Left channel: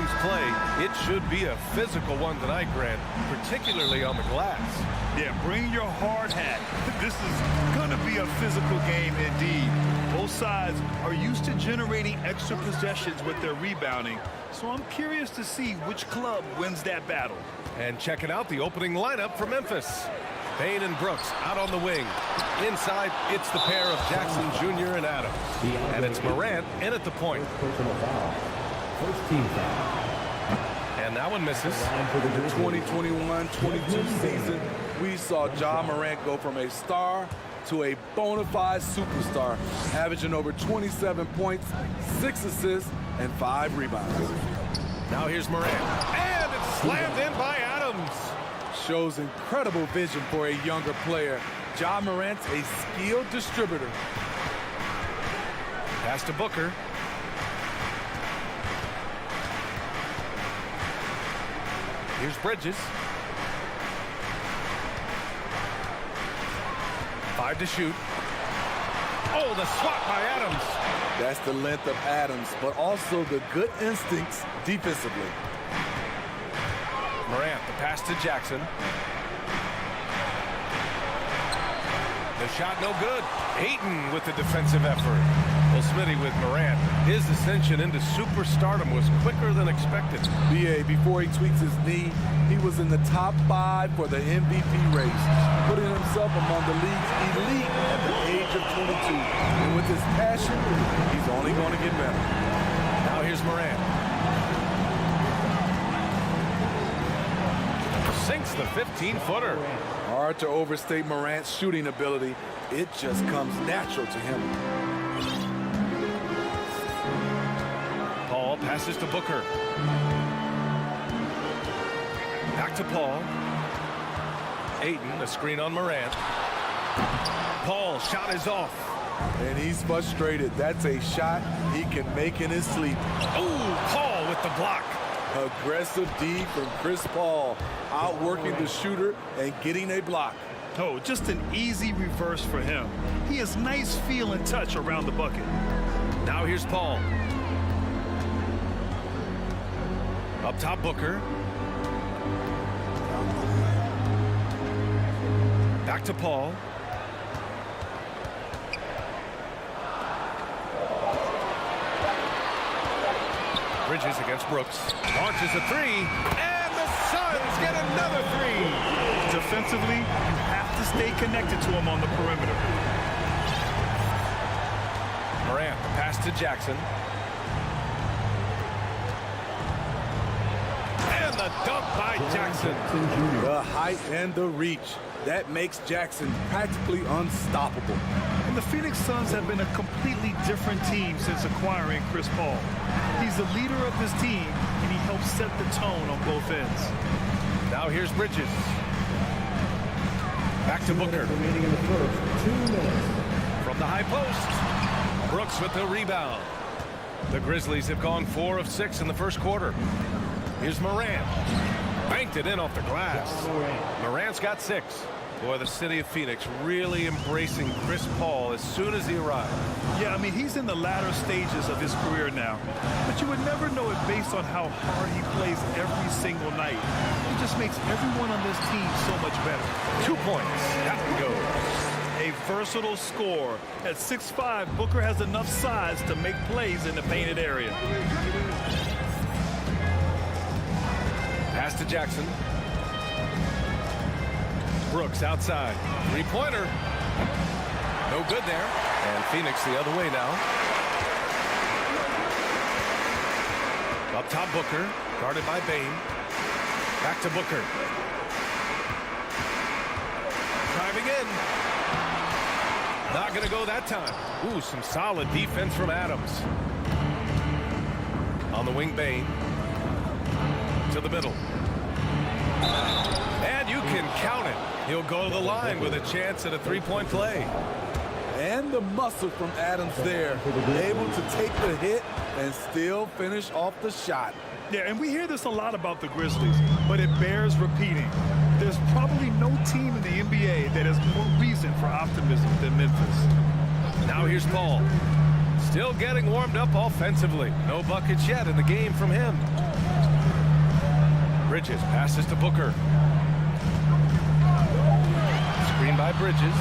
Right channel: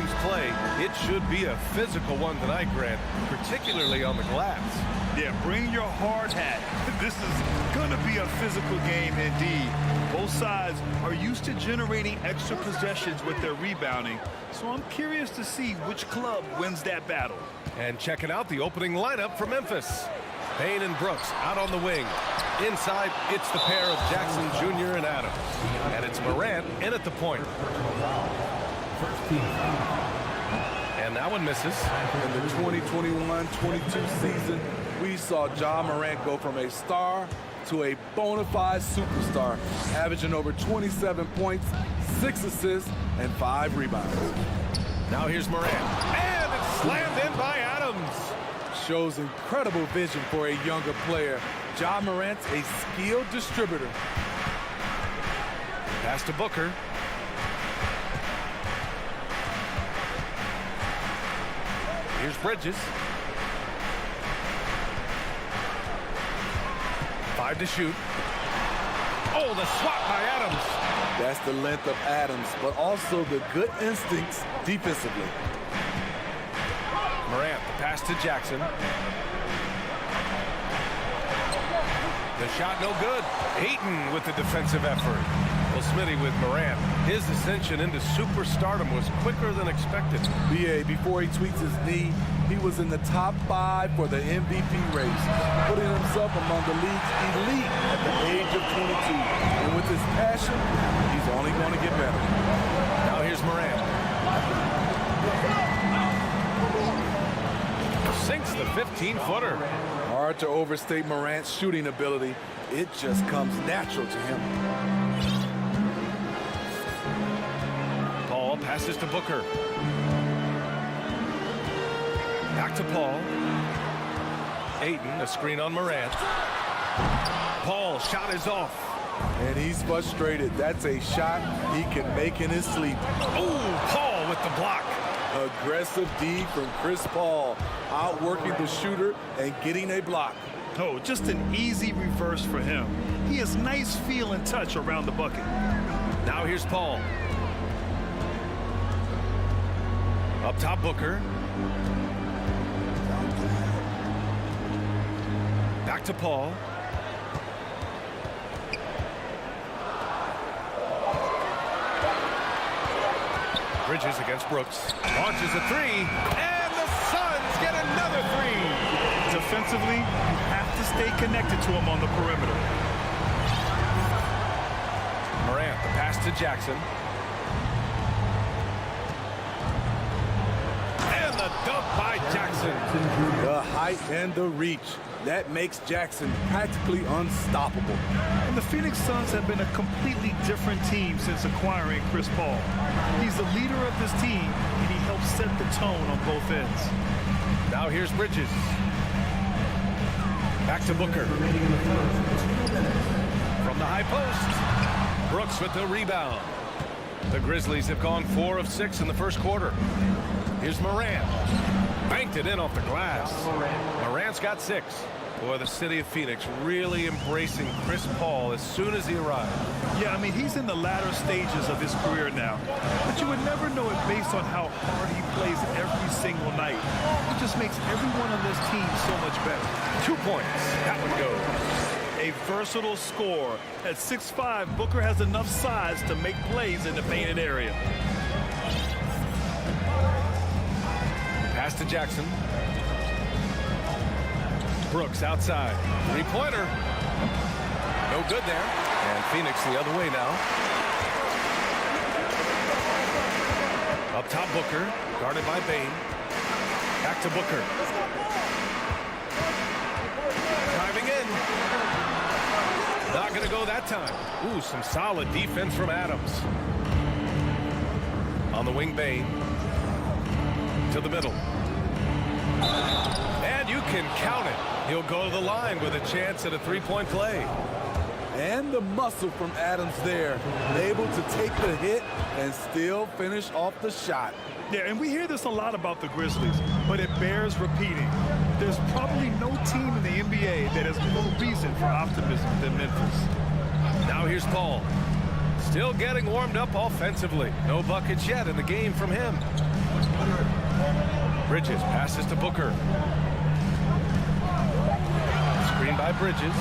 teams play, it should be a physical one tonight, Grant, particularly on the glass. Yeah, bring your hard hat. This is going to be a physical game indeed. Both sides are used to generating extra possessions with their rebounding, so I'm curious to see which club wins that battle. And checking out the opening lineup for Memphis. Payne and Brooks out on the wing. Inside, it's the pair of Jackson Jr. and Adams. And it's Morant in at the point. And that one misses. In the 2021-22 season, we saw Ja Morant go from a star to a bona fide superstar, averaging over 27 points, 6 assists, and 5 rebounds. Now here's Morant. And it's slammed in by Adams. Shows incredible vision for a younger player. Ja Morant's a skilled distributor. Pass to Booker. Here's Bridges. 5 to shoot. Oh, the swat by Adams. That's the length of Adams, but also the good instincts defensively. Morant, the pass to Jackson. The shot no good. Ayton with the defensive effort. Well, Smitty with Morant, his ascension into superstardom was quicker than expected. BA, before he tweaks his knee, he was in the top 5 for the MVP race, putting himself among the league's elite at the age of 22. And with his passion, he's only going to get better. Now here's Morant. Sinks the 15-footer. Hard to overstate Morant's shooting ability. It just comes natural to him. Paul passes to Booker. Back to Paul. Ayton, a screen on Morant. Paul's shot is off. And he's frustrated. That's a shot he can make in his sleep. Oh, Paul with the block. Aggressive D from Chris Paul, outworking the shooter and getting a block. Oh, just an easy reverse for him. He has nice feel and touch around the bucket. Now here's Paul. Up top, Booker. Back to Paul. Bridges against Brooks. Launches a 3, and the Suns get another 3. Defensively, you have to stay connected to him on the perimeter. Morant, the pass to Jackson. And the dunk by Jackson. The height and the reach. That makes Jackson practically unstoppable. And the Phoenix Suns have been a completely different team since acquiring Chris Paul. He's the leader of this team, and he helps set the tone on both ends. Now here's Bridges. Back to Booker. From the high post. Brooks with the rebound. The Grizzlies have gone 4 of 6 in the first quarter. Here's Morant. Banked it in off the glass. Morant's got 6. Boy, the city of Phoenix really embracing Chris Paul as soon as he arrived. Yeah, I mean, he's in the latter stages of his career now. But you would never know it based on how hard he plays every single night. He just makes everyone on this team so much better. 2 points. That one goes. A versatile scorer. At 6'5", Booker has enough size to make plays in the painted area. Pass to Jackson. Brooks outside. 3-pointer. No good there. And Phoenix the other way now. Up top, Booker. Guarded by Bane. Back to Booker. Driving in. Not going to go that time. Ooh, some solid defense from Adams. On the wing, Bane. To the middle. And you can count it. He'll go to the line with a chance at a 3-point play. And the muscle from Adams there. Able to take the hit and still finish off the shot. Yeah, and we hear this a lot about the Grizzlies, but it bears repeating. There's probably no team in the NBA that has more reason for optimism than Memphis. Now here's Paul. Still getting warmed up offensively. No buckets yet in the game from him. Bridges passes to Booker. Screen by Bridges.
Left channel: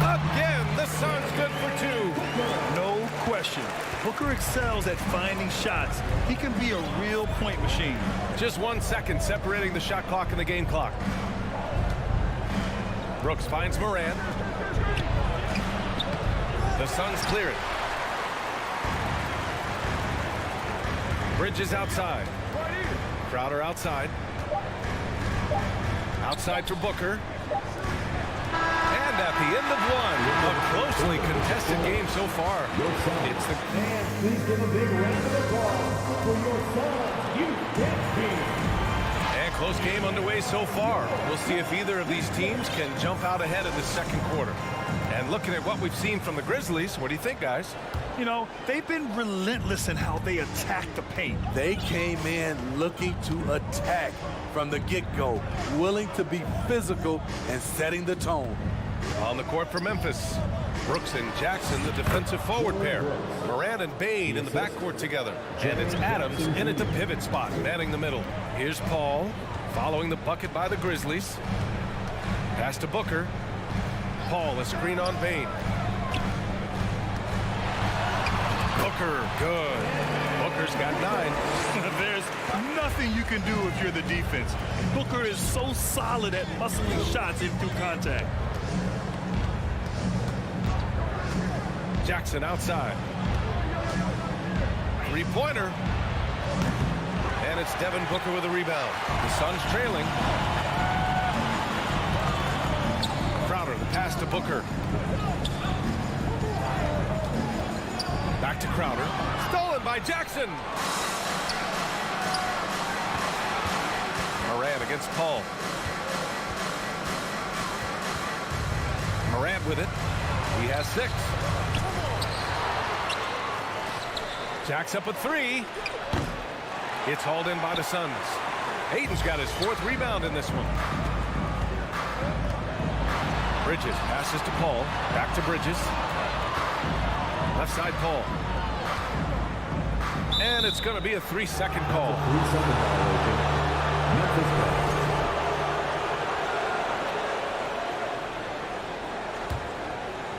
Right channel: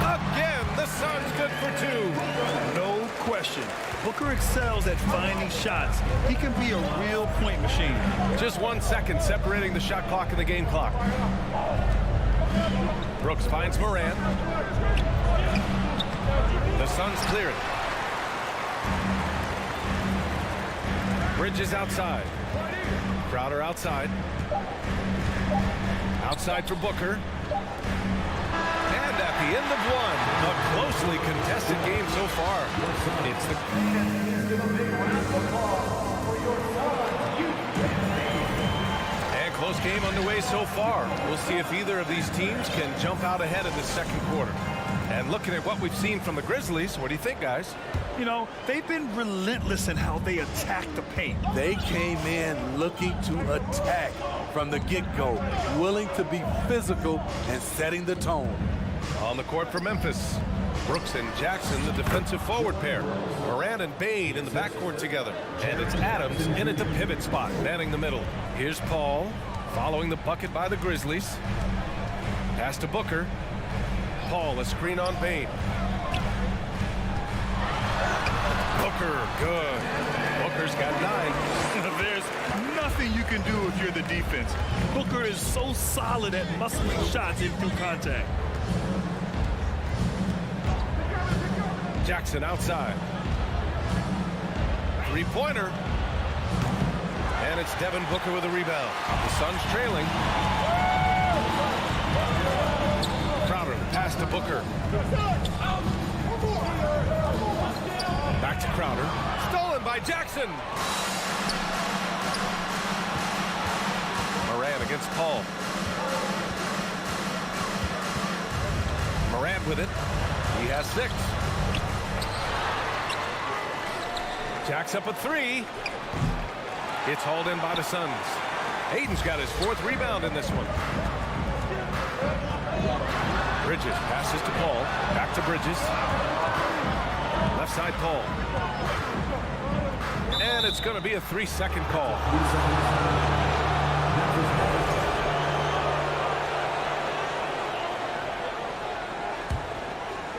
Again, the Suns good for two. No question. Booker excels at finding shots. He can be a real point machine. Just 1 second separating the shot clock and the game clock. Brooks finds Moran. The Suns clear it. Bridges outside. Crowder outside. Outside for Booker. And at the end of one, a closely contested game so far. It's the... Please give a big round of applause for your Suns youth team. And close game underway so far. We'll see if either of these teams can jump out ahead in the second quarter. And looking at what we've seen from the Grizzlies, what do you think, guys? You know, they've been relentless in how they attack the paint. They came in looking to attack from the get-go, willing to be physical and setting the tone. On the court for Memphis, Brooks and Jackson, the defensive forward pair. Moran and Bain in the backcourt together. And it's Adams in at the pivot spot, manning the middle. Here's Paul, following the bucket by the Grizzlies. Pass to Booker. Paul, a screen on Bain. Booker, good. Booker's got 9. There's nothing you can do if you're the defense. Booker is so solid at muscling shots in through contact. Jackson outside. Three-pointer. And it's Devin Booker with a rebound. The Suns trailing. Crowder, the pass to Booker. Back to Crowder. Stolen by Jackson. Moran against Paul. Moran with it. He has 6. Jacks up a 3. It's hauled in by the Suns. Hayden's got his 4th rebound in this one. Bridges passes to Paul. Back to Bridges. Left side Paul. And it's going to be a 3-second call.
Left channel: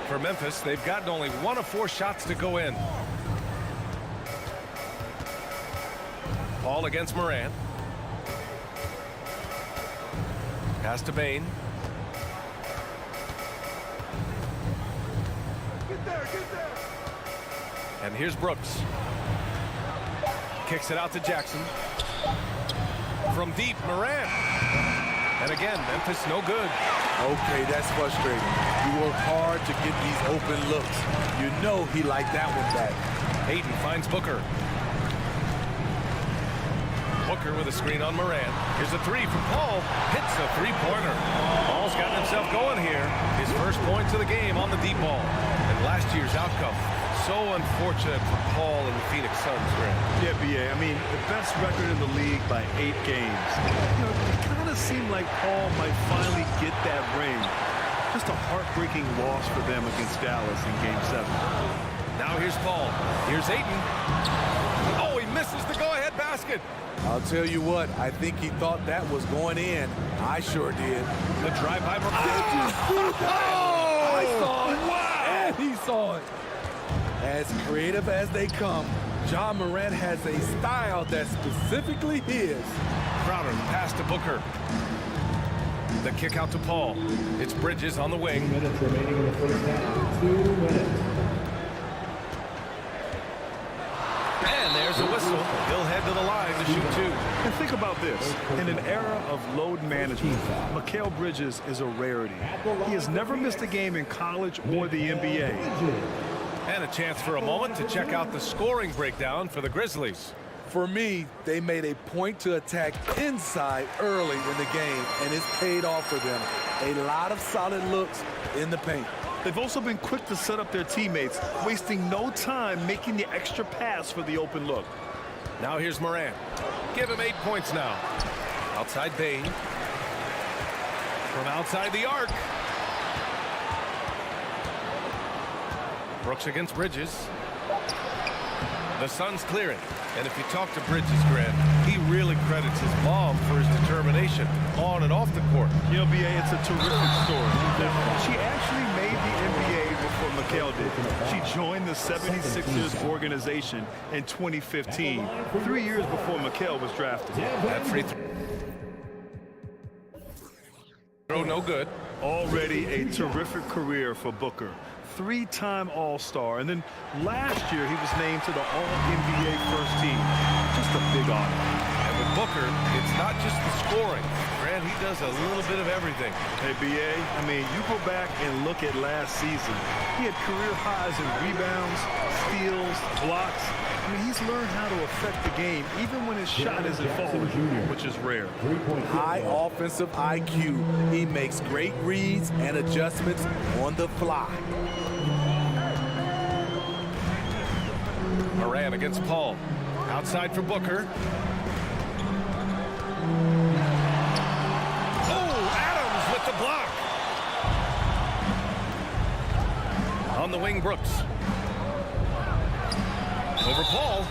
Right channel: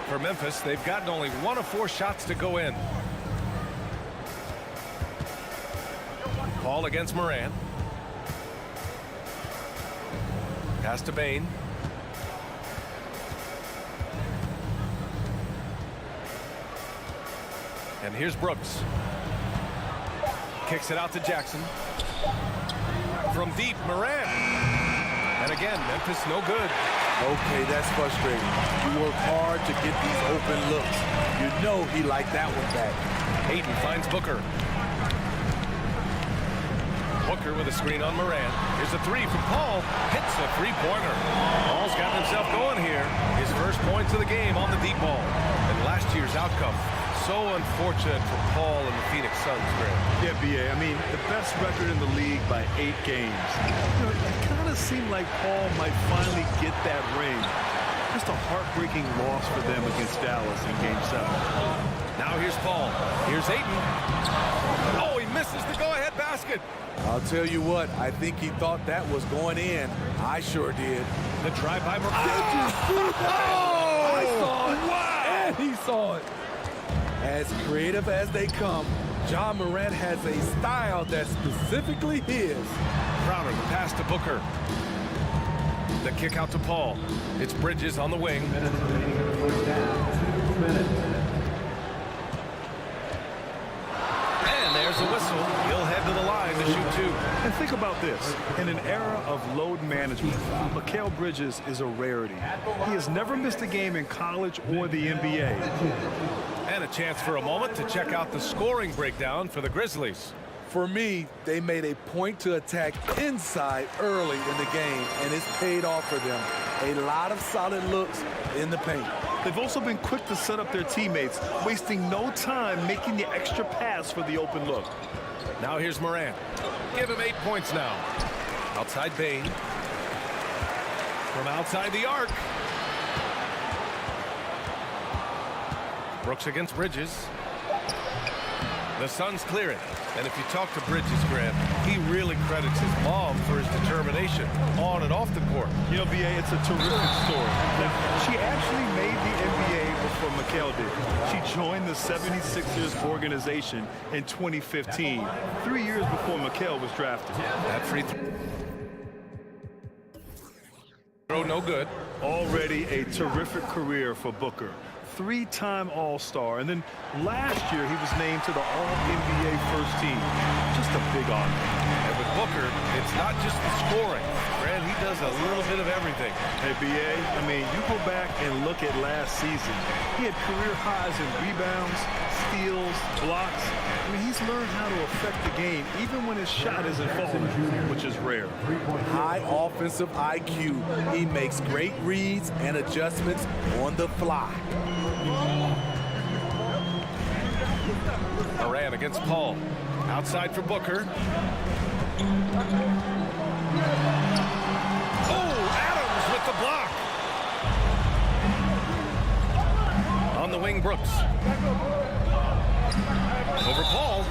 For Memphis, they've gotten only 1 of 4 shots to go in. Paul against Moran. Pass to Bain. And here's Brooks. Kicks it out to Jackson. From deep, Moran. And again, Memphis no good. Okay, that's frustrating. You work hard to get these open looks. You know he liked that one back. Hayden finds Booker. Booker with a screen on Moran. Here's a 3 from Paul. Hits a 3-pointer. Paul's gotten himself going here. His first points of the game on the deep ball. And last year's outcome. So unfortunate for Paul and the Phoenix Suns, Grant. Yeah, B.A. I mean, the best record in the league by 8 games. You know, it kind of seemed like Paul might finally get that ring. Just a heartbreaking loss for them against Dallas in Game 7. Now here's Paul. Here's Ayton. Oh, he misses the go-ahead basket. I'll tell you what, I think he thought that was going in. I sure did. The drive by Moran. Oh! I saw it. Wow! And he saw it. As creative as they come, Ja Morant has a style that's specifically his. Crowder, the pass to Booker. The kick out to Paul. It's Bridges on the wing. 2 minutes remaining in the first half. 2 minutes. And there's a whistle. He'll head to the line to shoot 2. And think about this. In an era of load management, Mikal Bridges is a rarity. He has never missed a game in college or the NBA. And a chance for a moment to check out the scoring breakdown for the Grizzlies. For me, they made a point to attack inside early in the game, and it's paid off for them. A lot of solid looks in the paint. They've also been quick to set up their teammates, wasting no time making the extra pass for the open look. Now here's Moran. Give him 8 points now. Outside Bain. From outside the arc. Brooks against Bridges. The Suns clear it. And if you talk to Bridges, Grant, he really credits his mom for his determination on and off the court. You know, B.A., it's a terrific story. Now, she actually made the NBA before Mikal did. She joined the 76ers organization in 2015, 3 years before Mikal was drafted. That free throw no good. Already a terrific career for Booker. Three-time All-Star, and then last year he was named to the All-NBA first team. Just a big honor. And with Booker, it's not just the scoring. Grant, he does a little bit of everything. Hey, B.A., I mean, you go back and look at last season. He had career highs in rebounds, steals, blocks. I mean, he's learned how to affect the game, even when his shot isn't falling, which is rare. High offensive IQ. He makes great reads and adjustments on the fly. Moran against Paul. Outside for Booker. Oh, Adams with the block. On the wing, Brooks. Over Paul.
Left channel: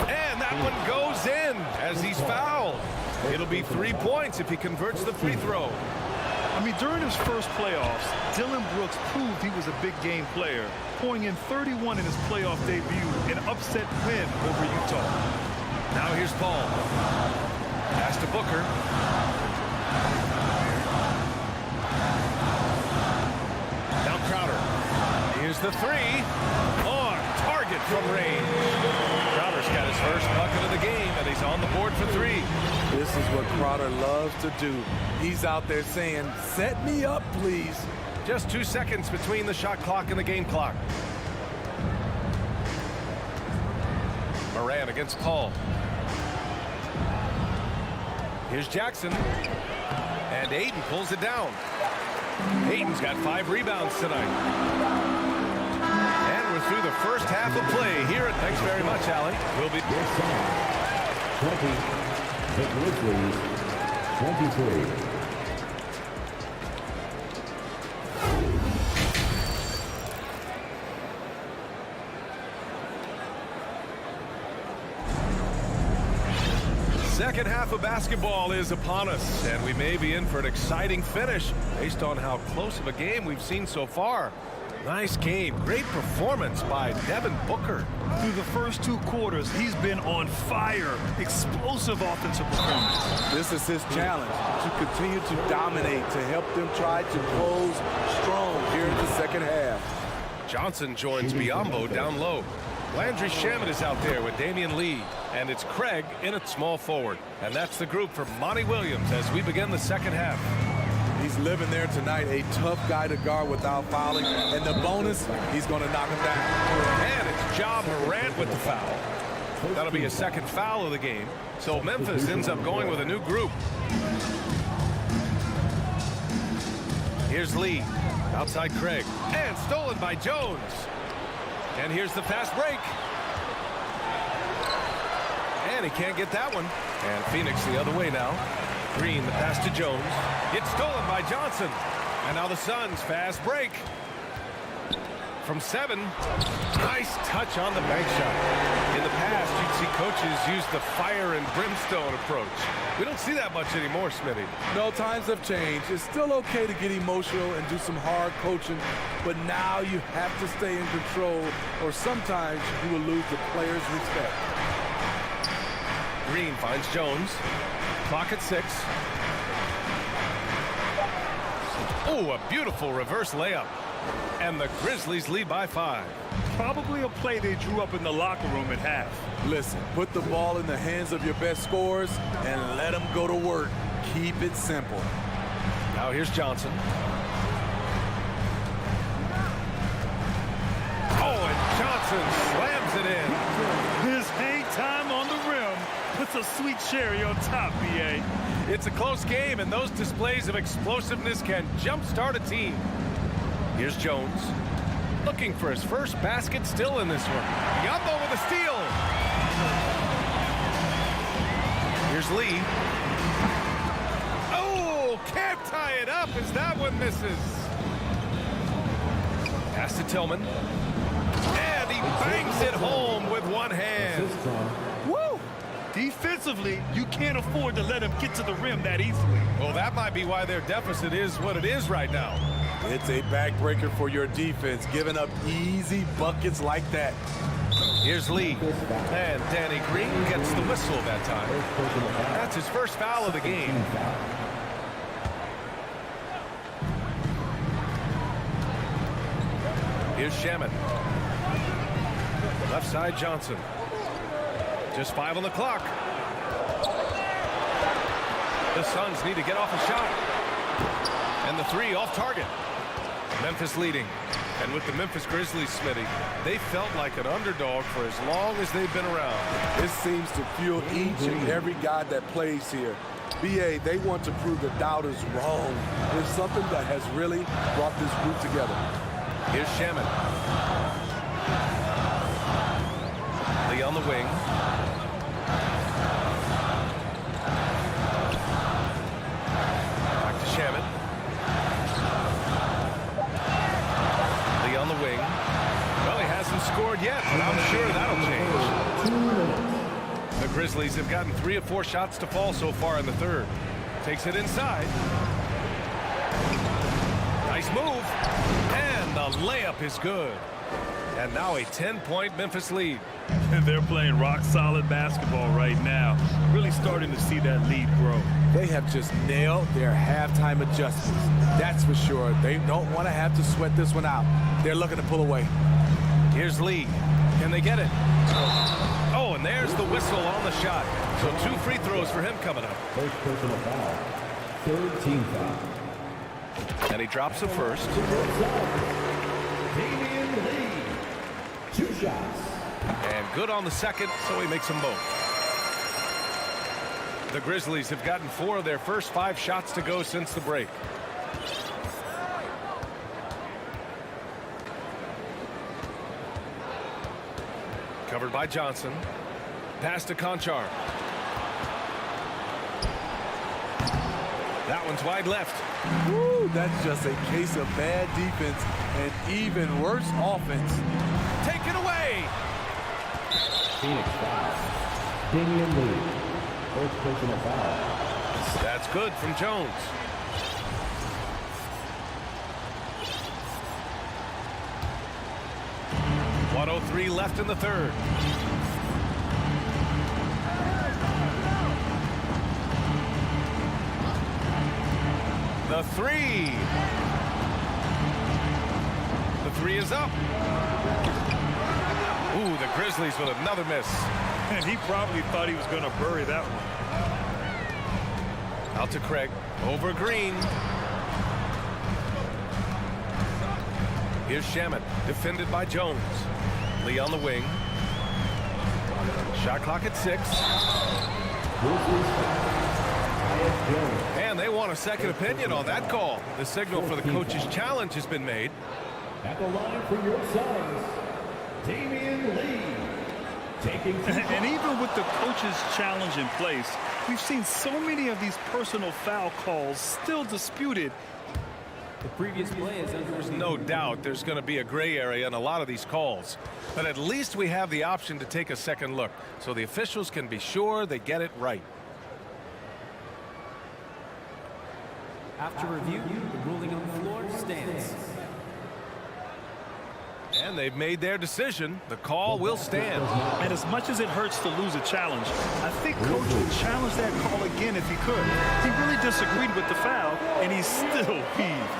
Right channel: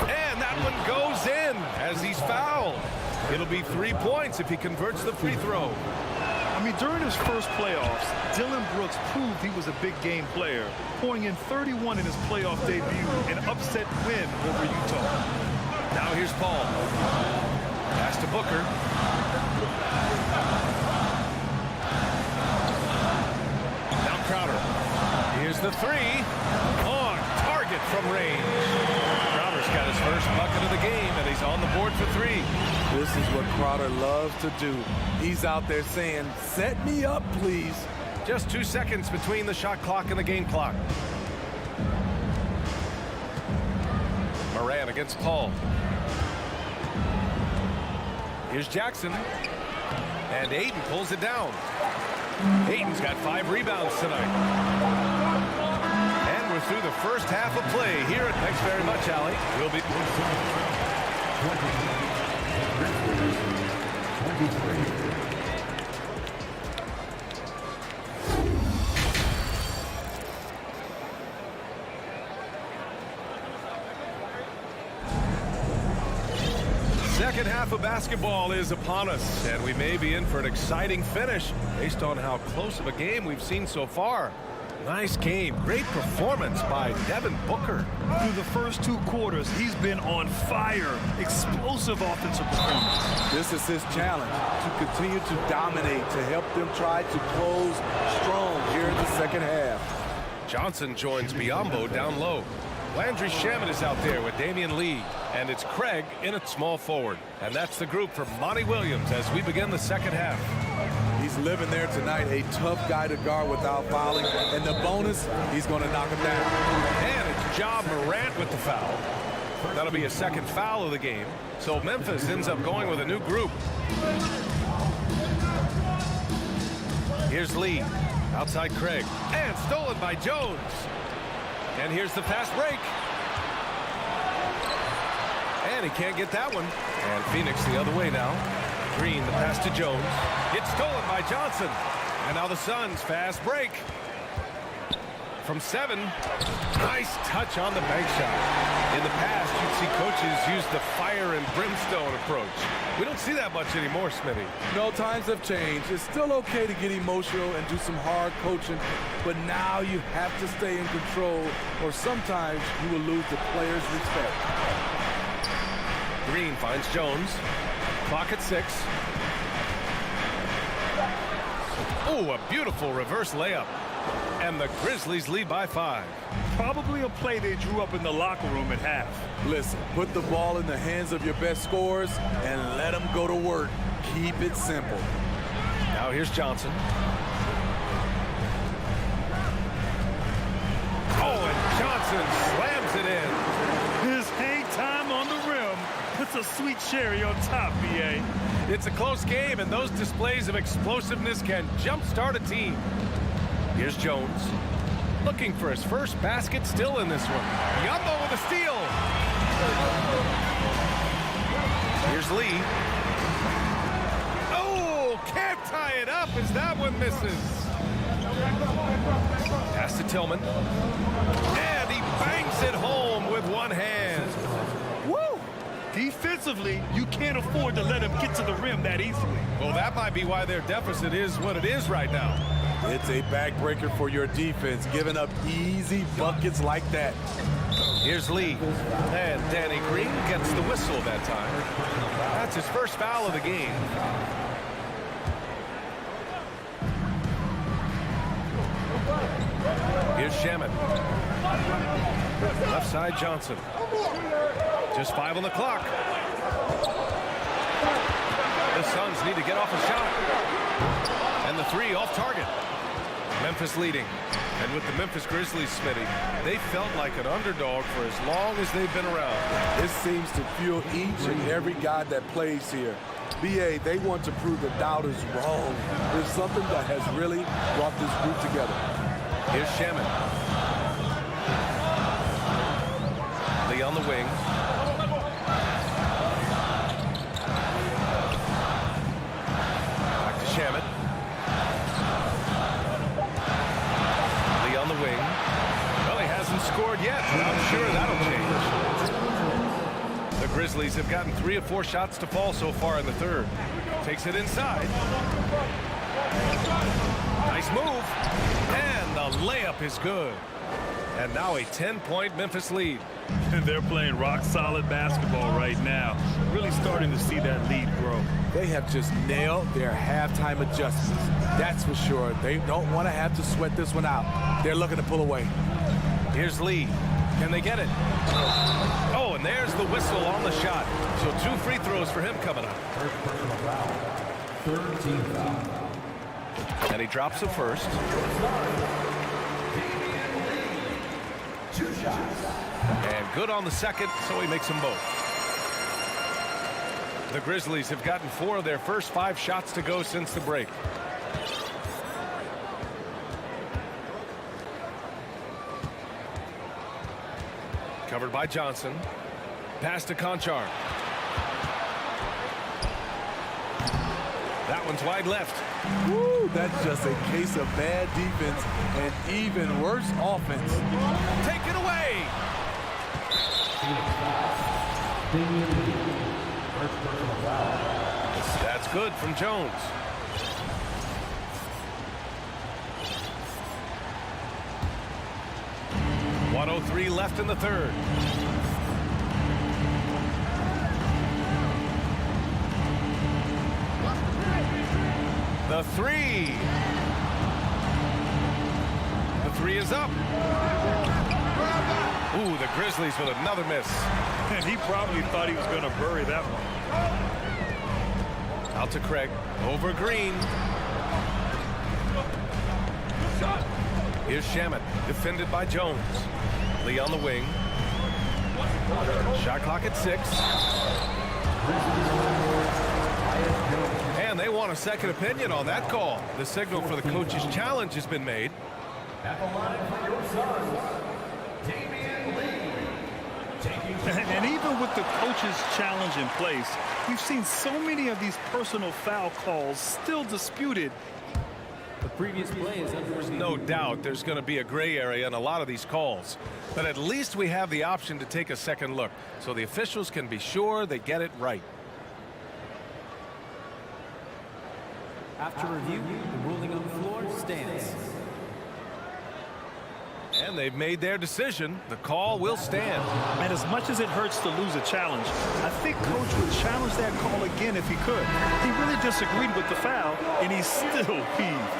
And that one goes in as he's fouled. It'll be 3 points if he converts the free throw. I mean, during his first playoffs, Dillon Brooks proved he was a big game player, pouring in 31 in his playoff debut, an upset win over Utah. Now here's Paul. Pass to Booker. Now Crowder. Here's the three. On target from range. Crowder's got his first bucket of the game, and he's on the board for three. This is what Crowder loves to do. He's out there saying, set me up, please. Just 2 seconds between the shot clock and the game clock. Moran against Paul. Here's Jackson. And Ayton pulls it down. Ayton's got 5 rebounds tonight. And we're through the first half of play here. Thanks very much, Allie. We'll be... 20. The Grizzlies, 23. Second half of basketball is upon us, and we may be in for an exciting finish based on how close of a game we've seen so far. Nice game. Great performance by Devin Booker. Through the first 2 quarters, he's been on fire. Explosive offensive performance. This is his challenge, to continue to dominate, to help them try to close strong here in the second half. Johnson joins Biyombo down low. Landry Shamet is out there with Damian Lee. And it's Craig in at small forward. And that's the group for Monty Williams as we begin the second half. He's living there tonight, a tough guy to guard without fouling. And the bonus, he's going to knock him down. And it's Ja Morant with the foul. That'll be a second foul of the game. So Memphis ends up going with a new group. Here's Lee. Outside Craig. And stolen by Jones. And here's the fast break. And he can't get that one. And Phoenix the other way now. Green, the pass to Jones. Gets stolen by Johnson. And now the Suns fast break. From 7. Nice touch on the bank shot. In the past, you'd see coaches use the fire and brimstone approach. We don't see that much anymore, Smitty. No, times have changed. It's still okay to get emotional and do some hard coaching, but now you have to stay in control, or sometimes you will lose the players' respect. Green finds Jones. Clock at 6. Oh, a beautiful reverse layup. And the Grizzlies lead by 5. Probably a play they drew up in the locker room at half. Listen, put the ball in the hands of your best scorers and let them go to work. Keep it simple. Now here's Johnson. Oh, and Johnson slams it in. His hang time on the rim puts a sweet cherry on top, B.A. It's a close game, and those displays of explosiveness can jumpstart a team. Here's Jones. Looking for his first basket still in this one. Biyombo with a steal. Here's Lee. Oh, can't tie it up as that one misses. Pass to Tillman. And he bangs it home with one hand. Woo! Defensively, you can't afford to let him get to the rim that easily. Well, that might be why their deficit is what it is right now. It's a backbreaker for your defense, giving up easy buckets like that. Here's Lee, and Danny Green gets the whistle that time. That's his first foul of the game. Here's Shamet. Left side Johnson. Just 5 on the clock. The Suns need to get off a shot. And the 3 off target. Memphis leading. And with the Memphis Grizzlies, Smitty, they felt like an underdog for as long as they've been around. This seems to fuel each and every guy that plays here. BA, they want to prove the doubters wrong. There's something that has really brought this group together. Here's Shamet. Lee on the wing. Back to Shamet. Lee on the wing. Well, he hasn't scored yet, but I'm sure that'll change. The Grizzlies have gotten 3 of 4 shots to fall so far in the third. Takes it inside. Nice move. And the layup is good. And now a 10-point Memphis lead. They're playing rock-solid basketball right now. Really starting to see that lead grow. They have just nailed their halftime adjustments. That's for sure. They don't want to have to sweat this one out. They're looking to pull away. Here's Lee. Can they get it? Oh, and there's the whistle on the shot. So 2 free throws for him coming up. First personal foul. Third team foul. And he drops the first. Damian Lee. 2 shots. And good on the second, so he makes them both. The Grizzlies have gotten 4 of their first 5 shots to go since the break. Covered by Johnson. Pass to Conchar. That one's wide left. Woo, that's just a case of bad defense and even worse offense. Take it away. Phoenix foul. Damian Lee. First personal foul. That's good from Jones. .103 left in the third. The 3. The 3 is up. Ooh, the Grizzlies with another miss. And he probably thought he was going to bury that one. Out to Craig. Over Green. Here's Shamet. Defended by Jones. Lee on the wing. Shot clock at 6. And they want a second opinion on that call. The signal for the coach's challenge has been made. At the line for your Suns, Damian Lee. And even with the coach's challenge in place, we've seen so many of these personal foul calls still disputed. The previous play is under There's no doubt there's going to be a gray area in a lot of these calls. But at least we have the option to take a second look so the officials can be sure they get it right. After review, the ruling on the floor stands. And they've made their decision. The call will stand. And as much as it hurts to lose a challenge, I think Coach would challenge that call again if he could. He really disagreed with the foul, and he's still peeved.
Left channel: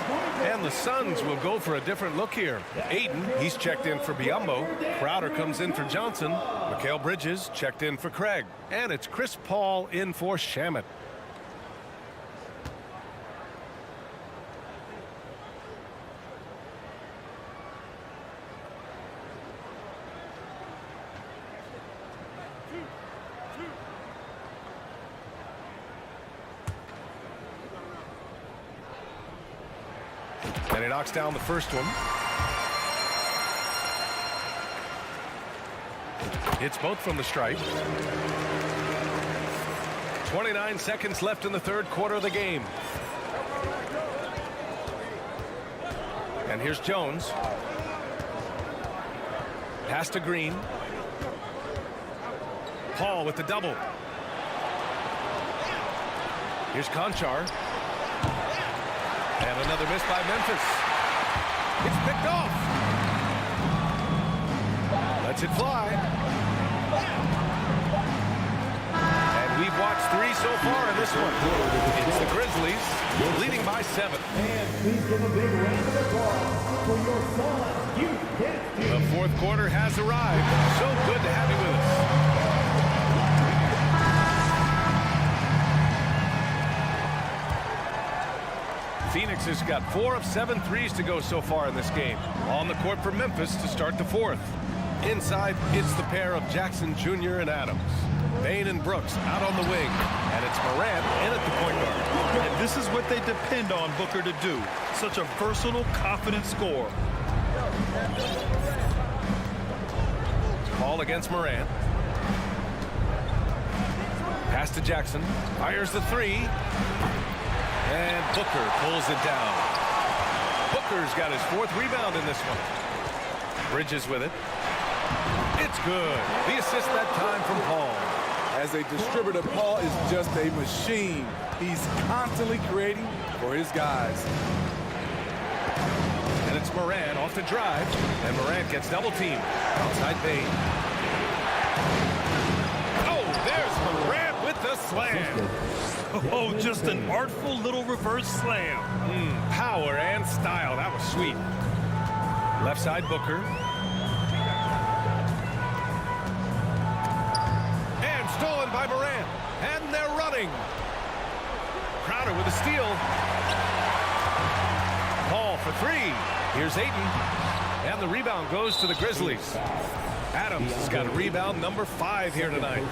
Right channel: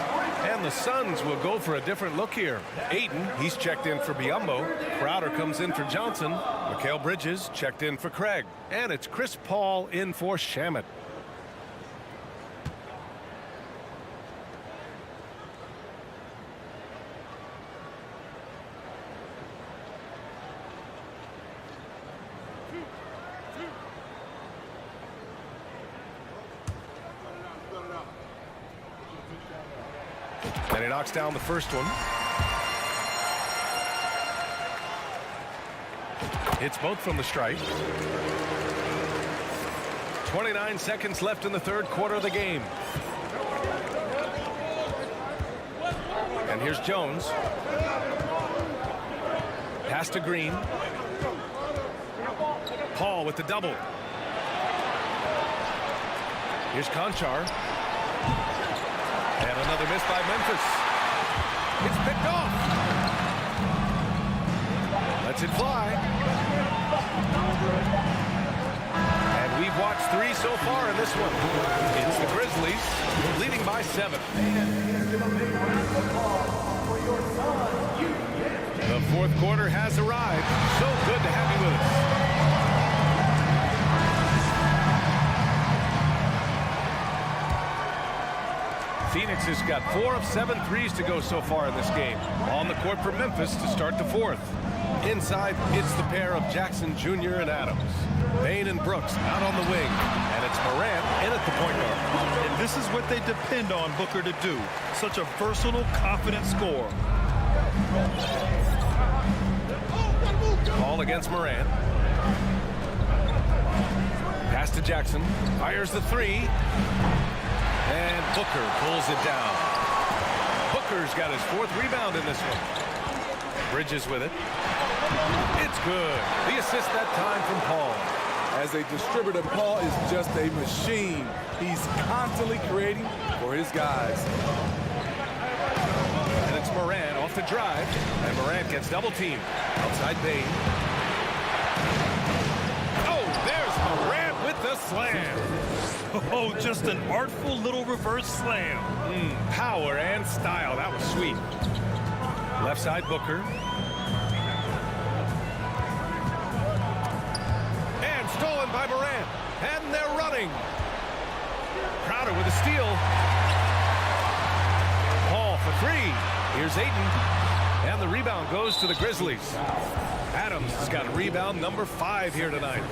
And the Suns will go for a different look here. Ayton, he's checked in for Biyombo. Crowder comes in for Johnson. Mikal Bridges checked in for Craig. And it's Chris Paul in for Shamet. And he knocks down the first one. Hits both from the stripe. 29 seconds left in the third quarter of the game. And here's Jones. Pass to Green. Paul with the double. Here's Conchar. And another miss by Memphis. It's picked off. Lets it fly. And we've watched 3 so far in this one. It's the Grizzlies leading by 7. And please give a big round of applause for your son, youth dance team. The fourth quarter has arrived. So good to have you with us. Phoenix has got 4 of 7 threes to go so far in this game. On the court for Memphis to start the fourth. Inside, it's the pair of Jackson Jr. and Adams. Bain and Brooks out on the wing. And it's Morant in at the point guard. And this is what they depend on Booker to do. Such a versatile, confident scorer. Paul against Morant. Pass to Jackson. Fires the 3. And Booker pulls it down. Booker's got his 4th rebound in this one. Bridges with it. It's good. The assist that time from Paul. As a distributor, Paul is just a machine. He's constantly creating for his guys. And it's Morant off the drive. And Morant gets double teamed. Outside Bain. Oh, there's Morant with the slam. Oh, just an artful little reverse slam. Power and style. That was sweet. Left side Booker. And stolen by Morant. And they're running. Crowder with a steal. Paul for 3. Here's Ayton. And the rebound goes to the Grizzlies. Adams has got rebound number 5 here tonight.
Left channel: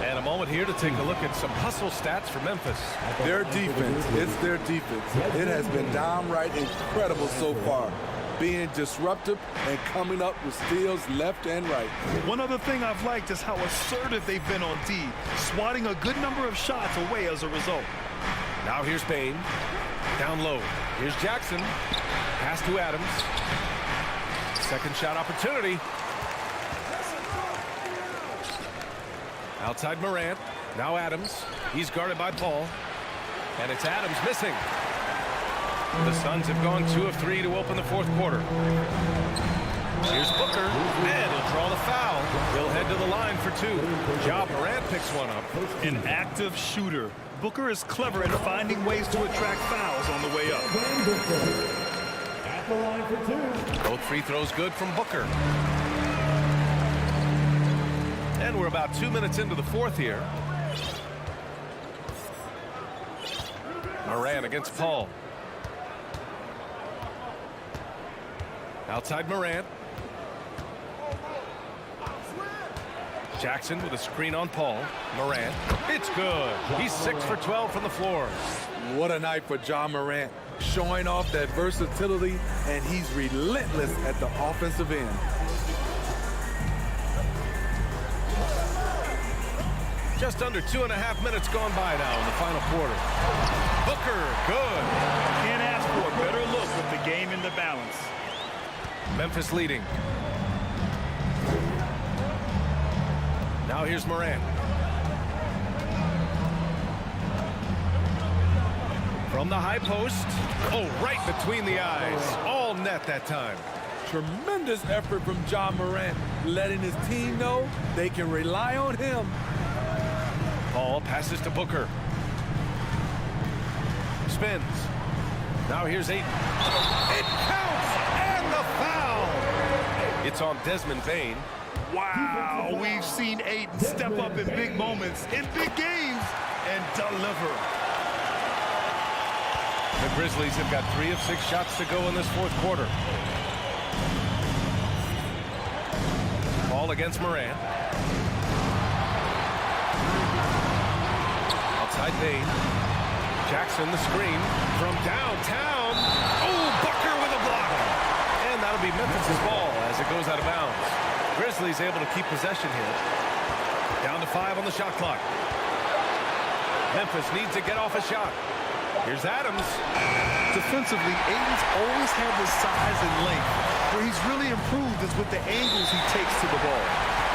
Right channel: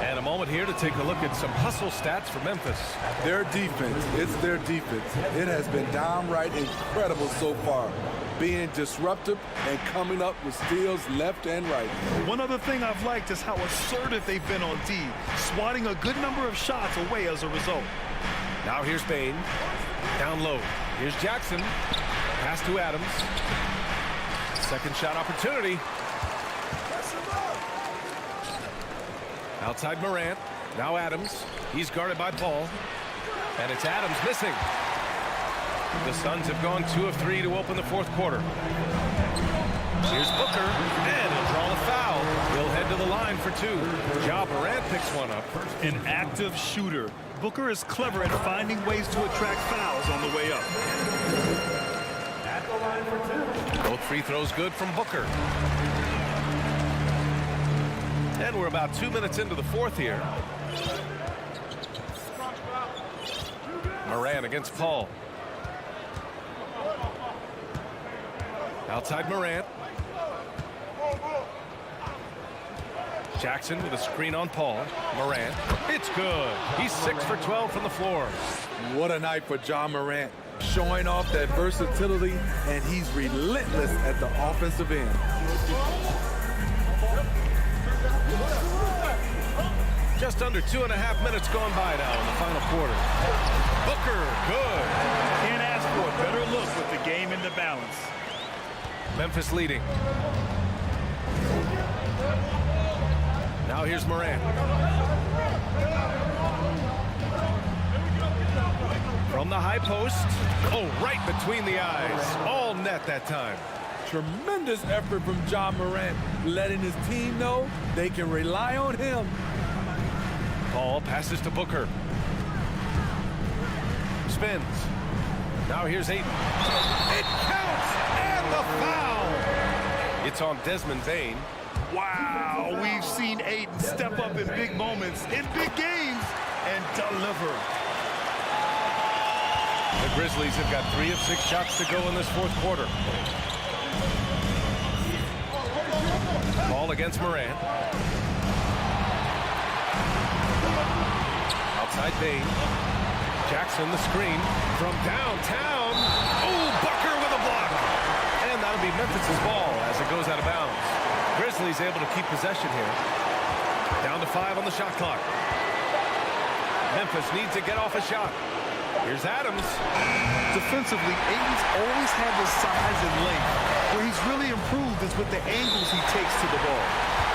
And a moment here to take a look at some hustle stats for Memphis. Their defense, it's their defense. It has been downright incredible so far. Being disruptive and coming up with steals left and right. One other thing I've liked is how assertive they've been on D, swatting a good number of shots away as a result. Now here's Bain. Down low. Here's Jackson. Pass to Adams. Second shot opportunity. Outside Morant. Now Adams. He's guarded by Paul. And it's Adams missing. The Suns have gone 2 of 3 to open the fourth quarter. Here's Booker. And he'll draw the foul. He'll head to the line for 2. Ja Morant picks one up. An active shooter. Booker is clever at finding ways to attract fouls on the way up. At the line for 2. Both free throws good from Booker. And we're about 2 minutes into the fourth here. Morant against Paul. Outside Morant. Jackson with a screen on Paul. Morant. It's good. He's 6 for 12 from the floor. What a night for Ja Morant. Showing off that versatility, and he's relentless at the offensive end. Just under 2.5 minutes gone by now in the final quarter. Booker, good. Can't ask for a better look with the game in the balance. Memphis leading. Now here's Morant. From the high post. Oh, right between the eyes. All net that time. Tremendous effort from Ja Morant, letting his team know they can rely on him. Paul passes to Booker. Spins. Now here's Ayton. It counts, and the foul. It's on Desmond Bain. Wow, we've seen Ayton step up in big moments, in big games, and deliver. The Grizzlies have got 3 of 6 shots to go in this fourth quarter. Ball against Morant. Outside Bain. Jackson the screen from downtown. Oh, Booker with a block. And that'll be Memphis's ball as it goes out of bounds. Grizzlies able to keep possession here. Down to 5 on the shot clock. Memphis needs to get off a shot. Here's Adams. Defensively, Ayton's always had the size and length. Where he's really improved is with the angles he takes to the ball.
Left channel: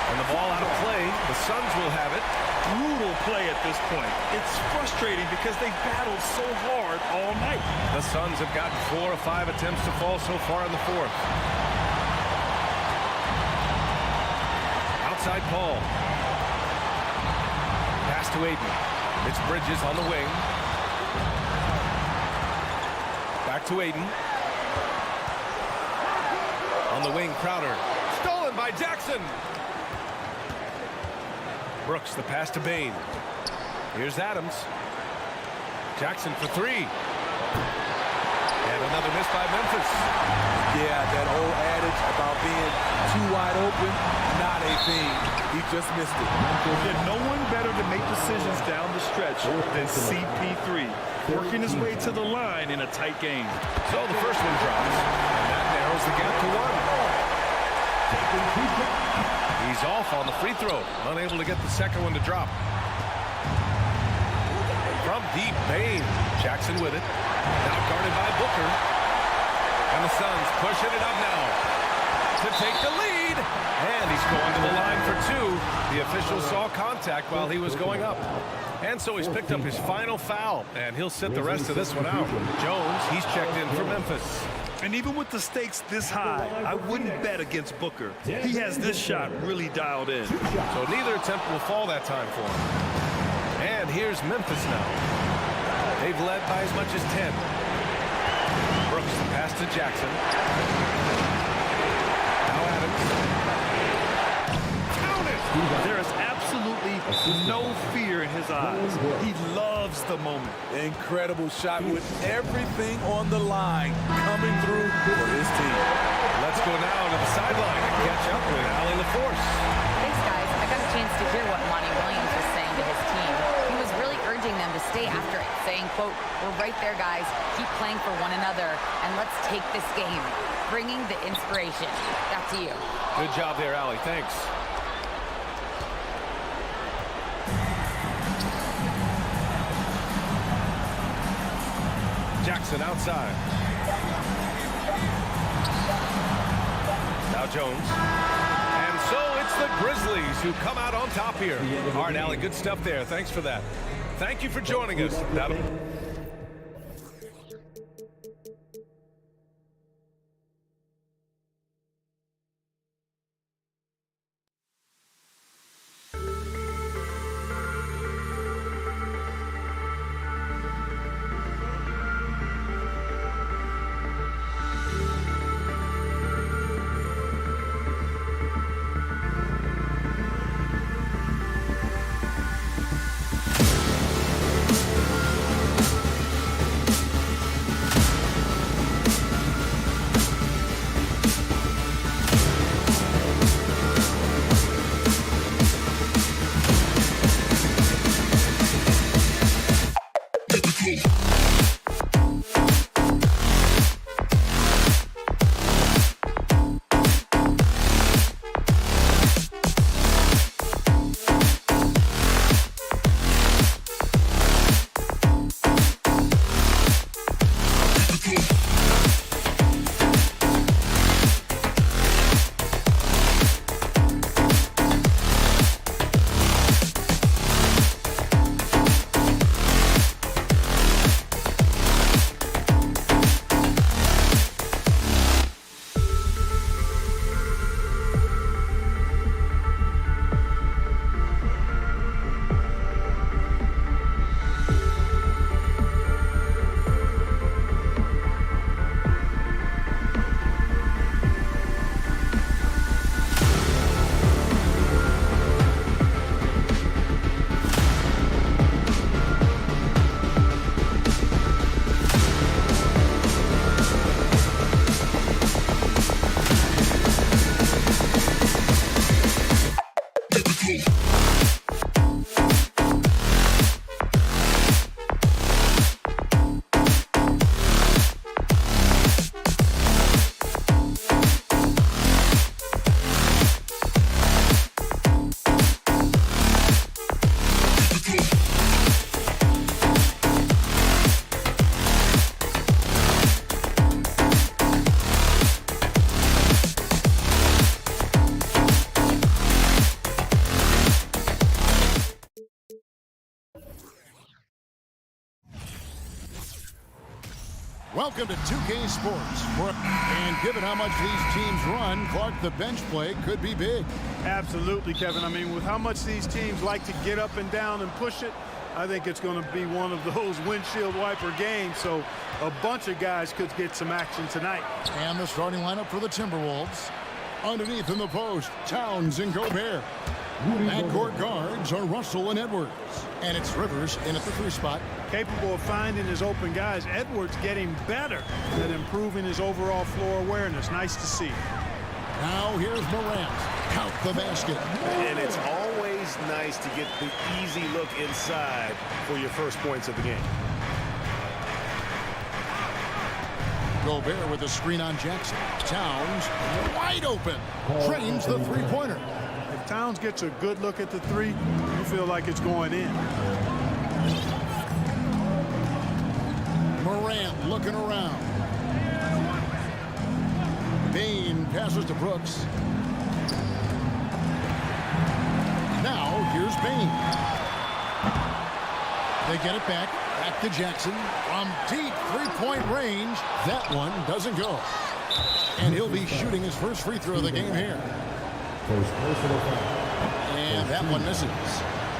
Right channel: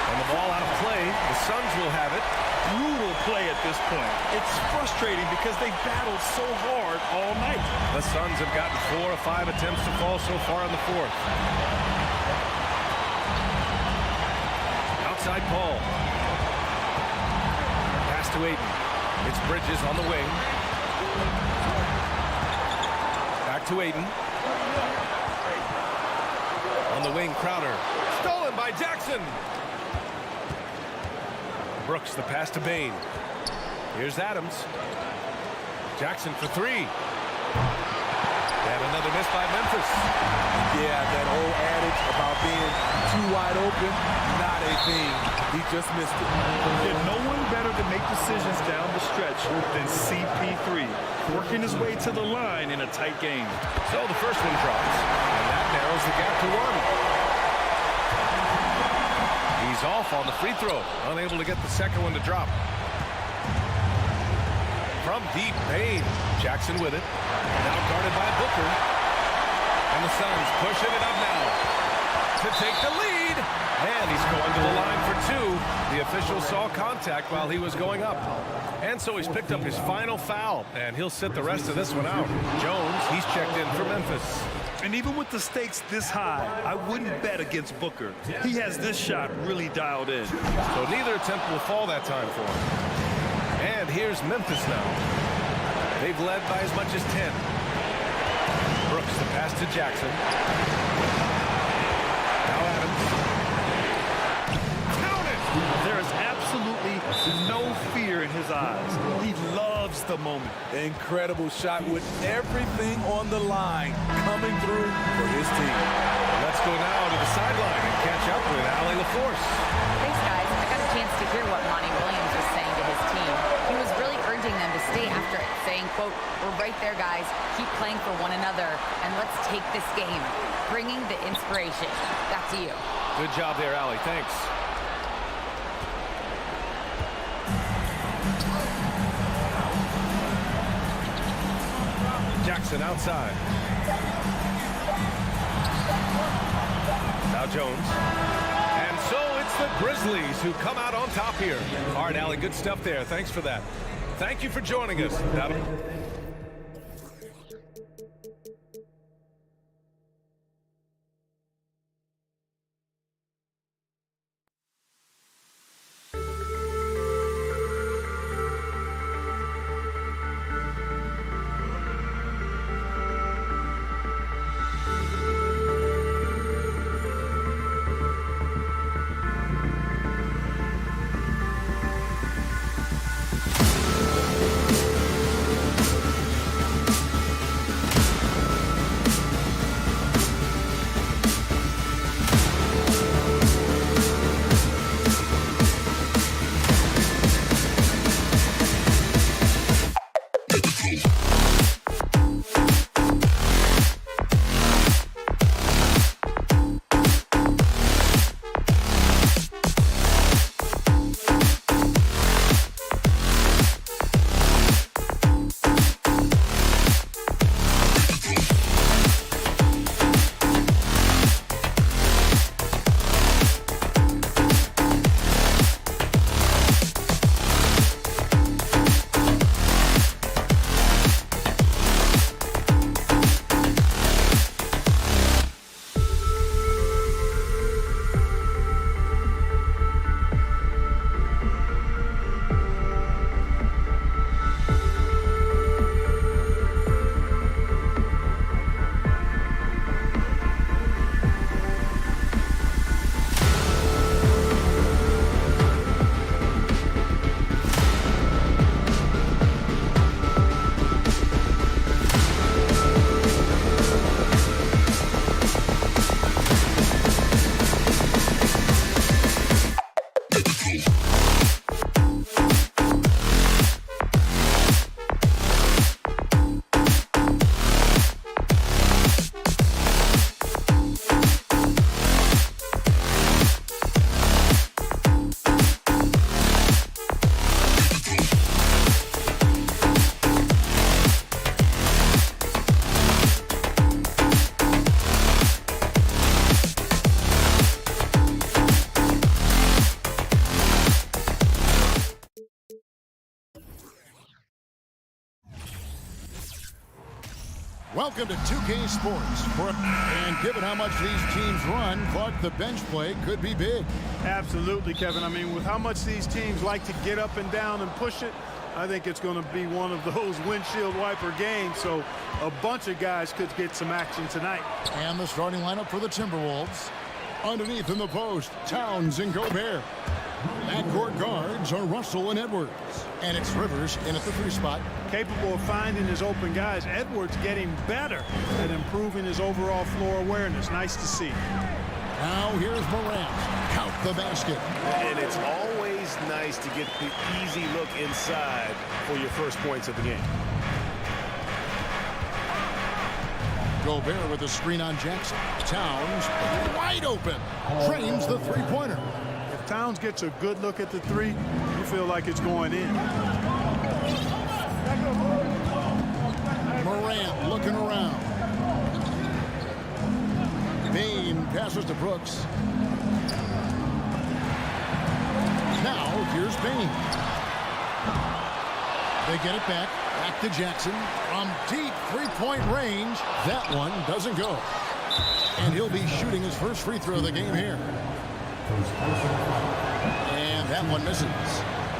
And the ball out of play. The Suns will have it. Brutal play at this point. It's frustrating because they battled so hard all night. The Suns have gotten 4 of 5 attempts to fall so far in the fourth. Outside Paul. Pass to Aiden. It's Bridges on the wing. Back to Aiden. On the wing, Crowder. Stolen by Jackson. Brooks, the pass to Bain. Here's Adams. Jackson for 3. And another miss by Memphis. Yeah, that old adage about being too wide open, not a thing. He just missed it. There's no one better to make decisions down the stretch than CP3, working his way to the line in a tight game. So the first one drops, and that narrows the gap to 1. He's off on the free throw, unable to get the second one to drop. From deep, Bain. Jackson with it. Now guarded by Booker. And the Suns pushing it up now to take the lead. And he's going to the line for 2. The official saw contact while he was going up. And so he's picked up his final foul, and he'll sit the rest of this one out. Jones, he's checked in for Memphis. And even with the stakes this high, I wouldn't bet against Booker. He has this shot really dialed in. So neither attempt will fall that time for him. And here's Memphis now. They've led by as much as 10. Brooks, the pass to Jackson. Now Adams. Count it! There is absolutely no fear in his eyes. He loves the moment. Incredible shot with everything on the line coming through for his team. Let's go now to the sideline and catch up with Allie LaForce. Thanks, guys. I got a chance to hear what Monty Williams was saying to his team. He was really urging them to stay after it, saying, quote, "We're right there, guys. Keep playing for one another, and let's take this game." Bringing the inspiration. Back to you. Good job there, Allie. Thanks. Jackson outside. Now Jones. And so it's the Grizzlies who come out on top here. All right, Allie, good stuff there. Thanks for that. Thank you for joining us. Welcome to 2K Sports. And given how much these teams run, Clark, the bench play could be big. Absolutely, Kevin. I mean, with how much these teams like to get up and down and push it, I think it's going to be one of those windshield wiper games. So a bunch of guys could get some action tonight. And the starting lineup for the Timberwolves. Underneath in the post, Towns and Gobert. Backcourt guards are Russell and Edwards. And it's Rivers in at the 3 spot. Capable of finding his open guys. Edwards getting better at improving his overall floor awareness. Nice to see. Now here's Morant. Count the basket. And it's always nice to get the easy look inside for your first points of the game. Gobert with a screen on Jackson. Towns wide open. Drains the three-pointer. If Towns gets a good look at the three, you feel like it's going in. Morant looking around. Bain passes to Brooks. Now here's Bain. They get it back. Back to Jackson. From deep three-point range. That one doesn't go. And he'll be shooting his first free throw of the game here. And that one misses.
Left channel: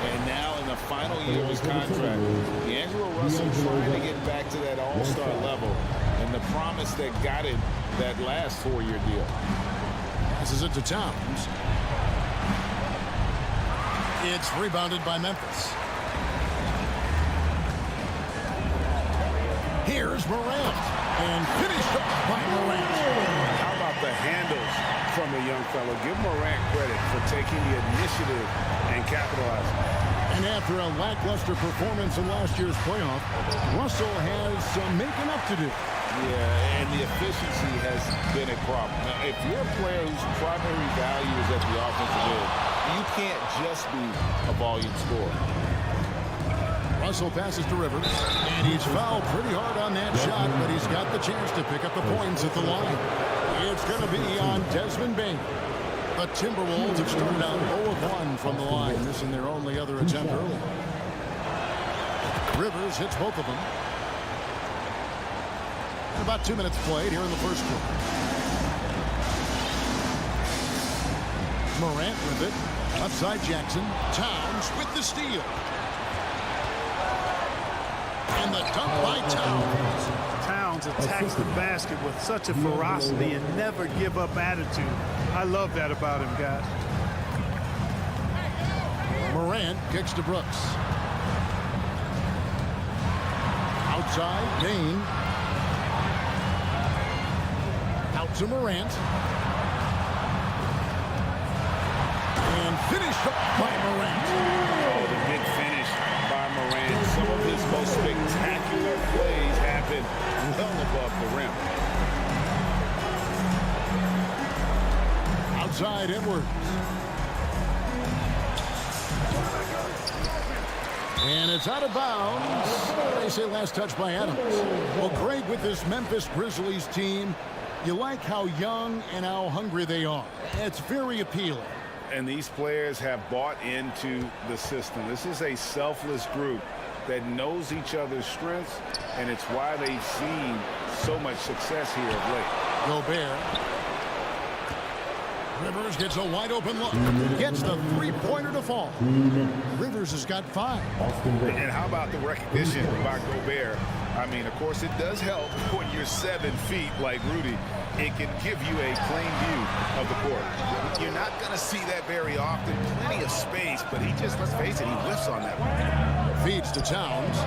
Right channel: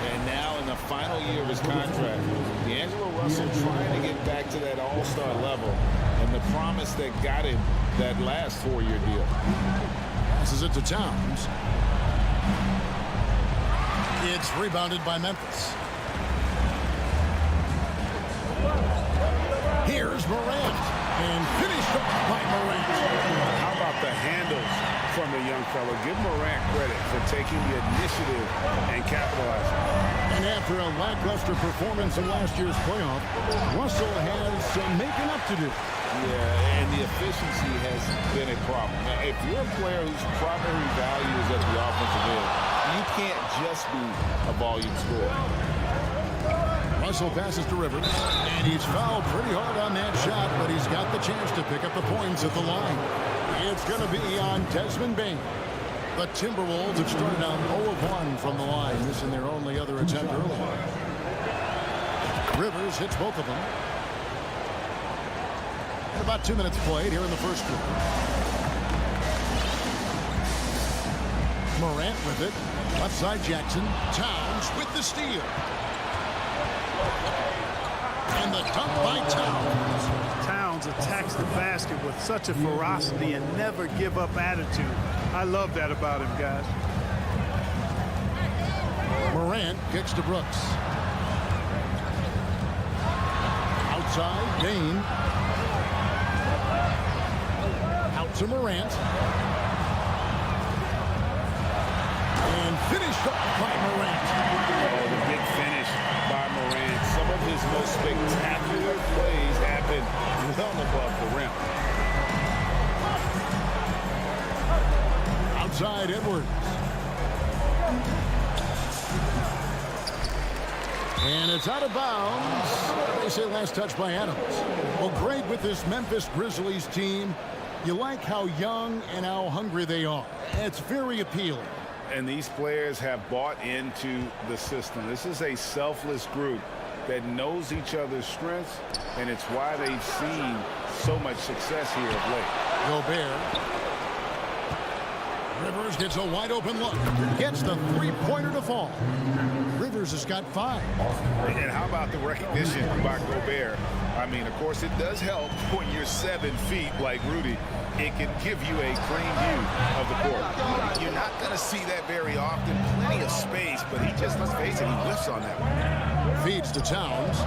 And now in the final year of his contract, D'Angelo Russell trying to get back to that all-star level and the promise that got him that last 4-year deal. Passes it to Towns. It's rebounded by Memphis. Here's Morant. And finished off by Morant. How about the handles from the young fella? Give Morant credit for taking the initiative and capitalizing. And after a lackluster performance in last year's playoff, Russell has some making up to do. Yeah, and the efficiency has been a problem. Now, if you're a player whose primary value is at the offensive end, you can't just be a volume scorer. Russell passes to Rivers, and he's fouled pretty hard on that shot, but he's got the chance to pick up the points at the line. It's going to be on Desmond Bain. The Timberwolves have started out 0 of 1 from the line, missing their only other attempt early. Rivers hits both of them. And about 2 minutes played here in the first quarter. Morant with it. Left side Jackson. Towns with the steal. And the dunk by Towns. Towns attacks the basket with such a ferocity and never give up attitude. I love that about him, guys. Morant kicks to Brooks. Outside, Bain. Out to Morant. And finished off by Morant. Oh, the big finish by Morant. Some of his most spectacular plays happen well above the rim. Outside Edwards. And it's out of bounds. They say last touch by Adams. Well, Greg, with this Memphis Grizzlies team, you like how young and how hungry they are. It's very appealing. And these players have bought into the system. This is a selfless group that knows each other's strengths, and it's why they've seen so much success here of late. Gobert. Rivers gets a wide open look. Gets the three-pointer to fall. Rivers has got 5. And how about the recognition by Gobert? I mean, of course, it does help when you're 7 feet like Rudy. It can give you a clean view of the court. You're not going to see that very often. Plenty of space, but he just, let's face it, he whiffs on that one. Feeds to Towns.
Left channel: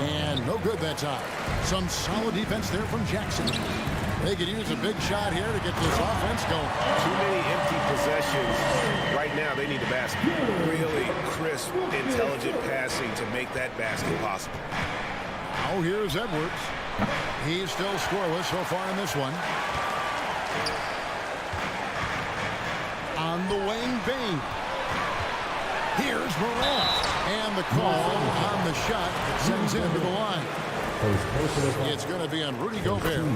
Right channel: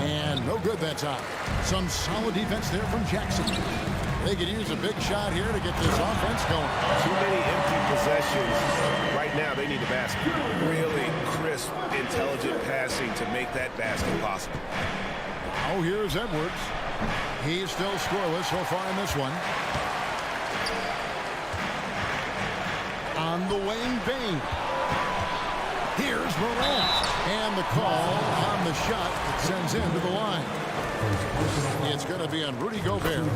And no good that time. Some solid defense there from Jackson. They could use a big shot here to get this offense going. Too many empty possessions. Right now, they need a basket. Really crisp, intelligent passing to make that basket possible. Now here's Edwards. He's still scoreless so far in this one. On the wing, Bain. Here's Morant. And the call on the shot that sends him to the line. It's going to be on Rudy Gobert.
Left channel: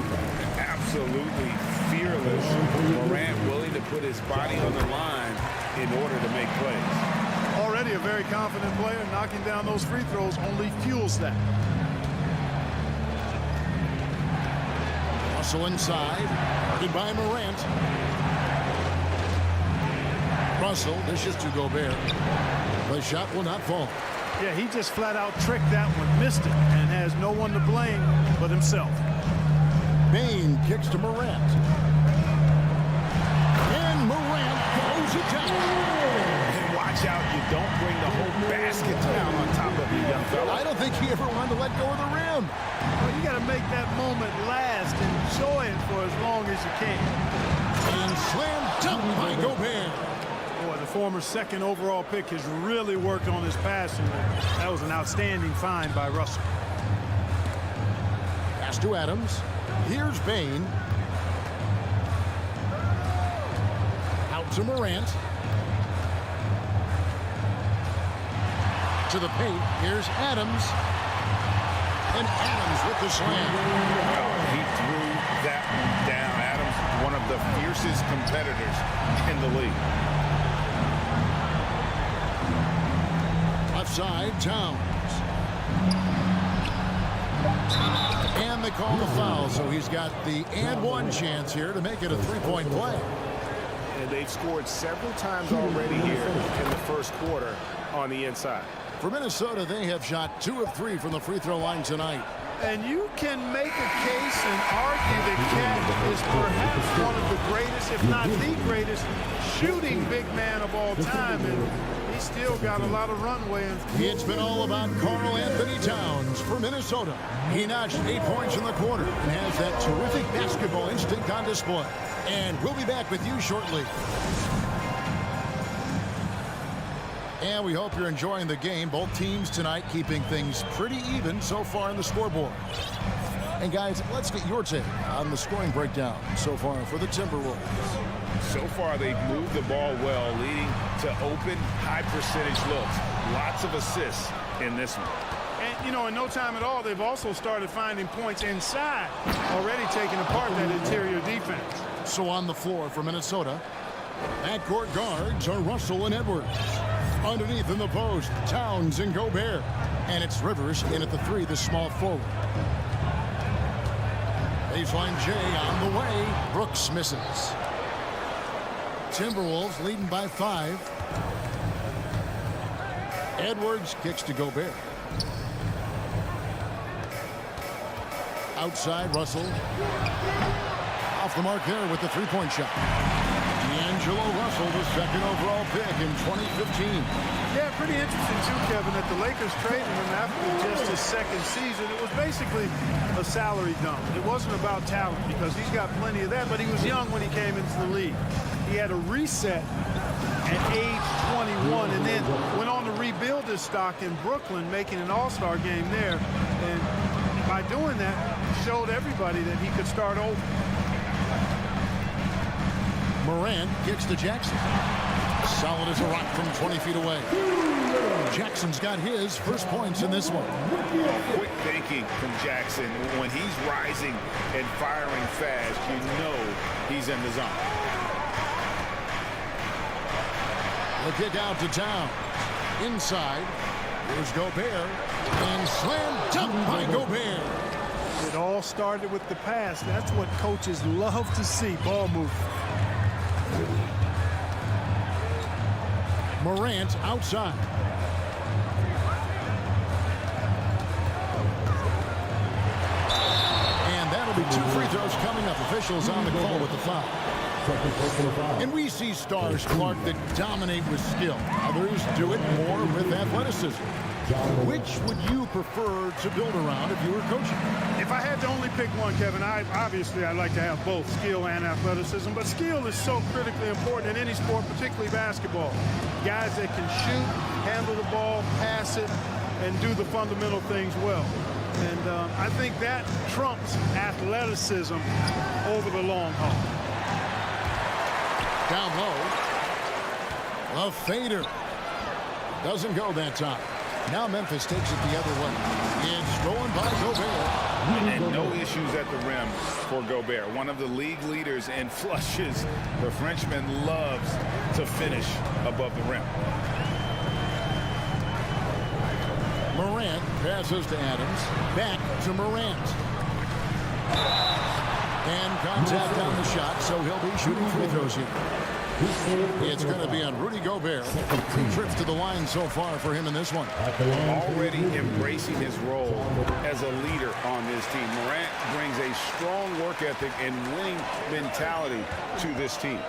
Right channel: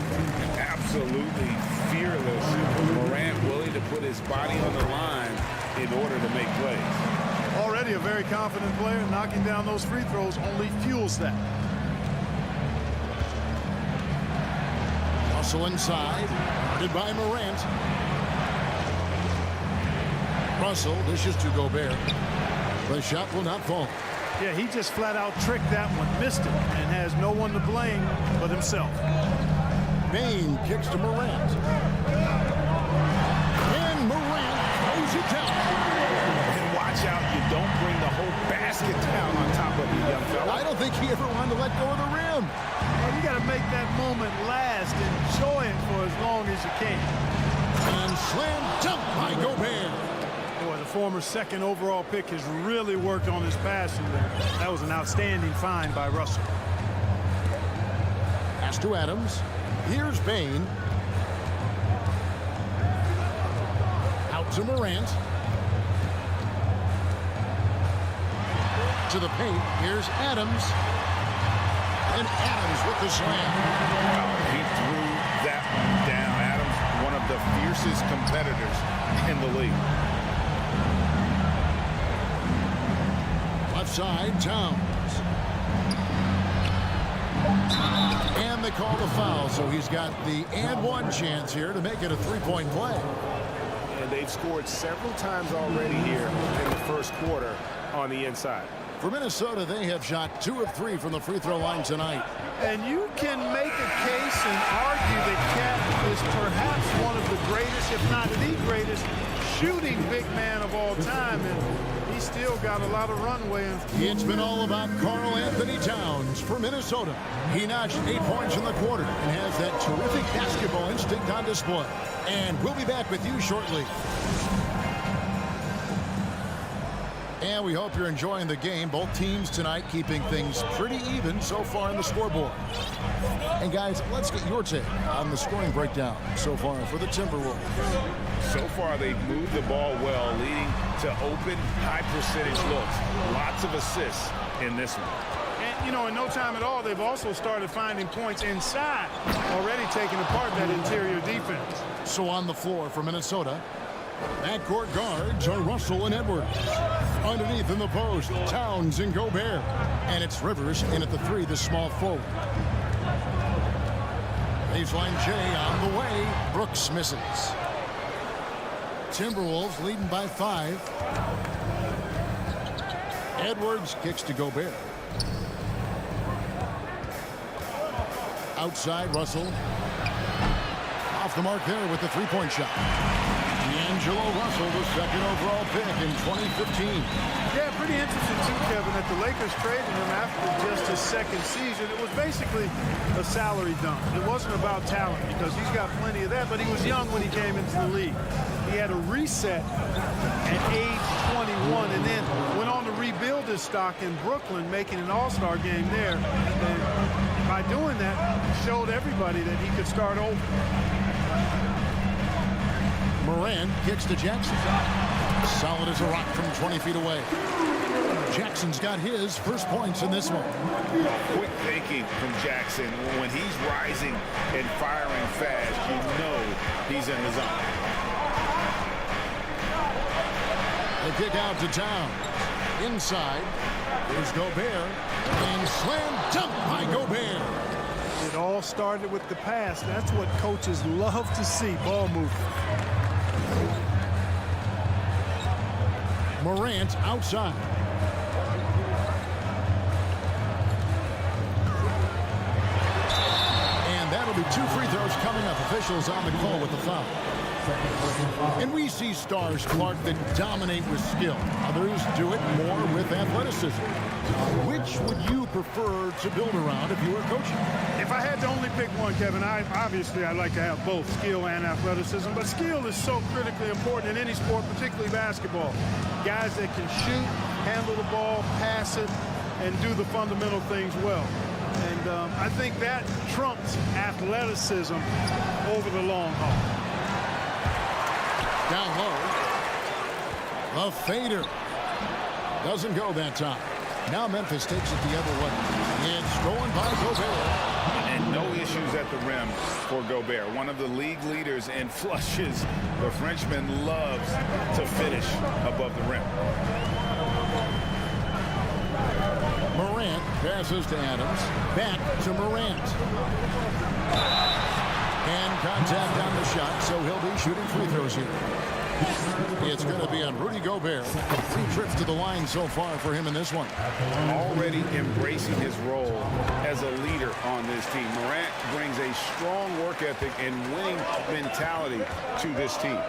Absolutely fearless. Morant willing to put his body on the line in order to make plays. Already a very confident player. Knocking down those free throws only fuels that. Russell inside, guarded by Morant. Russell dishes to Gobert. The shot will not fall. Yeah, he just flat out tricked that one, missed it, and has no one to blame but himself. Bane kicks to Morant. And Morant throws it down. And watch out, you don't bring the whole basket down on top of you, young fella. I don't think he ever wanted to let go of the rim. Well, you got to make that moment last. Enjoy it for as long as you can. And slam dunk by Gobert. Boy, the former second overall pick has really worked on his passing there. That was an outstanding find by Russell. Pass to Adams. Here's Bane. Out to Morant. To the paint. Here's Adams. And Adams with the slam. Oh, he threw that one down. Adams, one of the fiercest competitors in the league. Left side, Towns. And they call the foul, so he's got the and one chance here to make it a three-point play. And they've scored several times already here in the first quarter on the inside. For Minnesota, they have shot 2 of 3 from the free throw line tonight. And you can make a case and argue that Cat is perhaps one of the greatest, if not the greatest, shooting big man of all time. And he's still got a lot of runway. It's been all about Karl Anthony Towns for Minnesota. He notched 8 points in the quarter and has that terrific basketball instinct on display. And we'll be back with you shortly. And we hope you're enjoying the game. Both teams tonight keeping things pretty even so far in the scoreboard. And guys, let's get your take on the scoring breakdown so far for the Timberwolves. So far, they've moved the ball well, leading to open, high-percentage looks. Lots of assists in this one. And, you know, in no time at all, they've also started finding points inside, already taking apart that interior defense. So on the floor for Minnesota, backcourt guards are Russell and Edwards. Underneath in the post, Towns and Gobert. And it's Rivers in at the 3, the small forward. Baseline J on the way. Brooks misses. Timberwolves leading by 5. Edwards kicks to Gobert. Outside, Russell. Off the mark there with the three-point shot. D'Angelo Russell, the second overall pick in 2015. Yeah, pretty interesting too, Kevin, that the Lakers traded him after just his second season. It was basically a salary dump. It wasn't about talent because he's got plenty of that, but he was young when he came into the league. He had a reset at age 21 and then went on to rebuild his stock in Brooklyn, making an all-star game there. And by doing that, showed everybody that he could start over. Morant kicks to Jackson. Solid as a rock from 20 feet away. Jackson's got his first points in this one. Oh, quick thinking from Jackson. When he's rising and firing fast, you know he's in the zone. The kick out to Towns. Inside, here's Gobert. And slam dunk by Gobert. It all started with the pass. That's what coaches love to see, ball movement. Morant outside. And that'll be 2 free throws coming up. Officials on the call with the foul. And we see stars, Clark, that dominate with skill. Others do it more with athleticism. Which would you prefer to build around if you were coaching? If I had to only pick one, Kevin, obviously I'd like to have both skill and athleticism, but skill is so critically important in any sport, particularly basketball. Guys that can shoot, handle the ball, pass it, and do the fundamental things well. And I think that trumps athleticism over the long haul. Down low. The fader. Doesn't go that time. Now Memphis takes it the other way. It's stolen by Gobert. And no issues at the rim for Gobert. One of the league leaders in flushes. The Frenchman loves to finish above the rim. Morant passes to Adams. Back to Morant. And contact on the shot, so he'll be shooting free throws here. It's going to be on Rudy Gobert. 3 trips to the line so far for him in this one. Already embracing his role as a leader on this team. Morant brings a strong work ethic and winning mentality to this team.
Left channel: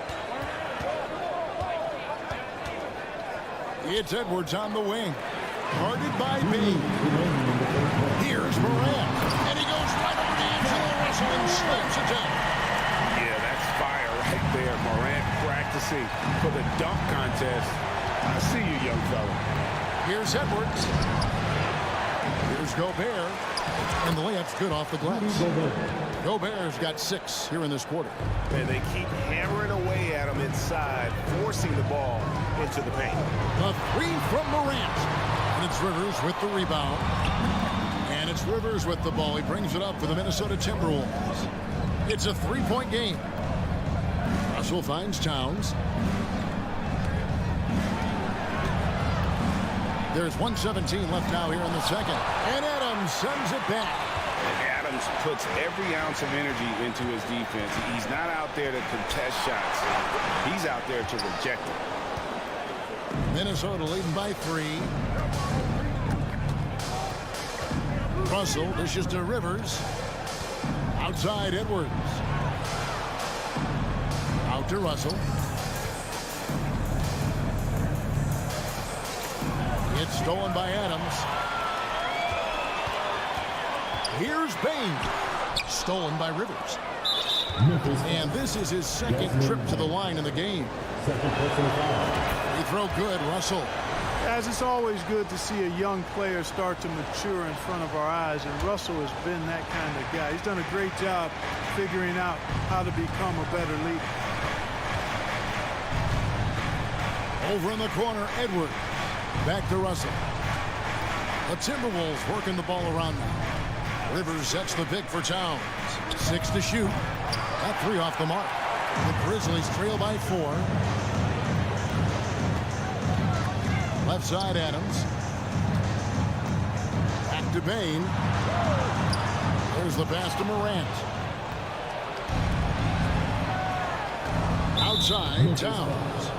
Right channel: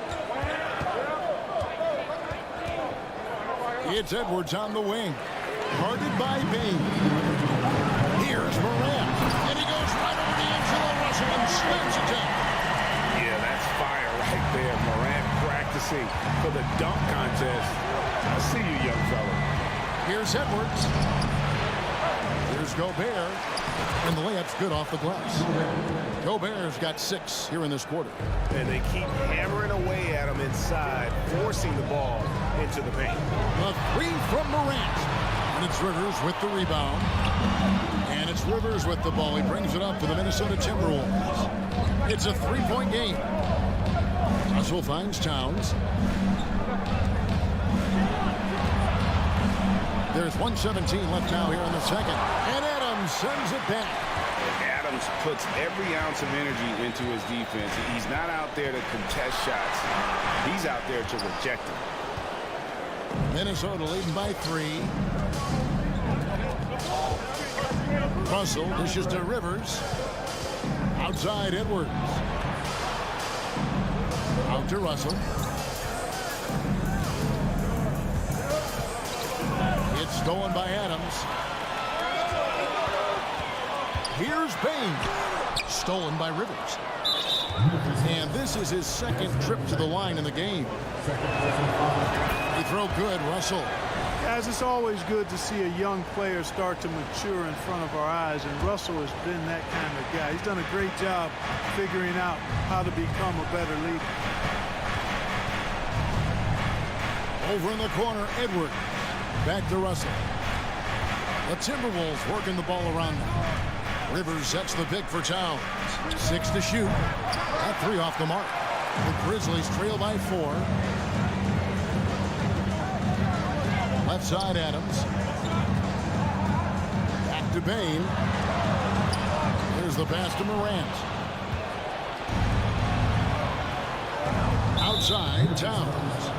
It's Edwards on the wing. Guarded by Bain. Here's Morant. And he goes right over to D'Angelo Russell and slams it down. Yeah, that's fire right there. Morant practicing for the dunk contest. I see you, young fella. Here's Edwards. Here's Gobert. And the layup's good off the glass. Gobert's got 6 here in this quarter. And they keep hammering away at him inside, forcing the ball into the paint. The 3 from Morant. And it's Rivers with the rebound. And it's Rivers with the ball. He brings it up for the Minnesota Timberwolves. It's a 3-point game. Russell finds Towns. There's 1:17 left now here in the second. And Adams sends it back. And Adams puts every ounce of energy into his defense. He's not out there to contest shots. He's out there to reject them. Minnesota leading by 3. Russell dishes to Rivers. Outside Edwards. Out to Russell. It's stolen by Adams. Here's Bain. Stolen by Rivers. And this is his second trip to the line in the game. Free throw good, Russell. Guys, it's always good to see a young player start to mature in front of our eyes, and Russell has been that kind of guy. He's done a great job figuring out how to become a better leader. Over in the corner, Edwards. Back to Russell. The Timberwolves working the ball around now. Rivers sets the pick for Towns. 6 to shoot. That 3 off the mark. The Grizzlies trail by 4. Left side, Adams. Back to Bain. There's the pass to Morant. Outside, Towns.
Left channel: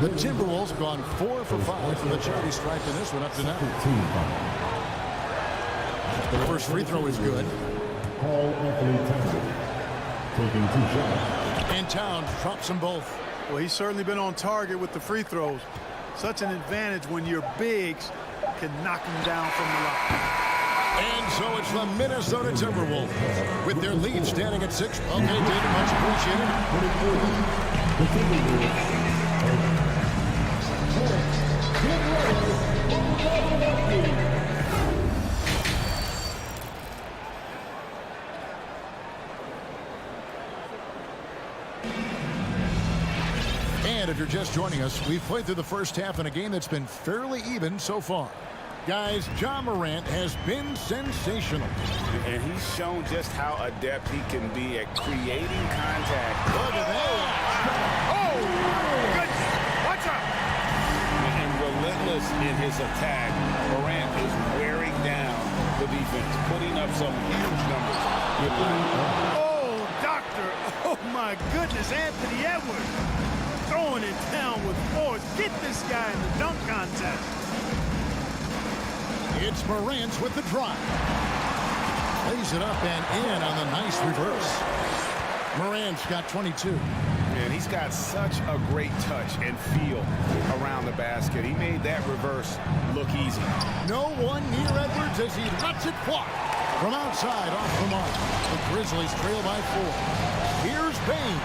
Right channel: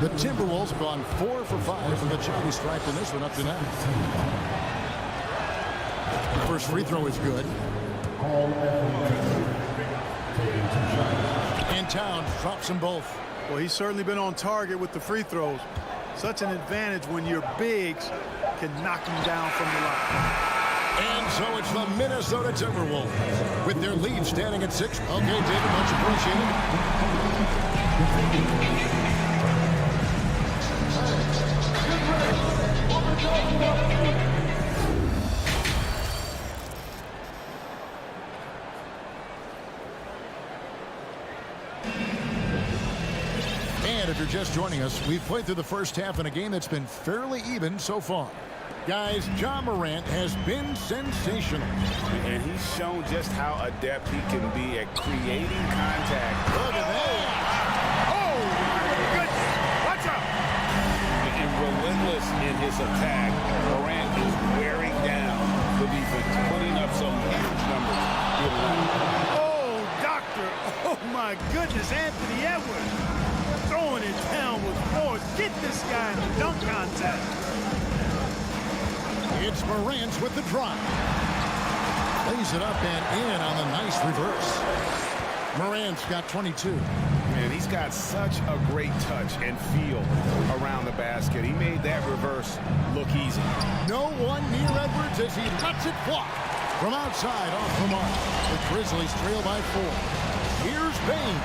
The Timberwolves have gone 4 for 5 from the charity stripe in this one up to now. The first free throw is good. And Towns drops them both. Well, he's certainly been on target with the free throws. Such an advantage when your bigs can knock them down from the line. And so it's the Minnesota Timberwolves with their lead standing at 6. Okay, David, much appreciated. And if you're just joining us, we've played through the first half in a game that's been fairly even so far. Guys, Ja Morant has been sensational. And he's shown just how adept he can be at creating contact. Look at that. Oh, my goodness. Watch out. And relentless in his attack, Morant is wearing down the defense, putting up some huge numbers here tonight. Oh, doctor. Oh, my goodness. Anthony Edwards throwing it down with force. Get this guy in the dunk contest. It's Morant with the drive. Lays it up and in on the nice reverse. Morant's got 22. Man, he's got such a great touch and feel around the basket. He made that reverse look easy. No one near Edwards as he lets it fly. From outside off the mark. The Grizzlies trail by 4. Here's Bain.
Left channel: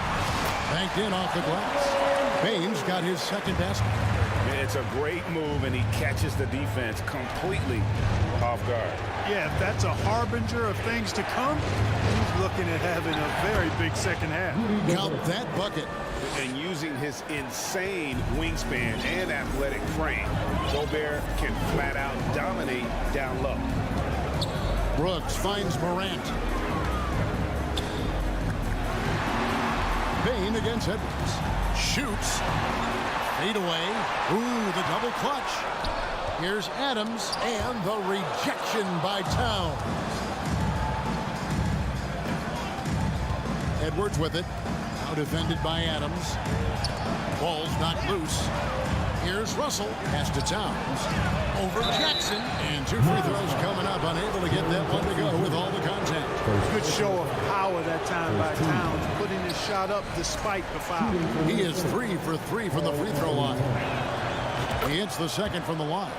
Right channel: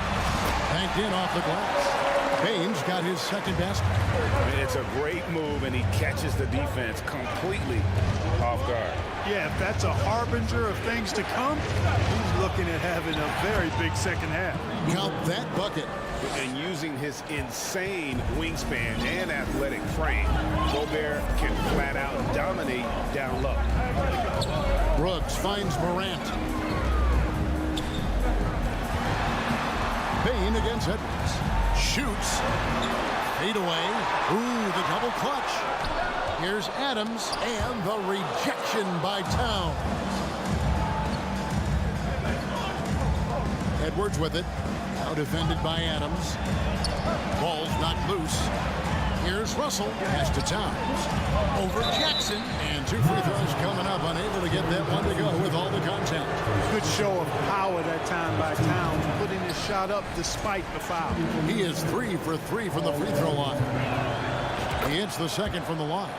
Banked in off the glass. Bain's got his second basket. It's a great move, and he catches the defense completely off guard. Yeah, if that's a harbinger of things to come, he's looking at having a very big second half. Count that bucket. And using his insane wingspan and athletic frame, Gobert can flat out dominate down low. Brooks finds Morant. Bain against Edwards. Shoots. Fade away. Ooh, the double clutch. Here's Adams and the rejection by Towns. Edwards with it. Now defended by Adams. Ball's knocked loose. Here's Russell. Pass to Towns. Over Jackson. And 2 free throws coming up. Unable to get that one to go with all the contact. Good show of power that time by Towns, putting his shot up despite the foul. He is 3 for 3 from the free throw line. He hits the second from the line.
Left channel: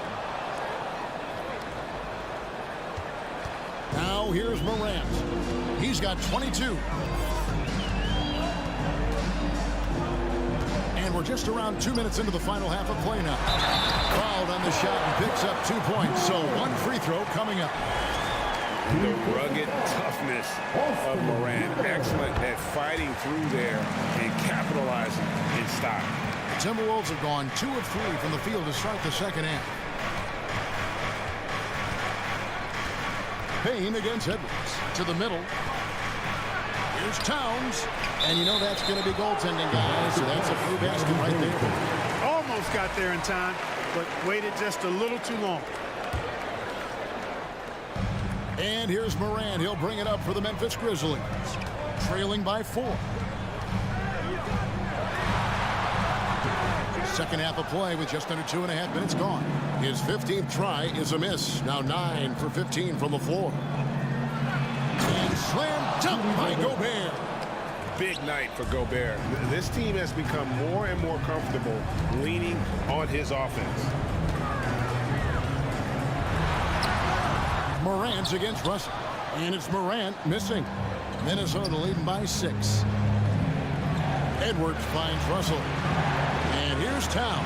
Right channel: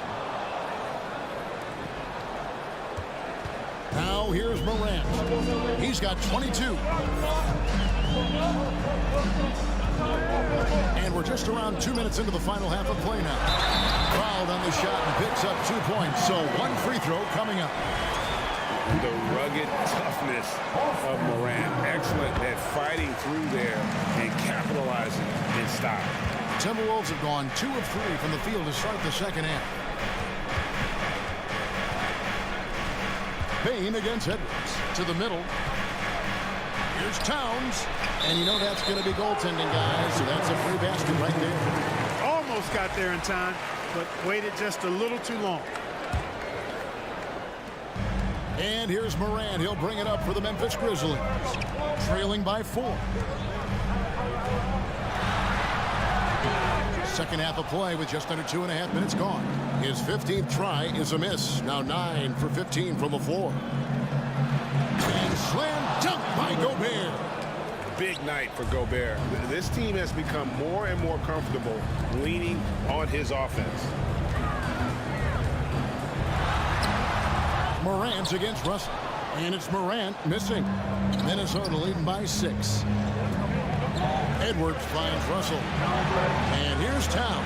Now here's Morant. He's got 22. And we're just around 2 minutes into the final half of play now. Fouled on the shot and picks up 2 points. So 1 free throw coming up. The rugged toughness of Morant. Excellent at fighting through there and capitalizing in style. The Timberwolves have gone 2 of 3 from the field to start the second half. Payne against Edwards. To the middle. Here's Towns. And you know that's going to be goaltending, guys. So that's a free basket right there. Almost got there in time, but waited just a little too long. And here's Morant. He'll bring it up for the Memphis Grizzlies. Trailing by 4. Second half of play with just under 2.5 minutes gone. His 15th try is a miss. Now 9 for 15 from the floor. And slam dunk by Gobert. Big night for Gobert. This team has become more and more comfortable leaning on his offense. Morant's against Russell. And it's Morant missing. Minnesota leading by 6. Edwards finds Russell. And here's Towns.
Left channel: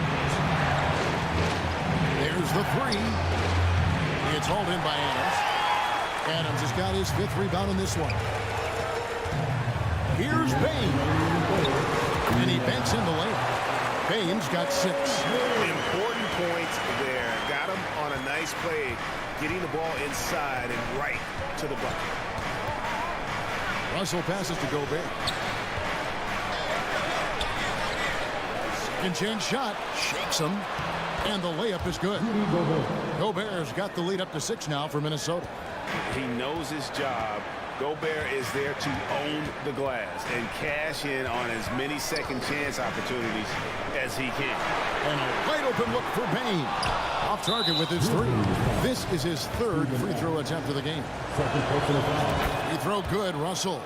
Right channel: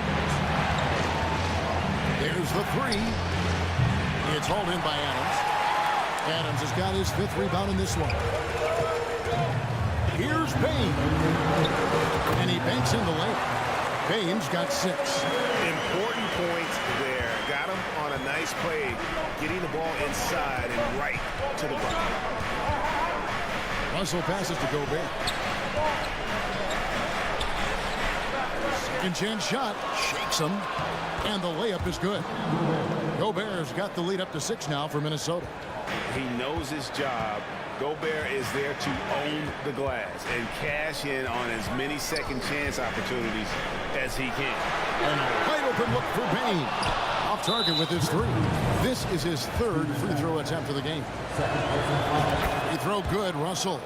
There's the 3. It's hauled in by Adams. Adams has got his 5th rebound in this one. Here's Payne. And he banks in the layup. Payne's got 6. Important points there. Got him on a nice play, getting the ball inside and right to the bucket. Russell passes to Gobert. Second chance shot. Shakes him. And the layup is good. Gobert's got the lead up to 6 now for Minnesota. He knows his job. Gobert is there to own the glass and cash in on as many second chance opportunities as he can. And a wide open look for Payne. Off target with his 3. This is his 3rd free throw attempt of the game. Free throw good, Russell.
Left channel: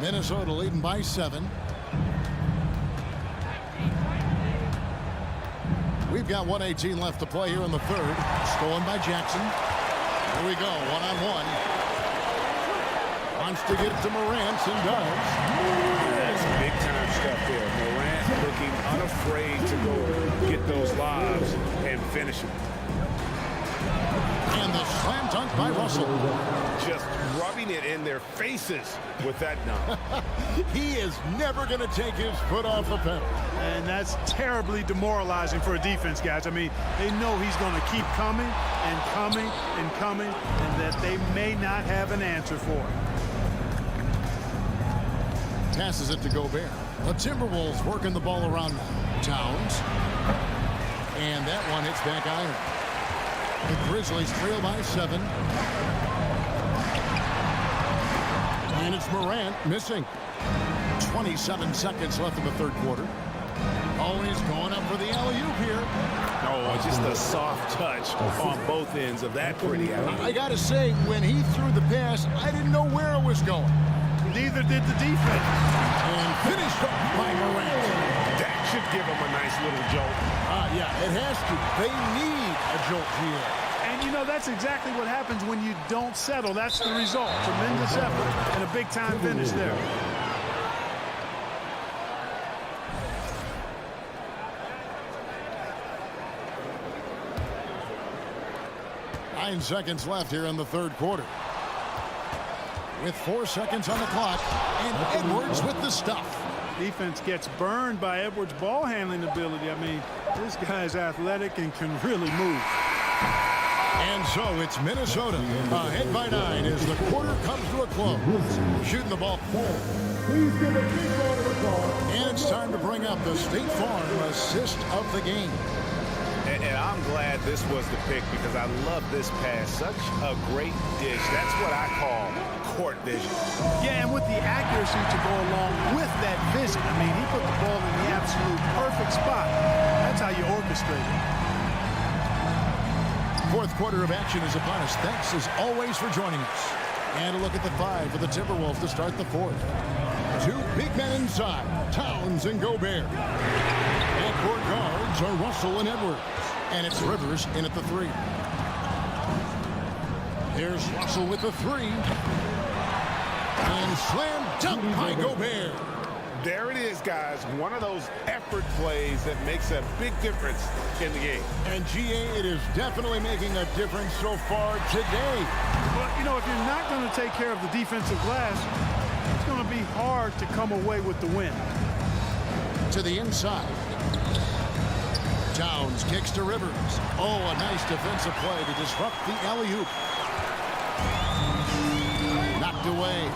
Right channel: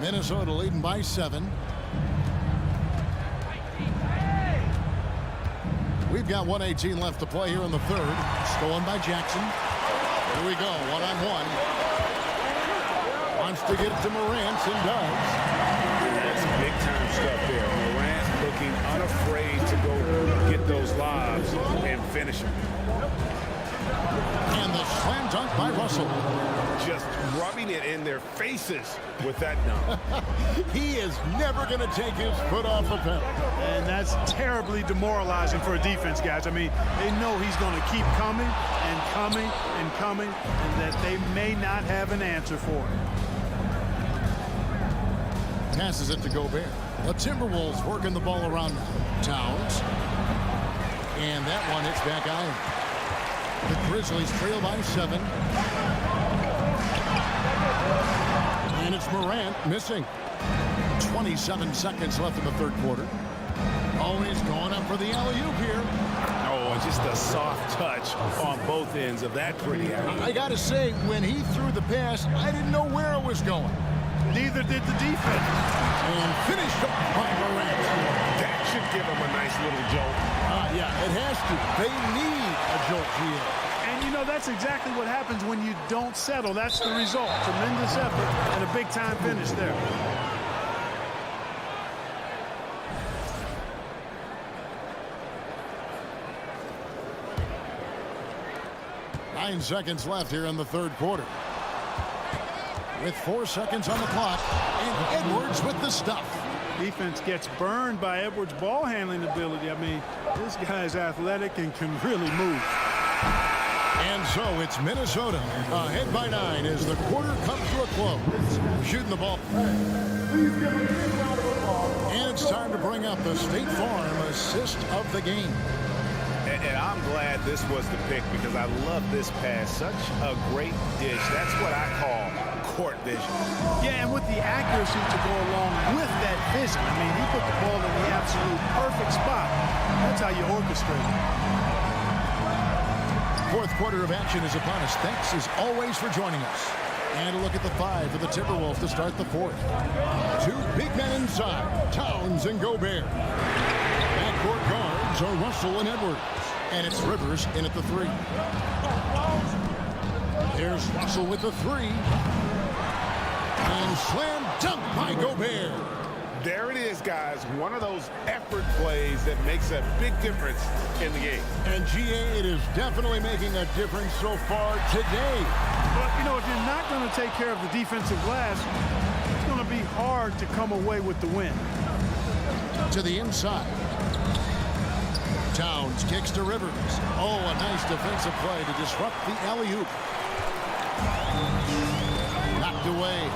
Minnesota leading by 7. We've got 1:18 left to play here in the 3rd. Stolen by Jackson. Here we go, 1-on-1. Wants to get it to Morant and does. That's big time stuff there. Morant looking unafraid to go get those lobs and finish them. And the slam dunk by Russell. Just rubbing it in their faces with that dunk. He is never going to take his foot off the pedal. And that's terribly demoralizing for a defense, guys. I mean, they know he's going to keep coming and coming and coming, and that they may not have an answer for it. Passes it to Gobert. The Timberwolves working the ball around now. Towns. And that one hits back iron. The Grizzlies trail by 7. And it's Morant missing. 27 seconds left in the 3rd quarter. Oh, he's going up for the alley-oop here. Oh, just a soft touch on both ends of that pretty alley-oop. I got to say, when he threw the pass, I didn't know where it was going. Neither did the defense. And finished off by Morant. That should give him a nice little jolt. Yeah, it has to. They need a jolt, GA. And, you know, that's exactly what happens when you don't settle. That's the result. Tremendous effort and a big-time finish there. Nine seconds left here in the 3rd quarter. With 4 seconds on the clock, and Edwards with the stuff. Defense gets burned by Edwards' ball handling ability. I mean, this guy's athletic and can really move. And so it's Minnesota ahead by 9 as the quarter comes to a close. Shooting the ball. And it's time to bring up the State Farm assist of the game. And I'm glad this was the pick because I love this pass. Such a great dish. That's what I call court vision. Yeah, and with the accuracy to go along with that vision. I mean, he put the ball in the absolute perfect spot. That's how you orchestrate it. Fourth quarter of action is upon us. Thanks, as always, for joining us. And a look at the five for the Timberwolves to start the fourth. Two big men inside, Towns and Gobert. Backcourt guards are Russell and Edwards. And it's Rivers in at the three. There's Russell with the three. And slam dunk by Gobert. There it is, guys. One of those effort plays that makes a big difference in the game. And GA, it is definitely making a difference so far today. But, you know, if you're not going to take care of the defensive glass, it's going to be hard to come away with the win. To the inside. Towns kicks to Rivers. Oh, a nice defensive play to disrupt the alley-oop. Knocked away.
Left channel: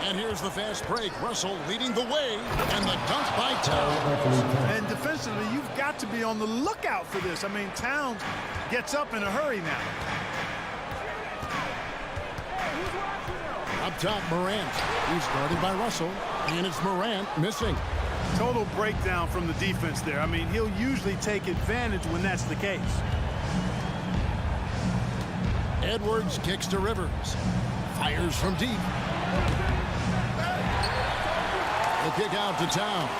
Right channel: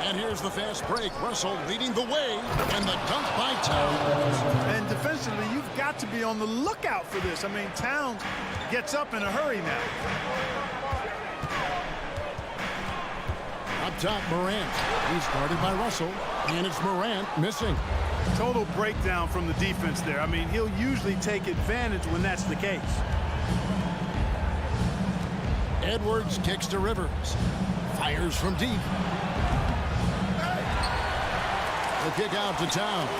And here's the fast break. Russell leading the way. And the dunk by Towns. And defensively, you've got to be on the lookout for this. I mean, Towns gets up in a hurry now. Up top, Morant. He's guarded by Russell. And it's Morant missing. Total breakdown from the defense there. I mean, he'll usually take advantage when that's the case. Edwards kicks to Rivers. Fires from deep. The kick out to Towns.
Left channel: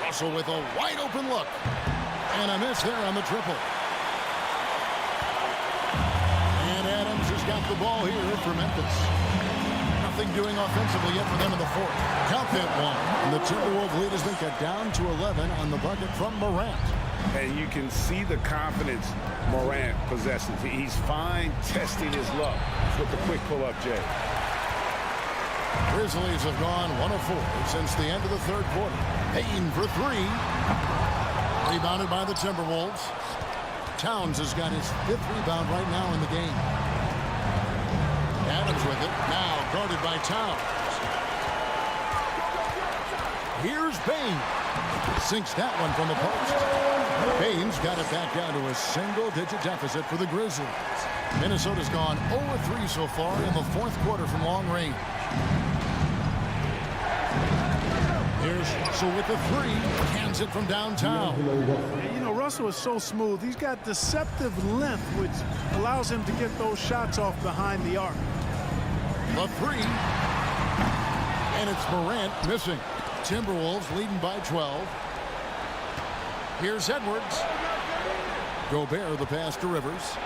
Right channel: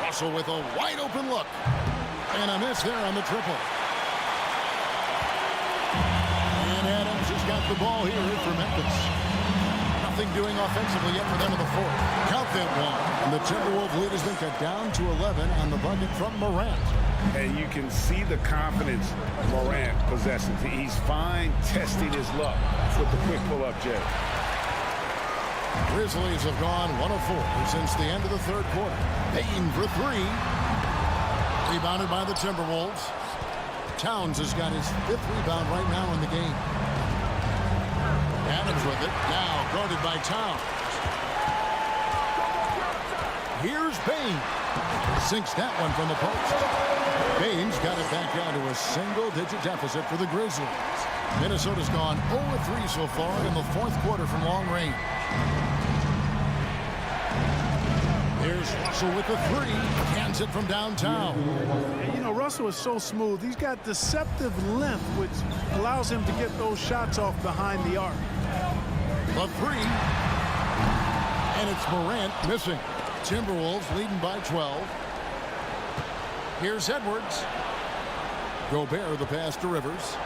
Russell with a wide open look. And a miss there on the triple. And Adams has got the ball here for Memphis. Nothing doing offensively yet for them in the fourth. Count that one. And the Timberwolves lead has been cut down to 11 on the bucket from Morant. And you can see the confidence Morant possesses. He's fine testing his luck with the quick pull-up, Jay. Grizzlies have gone 1 of 4 since the end of the third quarter. Payne for three. Rebounded by the Timberwolves. Towns has got his 5th rebound right now in the game. Adams with it. Now guarded by Towns. Here's Payne. Sinks that one from the post. Payne's got it back down to a single-digit deficit for the Grizzlies. Minnesota's gone 0-3 so far in the fourth quarter from long range. There's Russell with the three. Hands it from downtown. You know, Russell is so smooth. He's got deceptive length, which allows him to get those shots off behind the arc. The three. And it's Morant missing. Timberwolves leading by 12. Here's Edwards. Gobert the pass to Rivers.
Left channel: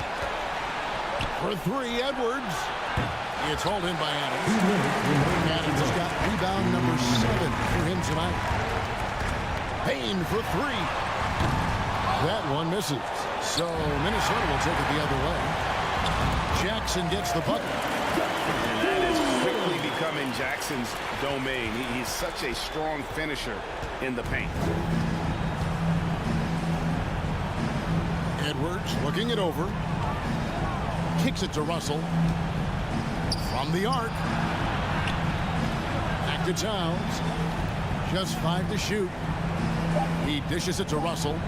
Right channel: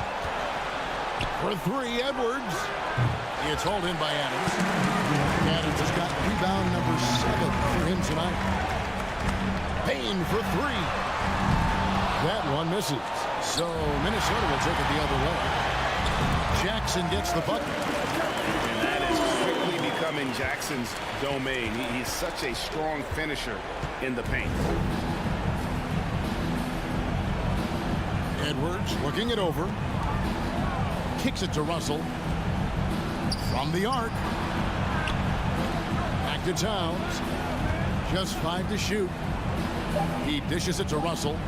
For three, Edwards. It's hauled in by Adams. Adams has got rebound number 7 for him tonight. Payne for three. That one misses. So Minnesota will take it the other way. Jackson gets the bucket. And that is quickly becoming Jackson's domain. He's such a strong finisher in the paint. Edwards looking it over. Kicks it to Russell. From the arc. Back to Towns. Just 5 to shoot. He dishes it to Russell.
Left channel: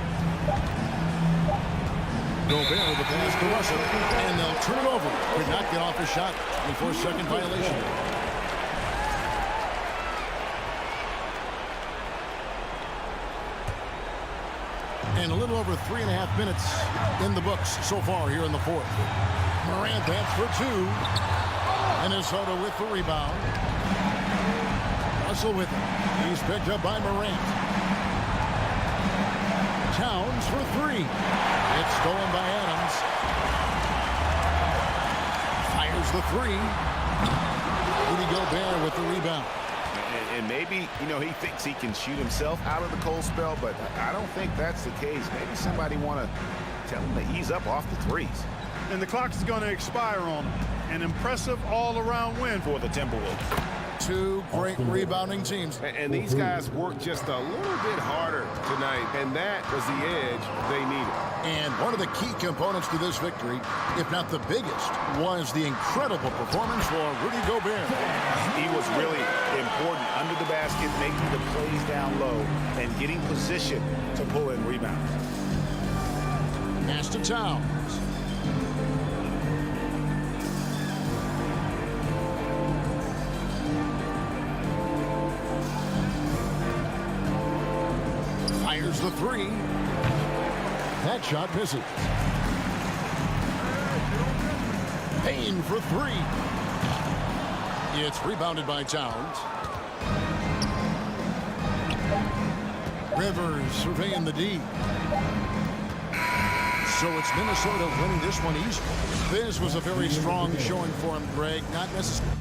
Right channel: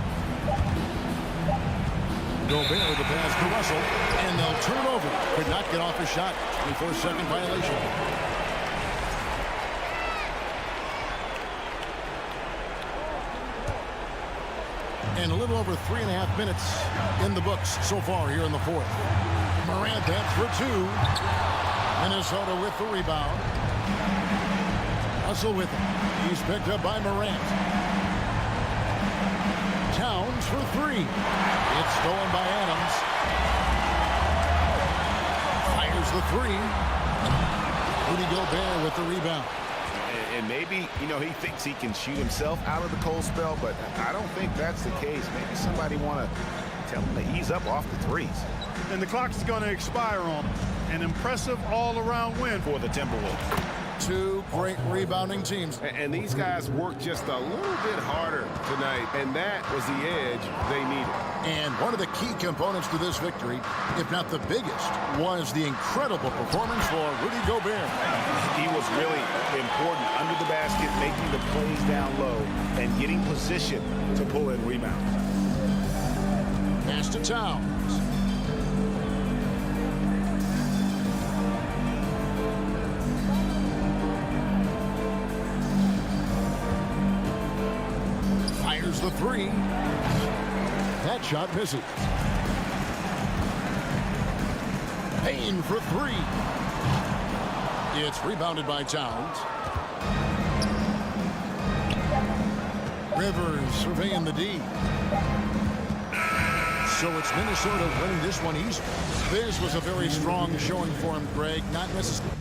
Gobert the pass to Russell. And they'll turn it over. Could not get off a shot. 24-second violation. And a little over 3.5 minutes in the books so far here in the fourth. Morant, that's for 2. Minnesota with the rebound. Russell with it. He's picked up by Morant. Towns for 3. It's stolen by Adams. Fires the 3. Rudy Gobert with the rebound. And maybe, you know, he thinks he can shoot himself out of the cold spell, but I don't think that's the case. Maybe somebody want to tell him to ease up off the threes. And the clock is going to expire on him. An impressive all-around win for the Timberwolves. 2 great rebounding teams. And these guys worked just a little bit harder tonight, and that was the edge they needed. And one of the key components to this victory, if not the biggest, was the incredible performance for Rudy Gobert. He was really important under the basket, making the plays down low and getting position to pull in rebounds. Pass to Towns. Fires the three. That shot misses. Payne for three. It's rebounded by Towns. Rivers surveying the D. So it's Minnesota winning this one easily. This was a very strong showing for him, Greg. Not necessarily.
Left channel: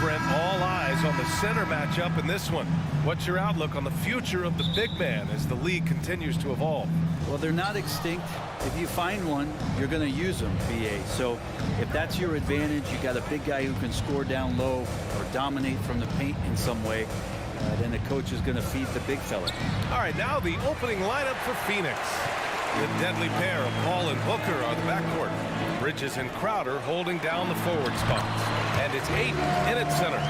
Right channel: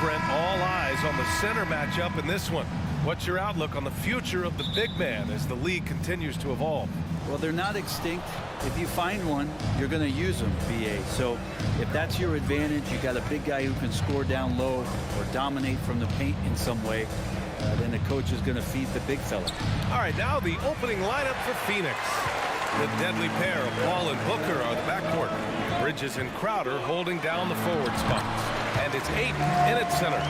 Brent, all eyes on the center matchup in this one. What's your outlook on the future of the big man as the league continues to evolve? Well, they're not extinct. If you find one, you're going to use them, BA. So if that's your advantage, you got a big guy who can score down low or dominate from the paint in some way, then the coach is going to feed the big fella. All right, now the opening lineup for Phoenix. The deadly pair of Paul and Booker are the backcourt. Bridges and Crowder holding down the forward spots. And it's Ayton in at center.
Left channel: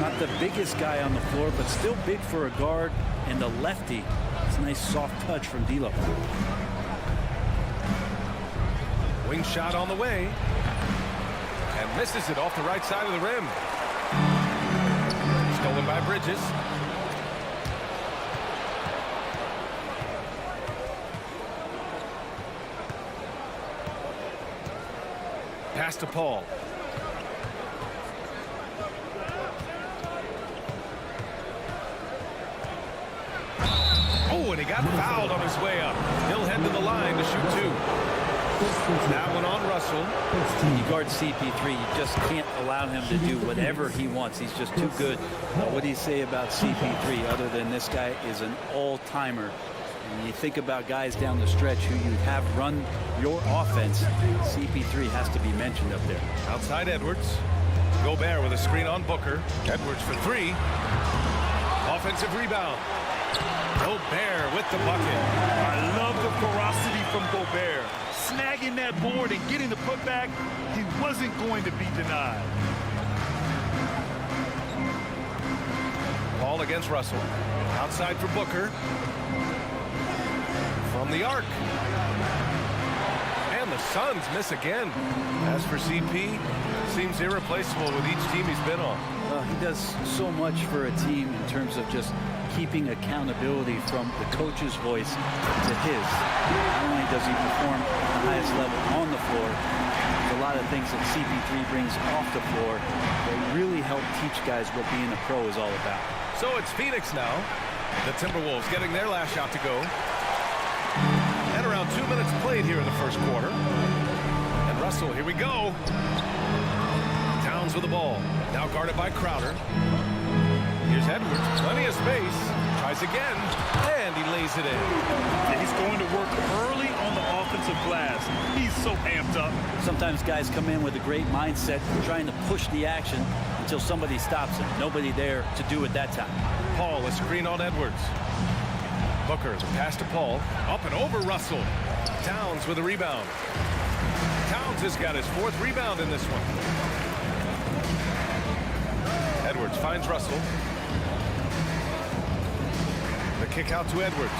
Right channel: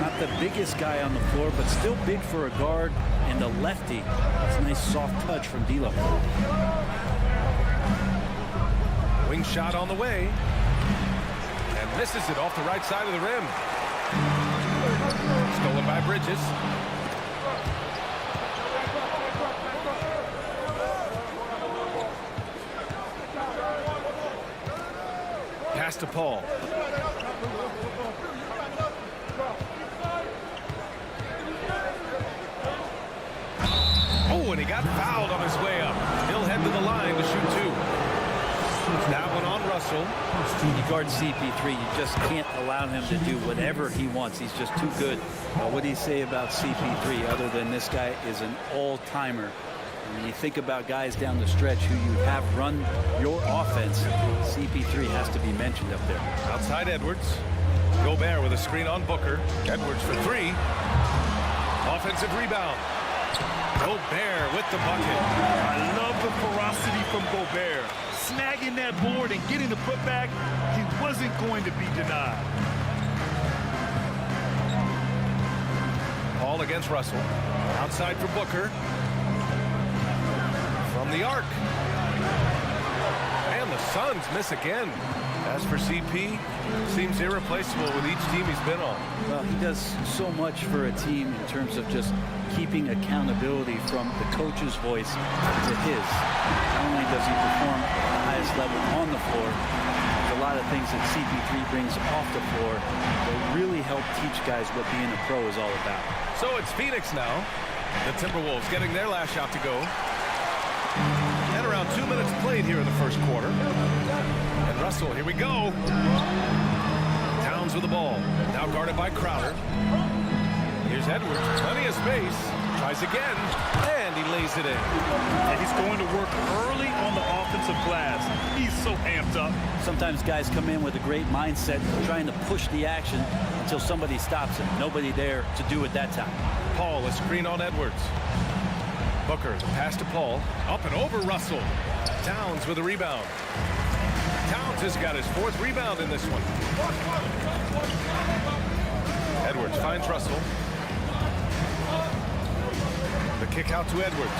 Not the biggest guy on the floor, but still big for a guard and a lefty. It's a nice soft touch from D'Lo. Wing shot on the way. And misses it off the right side of the rim. Stolen by Bridges. Pass to Paul. Oh, and he got fouled on his way up. He'll head to the line to shoot two. That one on Russell. You guard CP3, you just can't allow him to do whatever he wants. He's just too good. What do you say about CP3 other than this guy is an all-timer? And when you think about guys down the stretch who you have run your offense, CP3 has to be mentioned up there. Outside Edwards. Gobert with a screen on Booker. Edwards for three. Offensive rebound. Gobert with the bucket. I love the ferocity from Gobert. Snagging that board and getting the putback, he wasn't going to be denied. Paul against Russell. Outside for Booker. From the arc. And the Suns miss again. As for CP, seems irreplaceable with each team he's been on. Well, he does so much for a team in terms of just keeping accountability from the coach's voice to his. Not only does he perform at the highest level on the floor, there's a lot of things that CP3 brings off the floor that really help teach guys what being a pro is all about. So it's Phoenix now. The Timberwolves getting their last shot to go. And around 2 minutes played here in the first quarter. And Russell, here we go. Towns with the ball. Now guarded by Crowder. Here's Edwards, plenty of space. Tries again, and he lays it in. Yeah, he's going to work early on the offensive glass. He's so amped up. Sometimes guys come in with a great mindset, trying to push the action until somebody stops him. Nobody there to do it that time. Paul, a screen on Edwards. Booker, the pass to Paul. Up and over Russell. Towns with a rebound. Towns has got his fourth rebound in this one. Edwards finds Russell. The kick out to Edwards.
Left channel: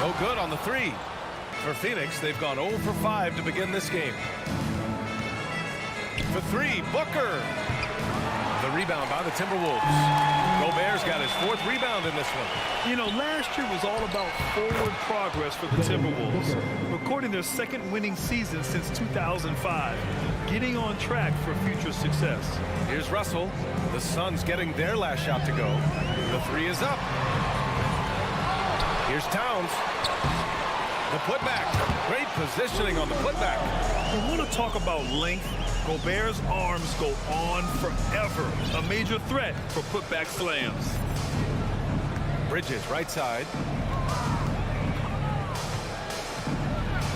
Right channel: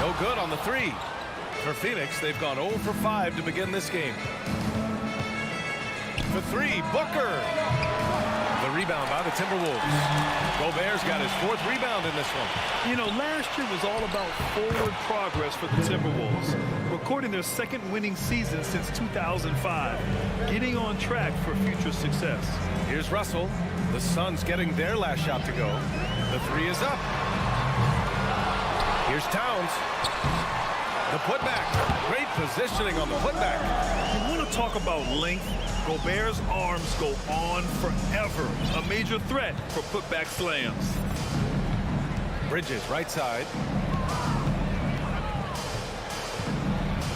No good on the three. For Phoenix, they've gone 0 for 5 to begin this game. For three, Booker. The rebound by the Timberwolves. Gobert's got his fourth rebound in this one. You know, last year was all about forward progress for the Timberwolves, recording their second winning season since 2005, getting on track for future success. Here's Russell. The Suns getting their last shot to go. The three is up. Here's Towns. The putback. Great positioning on the putback. You want to talk about length? Gobert's arms go on forever. A major threat for putback slams. Bridges, right side.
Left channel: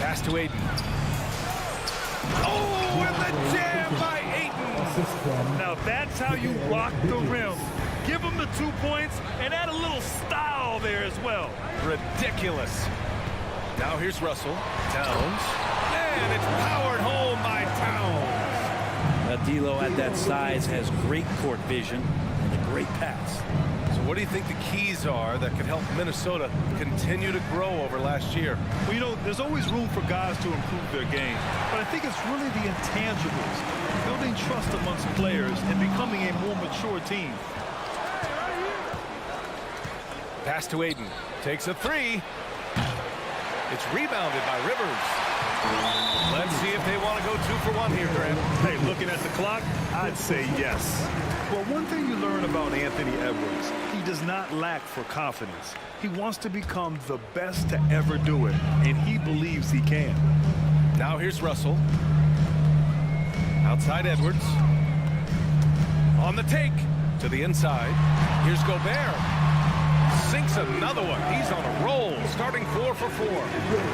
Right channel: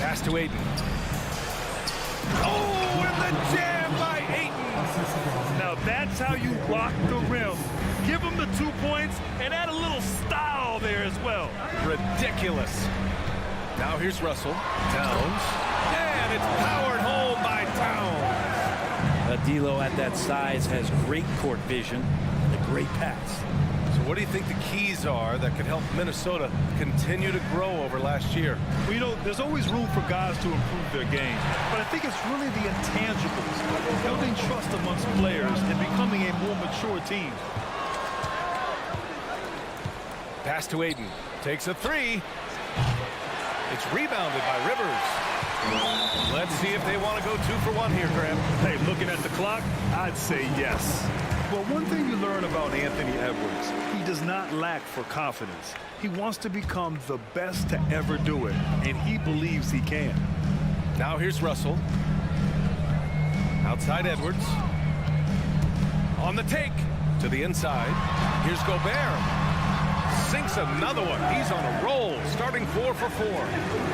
Pass to Ayton. Oh, and the jam by Ayton. Now that's how you rock the rim. Give him the 2 points and add a little style there as well. Ridiculous. Now here's Russell. Towns. And it's powered home by Towns. D'Lo at that size has great court vision and a great pass. So what do you think the keys are that could help Minnesota continue to grow over last year? Well, you know, there's always room for guys to improve their game, but I think it's really the intangibles, building trust amongst players and becoming a more mature team. Pass to Ayton. Takes a three. It's rebounded by Rivers. Let's see if they want to go 2 for 1 here, Graham. Hey, looking at the clock, I'd say yes. Well, one thing you learn about Anthony Edwards, he does not lack for confidence. He wants to become the best to ever do it, and he believes he can. Now here's Russell. Outside Edwards. On the take to the inside. Here's Gobert. Sinks another one. He's on a roll, starting 4 for 4.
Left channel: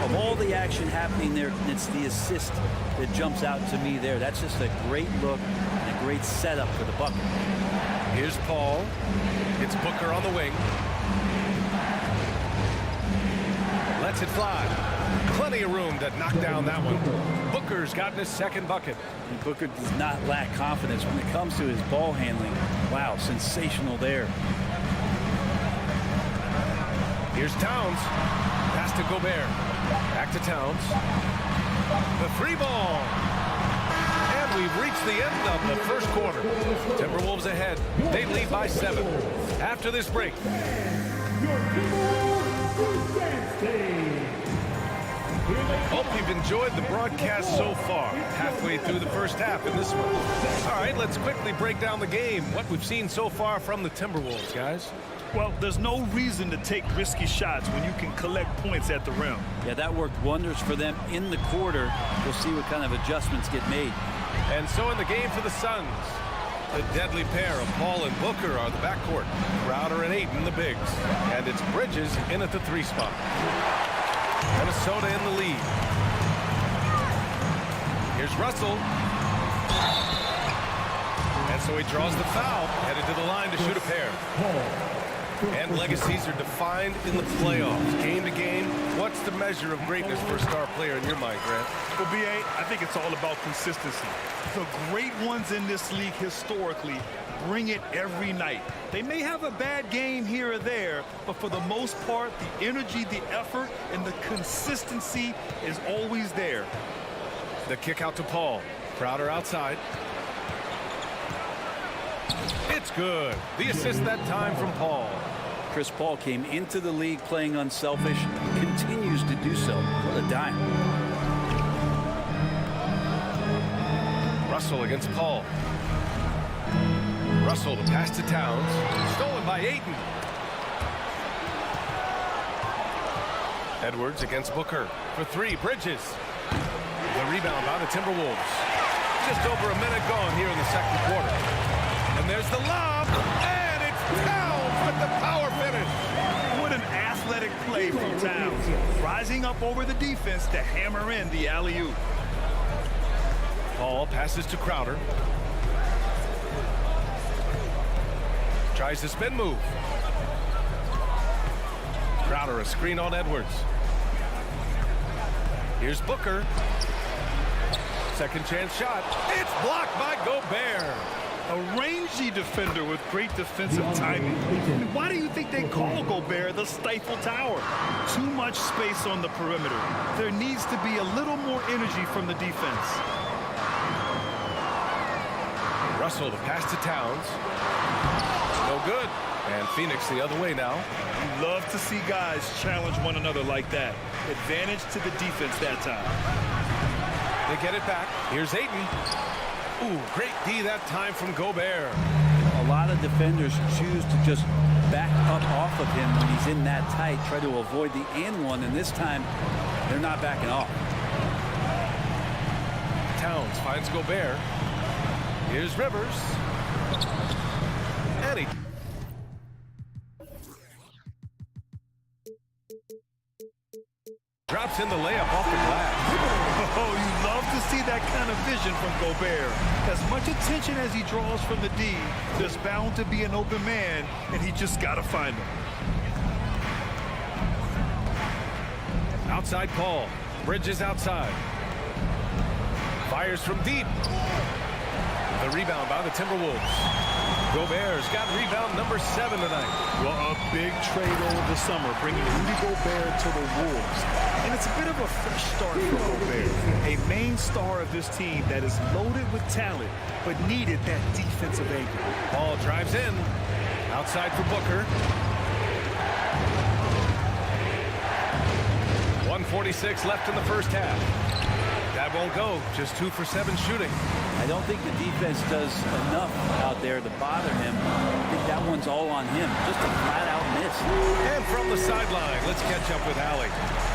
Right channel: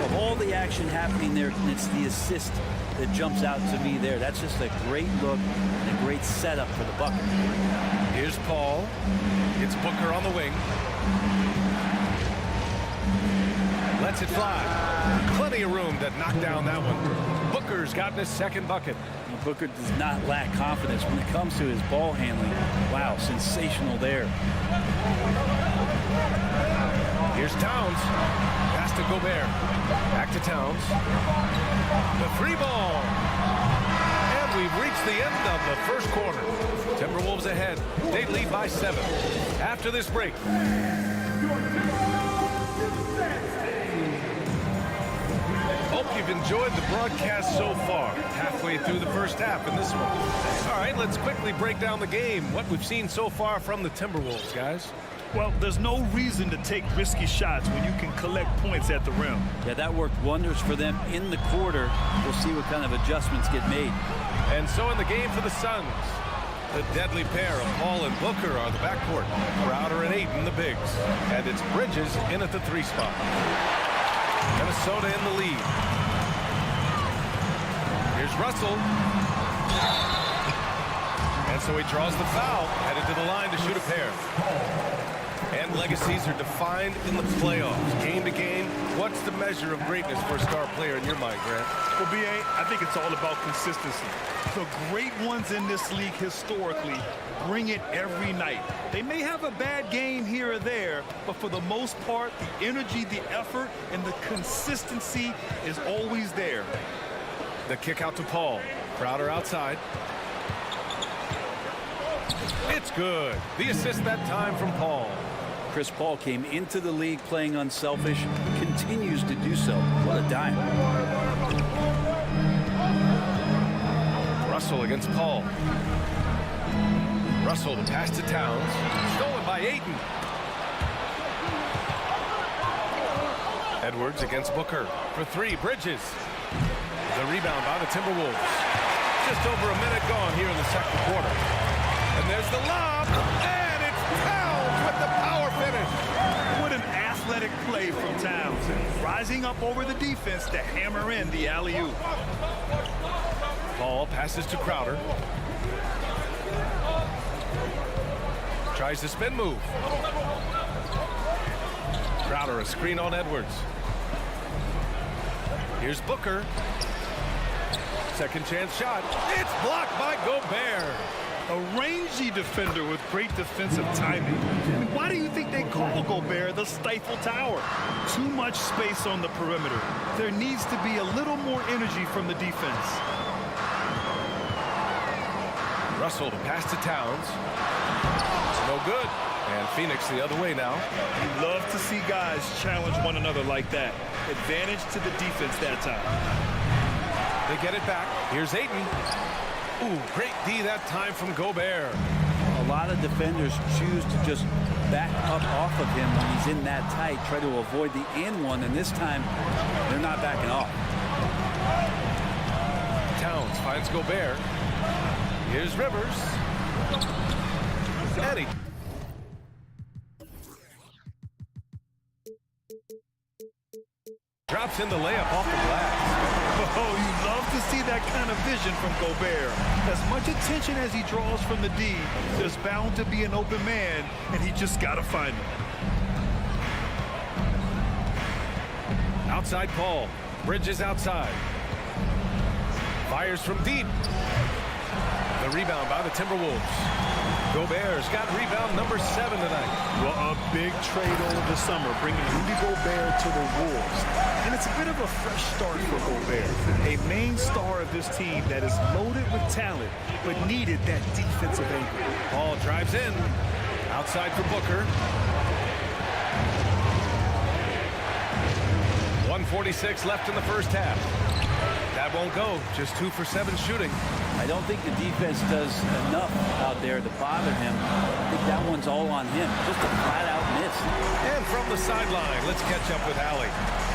Of all the action happening there, it's the assist that jumps out to me there. That's just a great look and a great setup for the bucket. Here's Paul. It's Booker on the wing. Lets it fly. Plenty of room to knock down that one. Booker's gotten his second bucket. And Booker does not lack confidence when it comes to his ball handling. Wow, sensational there. Here's Towns. Pass to Gobert. Back to Towns. The 3 ball. And we've reached the end of the first quarter. Timberwolves ahead. They lead by 7. After this break. Hope you've enjoyed the broadcast so far. Halfway through the first half in this one. All right, let's quickly break down the game. What we've seen so far from the Timberwolves, guys. Well, there's no reason to take risky shots when you can collect points at the rim. Yeah, that worked wonders for them in the quarter. We'll see what kind of adjustments get made. And so in the game for the Suns, the deadly pair of Paul and Booker are the backcourt. Crowder and Ayton, the bigs. And it's Bridges in at the 3 spot. Minnesota in the lead. Here's Russell. And so he draws the foul, headed to the line to shoot a pair. And legacies are defined in the playoffs, game to game. What's the measure of greatness for a star player in your mind, Grant? Well, B.A., I think it's all about consistency. The great ones in this league historically bring it every night. They may have a bad game here or there, but for the most part, the energy, the effort, and the consistency is always there. The kick out to Paul. Crowder outside. It's good. The assist that time from Paul. Chris Paul came into the league playing unselfish, continues to do so. What a dime. Russell against Paul. Russell the pass to Towns. Stolen by Ayton. Edwards against Booker for 3. Bridges. The rebound by the Timberwolves. Just over a minute gone here in the second quarter. And there's the lob, and it's Towns with the power finish. What an athletic play from Towns. Rising up over the defense to hammer in the alley-oop. Paul passes to Crowder. Tries the spin move. Crowder a screen on Edwards. Here's Booker. Second chance shot. It's blocked by Gobert. A rangy defender with great defensive timing. I mean, why do you think they call Gobert the Stifle Tower? Too much space on the perimeter. There needs to be a little more energy from the defense. Russell the pass to Towns. No good. And Phoenix the other way now. You love to see guys challenge one another like that. Advantage to the defense that time. They get it back. Here's Ayton. Ooh, great D that time from Gobert. A lot of defenders choose to just back up off of him when he's in that tight, try to avoid the and one, and this time they're not backing off. Towns finds Gobert. Here's Rivers. And he drops in the layup off the glass. Oh, you love to see that kind of vision from Gobert. As much attention as he draws from the D, there's bound to be an open man, and he just got to find him. Outside Paul. Bridges outside. Fires from deep. The rebound by the Timberwolves. Gobert's got rebound number 7 tonight. Well, a big trade over the summer, bringing Rudy Gobert to the Wolves. And it's a bit of a fresh start for Gobert, a main star of this team that is loaded with talent, but needed that defensive anchor. Paul drives in. Outside for Booker. 1:46 left in the first half. That won't go. Just 2 for 7 shooting. I don't think the defense does enough out there to bother him. I think that one's all on him. Just a flat-out miss. And from the sideline, let's catch up with Allie.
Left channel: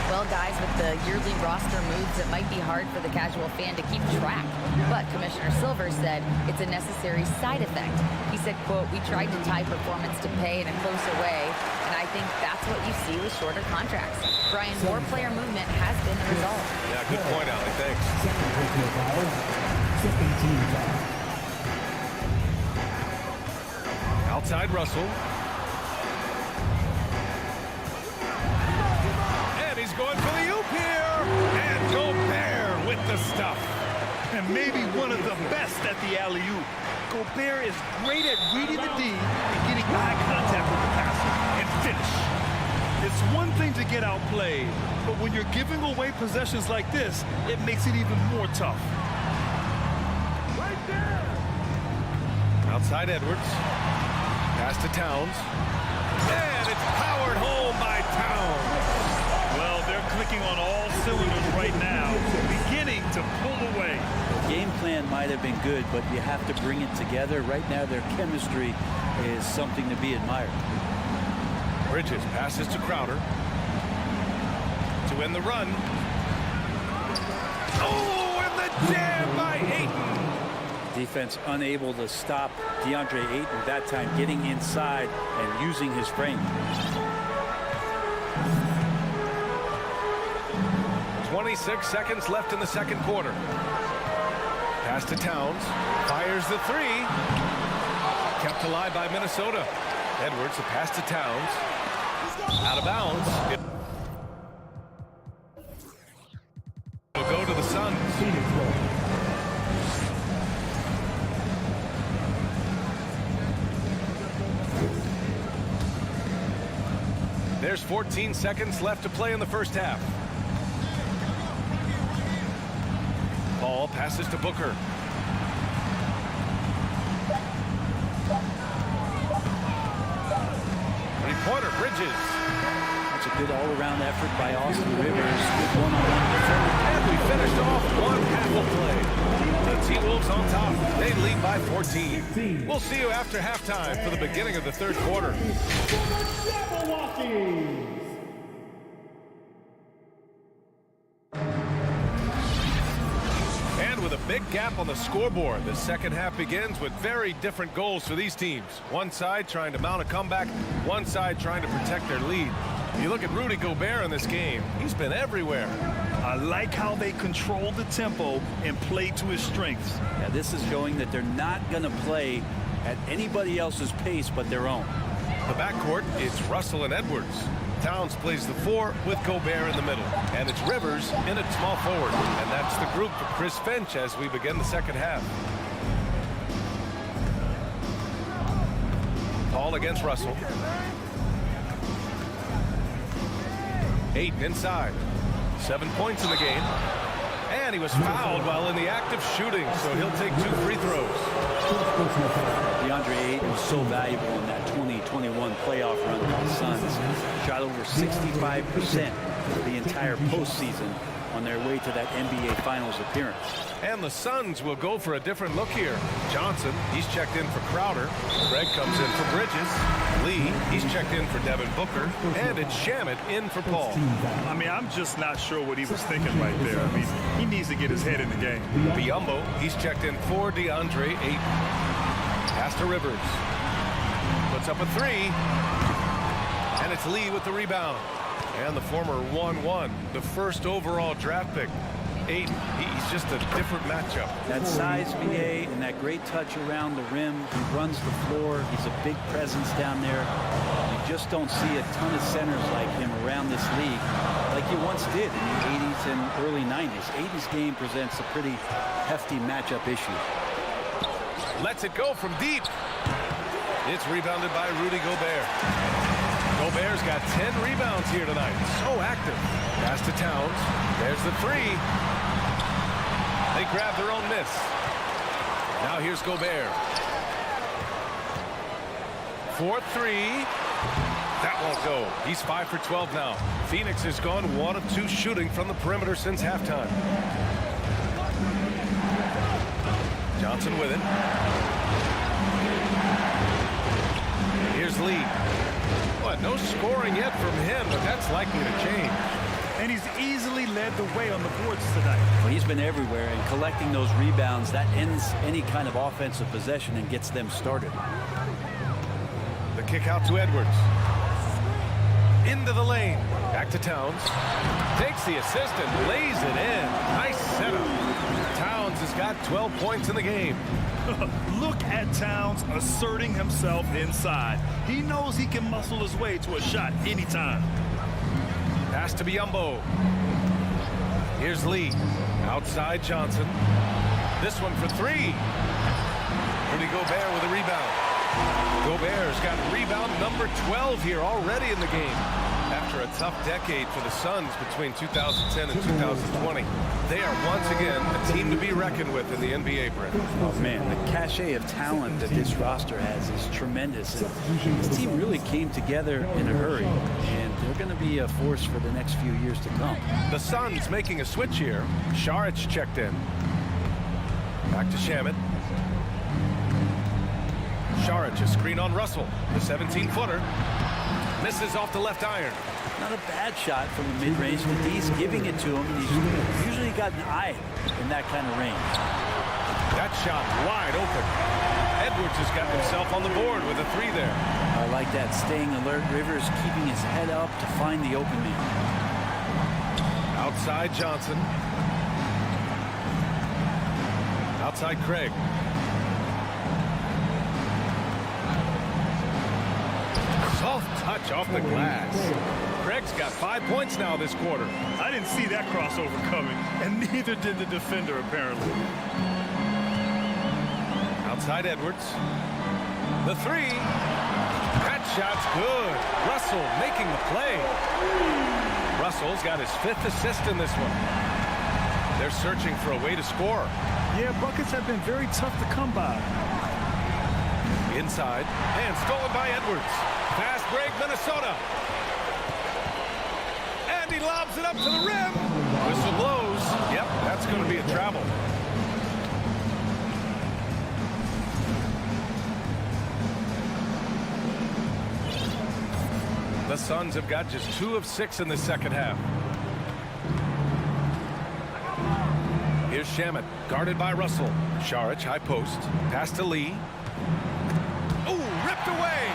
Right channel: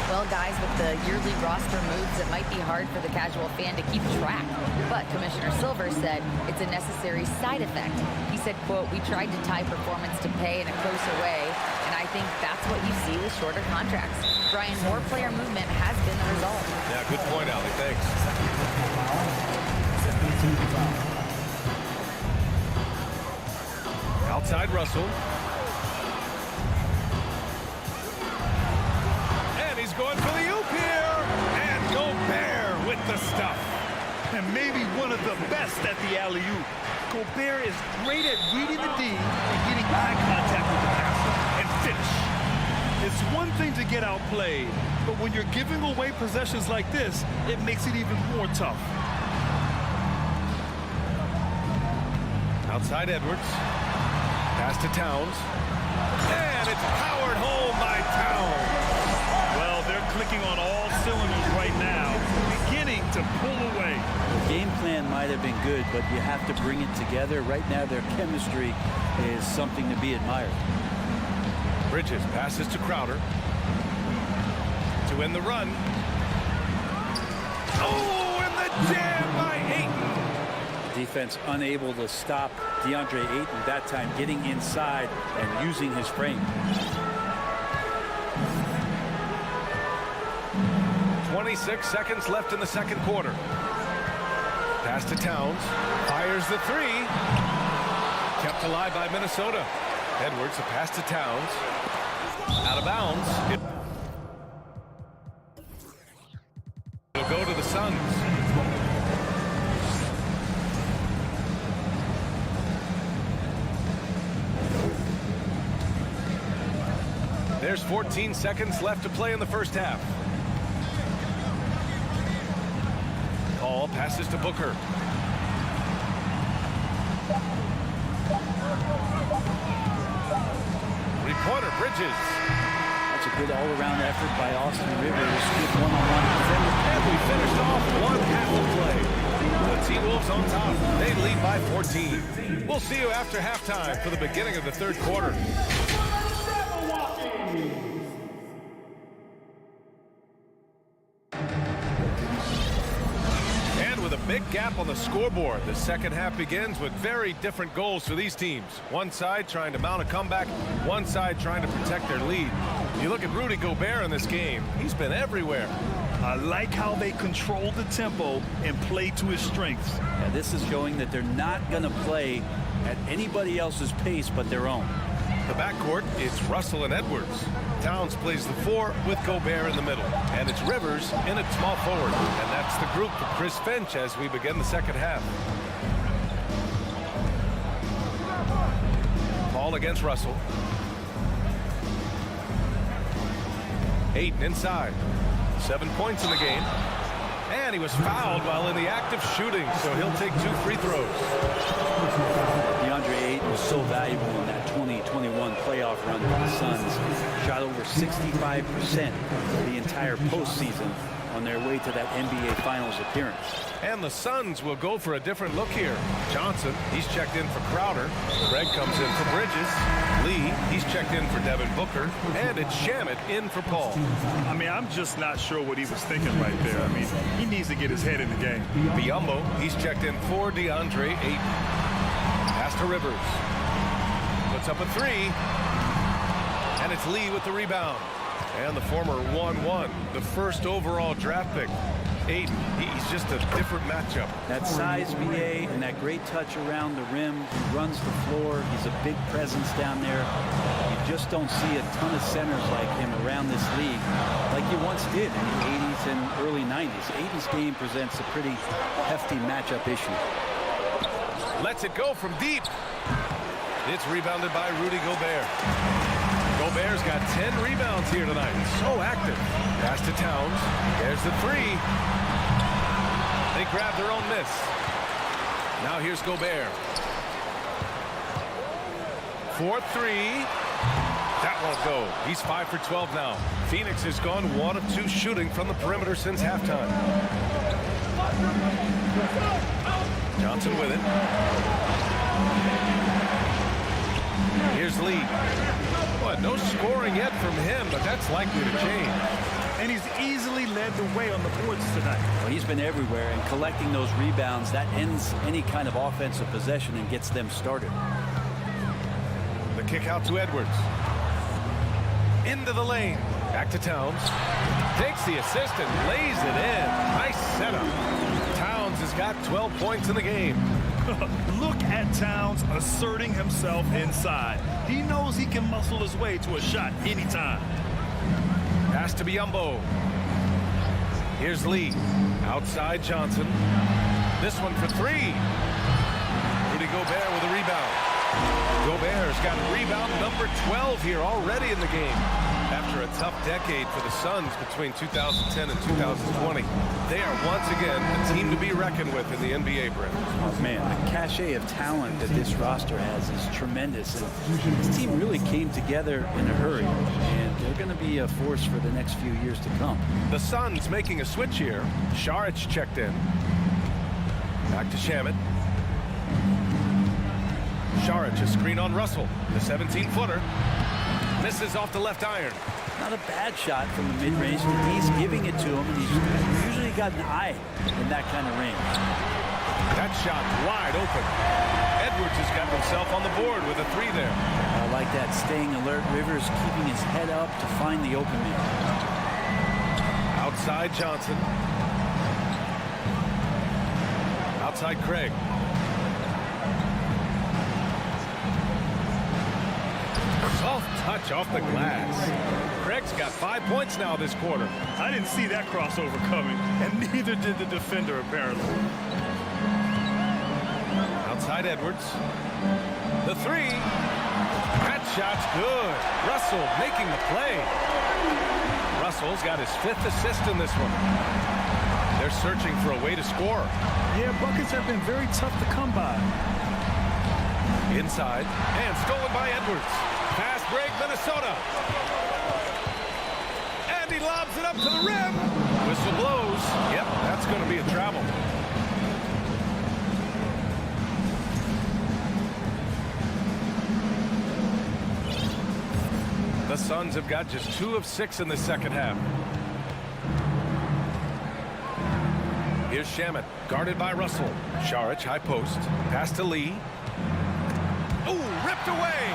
Well, guys, with the yearly roster moves, it might be hard for the casual fan to keep track. But Commissioner Silver said it's a necessary side effect. He said, quote, "We tried to tie performance to pay in a closer way, and I think that's what you see with shorter contracts." Brian, more player movement has been the result. Yeah, good point, Allie. Thanks. Outside Russell. And he's going for the oop here. And Gobert with the stuff. And maybe one of the best at the alley-oop. Gobert is great at reading the D and getting eye contact with the passer and finish. It's one thing to get outplayed, but when you're giving away possessions like this, it makes it even more tough. Outside Edwards. Pass to Towns. And it's powered home by Towns. Well, they're clicking on all cylinders right now, beginning to pull away. The game plan might have been good, but you have to bring it together. Right now, their chemistry is something to be admired. Bridges passes to Crowder. To win the run. Oh, and the jam by Ayton. Defense unable to stop DeAndre Ayton, that time getting inside and using his frame. 26 seconds left in the second quarter. Pass to Towns. Fires the three. Kept alive by Minnesota. Edwards, the pass to Towns. Out of bounds. It'll go to the Suns. There's 14 seconds left to play in the first half. Paul passes to Booker. Three-pointer, Bridges. That's a good all-around effort by Austin Rivers. Good one-on-one defender. And we finished off one half of play. The T-Wolves on top. They lead by 14. We'll see you after halftime for the beginning of the third quarter. And with a big gap on the scoreboard, the second half begins with very different goals for these teams. One side trying to mount a comeback, one side trying to protect their lead. You look at Rudy Gobert in this game, he's been everywhere. I like how they control the tempo and play to his strengths. Yeah, this is showing that they're not going to play at anybody else's pace but their own. The backcourt, it's Russell and Edwards. Towns plays the four with Gobert in the middle. And it's Rivers in at small forward. And that's the group for Chris Finch as we begin the second half. Paul against Russell. Ayton inside. 7 points in the game. And he was fouled while in the act of shooting, so he'll take 2 free throws. DeAndre Ayton was so valuable in that 2021 playoff run with the Suns. Shot over 65% the entire postseason on their way to that NBA Finals appearance. And the Suns will go for a different look here. Johnson, he's checked in for Crowder. Greg comes in for Bridges. Lee, he's checked in for Devin Booker. And it's Shamet in for Paul. I mean, I'm just not sure what he was thinking right there. I mean, he needs to get his head in the game. Biyombo, he's checked in for DeAndre Ayton. Pass to Rivers. Puts up a three. And it's Lee with the rebound. And the former 1-1, the first overall draft pick. Ayton, he's just a different matchup. That size, VA, and that great touch around the rim. He runs the floor. He's a big presence down there. You just don't see a ton of centers like him around this league like you once did in the 80s and early 90s. Ayton's game presents a pretty hefty matchup issue. Lets it go from deep. It's rebounded by Rudy Gobert. Gobert's got 10 rebounds here tonight. So active. Pass to Towns. There's the three. They grab their own miss. Now here's Gobert. 4-3. That won't go. He's 5 for 12 now. Phoenix has gone 1 of 2 shooting from the perimeter since halftime. Johnson with it. Here's Lee. What, no scoring yet from him, but that's likely to change. and he's easily led the way on the boards tonight. Well, he's been everywhere, and collecting those rebounds, that ends any kind of offensive possession and gets them started. The kick out to Edwards. Into the lane. Back to Towns. Takes the assist and lays it in. Nice setup. Towns has got 12 points in the game. Look at Towns asserting himself inside. He knows he can muscle his way to a shot anytime. Pass to Biyombo. Here's Lee. Outside Johnson. This one for three. Rudy Gobert with a rebound. Gobert's got rebound number 12 here already in the game. After a tough decade for the Suns between 2010 and 2020, they are once again a team to be reckoned with in the NBA, Brent. Oh, man, the cachet of talent that this roster has is tremendous. And this team really came together in a hurry, and they're going to be a force for the next few years to come. The Suns making a switch here. Saric checked in. Back to Shamet. Saric, a screen on Russell. The 17-footer. Misses off the left iron. Not a bad shot from the mid-range. D's giving it to him, and he's usually got an eye in that kind of range. That shot wide open. Edwards has got himself on the board with a three there. I like that, staying alert. Rivers keeping his head up to find the open man. Outside Johnson. Outside Craig. Soft touch off the glass. Craig's got 5 points now this quarter. I didn't see that crossover coming, and neither did the defender, apparently. Outside Edwards. The three. That shot's good. Russell making the play. Russell's got his 5th assist in this one. They're searching for a way to score. Yeah, buckets have been very tough to come by. Inside, and stolen by Edwards. Fast break, Minnesota. And he lobs it up to the rim. Whistle blows. Yep, that's going to be a travel. The Suns have got just 2 of 6 in the second half. Here's Shamet, guarded by Russell. Saric, high post. Pass to Lee. Ooh, ripped away.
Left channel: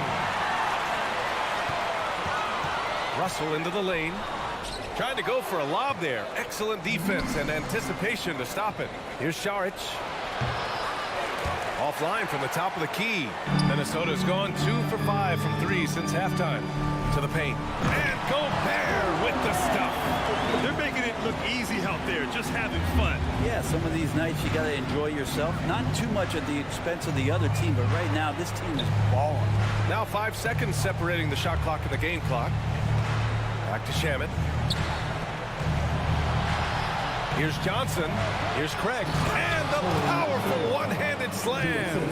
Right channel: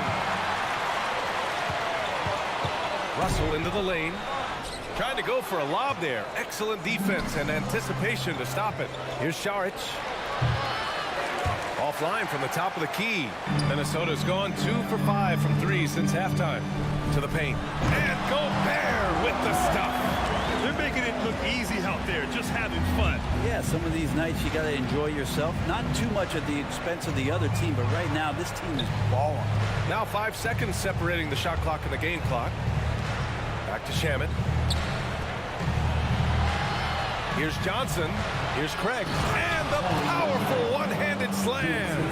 Russell into the lane. Trying to go for a lob there. Excellent defense and anticipation to stop it. Here's Saric. Offline from the top of the key. Minnesota's gone 2 for 5 from 3 since halftime. To the paint. And Gobert with the stuff. They're making it look easy out there, just having fun. Yeah, some of these nights you got to enjoy yourself. Not too much at the expense of the other team, but right now this team is balling. Now 5 seconds separating the shot clock and the game clock. Back to Shamet. Here's Johnson. Here's Craig. And the powerful one-handed slam.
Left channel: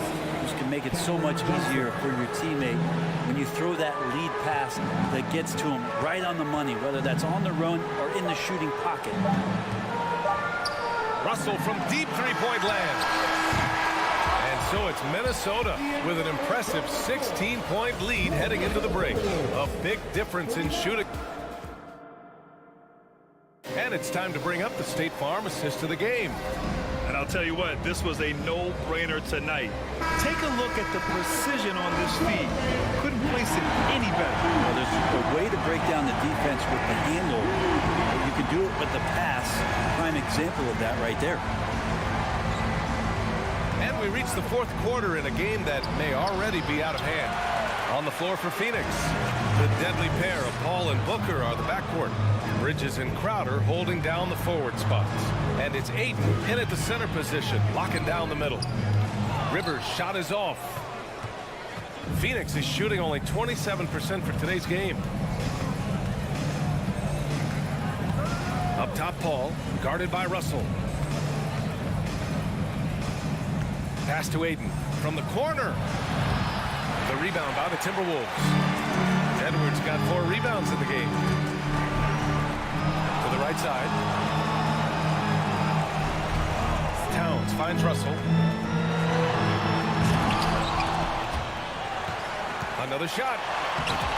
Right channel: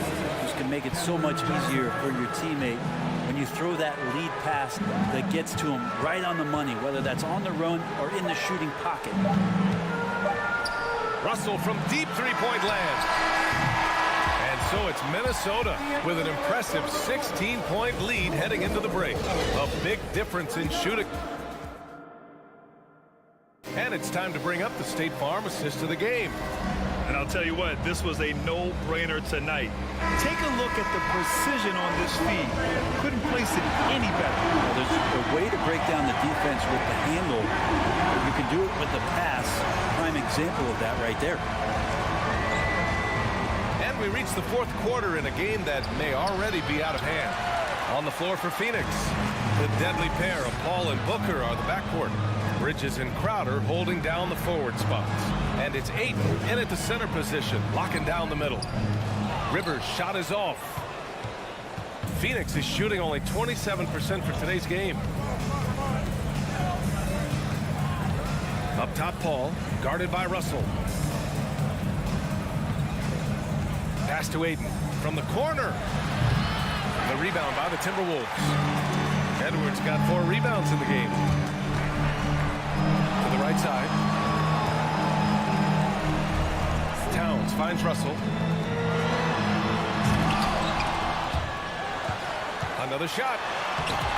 This can make it so much easier for your teammate when you throw that lead pass that gets to him right on the money, whether that's on the run or in the shooting pocket. Russell from deep three-point land. And so it's Minnesota with an impressive 16-point lead heading into the break. A big difference in shooting. And it's time to bring up the State Farm assist of the game. And I'll tell you what, this was a no-brainer tonight. Take a look at the precision on this feed. Couldn't place it any better. Well, there's a way to break down the defense with the handle. But you can do it with the pass. Prime example of that right there. And we reach the 4th quarter in a game that may already be out of hand. On the floor for Phoenix, the deadly pair of Paul and Booker are the backcourt. Bridges and Crowder holding down the forward spots. And it's Ayton in at the center position, locking down the middle. Rivers' shot is off. Phoenix is shooting only 27% for today's game. Up top, Paul, guarded by Russell. Pass to Ayton from the corner. The rebound by the Timberwolves. Edwards got 4 rebounds in the game. To the right side. Towns finds Russell. Another shot.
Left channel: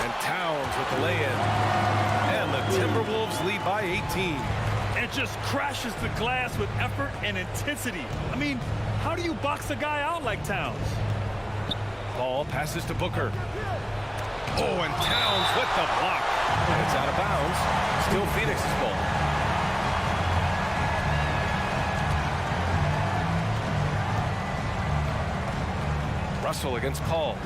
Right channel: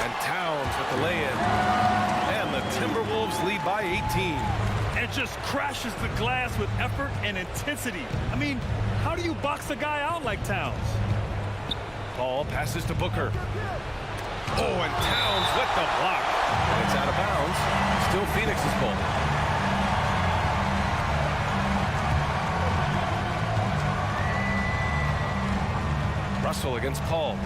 And Towns with the lay-in. And the Timberwolves lead by 18. And just crashes the glass with effort and intensity. I mean, how do you box the guy out like Towns? Ball passes to Booker. Oh, and Towns with the block. And it's out of bounds. Still Phoenix's ball. Russell against Paul.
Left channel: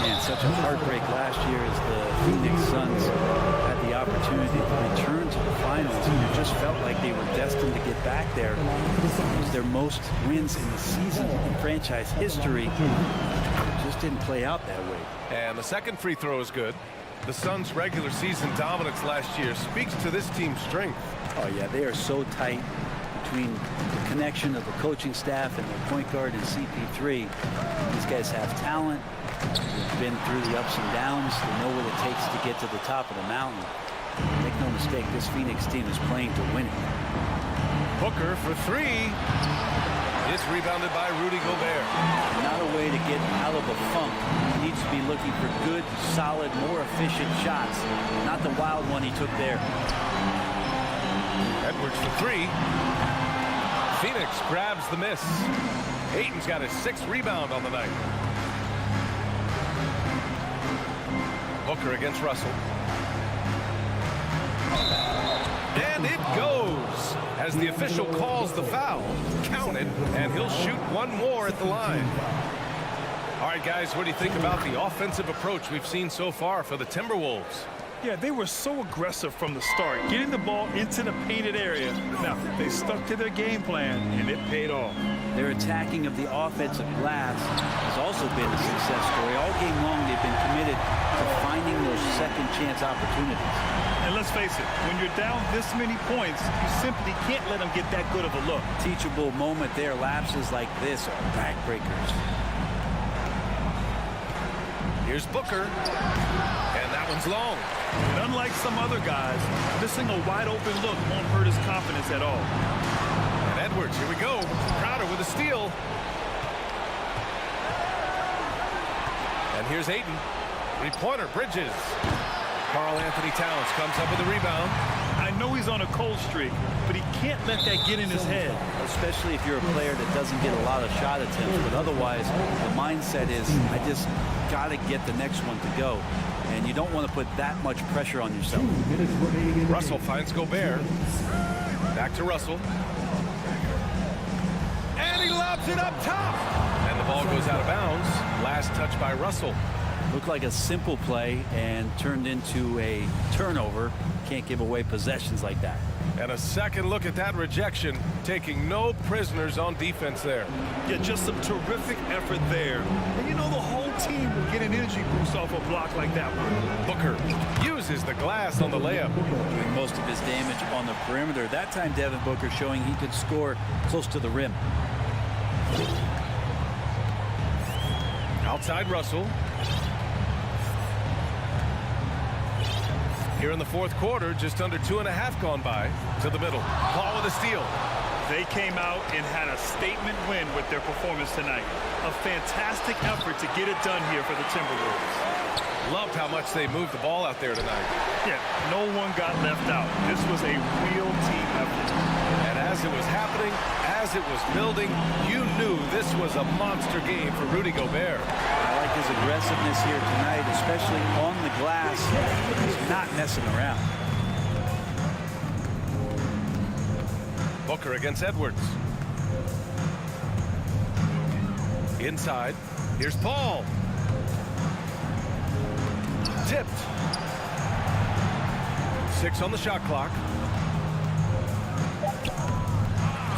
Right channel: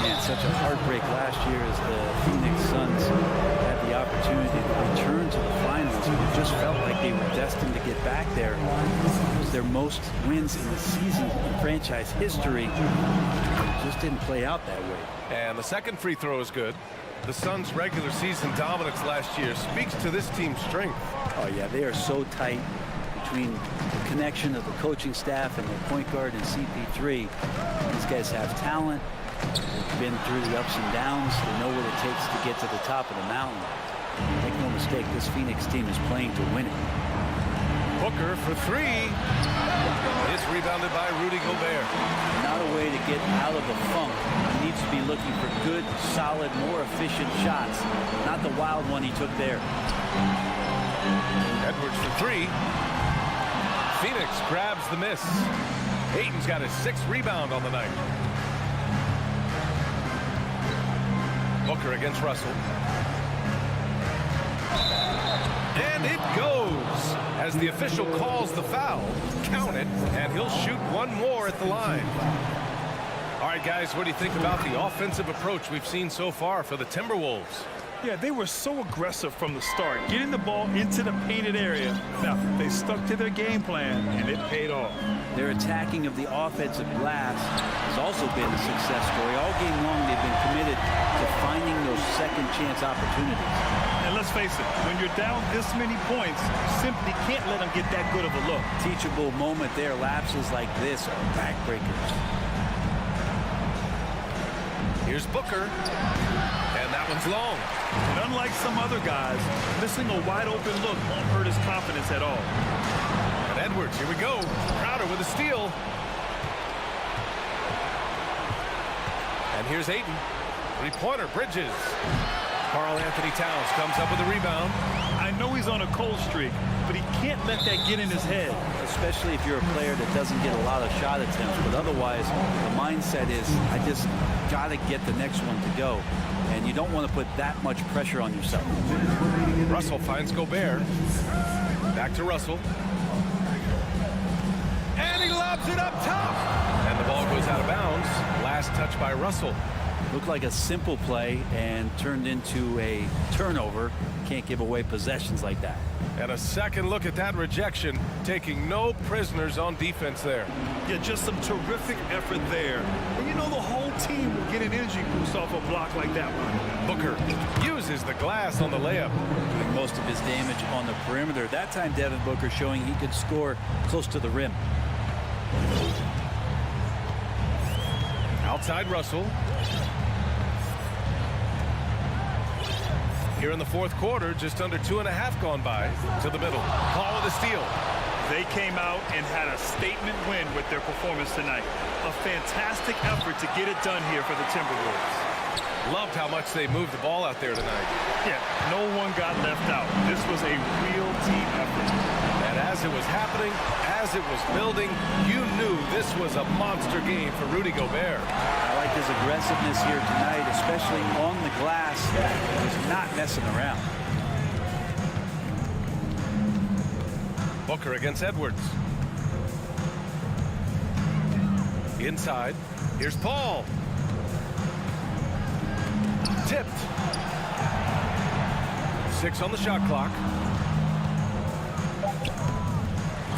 Man, such a heartbreak last year as the Phoenix Suns had the opportunity to return to the finals, and it just felt like they were destined to get back there. It was their most wins in the season in franchise history. It just didn't play out that way. And the second free throw is good. The Suns' regular season dominance last year speaks to this team's strength. Oh, yeah, they are so tight between the connection of the coaching staff and their point guard and CP3. These guys have talent. They've been through the ups and downs. They know what it takes to get to the top of the mountain. Make no mistake, this Phoenix team is playing to win it. Booker for three. It's rebounded by Rudy Gobert. Not a way to get out of a funk. He needs to be looking for good, solid, more efficient shots. Not the wild one he took there. Edwards for three. Phoenix grabs the miss. Ayton's got his 6th rebound on the night. Booker against Russell. And it goes as the official calls the foul. Count it, and he'll shoot one more at the line. All right, guys, what do you think about the offensive approach we've seen so far for the Timberwolves? Yeah, they were so aggressive from the start, getting the ball into the painted area. Now, they stuck to their game plan, and it paid off. Their attacking of the offensive glass has also been a success story. All game long, they've been committed to finding those second chance opportunities. And let's face it, when you're down this many points, you simply can't let them get that good of a look. Teachable moment there. Lapses like this are backbreakers. Here's Booker, and that one's long. And unlike some other guys, missing a wide open look won't hurt his confidence at all. And Edwards, here we go. Crowder with a steal. And here's Ayton. Three-pointer, Bridges. Karl Anthony Towns comes up with a rebound. I know he's on a cold streak, but he can't let that get in his head. Especially if you're a player that doesn't get a lot of shot attempts. But otherwise, the mindset is, I just got to get the next one to go. And you don't want to put that much pressure on yourself. Russell finds Gobert. Back to Russell. And he lobs it up top. And the ball goes out of bounds. Last touch by Russell. Looked like a simple play and turned into a turnover. Can't give away possessions like that. And a second look at that rejection, taking no prisoners on defense there. Yeah, just some terrific effort there. And you know, the whole team will get an energy boost off a block like that one. Booker uses the glass on the layup. Doing most of his damage on the perimeter. That time, Devin Booker showing he could score close to the rim. Outside Russell. Here in the fourth quarter, just under 2.5 gone by. To the middle. Paul with a steal. They came out and had a statement win with their performance tonight. A fantastic effort to get it done here for the Timberwolves. Loved how much they moved the ball out there tonight. Yeah, no one got left out. This was a real team effort. And as it was happening, as it was building, you knew this was a monster game for Rudy Gobert. I like his aggressiveness here tonight, especially on the glass. He's not messing around. Booker against Edwards. Inside. Here's Paul. Tipped. 6 on the shot clock.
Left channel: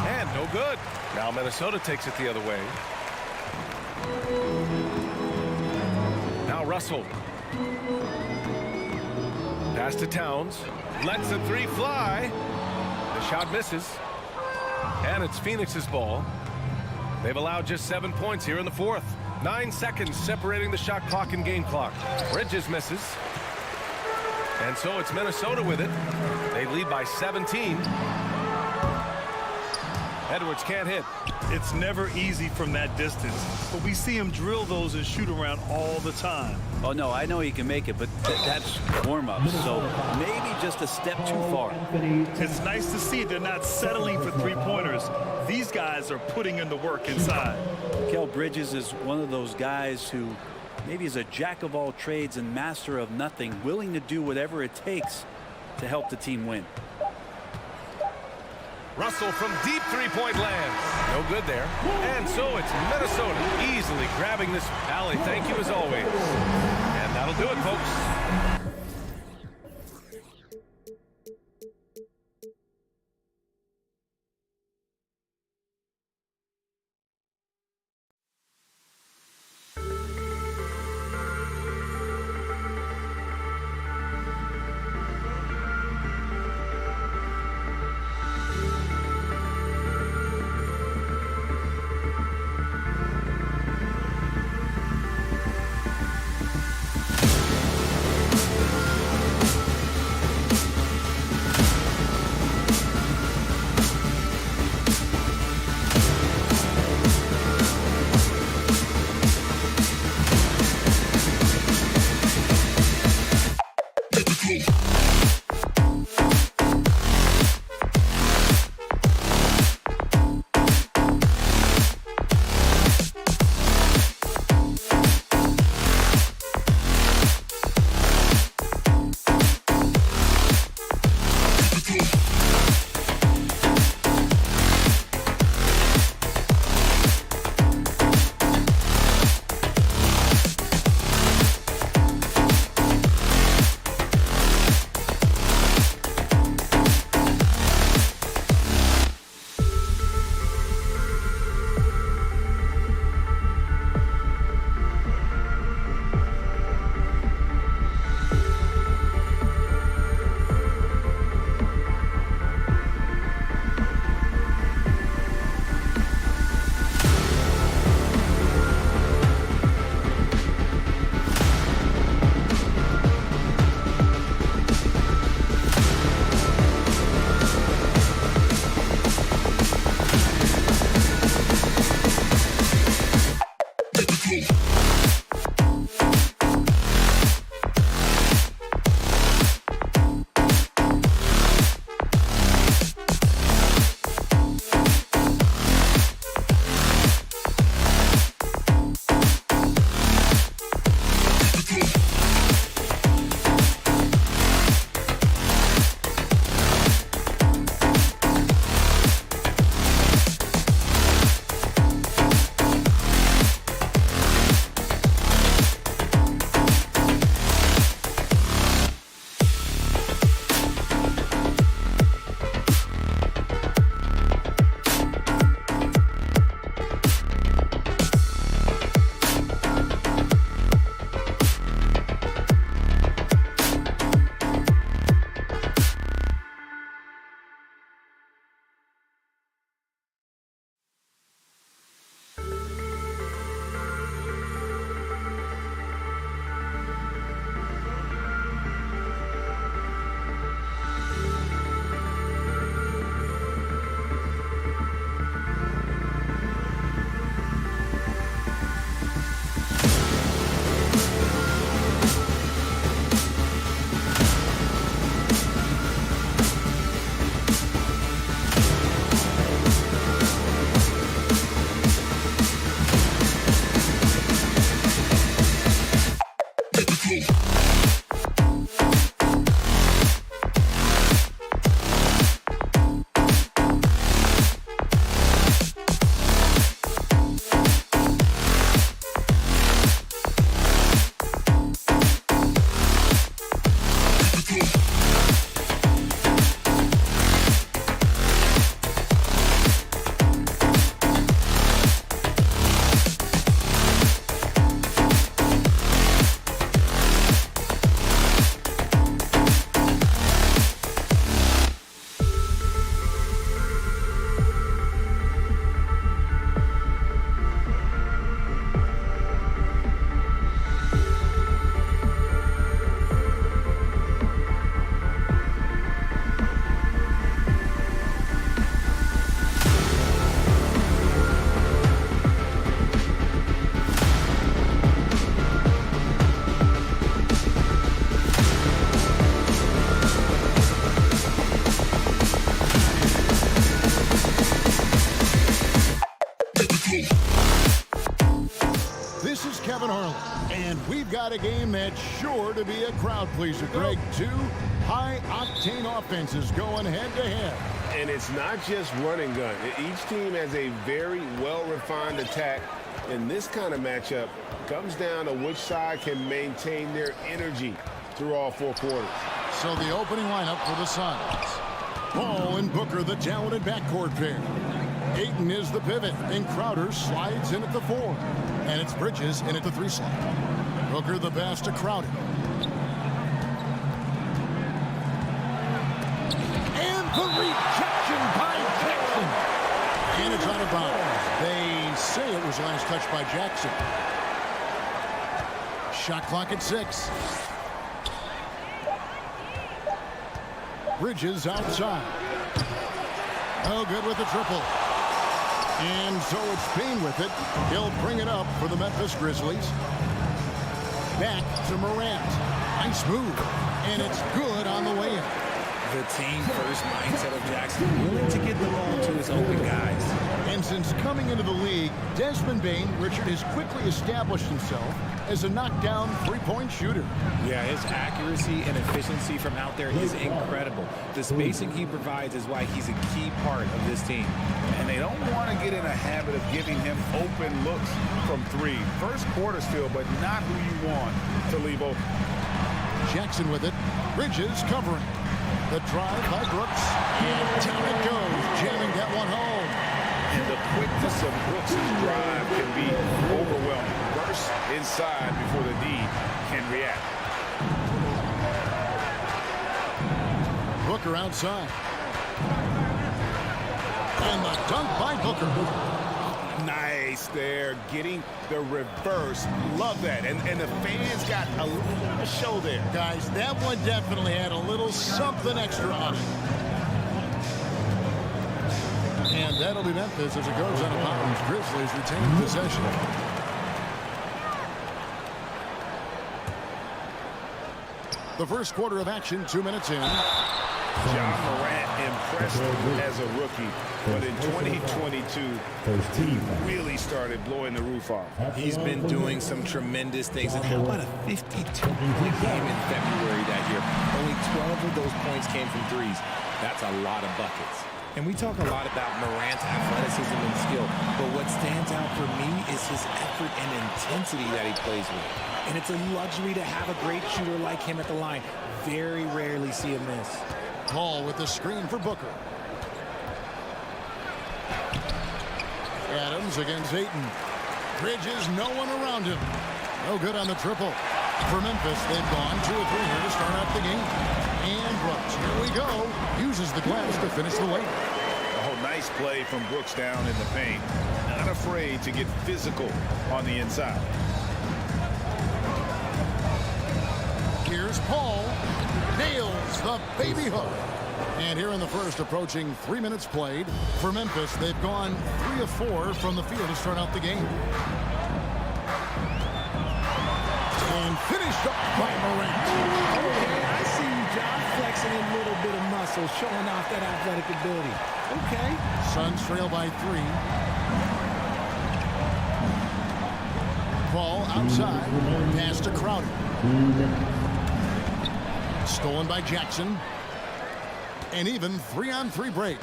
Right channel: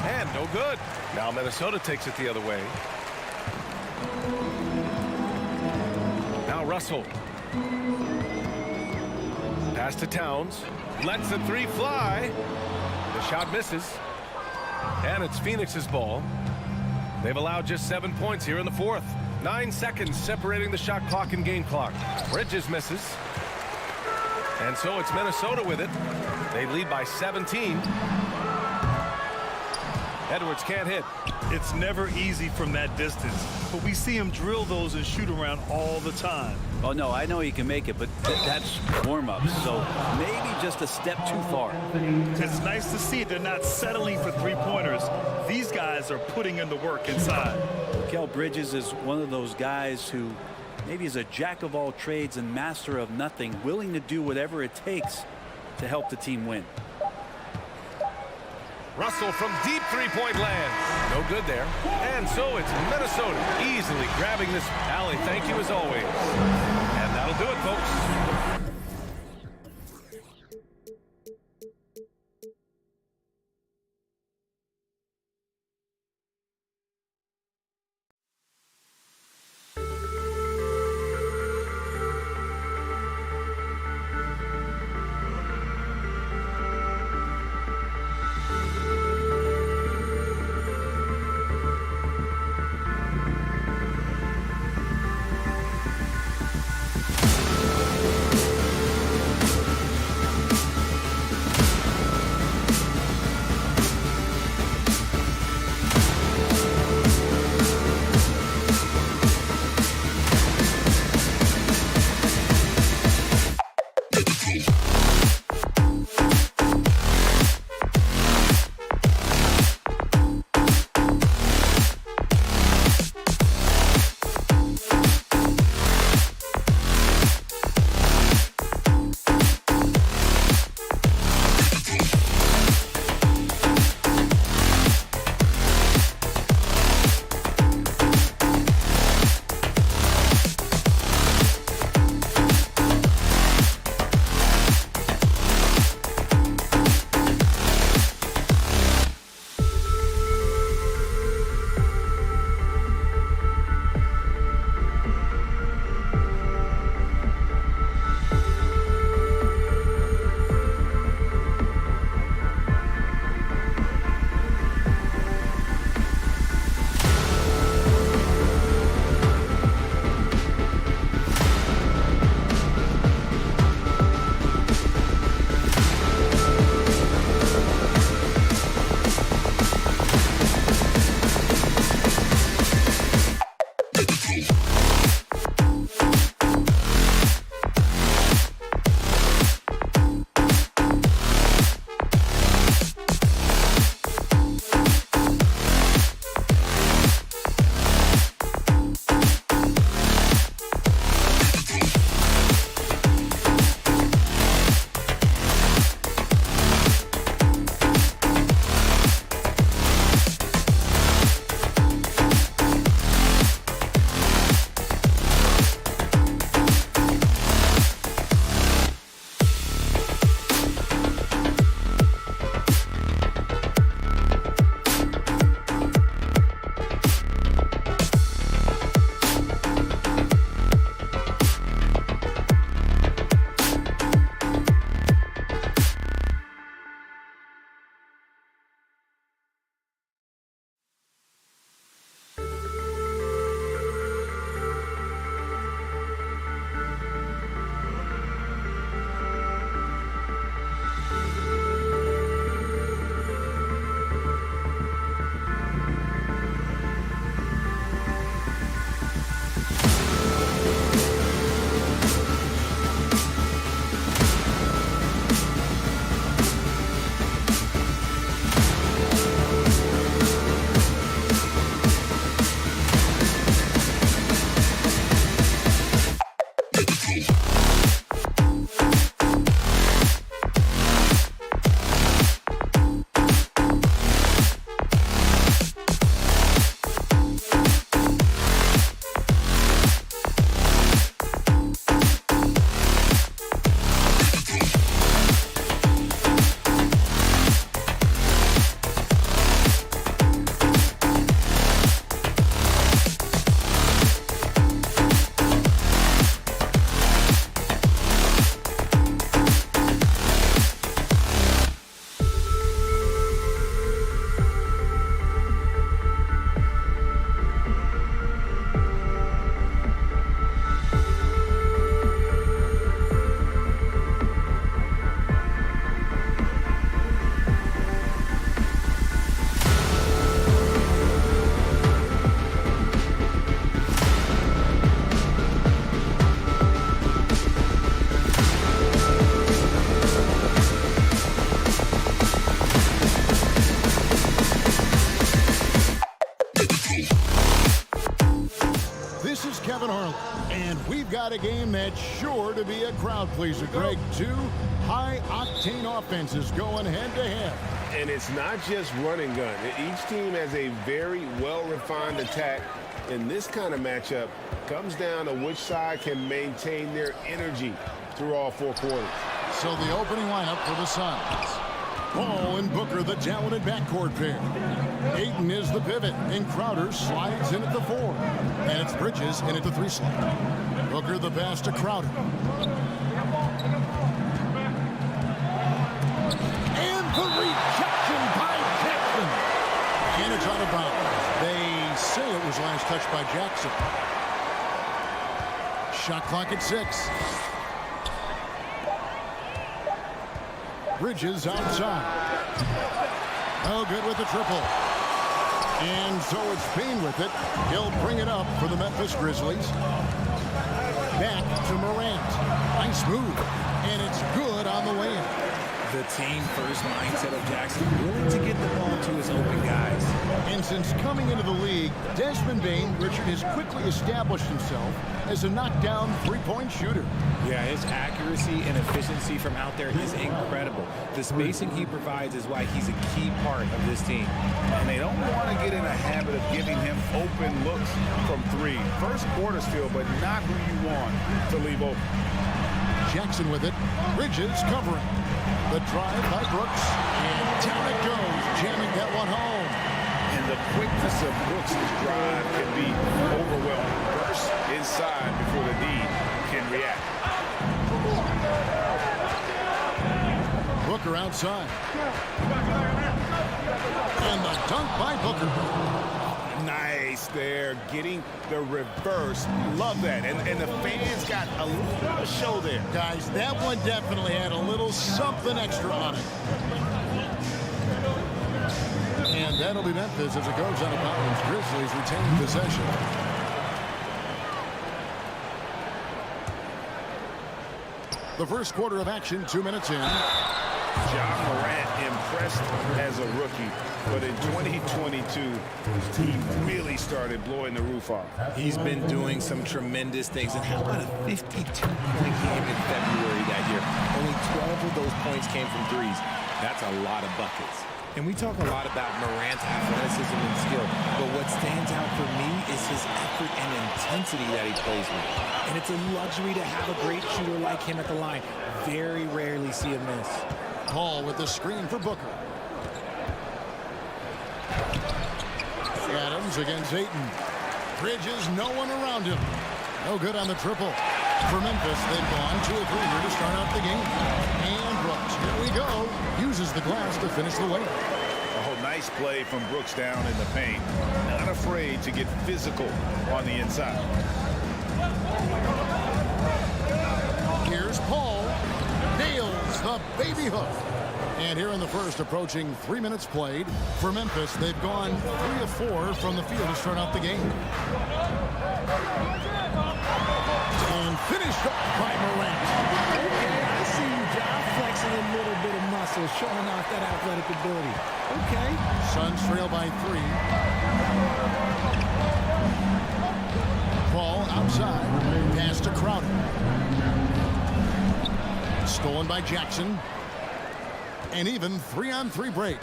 And no good. Now Minnesota takes it the other way. Now Russell. Pass to Towns. Lets the three fly. The shot misses. And it's Phoenix's ball. They've allowed just 7 points here in the fourth. 9 seconds separating the shot clock and game clock. Bridges misses. And so it's Minnesota with it. They lead by 17. Edwards can't hit. It's never easy from that distance, but we see him drill those and shoot around all the time. Oh, no, I know he can make it, but that's warm-ups, so maybe just a step too far. It's nice to see they're not settling for three-pointers. These guys are putting in the work inside. Mikal Bridges is one of those guys who maybe is a jack of all trades and master of nothing, willing to do whatever it takes to help the team win. Russell from deep three-point land. No good there. And so it's Minnesota easily grabbing this. Allie, thank you as always. And that'll do it, folks. got a game that's sure to be a crowd pleaser, Greg. Two high-octane offenses going head-to-head. And it's not just run and gun. Each team has a very well-refined attack. And this kind of matchup comes down to which side can maintain their energy through all 4 quarters. So the opening lineup for the Suns. Paul and Booker, the talented backcourt pair. Ayton is the pivot, and Crowder slides in at the 4. And it's Bridges in at the 3 slot. Booker the pass to Crowder. And the rejection by Jackson. And it's out of bounds. They say it was last touched by Jackson. Shot clock at 6. Bridges outside. No good with the triple. And so it's Payne with it. He'll bring it up for the Memphis Grizzlies. Back to Morant. Nice move. And it's good on the way in. The team-first mindset of Jackson, willing to get the ball to his open guys. And since coming into the league, Desmond Bane, Richard, has quickly established himself as a knockdown three-point shooter. Yeah, his accuracy and efficiency from out there is incredible. The spacing he provides is why he's a key part of this team. And they don't want to get in a habit of giving him open looks from 3. First quarter still, but not who you want to leave open. Jackson with it. Bridges covering. The drive by Brooks. And down it goes, jamming that one home. And the quickness of Brooks' drive can be overwhelming. Burst inside before the D can react. Booker outside. And the dunk by Booker. Nice there, getting the reverse. Love that. And the fans got a little bit of a show there. Guys, that one definitely had a little something extra on it. And that'll be Memphis as it goes out of bounds. Grizzlies retain possession. The first quarter of action, 2 minutes in. Ja Morant impressed as a rookie, but in 2022, he really started blowing the roof off. He's been doing some tremendous things. And how about a 52-point game in February that year? Only 12 of those points came from threes. That's a lot of buckets. And we talk a lot about Morant's athleticism and skill, but what stands out for me is his effort and intensity that he plays with. And it's a luxury to have a great shooter like him at the line. Very rarely see a miss. Paul with the screen for Booker. Adams against Ayton. Bridges, no one around him. No good on the triple. For Memphis, they've gone 2 of 3 here to start out the game. And Brooks, here we go, uses the glass to finish the layup. Oh, nice play from Brooks down in the paint. Not afraid to get physical on the inside. Here's Paul. Nails the baby hook. And here in the first, approaching 3 minutes played. For Memphis, they've gone 3 of 4 from the field to start out the game. And finished off by Morant. Okay, I see you, John, flexing a little bit of muscle, showing off that athletic ability. Okay. Suns trail by 3. Paul outside. Pass to Crowder. Stolen by Jackson. And even 3-on-3 break.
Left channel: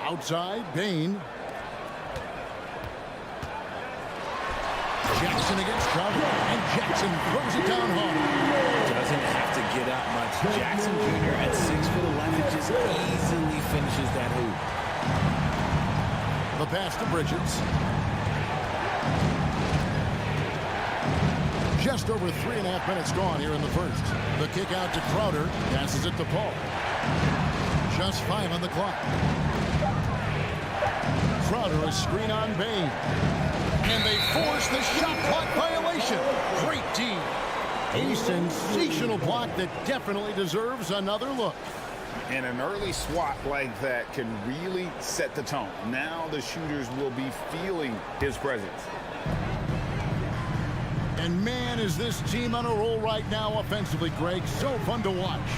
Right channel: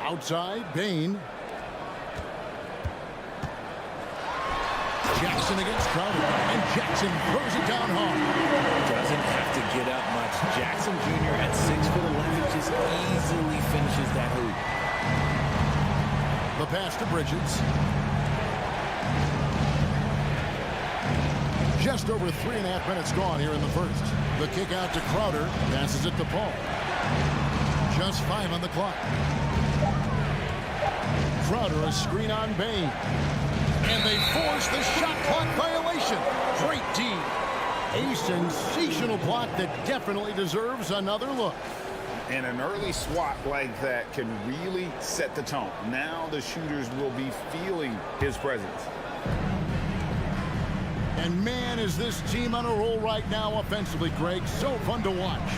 Outside, Bane. Jackson against Crowder, and Jackson throws it down hard. Doesn't have to get up much. Jackson Jr. at 6'11" just easily finishes that hoop. The pass to Bridges. Just over 3.5 minutes gone here in the first. The kick out to Crowder, passes it to Paul. Just 5 on the clock. Crowder, a screen on Bane. And they force the shot clock violation. Great D. A sensational block that definitely deserves another look. And an early swat like that can really set the tone. Now the shooters will be feeling his presence. And man, is this team on a roll right now offensively, Greg. So fun to watch.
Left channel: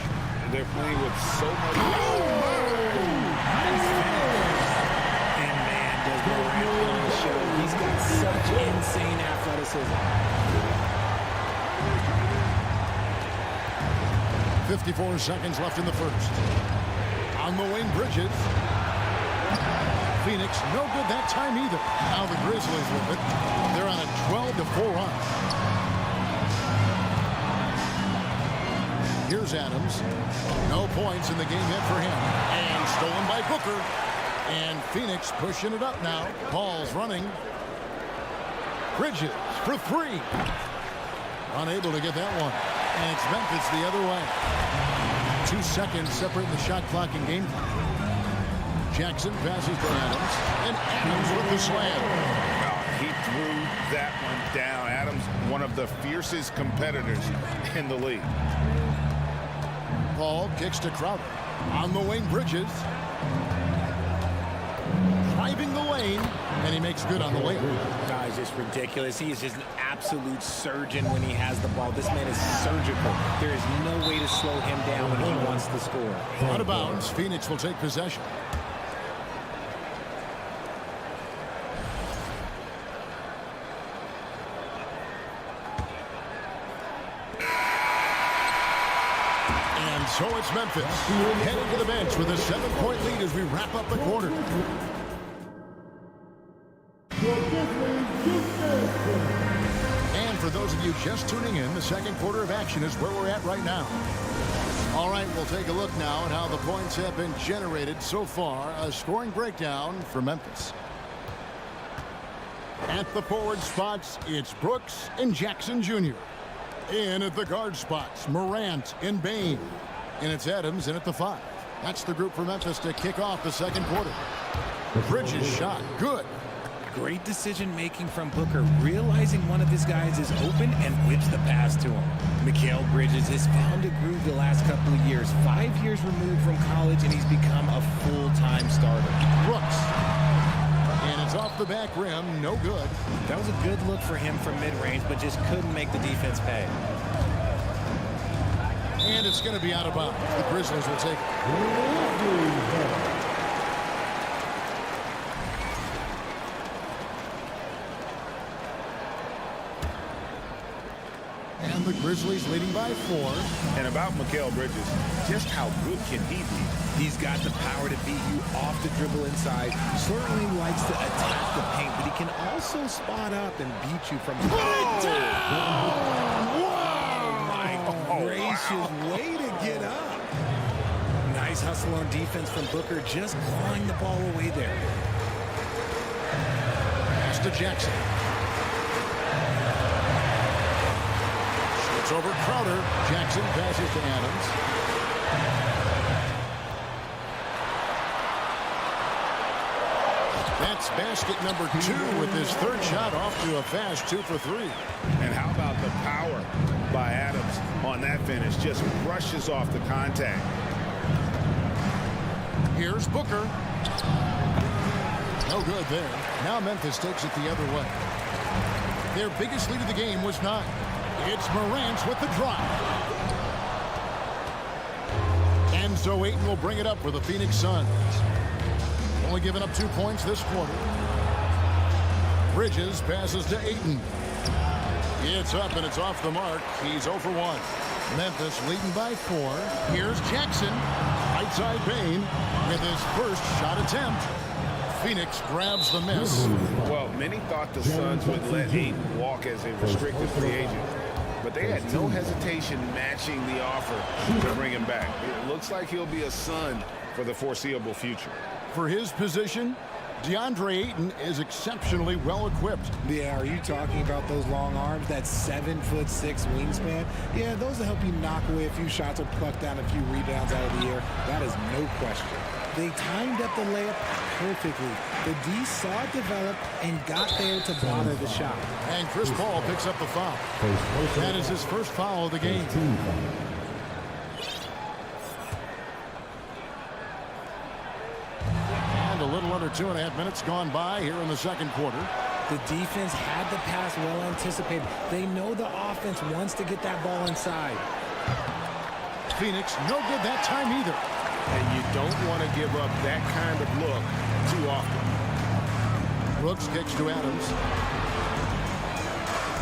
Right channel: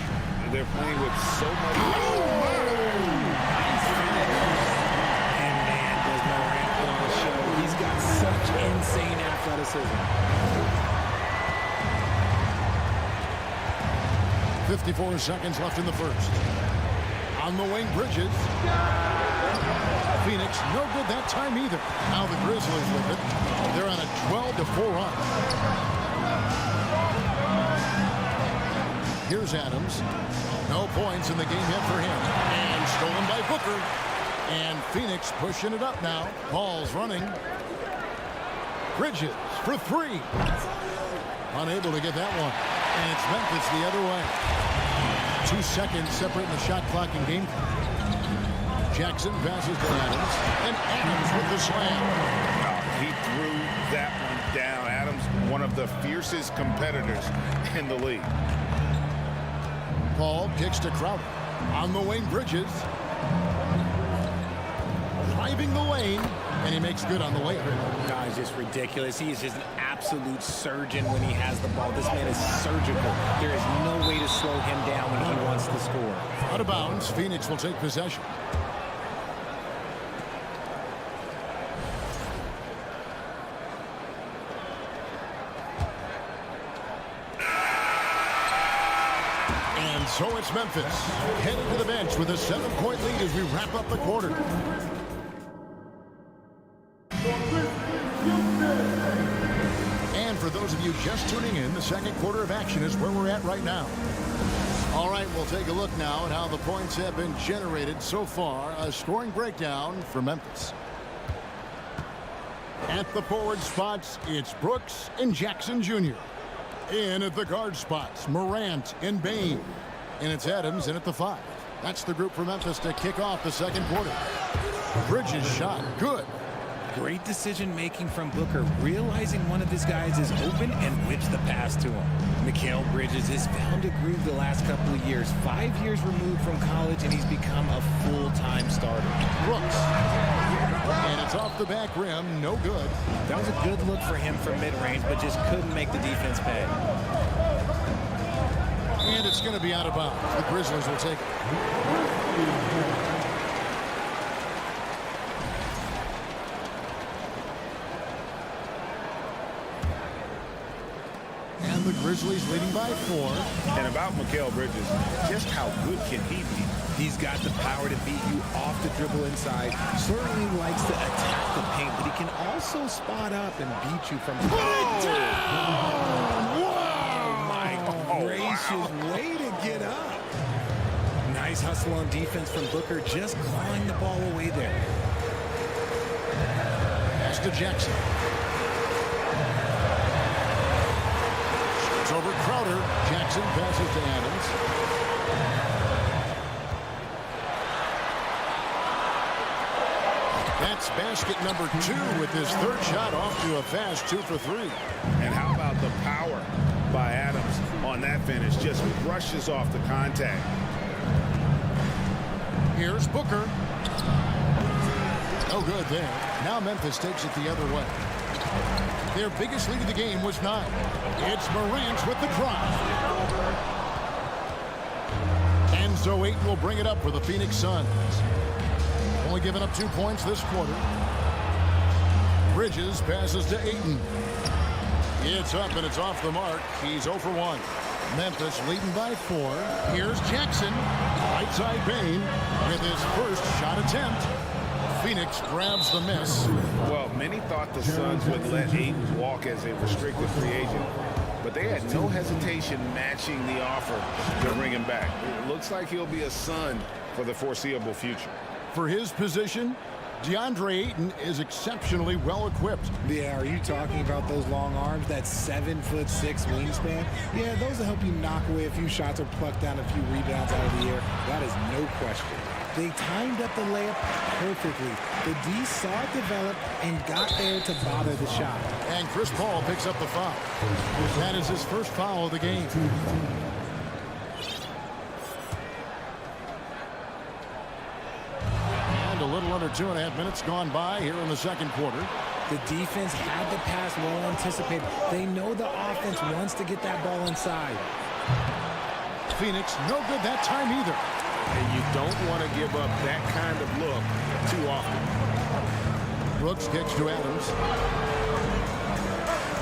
They're playing with so much. Nice finish. And man, does Morant put on a show. He's got such insane athleticism. 54 seconds left in the first. On the wing, Bridges. Phoenix, no good that time either. Now the Grizzlies with it. They're on a 12-4 run. Here's Adams. No points in the game yet for him. And stolen by Booker. And Phoenix pushing it up now. Ball's running. Bridges for three. Unable to get that one. And it's Memphis the other way. 2 seconds separating the shot clock and game clock. Jackson passes to Adams. And Adams with the slam. He threw that one down. Adams, one of the fiercest competitors in the league. Paul kicks to Crowder. On the wing, Bridges. Driving the lane. And he makes good on the layup. No, it's just ridiculous. He is just an absolute surgeon when he has the ball. This man is surgical. There is no way to slow him down when he wants to score. Out of bounds, Phoenix will take possession. And so it's Memphis heading to the bench with a 7-point lead as we wrap up the quarter. And for those of you just tuning in, the second quarter of action is where we're at right now. All right, we'll take a look now at how the points have been generated so far. A scoring breakdown for Memphis. At the forward spots, it's Brooks and Jackson Jr. In at the guard spots, Morant and Bane. And it's Adams in at the 5. That's the group for Memphis to kick off the second quarter. Bridges shot, good. Great decision-making from Booker, realizing one of his guys is open and whips the pass to him. Mikal Bridges has found a groove the last couple of years. 5 years removed from college, and he's become a full-time starter. Brooks. And it's off the back rim, no good. That was a good look for him from mid-range, but just couldn't make the defense pay. And it's going to be out of bounds. The Grizzlies will take it. And the Grizzlies leading by 4. And about Mikal Bridges, just how good can he be? He's got the power to beat you off the dribble inside. Certainly likes to attack the paint, but he can also spot up and beat you from... Wow! My gracious, way to get up. Nice hustle on defense from Booker, just clawing the ball away there. Pass to Jackson. Shoots over Crowder. Jackson passes to Adams. That's basket number 2 with his third shot off to a fast 2 for 3. And how about the power by Adams on that finish? Just brushes off the contact. Here's Booker. No good there. Now Memphis takes it the other way. Their biggest lead of the game was 9. It's Morant with the drive. And so Ayton will bring it up for the Phoenix Suns. Only given up 2 points this quarter. Bridges passes to Ayton. It's up and it's off the mark. He's 0 for 1. Memphis leading by 4. Here's Jackson. Right side Bane with his first shot attempt. Phoenix grabs the miss. Well, many thought the Suns would let Ayton walk as a restricted free agent, but they had no hesitation matching the offer to bring him back. It looks like he'll be a Sun for the foreseeable future. For his position, DeAndre Ayton is exceptionally well equipped. Yeah, are you talking about those long arms, that 7'6" wingspan? Yeah, those will help you knock away a few shots or pluck down a few rebounds out of the air. That is no question. They timed up the layup perfectly. The D saw it develop and got there to bother the shot. And Chris Paul picks up the foul. That is his first foul of the game. And a little under 2.5 minutes gone by here in the second quarter. The defense had the pass well anticipated. They know the offense wants to get that ball inside. Phoenix, no good that time either. And you don't want to give up that kind of look too often. Brooks kicks to Adams.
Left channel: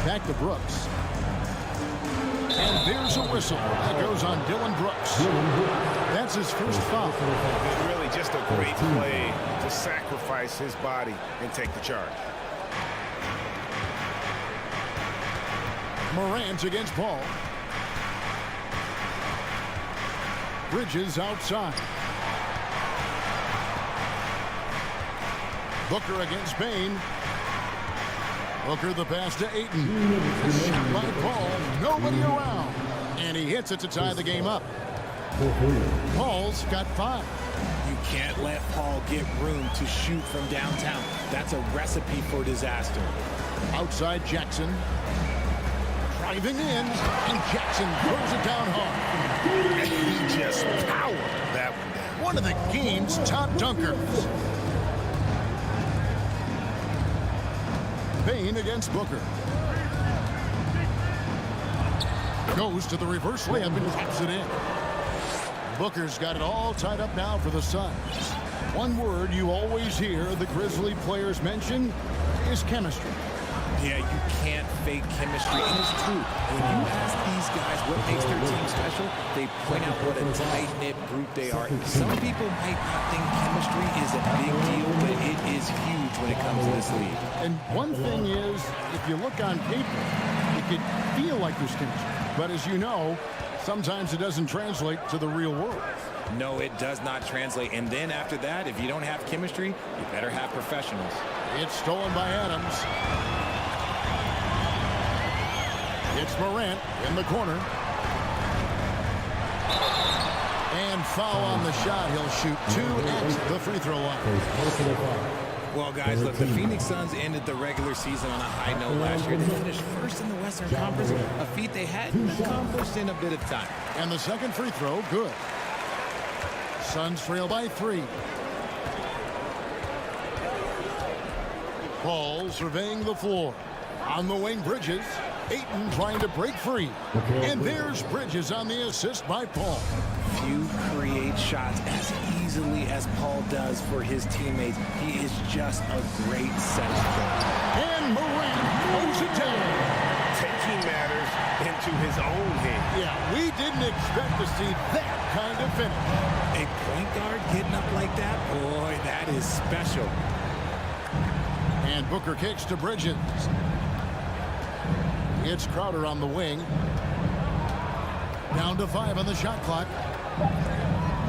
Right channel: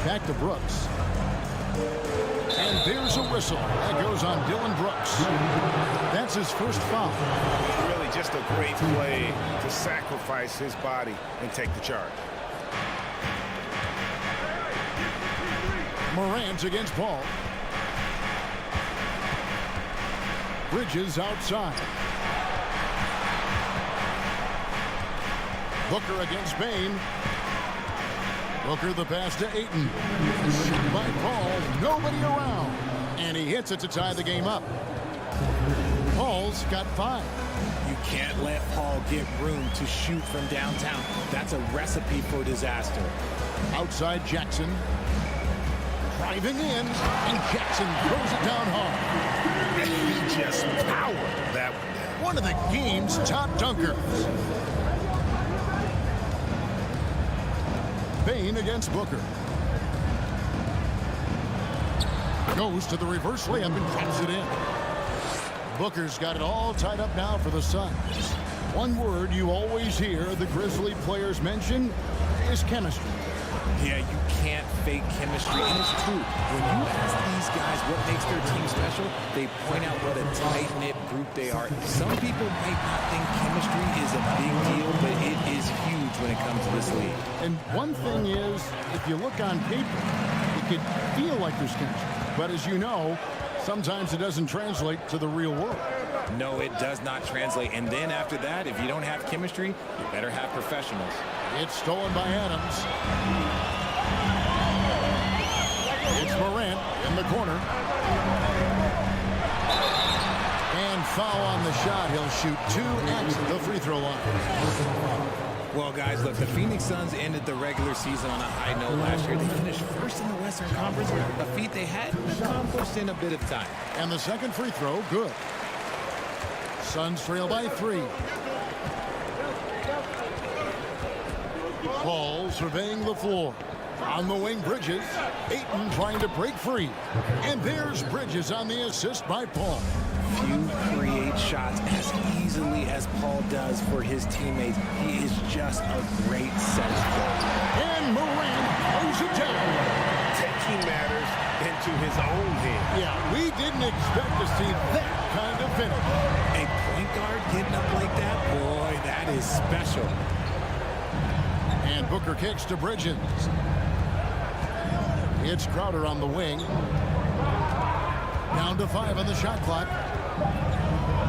Back to Brooks. And there's a whistle. That goes on Dylan Brooks. That's his first foul. Really just a great play to sacrifice his body and take the charge. Morant against Paul. Bridges outside. Booker against Bain. Booker the pass to Ayton. Shot by Paul. Nobody around. And he hits it to tie the game up. Paul's got 5. You can't let Paul get room to shoot from downtown. That's a recipe for disaster. Outside Jackson. Driving in. And Jackson throws it down hard. And he just powered that one down. One of the game's top dunkers. Bain against Booker. Goes to the reverse layup and drops it in. Booker's got it all tied up now for the Suns. One word you always hear the Grizzly players mention is chemistry. Yeah, you can't fake chemistry, and it's true. When you ask these guys what makes their team special, they point out what a tight-knit group they are. Some people might not think chemistry is a big deal, but it is huge when it comes to this league. And one thing is, if you look on paper, it could feel like there's chemistry. But as you know, sometimes it doesn't translate to the real world. No, it does not translate. And then after that, if you don't have chemistry, you better have professionals. It's stolen by Adams. It's Morant in the corner. And foul on the shot. He'll shoot 2 at the free throw line. Well, guys, look, the Phoenix Suns ended the regular season on a high note last year. They finished first in the Western Conference, a feat they hadn't accomplished in a bit of time. And the second free throw, good. Suns trail by 3. Paul surveying the floor. On the wing, Bridges. Ayton trying to break free. And there's Bridges on the assist by Paul. Few create shots as easily as Paul does for his teammates. He is just a great setup player. And Morant throws it down. Taking matters into his own hands. Yeah, we didn't expect to see that kind of finish. A point guard getting up like that? Boy, that is special. And Booker kicks to Bridges. It's Crowder on the wing. Down to 5 on the shot clock.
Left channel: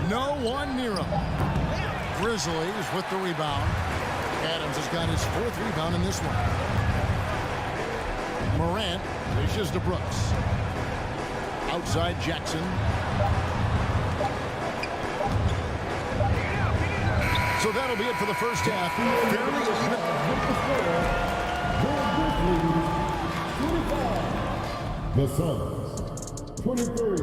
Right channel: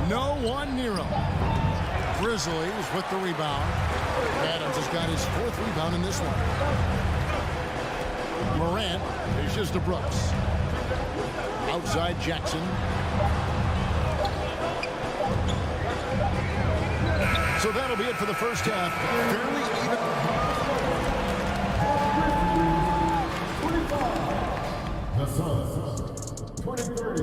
No one near him. Grizzlies with the rebound. Adams has got his 4th rebound in this one. Morant dishes to Brooks. Outside Jackson. So that'll be it for the first half. Fairly even. The Suns, 23.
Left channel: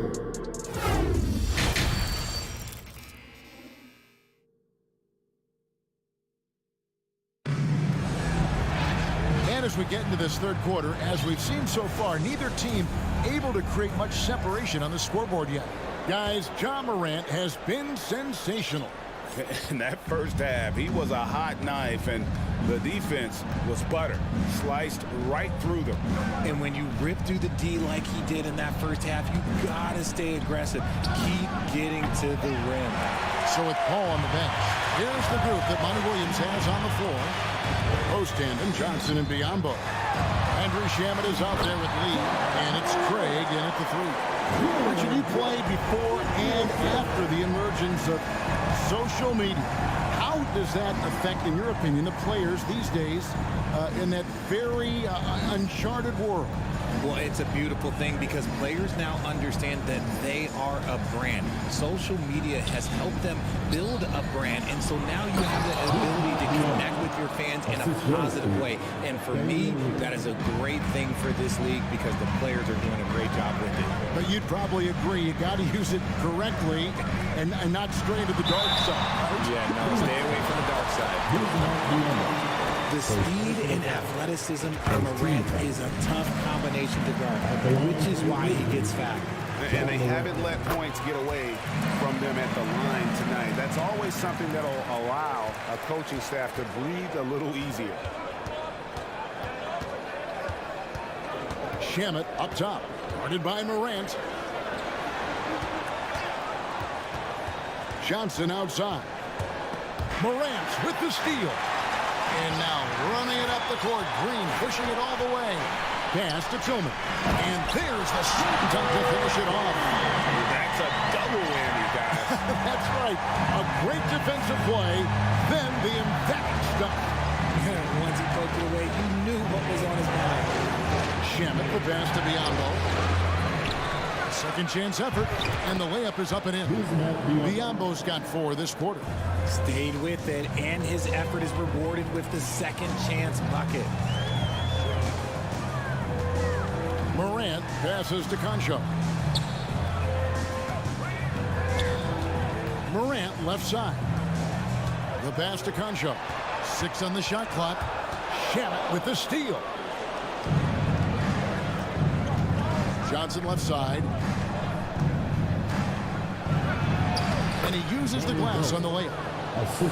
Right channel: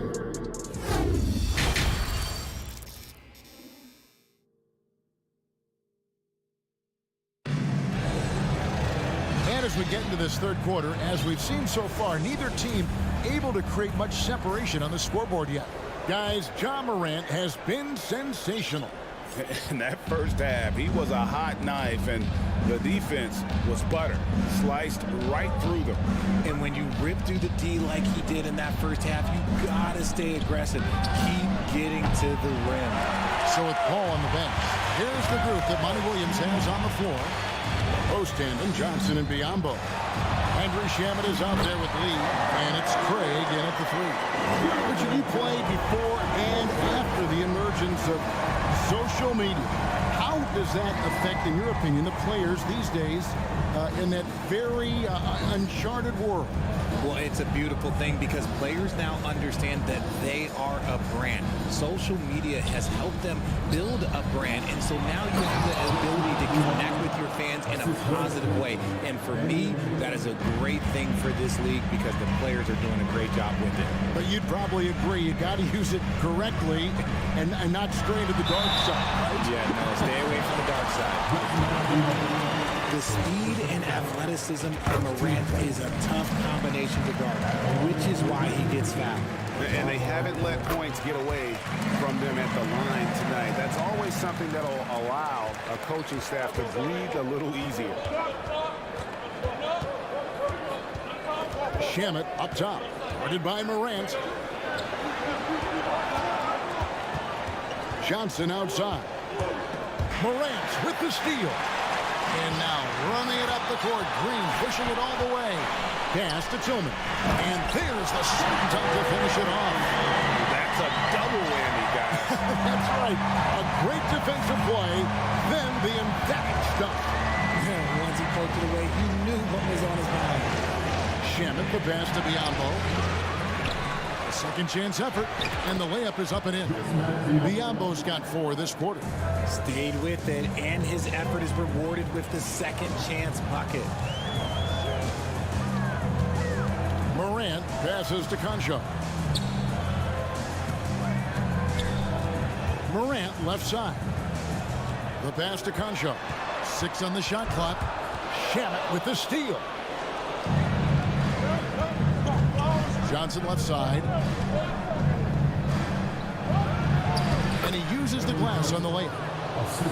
And as we get into this third quarter, as we've seen so far, neither team able to create much separation on the scoreboard yet. Guys, Ja Morant has been sensational. In that first half, he was a hot knife, and the defense was butter. Sliced right through them. And when you rip through the D like he did in that first half, you gotta stay aggressive. Keep getting to the rim. So with Paul on the bench, here's the group that Monty Williams has on the floor. Post tandem, Johnson and Biyombo. Andrew Shamet is out there with Lee, and it's Craig in at the 3. Richard, you played before and after the emergence of social media. How does that affect, in your opinion, the players these days in that very uncharted world? Well, it's a beautiful thing because players now understand that they are a brand. Social media has helped them build a brand, and so now you have the ability to connect with your fans in a positive way. And for me, that is a great thing for this league because the players are doing a great job with it. But you'd probably agree you got to use it correctly and not stray into the dark side, right? Yeah, no, stay away from the dark side. The speed and athleticism of Morant is a tough combination to guard, which is why he gets fouled. And they haven't let points get away from them at the line tonight. That's always something that'll allow a coaching staff to breathe a little easier. Shamet up top, guarded by Morant. Johnson outside. Morant with the steal. And now running it up the court. Green pushing it all the way. Pass to Tillman. And there's the slam dunk to finish it off. That's a double whammy, guys. That's right. A great defensive play, then the emphatic stuff. Once he poked it away, you knew what was on his mind. Shamet, the pass to Biombo. A second chance effort, and the layup is up and in. Biombo's got 4 this quarter. Stayed with it, and his effort is rewarded with the second chance bucket. Morant passes to Concho. Morant left side. The pass to Concho. 6 on the shot clock. Shamet with the steal. Johnson left side. And he uses the glass on the layup.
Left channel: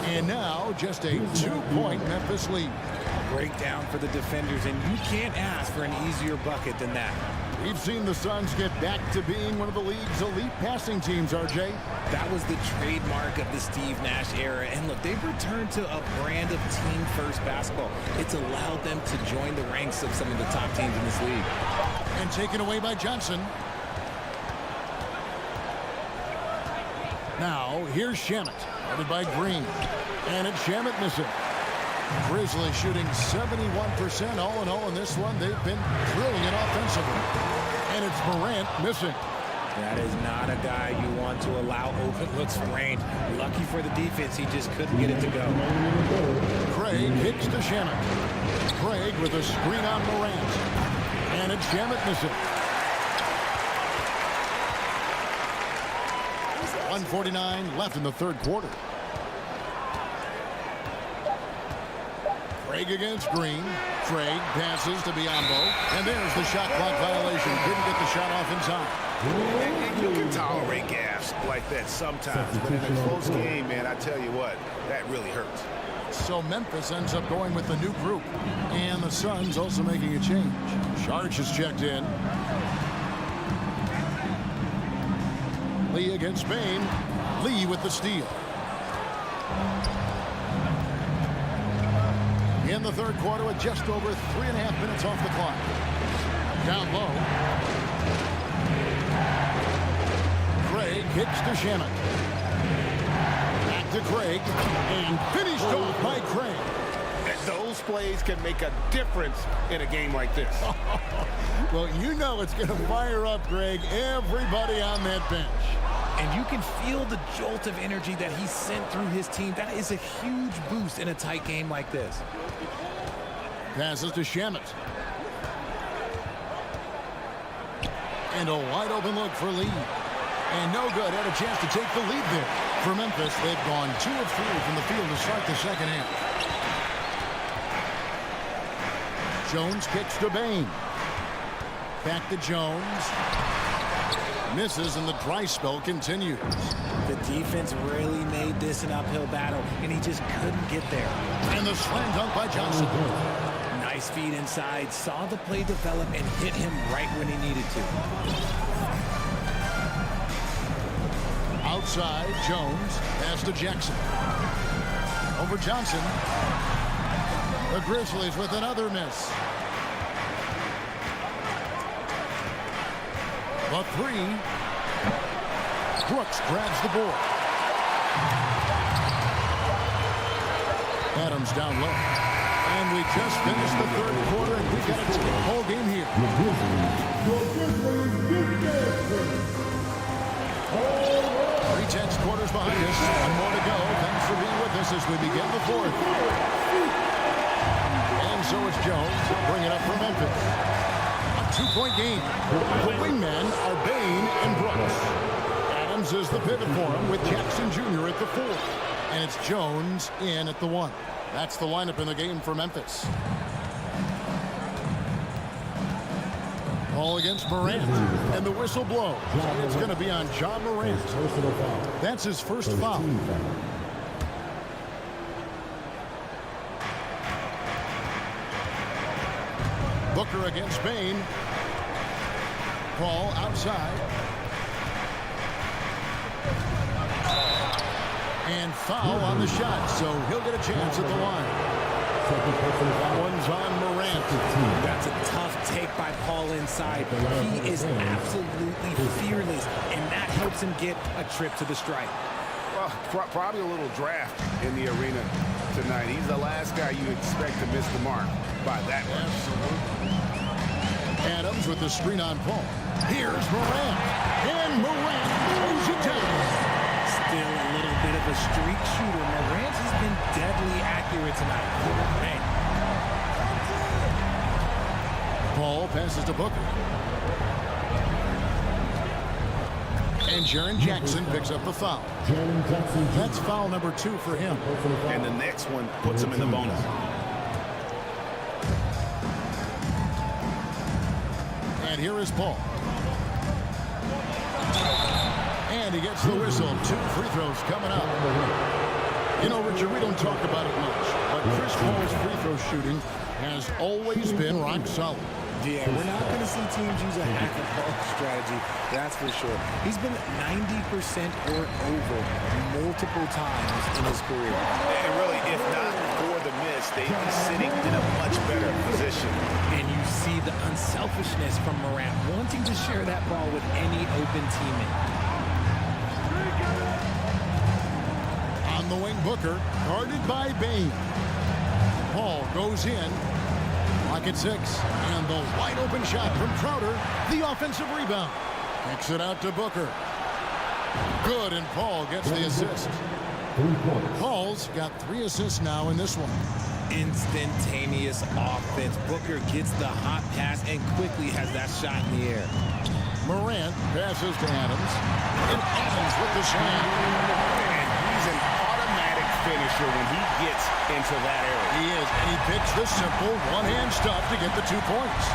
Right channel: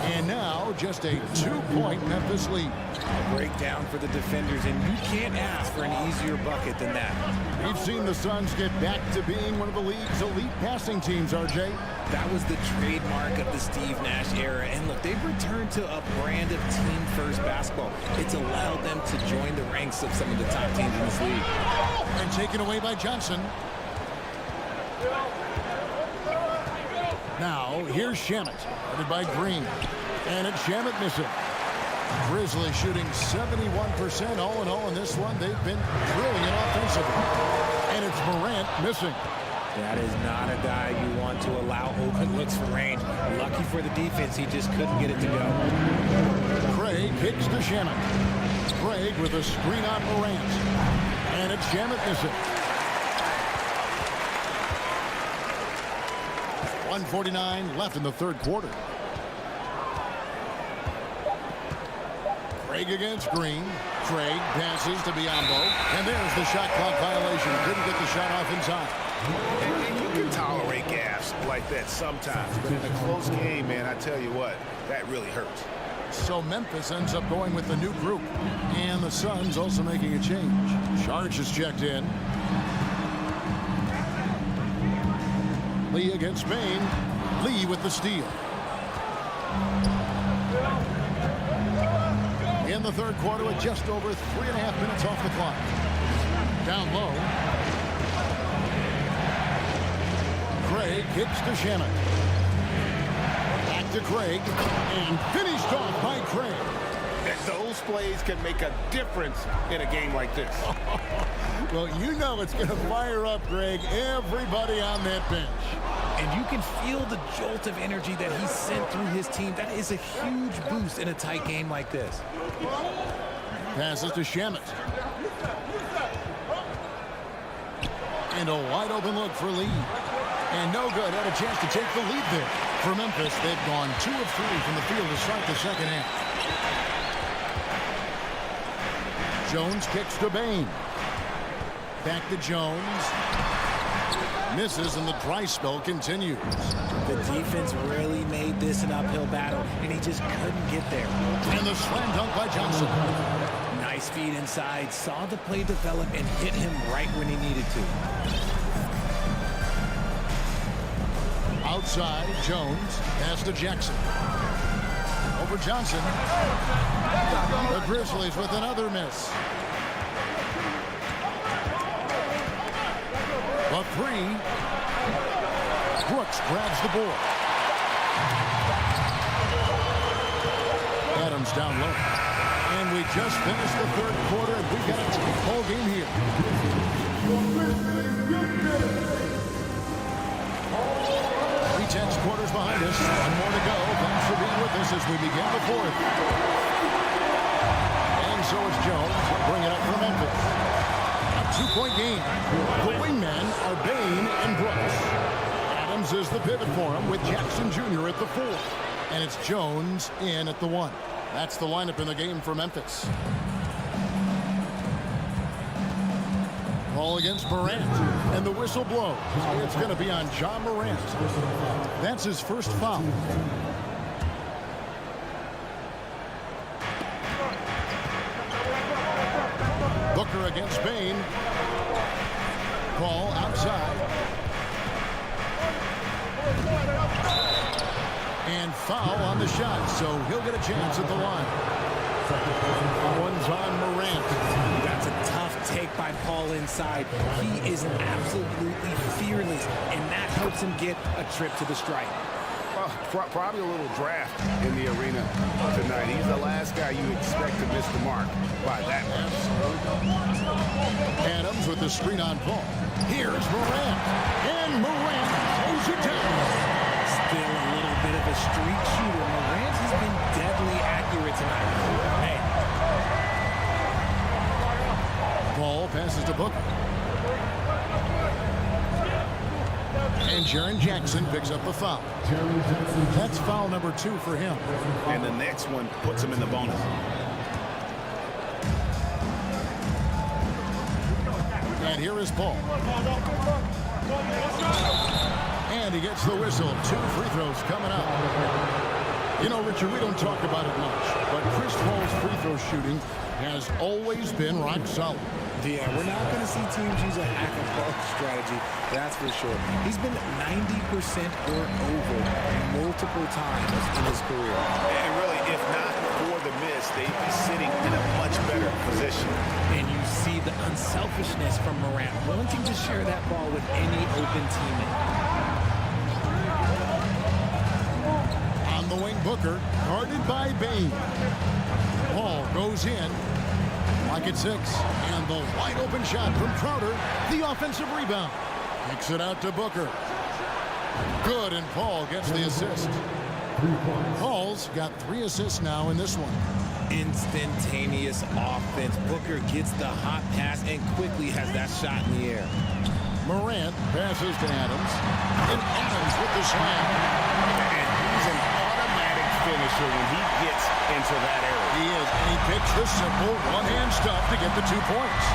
And now just a 2-point Memphis lead. A breakdown for the defenders, and you can't ask for an easier bucket than that. We've seen the Suns get back to being one of the league's elite passing teams, RJ. That was the trademark of the Steve Nash era. And look, they've returned to a brand of team-first basketball. It's allowed them to join the ranks of some of the top teams in this league. And taken away by Johnson. Now, here's Shamet, guarded by Green. And it's Shamet missing. Grizzlies shooting 71% all in all in this one. They've been brilliant offensively. And it's Morant missing. That is not a guy you want to allow open looks from range. Lucky for the defense, he just couldn't get it to go. Craig kicks to Shamet. Craig with a screen on Morant. And it's Shamet missing. 1:49 left in the third quarter. Craig against Green. Craig passes to Biombo. And there's the shot clock violation. Couldn't get the shot off in time. And you can tolerate gas like that sometimes. But in a close game, man, I tell you what, that really hurts. So Memphis ends up going with the new group. And the Suns also making a change. Sharch is checked in. Lee against Spain. Lee with the steal. In the third quarter with just over 3.5 minutes off the clock. Down low. Craig kicks to Shamet. Back to Craig. And finished off by Craig. Those plays can make a difference in a game like this. Well, you know it's going to fire up, Greg, everybody on that bench. And you can feel the jolt of energy that he sent through his team. That is a huge boost in a tight game like this. Passes to Shamet. And a wide open look for Lee. And no good. Had a chance to take the lead there. For Memphis, they've gone 2 of 3 from the field to start the second half. Jones kicks to Bain. Back to Jones. Misses, and the dry spell continues. The defense really made this an uphill battle, and he just couldn't get there. And the slam dunk by Johnson. Nice feed inside, saw the play develop, and hit him right when he needed to. Outside, Jones. Pass to Jackson. Over Johnson. The Grizzlies with another miss. The 3. Brooks grabs the board. Adams down low. And we just finished the third quarter, and we've got a tight ball game here. 3 quarters behind us. 1 more to go. Thanks for being with us as we begin the fourth. And so it's Jones. He'll bring it up for Memphis. A 2-point game. The wingmen are Bain and Brooks. Adams is the pivot for him with Jackson Jr. at the 4. And it's Jones in at the 1. That's the lineup in the game for Memphis. Ball against Morant, and the whistle blows. It's going to be on Ja Morant. That's his first foul. Booker against Bain. Ball outside. And foul on the shot, so he'll get a chance at the line. One's on Morant. That's a tough take by Paul inside. He is absolutely fearless, and that helps him get a trip to the stripe. Well, probably a little draft in the arena tonight. He's the last guy you expect to miss the mark by that much. Absolutely. Adams with the screen on Paul. Here's Morant. And Morant throws it down. Still a little bit of a streak shooter. Morant has been deadly accurate tonight. Hey. Paul passes to Booker. And Jaren Jackson picks up the foul. That's foul number 2 for him. And the next one puts him in the bonus. And here is Paul. And he gets the whistle. 2 free throws coming up. You know, Richard, we don't talk about it much, but Chris Paul's free throw shooting has always been rock solid. Yeah, we're not going to see teams use a hack-and-ball strategy, that's for sure. He's been 90% or over multiple times in his career. And really, if not for the miss, they'd be sitting in a much better position. And you see the unselfishness from Morant, wanting to share that ball with any open teammate. On the wing, Booker, guarded by Bain. Paul goes in. Lock at 6. And the wide open shot from Crowder. The offensive rebound. Kicks it out to Booker. Good, and Paul gets the assist. Paul's got 3 assists now in this one. Instantaneous offense. Booker gets the hot pass and quickly has that shot in the air. Morant passes to Adams. And Adams with the slam. And he's an automatic finisher when he gets into that area. He is, and he picks the simple one-hand stuff to get the 2 points.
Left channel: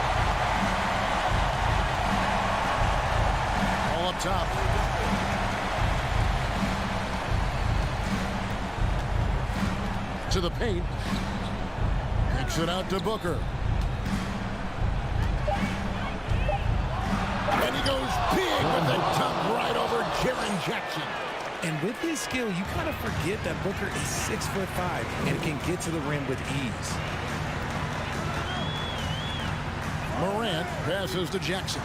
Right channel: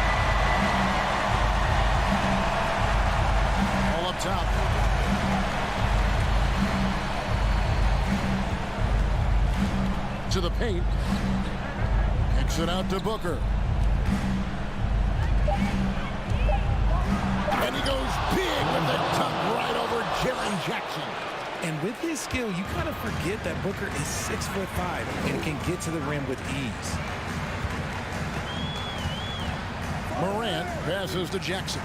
All up top. To the paint. Kicks it out to Booker. And he goes big with the dunk right over Jaren Jackson. And with his skill, you kind of forget that Booker is 6'5" and can get to the rim with ease. Morant passes to Jackson.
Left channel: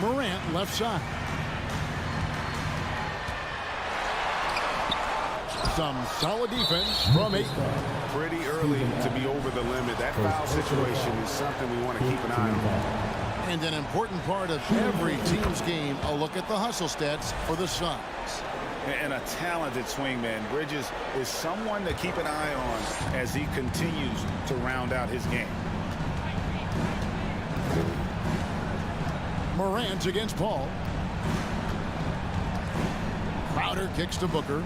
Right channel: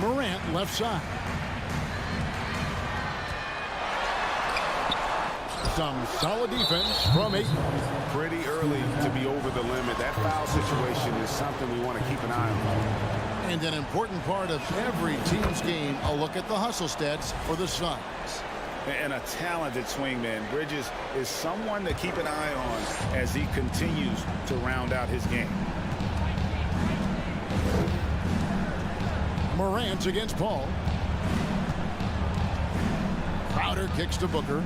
Morant left side. Some solid defense from 8. Pretty early to be over the limit. That foul situation is something we want to keep an eye on. And an important part of every team's game, a look at the hustle stats for the Suns. And a talented swingman. Bridges is someone to keep an eye on as he continues to round out his game. Morant against Paul. Crowder kicks to Booker.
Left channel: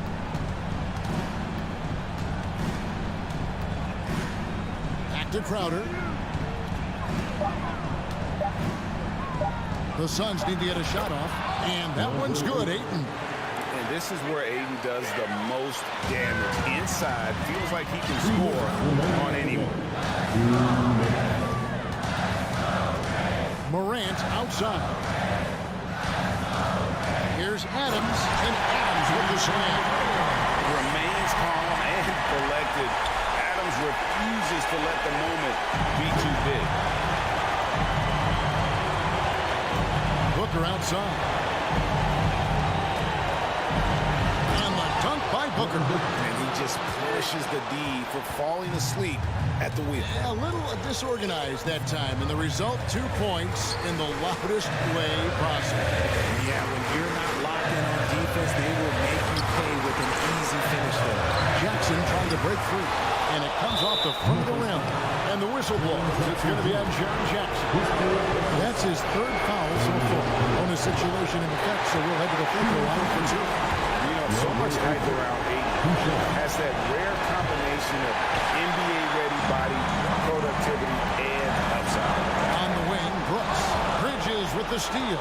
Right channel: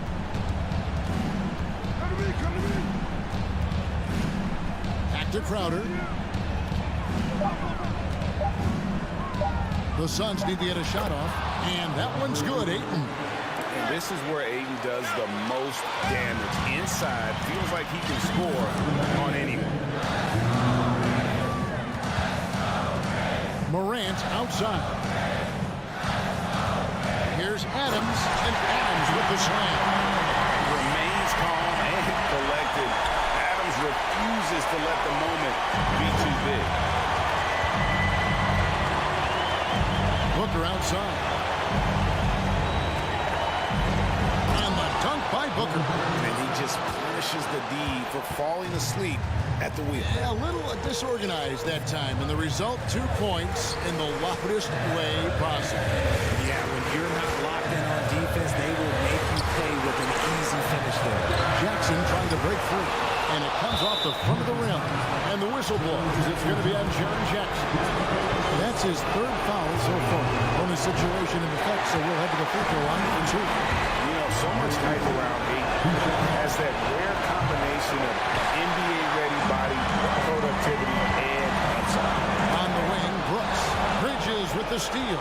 Back to Crowder. The Suns need to get a shot off, and that one's good. Ayton. And this is where Ayton does the most damage. Inside, feels like he can score on anyone. Morant outside. Here's Adams, and Adams with the slam. Remains calm and collected. Adams refuses to let the moment be too big. Booker outside. And the dunk by Booker. And he just punishes the D for falling asleep at the wheel. A little disorganized that time, and the result, 2 points in the loudest way possible. Yeah, when you're not locked in on defense, they will make you pay with an easy finish there. Jackson trying to break free, and it comes off the front of the rim. And the whistle blows. It's going to be on Jaren Jackson. That's his 3rd foul so far. Bonus situation in effect, so we'll head to the free throw line for 2. You know, so much hype around Ayton. Has that rare combination of NBA-ready body, productivity, and upside. On the wing, Brooks. Bridges with the steal.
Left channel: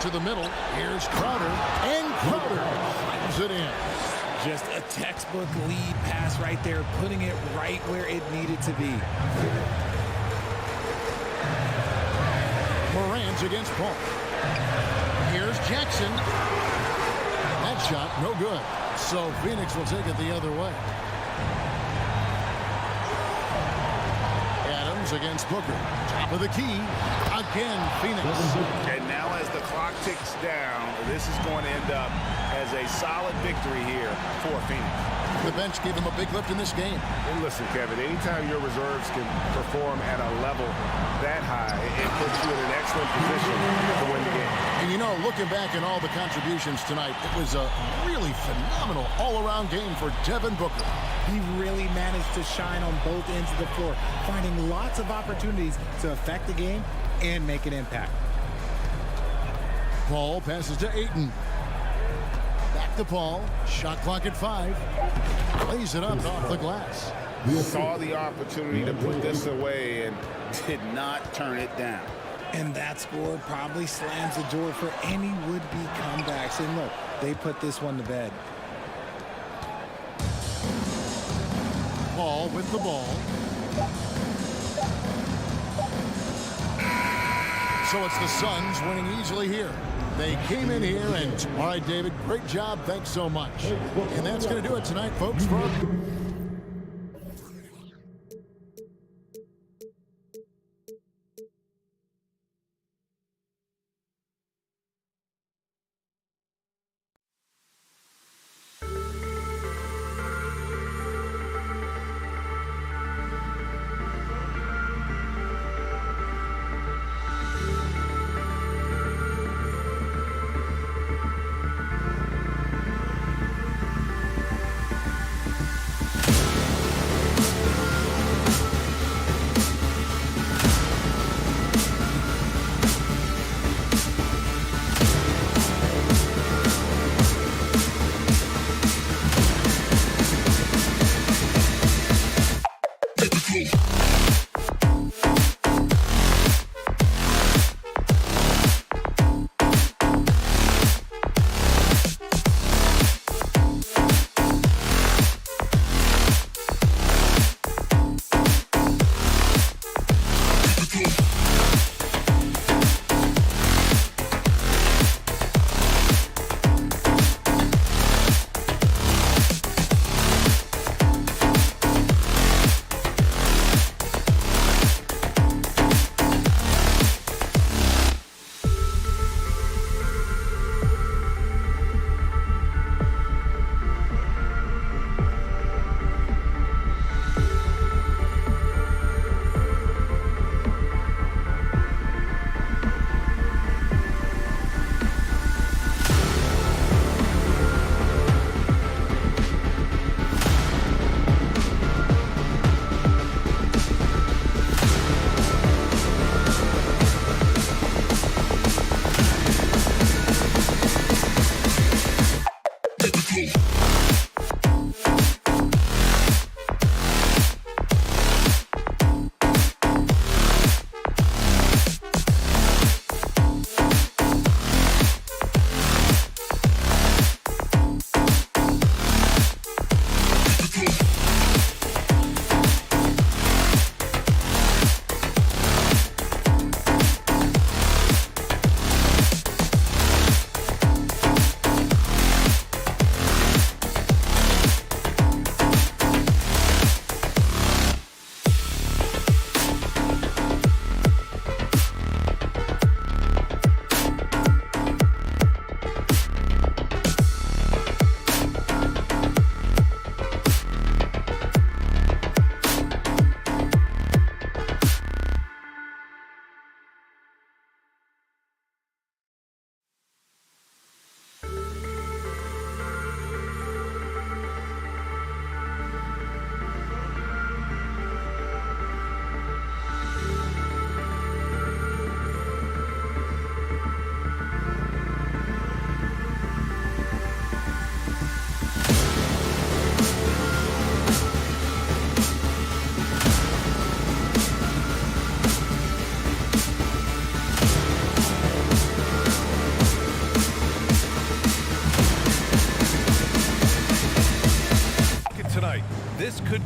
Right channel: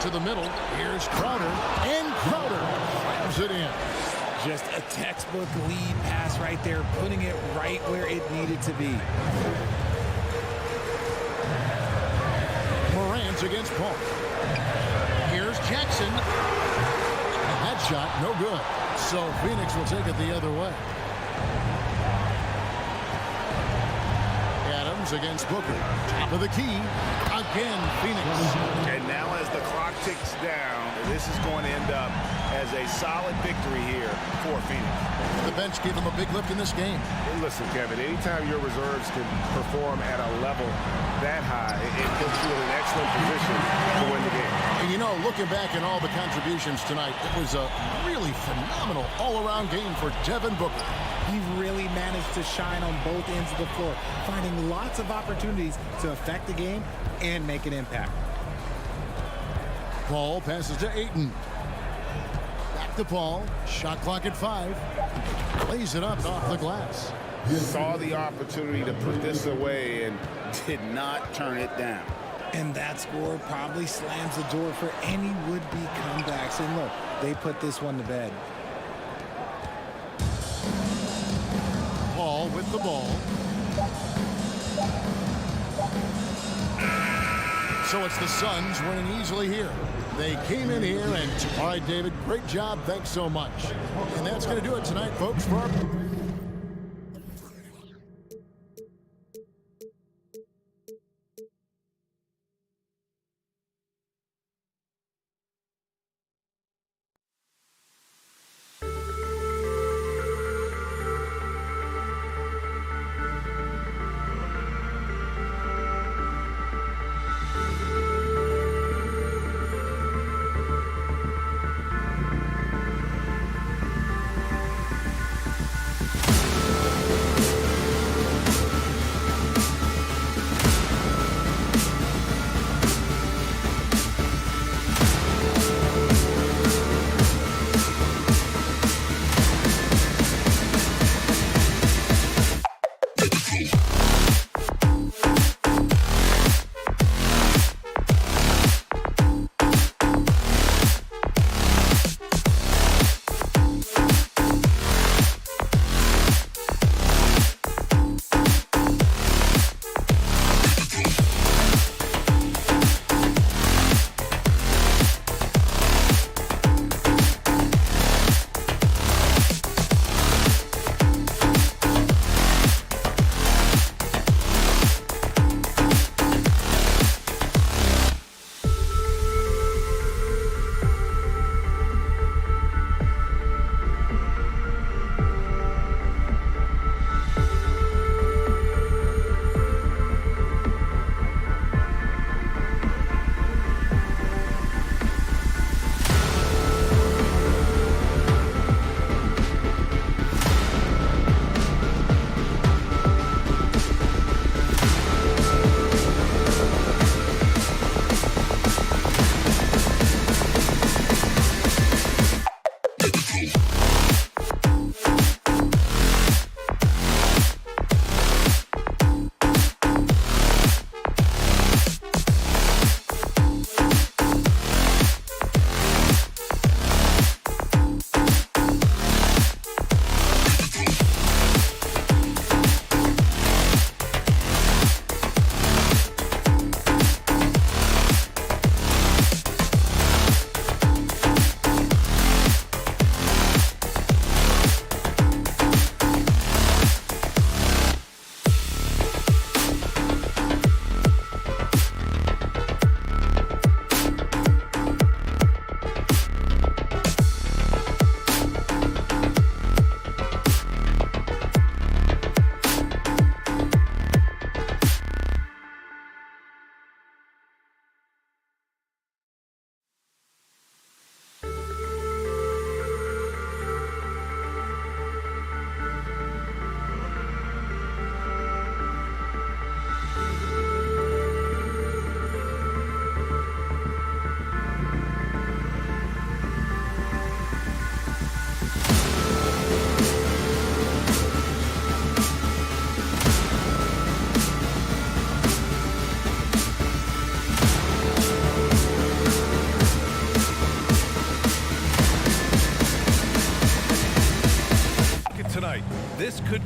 To the middle, here's Crowder, and Crowder slams it in. Just a textbook lead pass right there, putting it right where it needed to be. Morant against Paul. Here's Jackson. That shot, no good. So Phoenix will take it the other way. Adams against Booker. Top of the key. Again, Phoenix. And now as the clock ticks down, this is going to end up as a solid victory here for Phoenix. The bench gave him a big lift in this game. And listen, Kevin, anytime your reserves can perform at a level that high, it puts you in an excellent position to win the game. And you know, looking back at all the contributions tonight, it was a really phenomenal all-around game for Devin Booker. He really managed to shine on both ends of the floor, finding lots of opportunities to affect the game and make an impact. Paul passes to Ayton. Back to Paul. Shot clock at 5. Lays it up off the glass. Saw the opportunity to put this away and did not turn it down. And that score probably slams the door for any would-be comebacks. And look, they put this one to bed. Paul with the ball. So it's the Suns winning easily here. They came in here and, all right, David, great job. Thanks so much. And that's going to do it tonight, folks.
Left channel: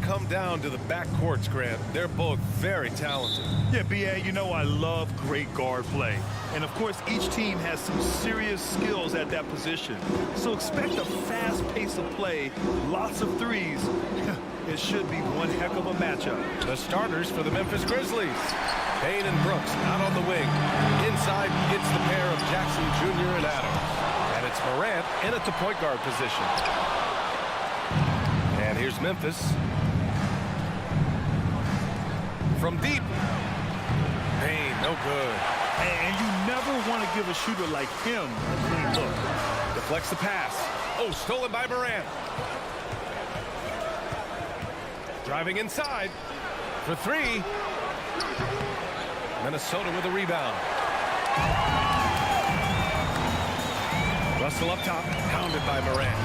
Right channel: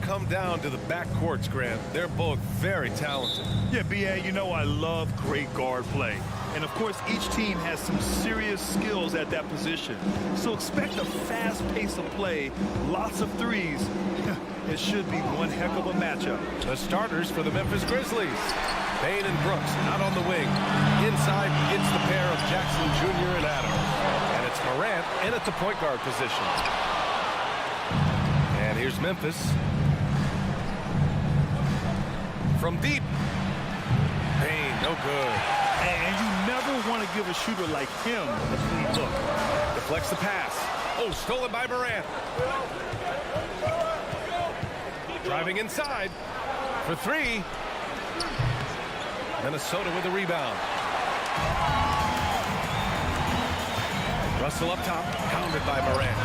come down to the backcourts, Grant. They're both very talented. Yeah, B.A., you know I love great guard play. And, of course, each team has some serious skills at that position. So expect a fast pace of play, lots of threes. It should be one heck of a matchup. The starters for the Memphis Grizzlies. Payne and Brooks out on the wing. Inside, it's the pair of Jackson Jr. and Adams. And it's Morant in at the point guard position. And here's Memphis. From deep. Payne, no good. And you never want to give a shooter like him a clean look. Deflects the pass. Oh, stolen by Morant. Driving inside for three. Minnesota with a rebound. Russell up top, counted by Morant.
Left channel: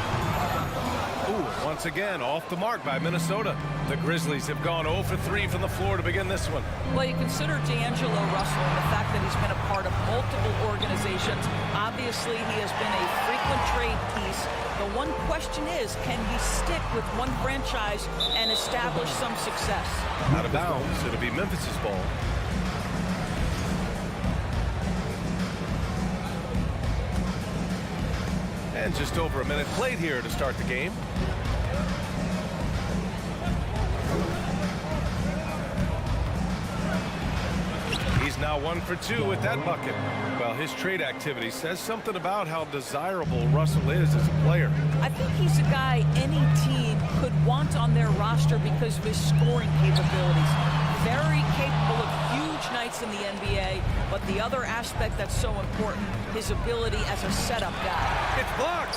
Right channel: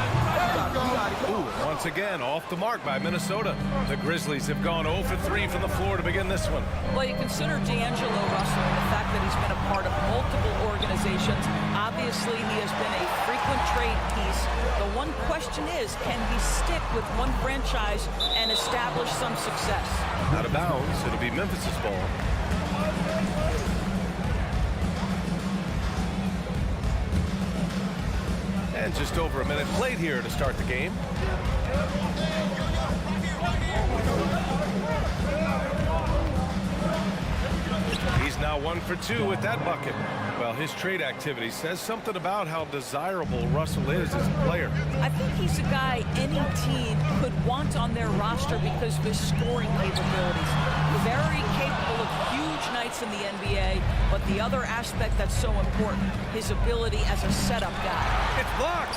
Ooh, once again, off the mark by Minnesota. The Grizzlies have gone 0 for 3 from the floor to begin this one. Well, you consider D'Angelo Russell and the fact that he's been a part of multiple organizations. Obviously, he has been a frequent trade piece. The one question is, can he stick with one franchise and establish some success? Out of bounds, it'll be Memphis's ball. And just over a minute played here to start the game. He's now 1 for 2 with that bucket. Well, his trade activity says something about how desirable Russell is as a player. I think he's a guy any team could want on their roster because of his scoring capabilities. Very capable of huge nights in the NBA, but the other aspect that's so important, his ability as a setup guy. It's blocked.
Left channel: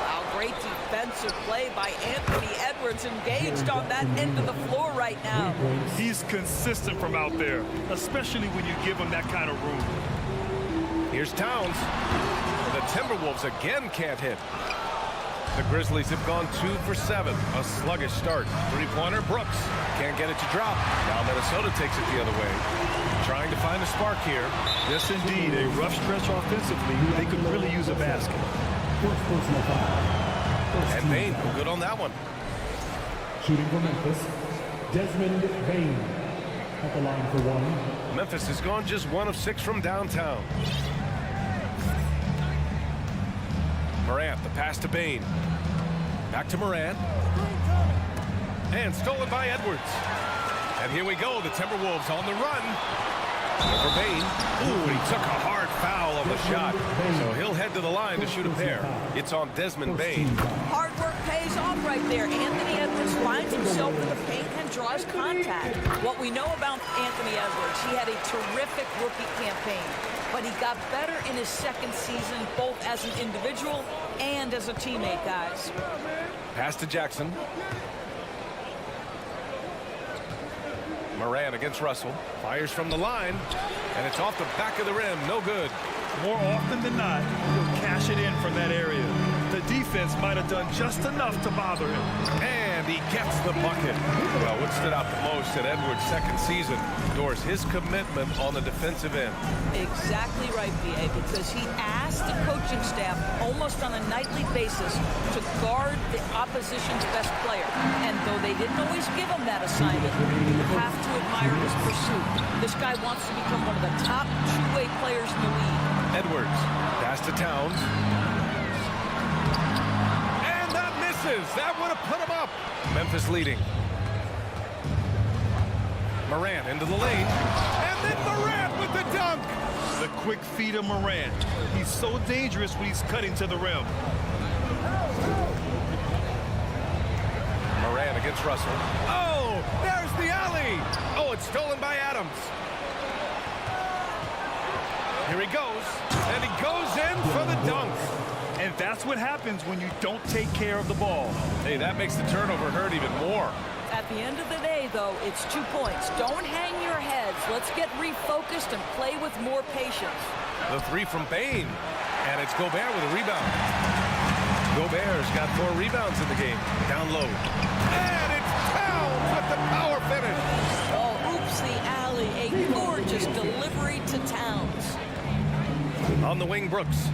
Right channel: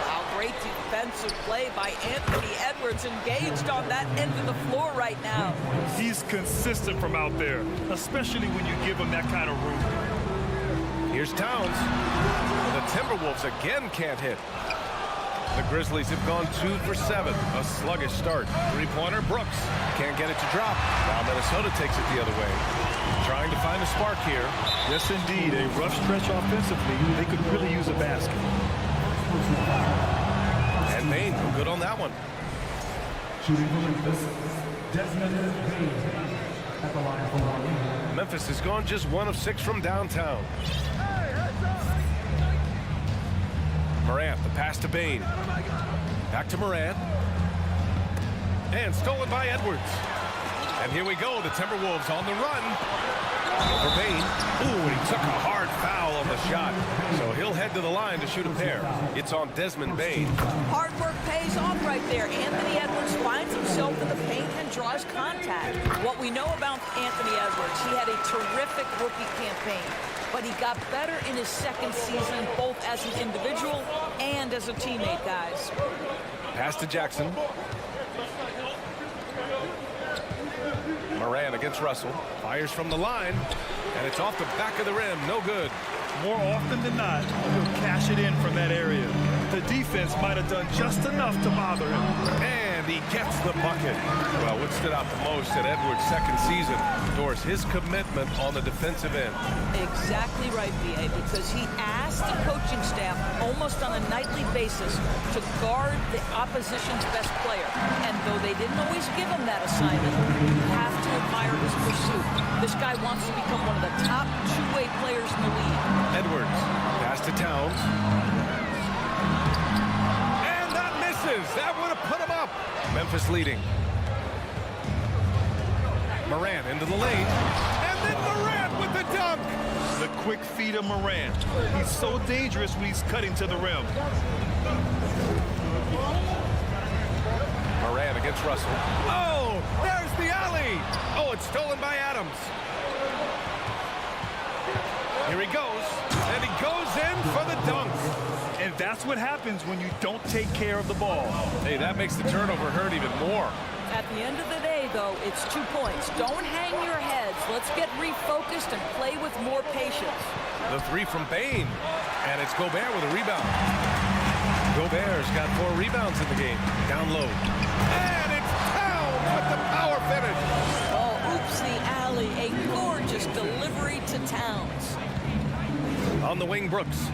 Wow, great defensive play by Anthony Edwards, engaged on that end of the floor right now. He's consistent from out there, especially when you give him that kind of room. Here's Towns. The Timberwolves again can't hit. The Grizzlies have gone 2 for 7. A sluggish start. Three-pointer, Brooks. Can't get it to drop. Now Minnesota takes it the other way. Trying to find a spark here. Yes, indeed. A rough stretch offensively. They could really use a basket. And Payne, no good on that one. Shooting for Memphis, Desmond Bane at the line for one. Memphis has gone just 1 of 6 from downtown. Morant, the pass to Bane. Back to Morant. And stolen by Edwards. And here we go, the Timberwolves on the run. Over Bane. Ooh, and he took a hard foul on the shot. So he'll head to the line to shoot a pair. It's on Desmond Bane. Hard work pays off right there. Anthony Edwards finds himself in the paint and draws contact. What we know about Anthony Edwards, he had a terrific rookie campaign, but he got better in his second season, both as an individual and as a teammate, guys. Pass to Jackson. Morant against Russell. Fires from the line. And it's off the back of the rim. No good. More often than not, he'll cash it in from that area. The defense might have done just enough to bother him. And he gets the bucket. Well, what stood out the most at Edwards' second season, Doris, his commitment on the defensive end. Exactly right, B.A., because he asked the coaching staff almost on a nightly basis to guard the opposition's best player. And though they didn't always give him that assignment, you have to admire his pursuit. This guy wants to become one of the top two-way players in the league. Edwards, pass to Towns. And that misses. That would have put him up. Memphis leading. Morant into the lane. And then Morant with the dunk. The quick feed of Morant. He's so dangerous when he's cutting to the rim. Morant against Russell. Oh, there's the alley. Oh, it's stolen by Adams. Here he goes, and he goes in for the dunk. And that's what happens when you don't take care of the ball. Hey, that makes the turnover hurt even more. At the end of the day, though, it's 2 points. Don't hang your heads. Let's get refocused and play with more patience. The three from Bane, and it's Gobert with a rebound. Gobert's got 4 rebounds in the game. Down low. And it's Towns with the power finish. Oh, oops, the alley. A gorgeous delivery to Towns. On the wing, Brooks.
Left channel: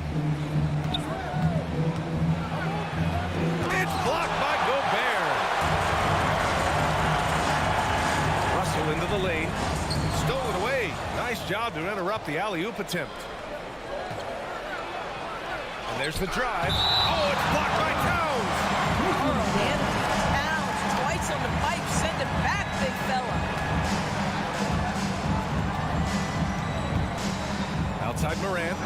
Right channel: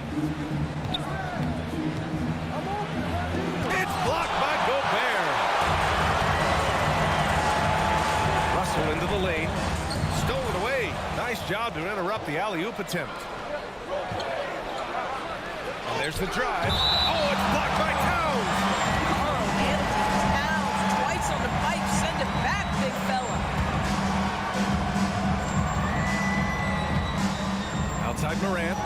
It's blocked by Gobert. Russell into the lane. Stolen away. Nice job to interrupt the alley-oop attempt. And there's the drive. Oh, it's blocked by Towns. Carl Anthony Towns twice on the pipe. Send it back, big fella. Outside Morant.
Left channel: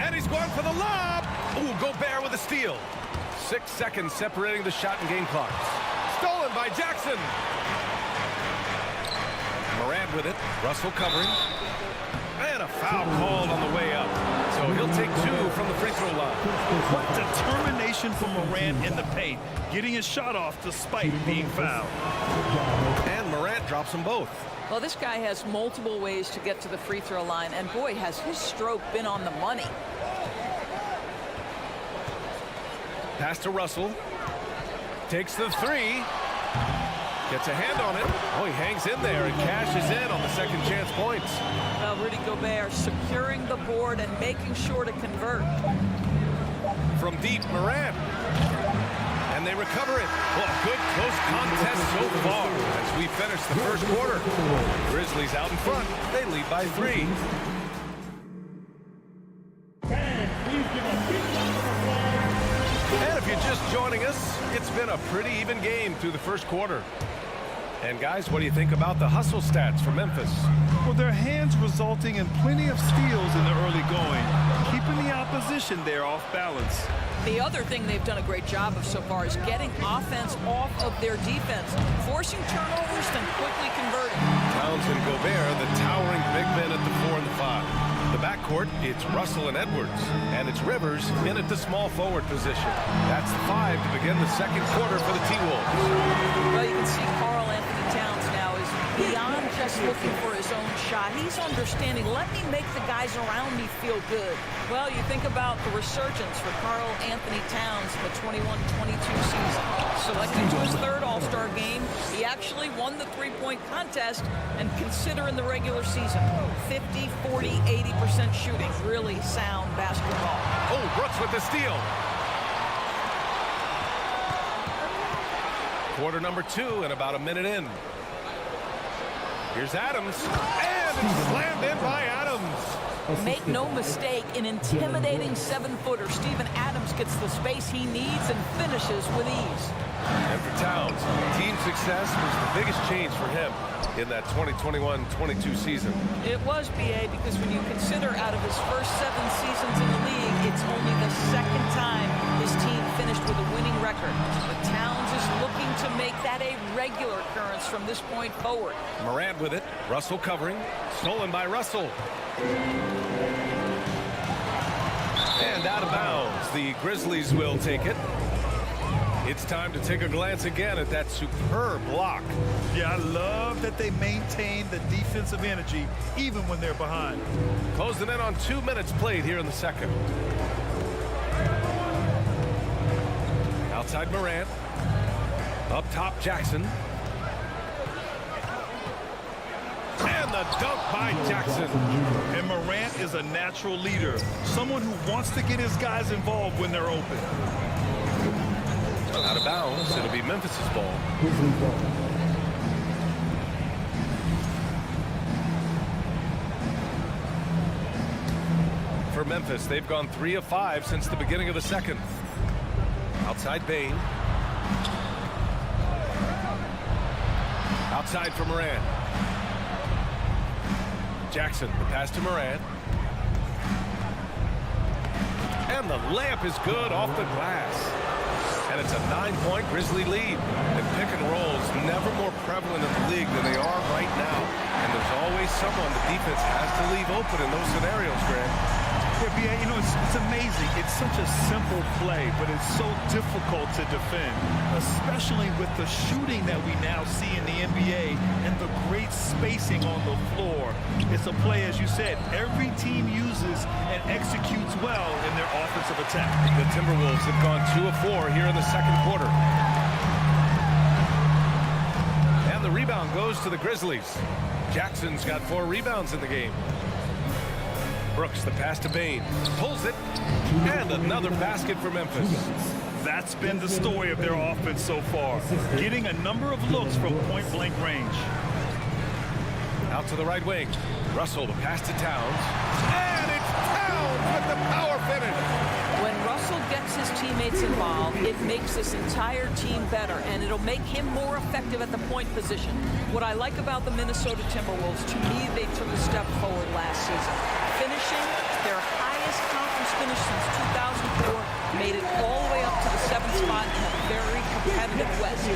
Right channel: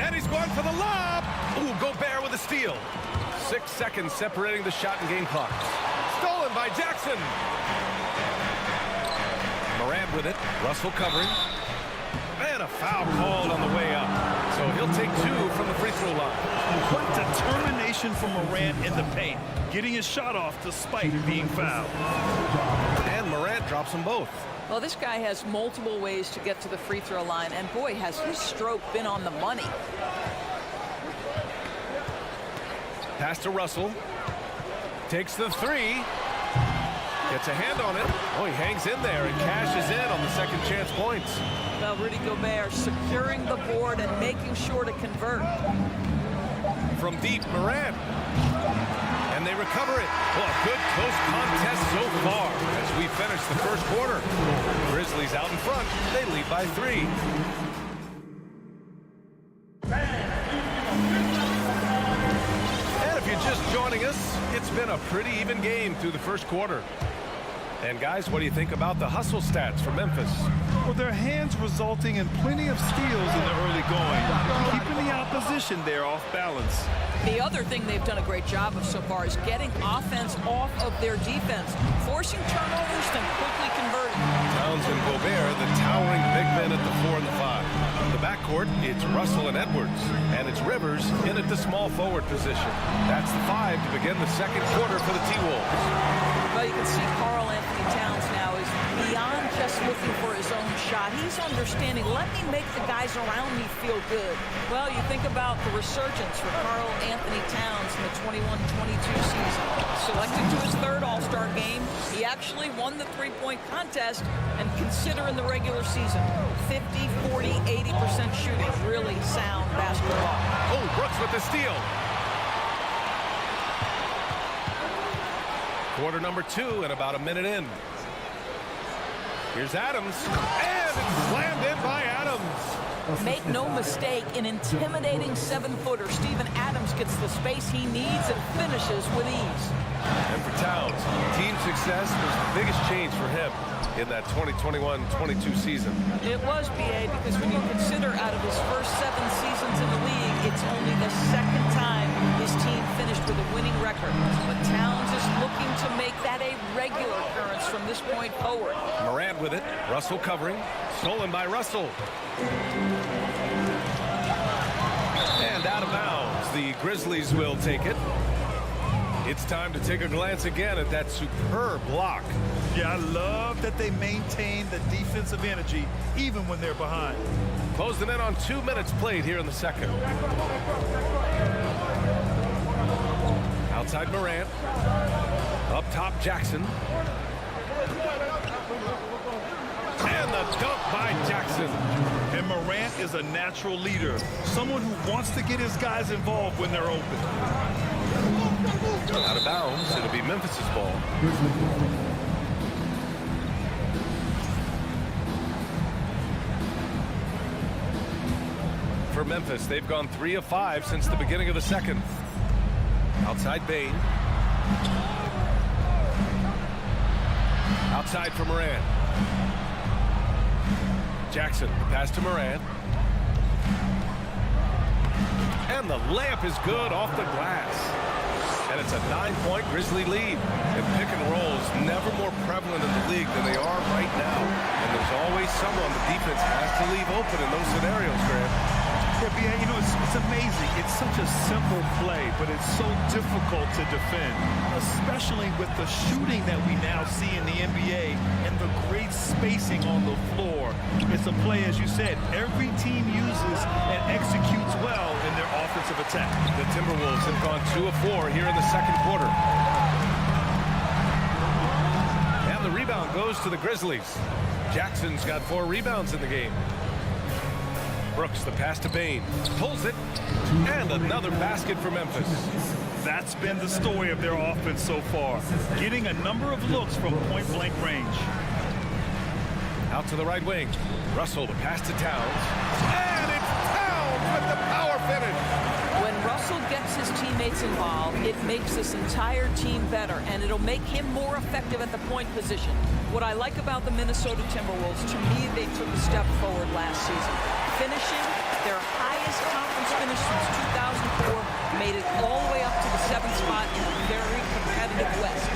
And he's going for the lob. Ooh, Gobert with a steal. 6 seconds separating the shot and game clock. Stolen by Jackson. Morant with it. Russell covering. And a foul called on the way up. So he'll take 2 from the free throw line. What determination from Morant in the paint. Getting his shot off despite being fouled. And Morant drops them both. Well, this guy has multiple ways to get to the free throw line. And boy, has his stroke been on the money. Pass to Russell. Takes the 3. Gets a hand on it. Oh, he hangs in there and cashes in on the second chance points. Well, Rudy Gobert securing the board and making sure to convert. From deep, Morant. And they recover it. Well, a good close contest so far as we finish the first quarter. Grizzlies out in front. They lead by 3. And if you're just joining us, it's been a pretty even game through the first quarter. And guys, what do you think about the hustle stats for Memphis? Well, their hands resulting in plenty of steals in the early going, keeping the opposition there off balance. The other thing they've done a great job of so far is getting offense off of their defense, forcing turnovers, then quickly converting. Towns and Gobert, the towering big men at the 4 and the 5. The backcourt, it's Russell and Edwards, and it's Rivers in at the small forward position. That's the 5 to begin the second quarter for the T-Wolves. Well, you can see Carl Anthony Towns now is beyond just looking for his own shot. He's understanding, let me make the guys around me feel good. Well, you think about the resurgence for Carl Anthony Towns in the 21-22 season. Selected to his 3rd All-Star game, he actually won the three-point contest, and consider in the regular season, 50, 40, 80% shooting. Really sound basketball. Oh, Brooks with the steal. Quarter number 2 and about a minute in. Here's Adams, and it's slammed in by Adams. Make no mistake, an intimidating 7-footer. Steven Adams gets the space he needs and finishes with ease. And for Towns, team success was the biggest change for him in that 2021-22 season. It was, B.A., because when you consider out of his first 7 seasons in the league, it's only the 2nd time his team finished with a winning record. But Towns is looking to make that a regular occurrence from this point forward. Morant with it. Russell covering. Stolen by Russell. And out of bounds. The Grizzlies will take it. It's time to take a glance again at that superb block. Yeah, I love that they maintain the defensive energy even when they're behind. Closing in on 2 minutes played here in the second. Outside Morant. Up top Jackson. And the dunk by Jackson. And Morant is a natural leader, someone who wants to get his guys involved when they're open. Out of bounds. It'll be Memphis's ball. For Memphis, they've gone 3 of 5 since the beginning of the second. Outside Bane. Outside for Morant. Jackson, the pass to Morant. And the layup is good off the glass. And it's a 9-point Grizzly lead. And pick and rolls never more prevalent in the league than they are right now. And there's always someone the defense has to leave open in those scenarios, Graham. Yeah, B.A., you know, it's amazing. It's such a simple play, but it's so difficult to defend, especially with the shooting that we now see in the NBA and the great spacing on the floor. It's a play, as you said, every team uses and executes well in their offensive attack. The Timberwolves have gone 2 of 4 here in the second quarter. And the rebound goes to the Grizzlies. Jackson's got 4 rebounds in the game. Brooks, the pass to Bane, pulls it, and another basket for Memphis. That's been the story of their offense so far, getting a number of looks from point-blank range. Out to the right wing. Russell, the pass to Towns. And it's Towns with the power finish. When Russell gets his teammates involved, it makes this entire team better, and it'll make him more effective at the point position. What I like about the Minnesota Timberwolves, to me, they took a step forward last season. Finishing their highest conference finish since 2004, made it all the way up to the 7th spot in a very competitive West.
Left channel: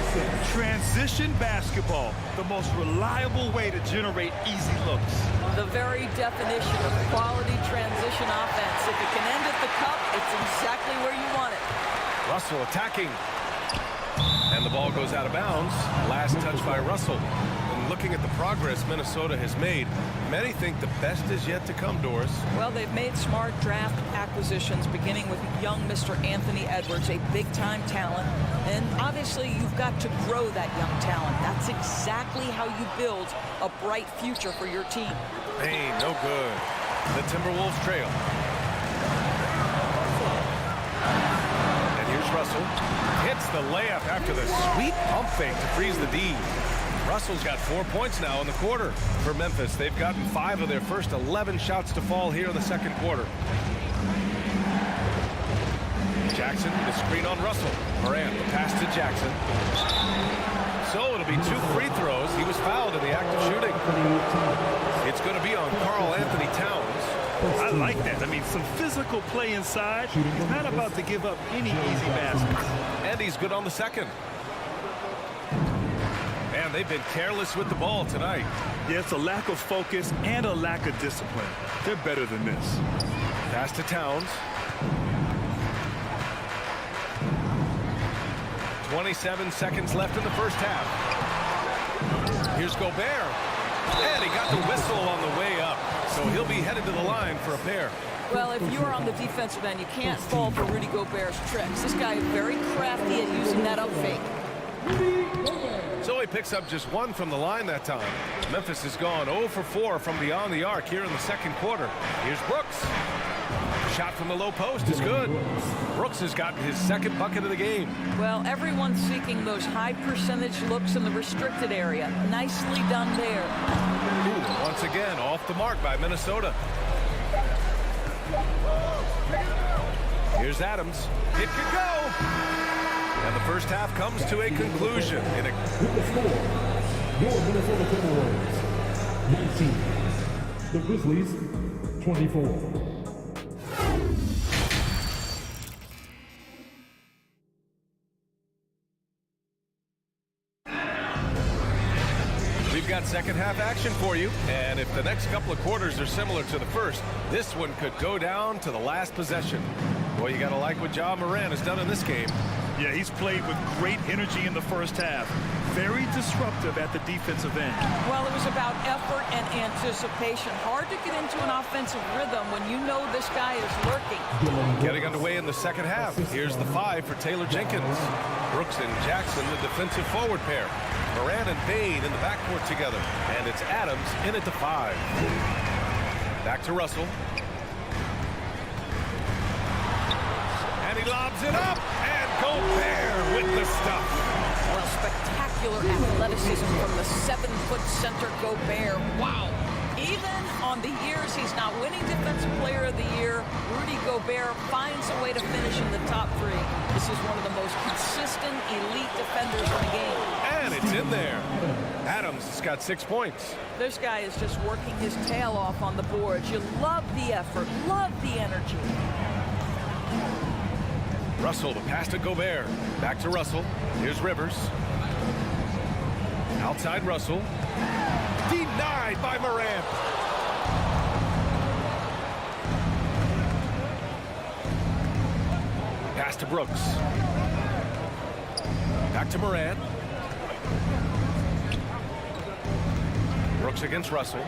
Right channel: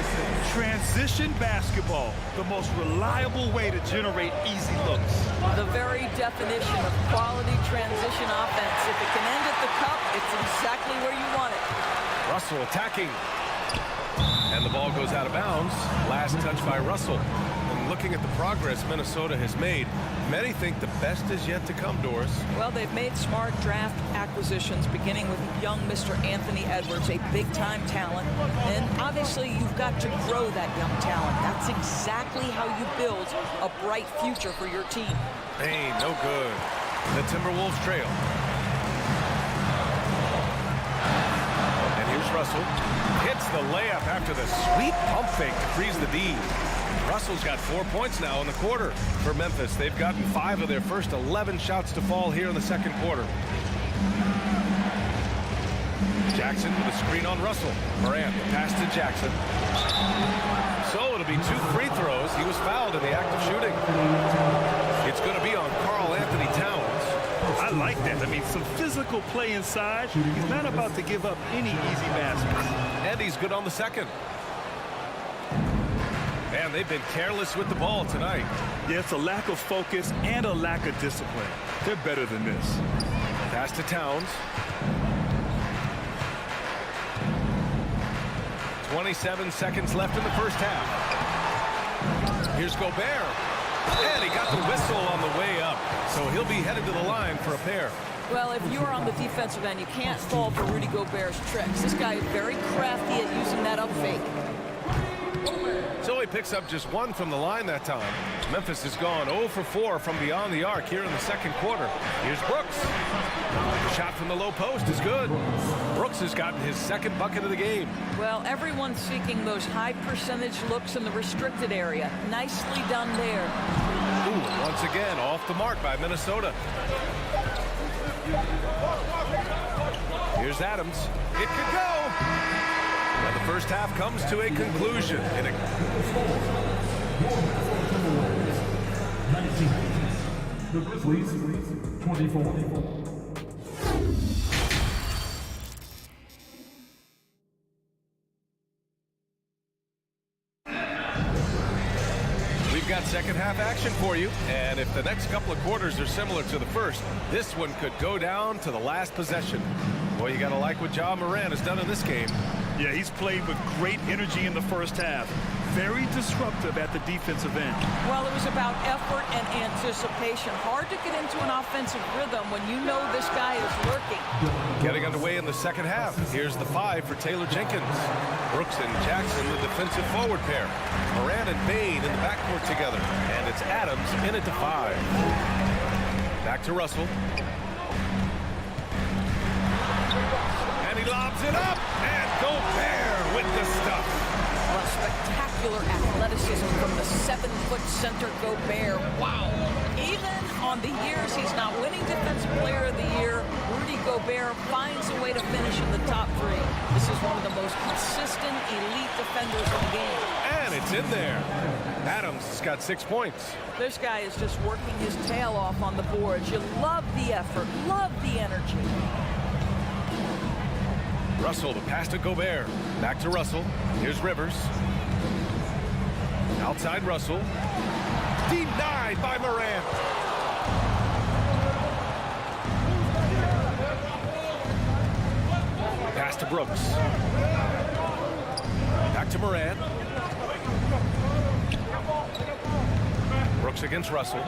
Transition basketball, the most reliable way to generate easy looks. The very definition of quality transition offense. If it can end at the cup, it's exactly where you want it. Russell attacking. And the ball goes out of bounds. Last touch by Russell. And looking at the progress Minnesota has made, many think the best is yet to come, Doris. Well, they've made smart draft acquisitions, beginning with young Mr. Anthony Edwards, a big-time talent. And obviously, you've got to grow that young talent. That's exactly how you build a bright future for your team. Bain, no good. The Timberwolves trail. And here's Russell. Hits the layup after the sweet pump fake to freeze the D. Russell's got 4 points now in the quarter for Memphis. They've gotten 5 of their first 11 shots to fall here in the second quarter. Jackson with a screen on Russell. Morant, the pass to Jackson. So it'll be 2 free throws. He was fouled in the act of shooting. It's going to be on Karl Anthony Towns. I like that. I mean, some physical play inside. He's not about to give up any easy baskets. And he's good on the second. And they've been careless with the ball tonight. Yeah, it's a lack of focus and a lack of discipline. They're better than this. Pass to Towns. 27 seconds left in the first half. Here's Gobert. And he got the whistle on the way up. So he'll be headed to the line for a pair. Well, if you're on the defensive end, you can't fall for Rudy Gobert's tricks. This guy is very crafty at using that up fake. So he picks up just 1 from the line that time. Memphis has gone 0 for 4 from beyond the arc here in the second quarter. Here's Brooks. Shot from the low post is good. Brooks has gotten his second bucket of the game. Well, everyone's seeking those high percentage looks in the restricted area. Nicely done there. Ooh, once again, off the mark by Minnesota. Here's Adams. It could go. And the first half comes to a conclusion. Your Minnesota Timberwolves, 19. The Grizzlies, 24. We've got second half action for you. And if the next couple of quarters are similar to the first, this one could go down to the last possession. Boy, you got to like what Ja Morant has done in this game. Yeah, he's played with great energy in the first half. Very disruptive at the defensive end. Well, it was about effort and anticipation. Hard to get into an offensive rhythm when you know this guy is lurking. Getting underway in the second half. Here's the 5 for Taylor Jenkins. Brooks and Jackson, the defensive forward pair. Morant and Bain in the backcourt together. And it's Adams in at the 5. Back to Russell. And he lobs it up. And Gobert with the stuff. Well, spectacular athleticism from the 7-foot center Gobert. Wow. Even on the years he's not winning Defensive Player of the Year, Rudy Gobert finds a way to finish in the top 3. This is one of the most consistent elite defenders in the game. And it's in there. Adams has got 6 points. This guy is just working his tail off on the boards. You love the effort, love the energy. Russell, the pass to Gobert. Back to Russell. Here's Rivers. Outside Russell. Denied by Morant. Pass to Brooks. Back to Morant. Brooks against Russell.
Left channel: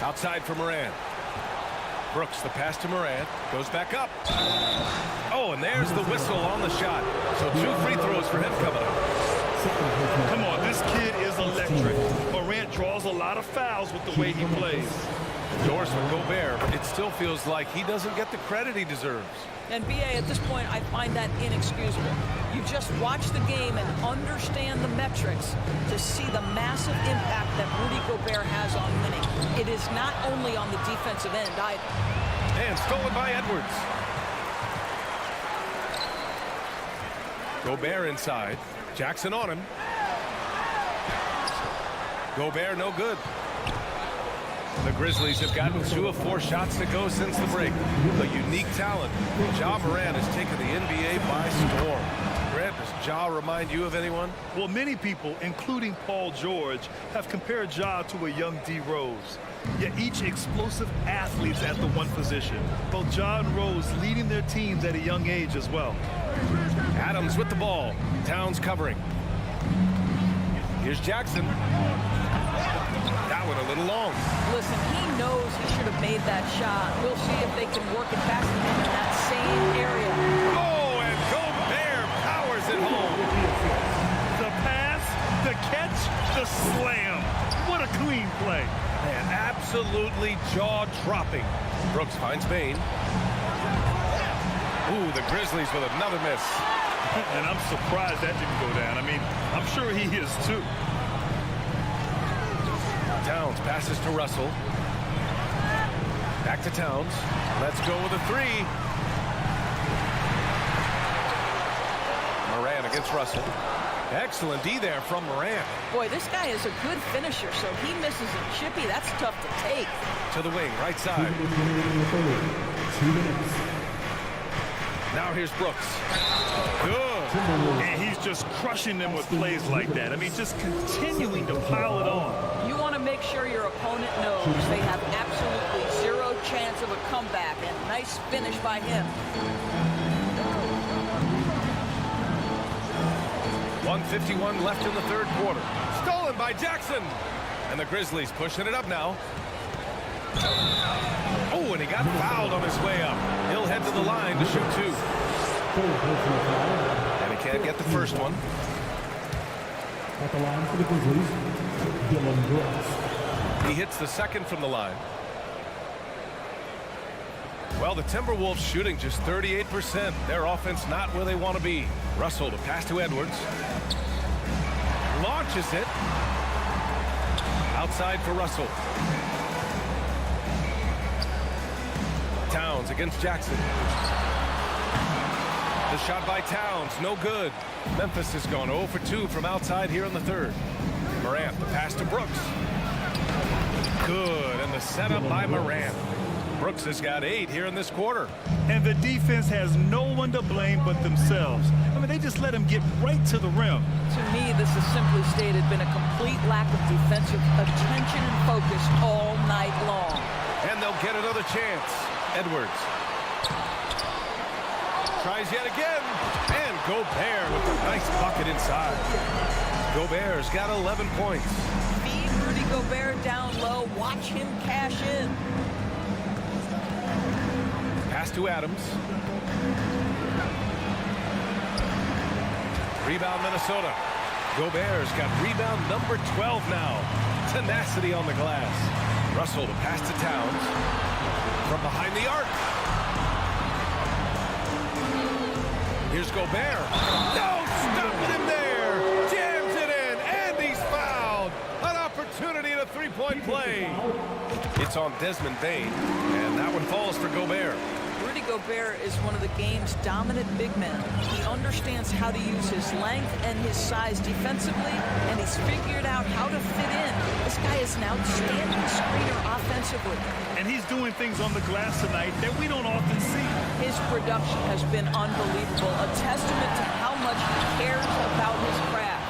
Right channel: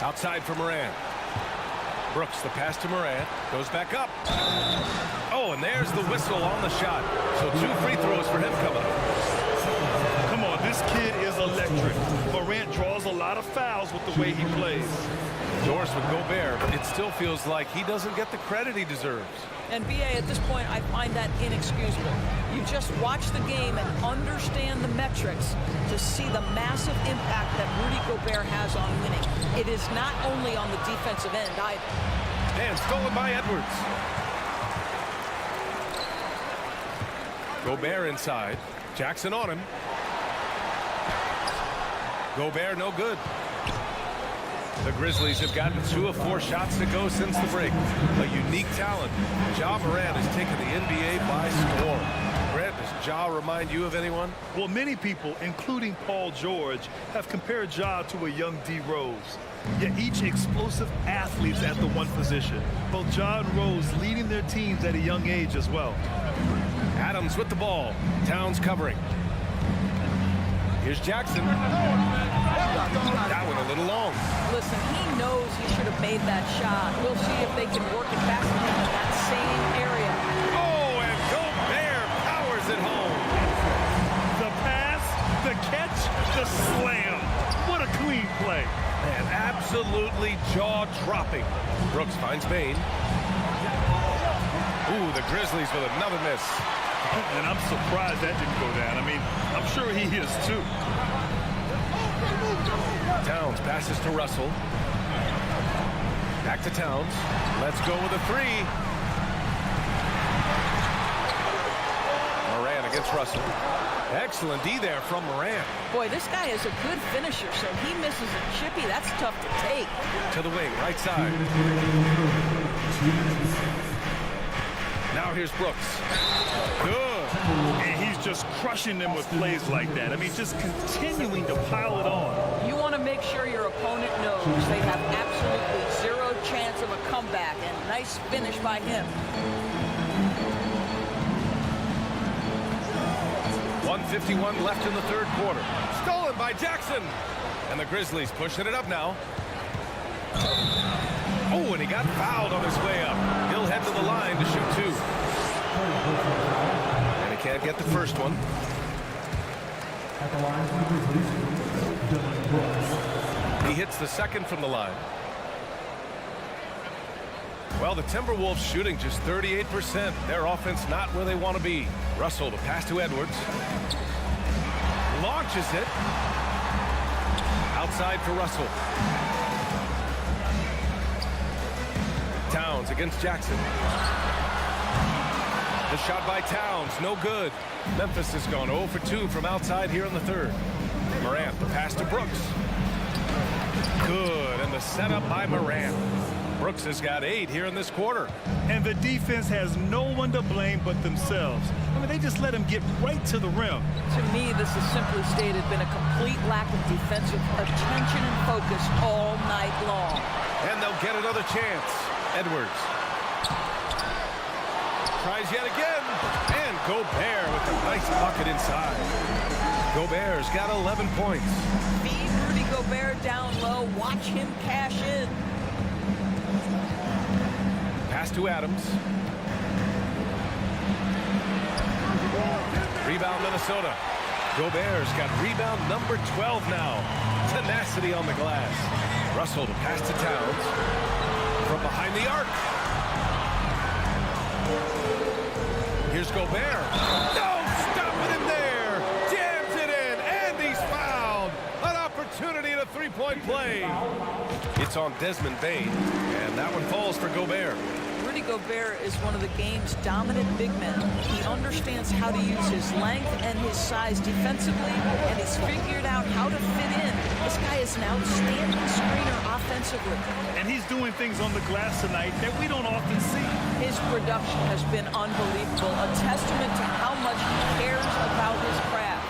Outside for Morant. Brooks, the pass to Morant, goes back up. Oh, and there's the whistle on the shot. So 2 free throws for him coming up. Come on, this kid is electric. Morant draws a lot of fouls with the way he plays. Endorsed with Gobert, it still feels like he doesn't get the credit he deserves. And BA, at this point, I find that inexcusable. You just watch the game and understand the metrics to see the massive impact that Rudy Gobert has on winning. It is not only on the defensive end either. And stolen by Edwards. Gobert inside. Jackson on him. Gobert no good. The Grizzlies have gotten 2 of 4 shots to go since the break. A unique talent. Ja Morant has taken the NBA by storm. Grant, does Ja remind you of anyone? Well, many people, including Paul George, have compared Ja to a young D. Rose. Yet each explosive athletes at the one position. Both Ja and Rose leading their teams at a young age as well. Adams with the ball. Towns covering. Here's Jackson. That one a little long. Listen, he knows he should have made that shot. We'll see if they can work it back to him in that same area. Oh, and Gobert powers it home. The pass, the catch, the slam. What a clean play. Man, absolutely jaw-dropping. Brooks finds Bain. Ooh, the Grizzlies with another miss. And I'm surprised that didn't go down. I mean, I'm sure he is too. Towns passes to Russell. Back to Towns. Let's go with a 3. Morant against Russell. Excellent D there from Morant. Boy, this guy is a good finisher, so he misses a chippy. That's tough to take. To the wing, right side. 2 minutes. Now here's Brooks. Good. And he's just crushing them with plays like that. I mean, just continuing to pile it on. You want to make sure your opponent knows they have absolutely 0 chance of a comeback, and nice finish by him. 1:51 left in the third quarter. Stolen by Jackson. And the Grizzlies pushing it up now. Oh, and he got fouled on his way up. He'll head to the line to shoot 2. And he can't get the first one. At the line for the Grizzlies, Dylan Brooks. He hits the second from the line. Well, the Timberwolves shooting just 38%. Their offense not where they want to be. Russell to pass to Edwards. Launches it. Outside for Russell. Towns against Jackson. The shot by Towns, no good. Memphis has gone 0 for 2 from outside here in the third. Morant, the pass to Brooks. Good, and the setup by Morant. Brooks has got 8 here in this quarter. And the defense has no one to blame but themselves. I mean, they just let him get right to the rim. To me, this has simply stated been a complete lack of defensive attention and focus all night long. And they'll get another chance. Edwards. Tries yet again. And Gobert with a nice bucket inside. Gobert's got 11 points. Feed Rudy Gobert down low. Watch him cash in. Pass to Adams. Rebound Minnesota. Gobert's got rebound number 12 now. Tenacity on the glass. Russell to pass to Towns. From behind the arc. Here's Gobert. No, stopping him there. Jams it in, and he's fouled. An opportunity in a three-point play. It's on Desmond Bain, and that one falls for Gobert. Rudy Gobert is one of the game's dominant big men. He understands how to use his length and his size defensively, and he's figured out how to fit in. This guy is an outstanding screener offensively. And he's doing things on the glass tonight that we don't often see. His production has been unbelievable, a testament to how much he cares about his craft.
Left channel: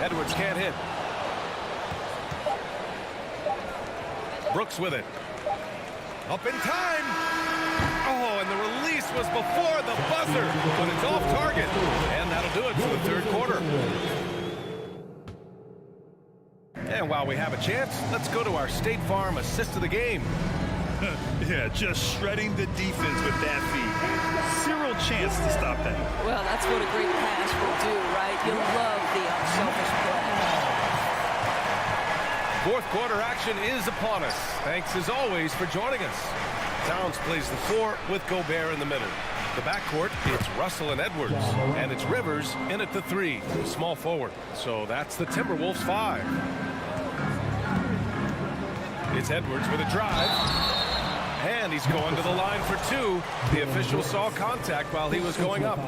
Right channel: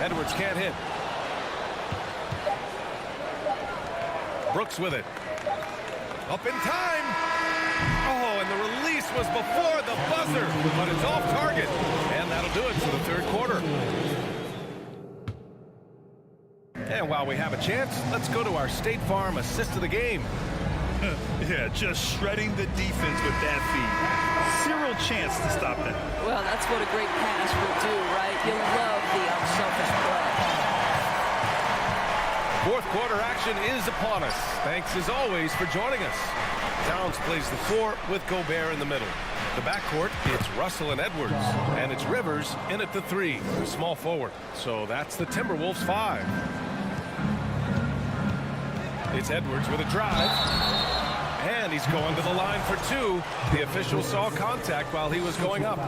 Edwards can't hit. Brooks with it. Up in time. Oh, and the release was before the buzzer, but it's off target. And that'll do it for the third quarter. And while we have a chance, let's go to our State Farm assist of the game. Yeah, just shredding the defense with that feed. Zero chance to stop that. Well, that's what a great pass will do, right? You love the unselfish play. Fourth quarter action is upon us. Thanks as always for joining us. Towns plays the 4 with Gobert in the middle. The backcourt, it's Russell and Edwards. And it's Rivers in at the 3, the small forward. So that's the Timberwolves 5. It's Edwards with a drive. And he's going to the line for 2. The official saw contact while he was going up.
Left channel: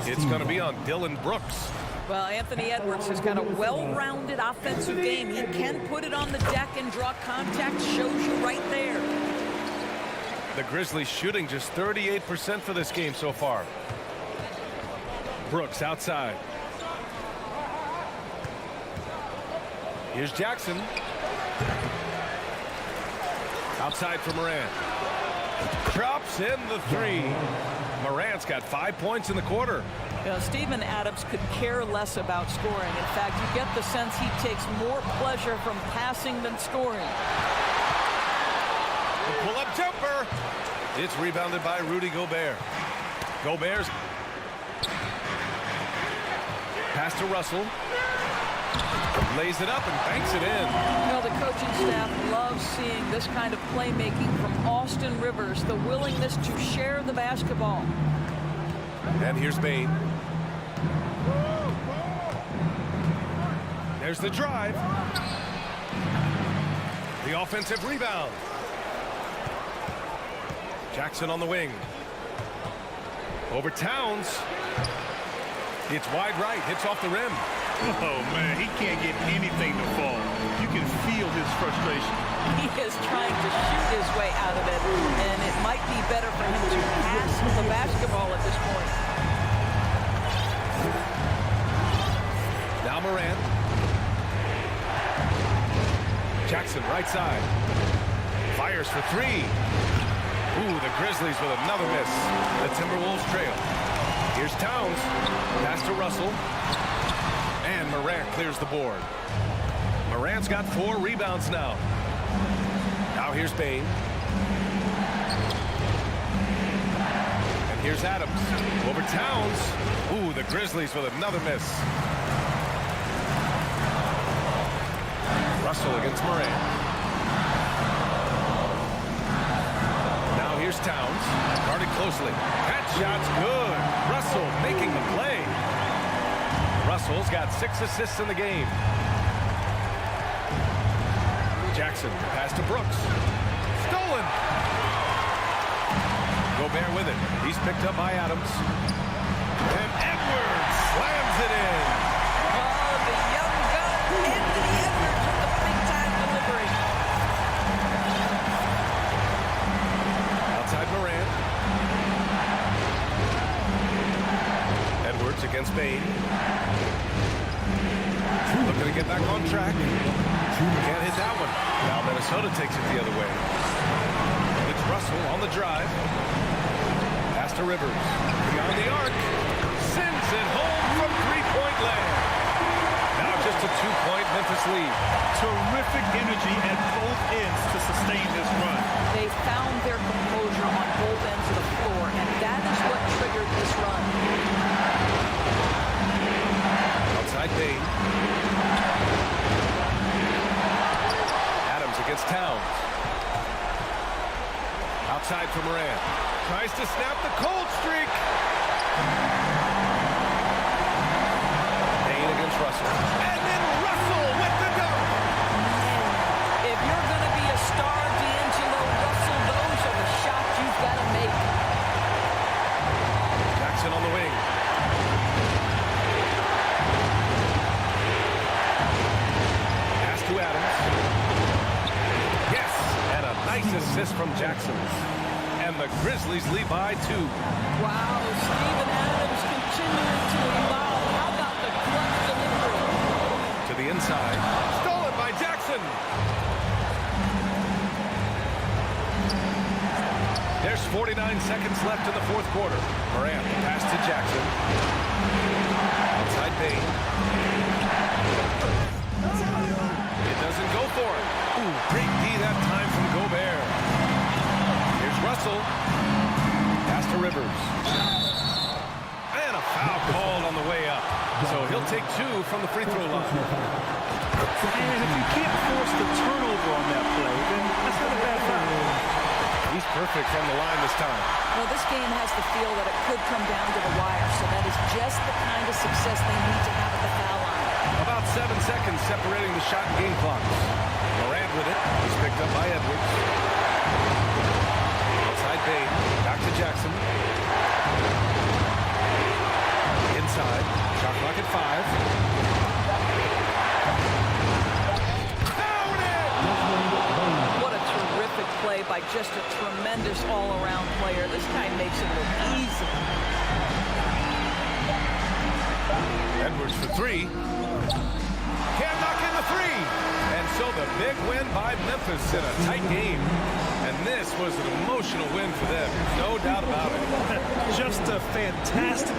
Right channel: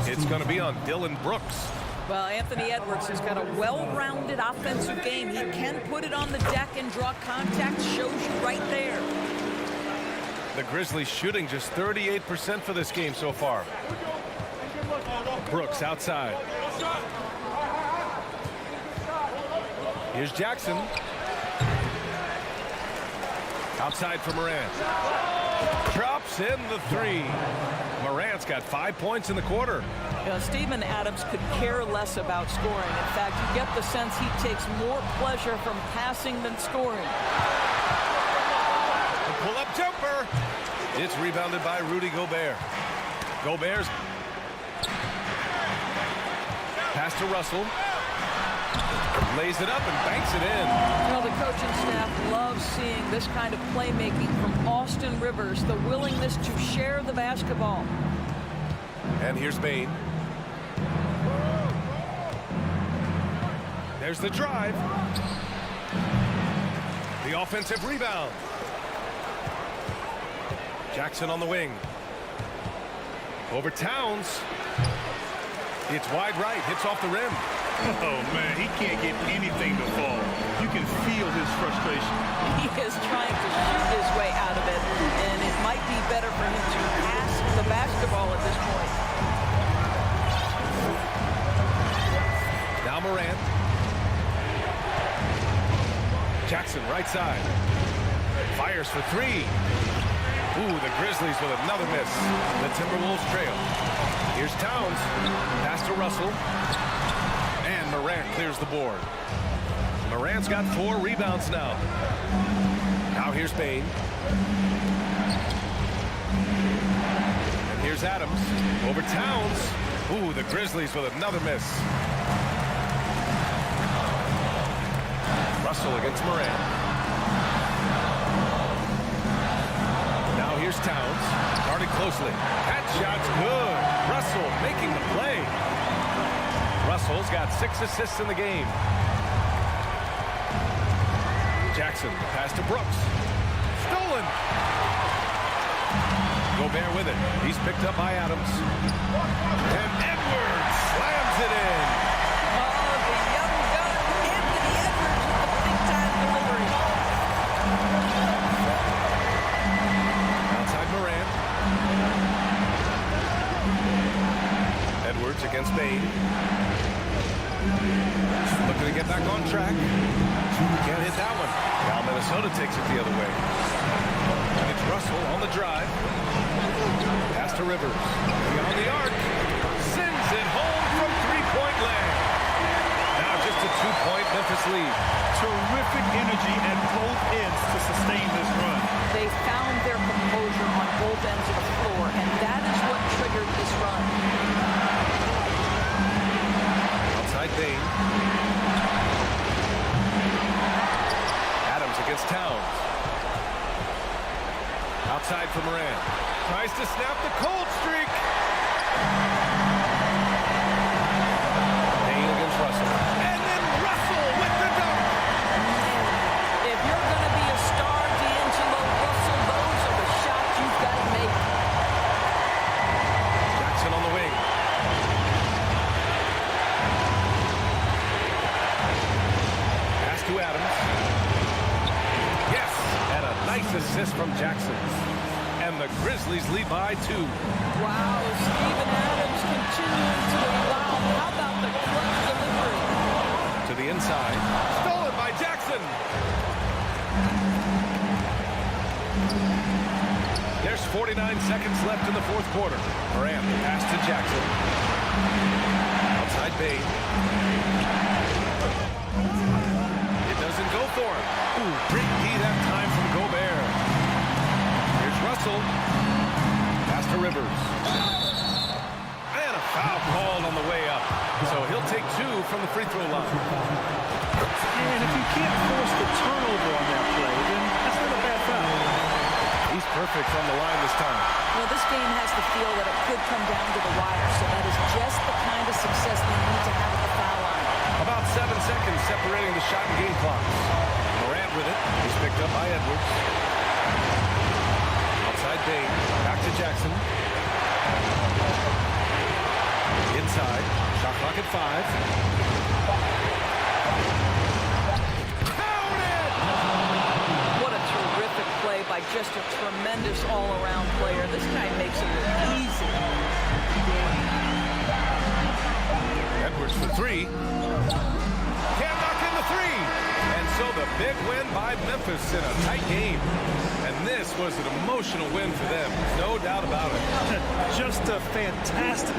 It's going to be on Dylan Brooks. Well, Anthony Edwards has got a well-rounded offensive game. He can put it on the deck and draw contact. Shows you right there. The Grizzlies shooting just 38% for this game so far. Brooks outside. Here's Jackson. Outside for Morant. Drops in the 3. Morant's got 5 points in the quarter. You know, Steven Adams could care less about scoring. In fact, you get the sense he takes more pleasure from passing than scoring. The pull-up jumper. It's rebounded by Rudy Gobert. Gobert's pass to Russell. Lays it up and banks it in. You know, the coaching staff loves seeing this kind of playmaking from Austin Rivers, the willingness to share the basketball. And here's Bane. There's the drive. The offensive rebound. Jackson on the wing. Over Towns. It's wide right. Hits off the rim. Oh, man, he can't get anything to fall. You can feel his frustration. He is trying to shoot his way out of it, and it might be better for him to pass the basketball at this point. Now Morant. Jackson right side. Fires for 3. Ooh, the Grizzlies with another miss. The Timberwolves trail. Here's Towns. Pass to Russell. And Morant clears the board. Morant's got 4 rebounds now. Now here's Bane. And here's Adams. Over Towns. Ooh, the Grizzlies with another miss. Russell against Morant. Now here's Towns. Guarded closely. That shot's good. Russell making the play. Russell's got 6 assists in the game. Jackson, pass to Brooks. Stolen. Gobert with it. He's picked up by Adams. And Edwards slams it in. Oh, the young gun, Anthony Edwards with the big-time delivery. Outside Morant. Edwards against Bane. Looking to get back on track. Can't hit that one. Now Minnesota takes it the other way. And it's Russell on the drive. Pass to Rivers. Beyond the arc. Sends it home from three-point land. Now just a 2-point Memphis lead. Terrific energy at both ends to sustain this run. They found their composure on both ends of the floor, and that is what triggered this run. Outside Bane. Adams against Towns. Outside for Morant. Tries to snap the cold streak. Bane against Russell. And then Russell with the dunk. If you're going to be a star, D'Angelo Russell, those are the shots you've got to make. Jackson on the wing. Pass to Adams. Yes, and a nice assist from Jackson. And the Grizzlies lead by 2. Wow, Steven Adams continuing to evolve. How about the clutch delivery? To the inside. Stolen by Jackson. There's 49 seconds left in the fourth quarter. Morant, pass to Jackson. Outside Bane. It doesn't go for him. Ooh, great D that time from Gobert. Here's Russell. Pass to Rivers. And a Foul called on the way up. So he'll take 2 from the free throw line. And if you can't force the turnover on that play, then that's not a bad foul. He's perfect from the line this time. Well, this game has the feel that it could come down to the wire, so that is just the kind of success they need to have at the foul line. About 7 seconds separating the shot and game clocks. Morant with it. He's picked up by Edwards. Outside Bain. Back to Jackson. Inside. Shot clock at 5. Terrific play by just a tremendous all-around player. This guy makes it look easy. Edwards for 3. Can't knock in the 3. And so the big win by Memphis in a tight game. And this was an emotional win for them. No doubt about it. Just a fantastic...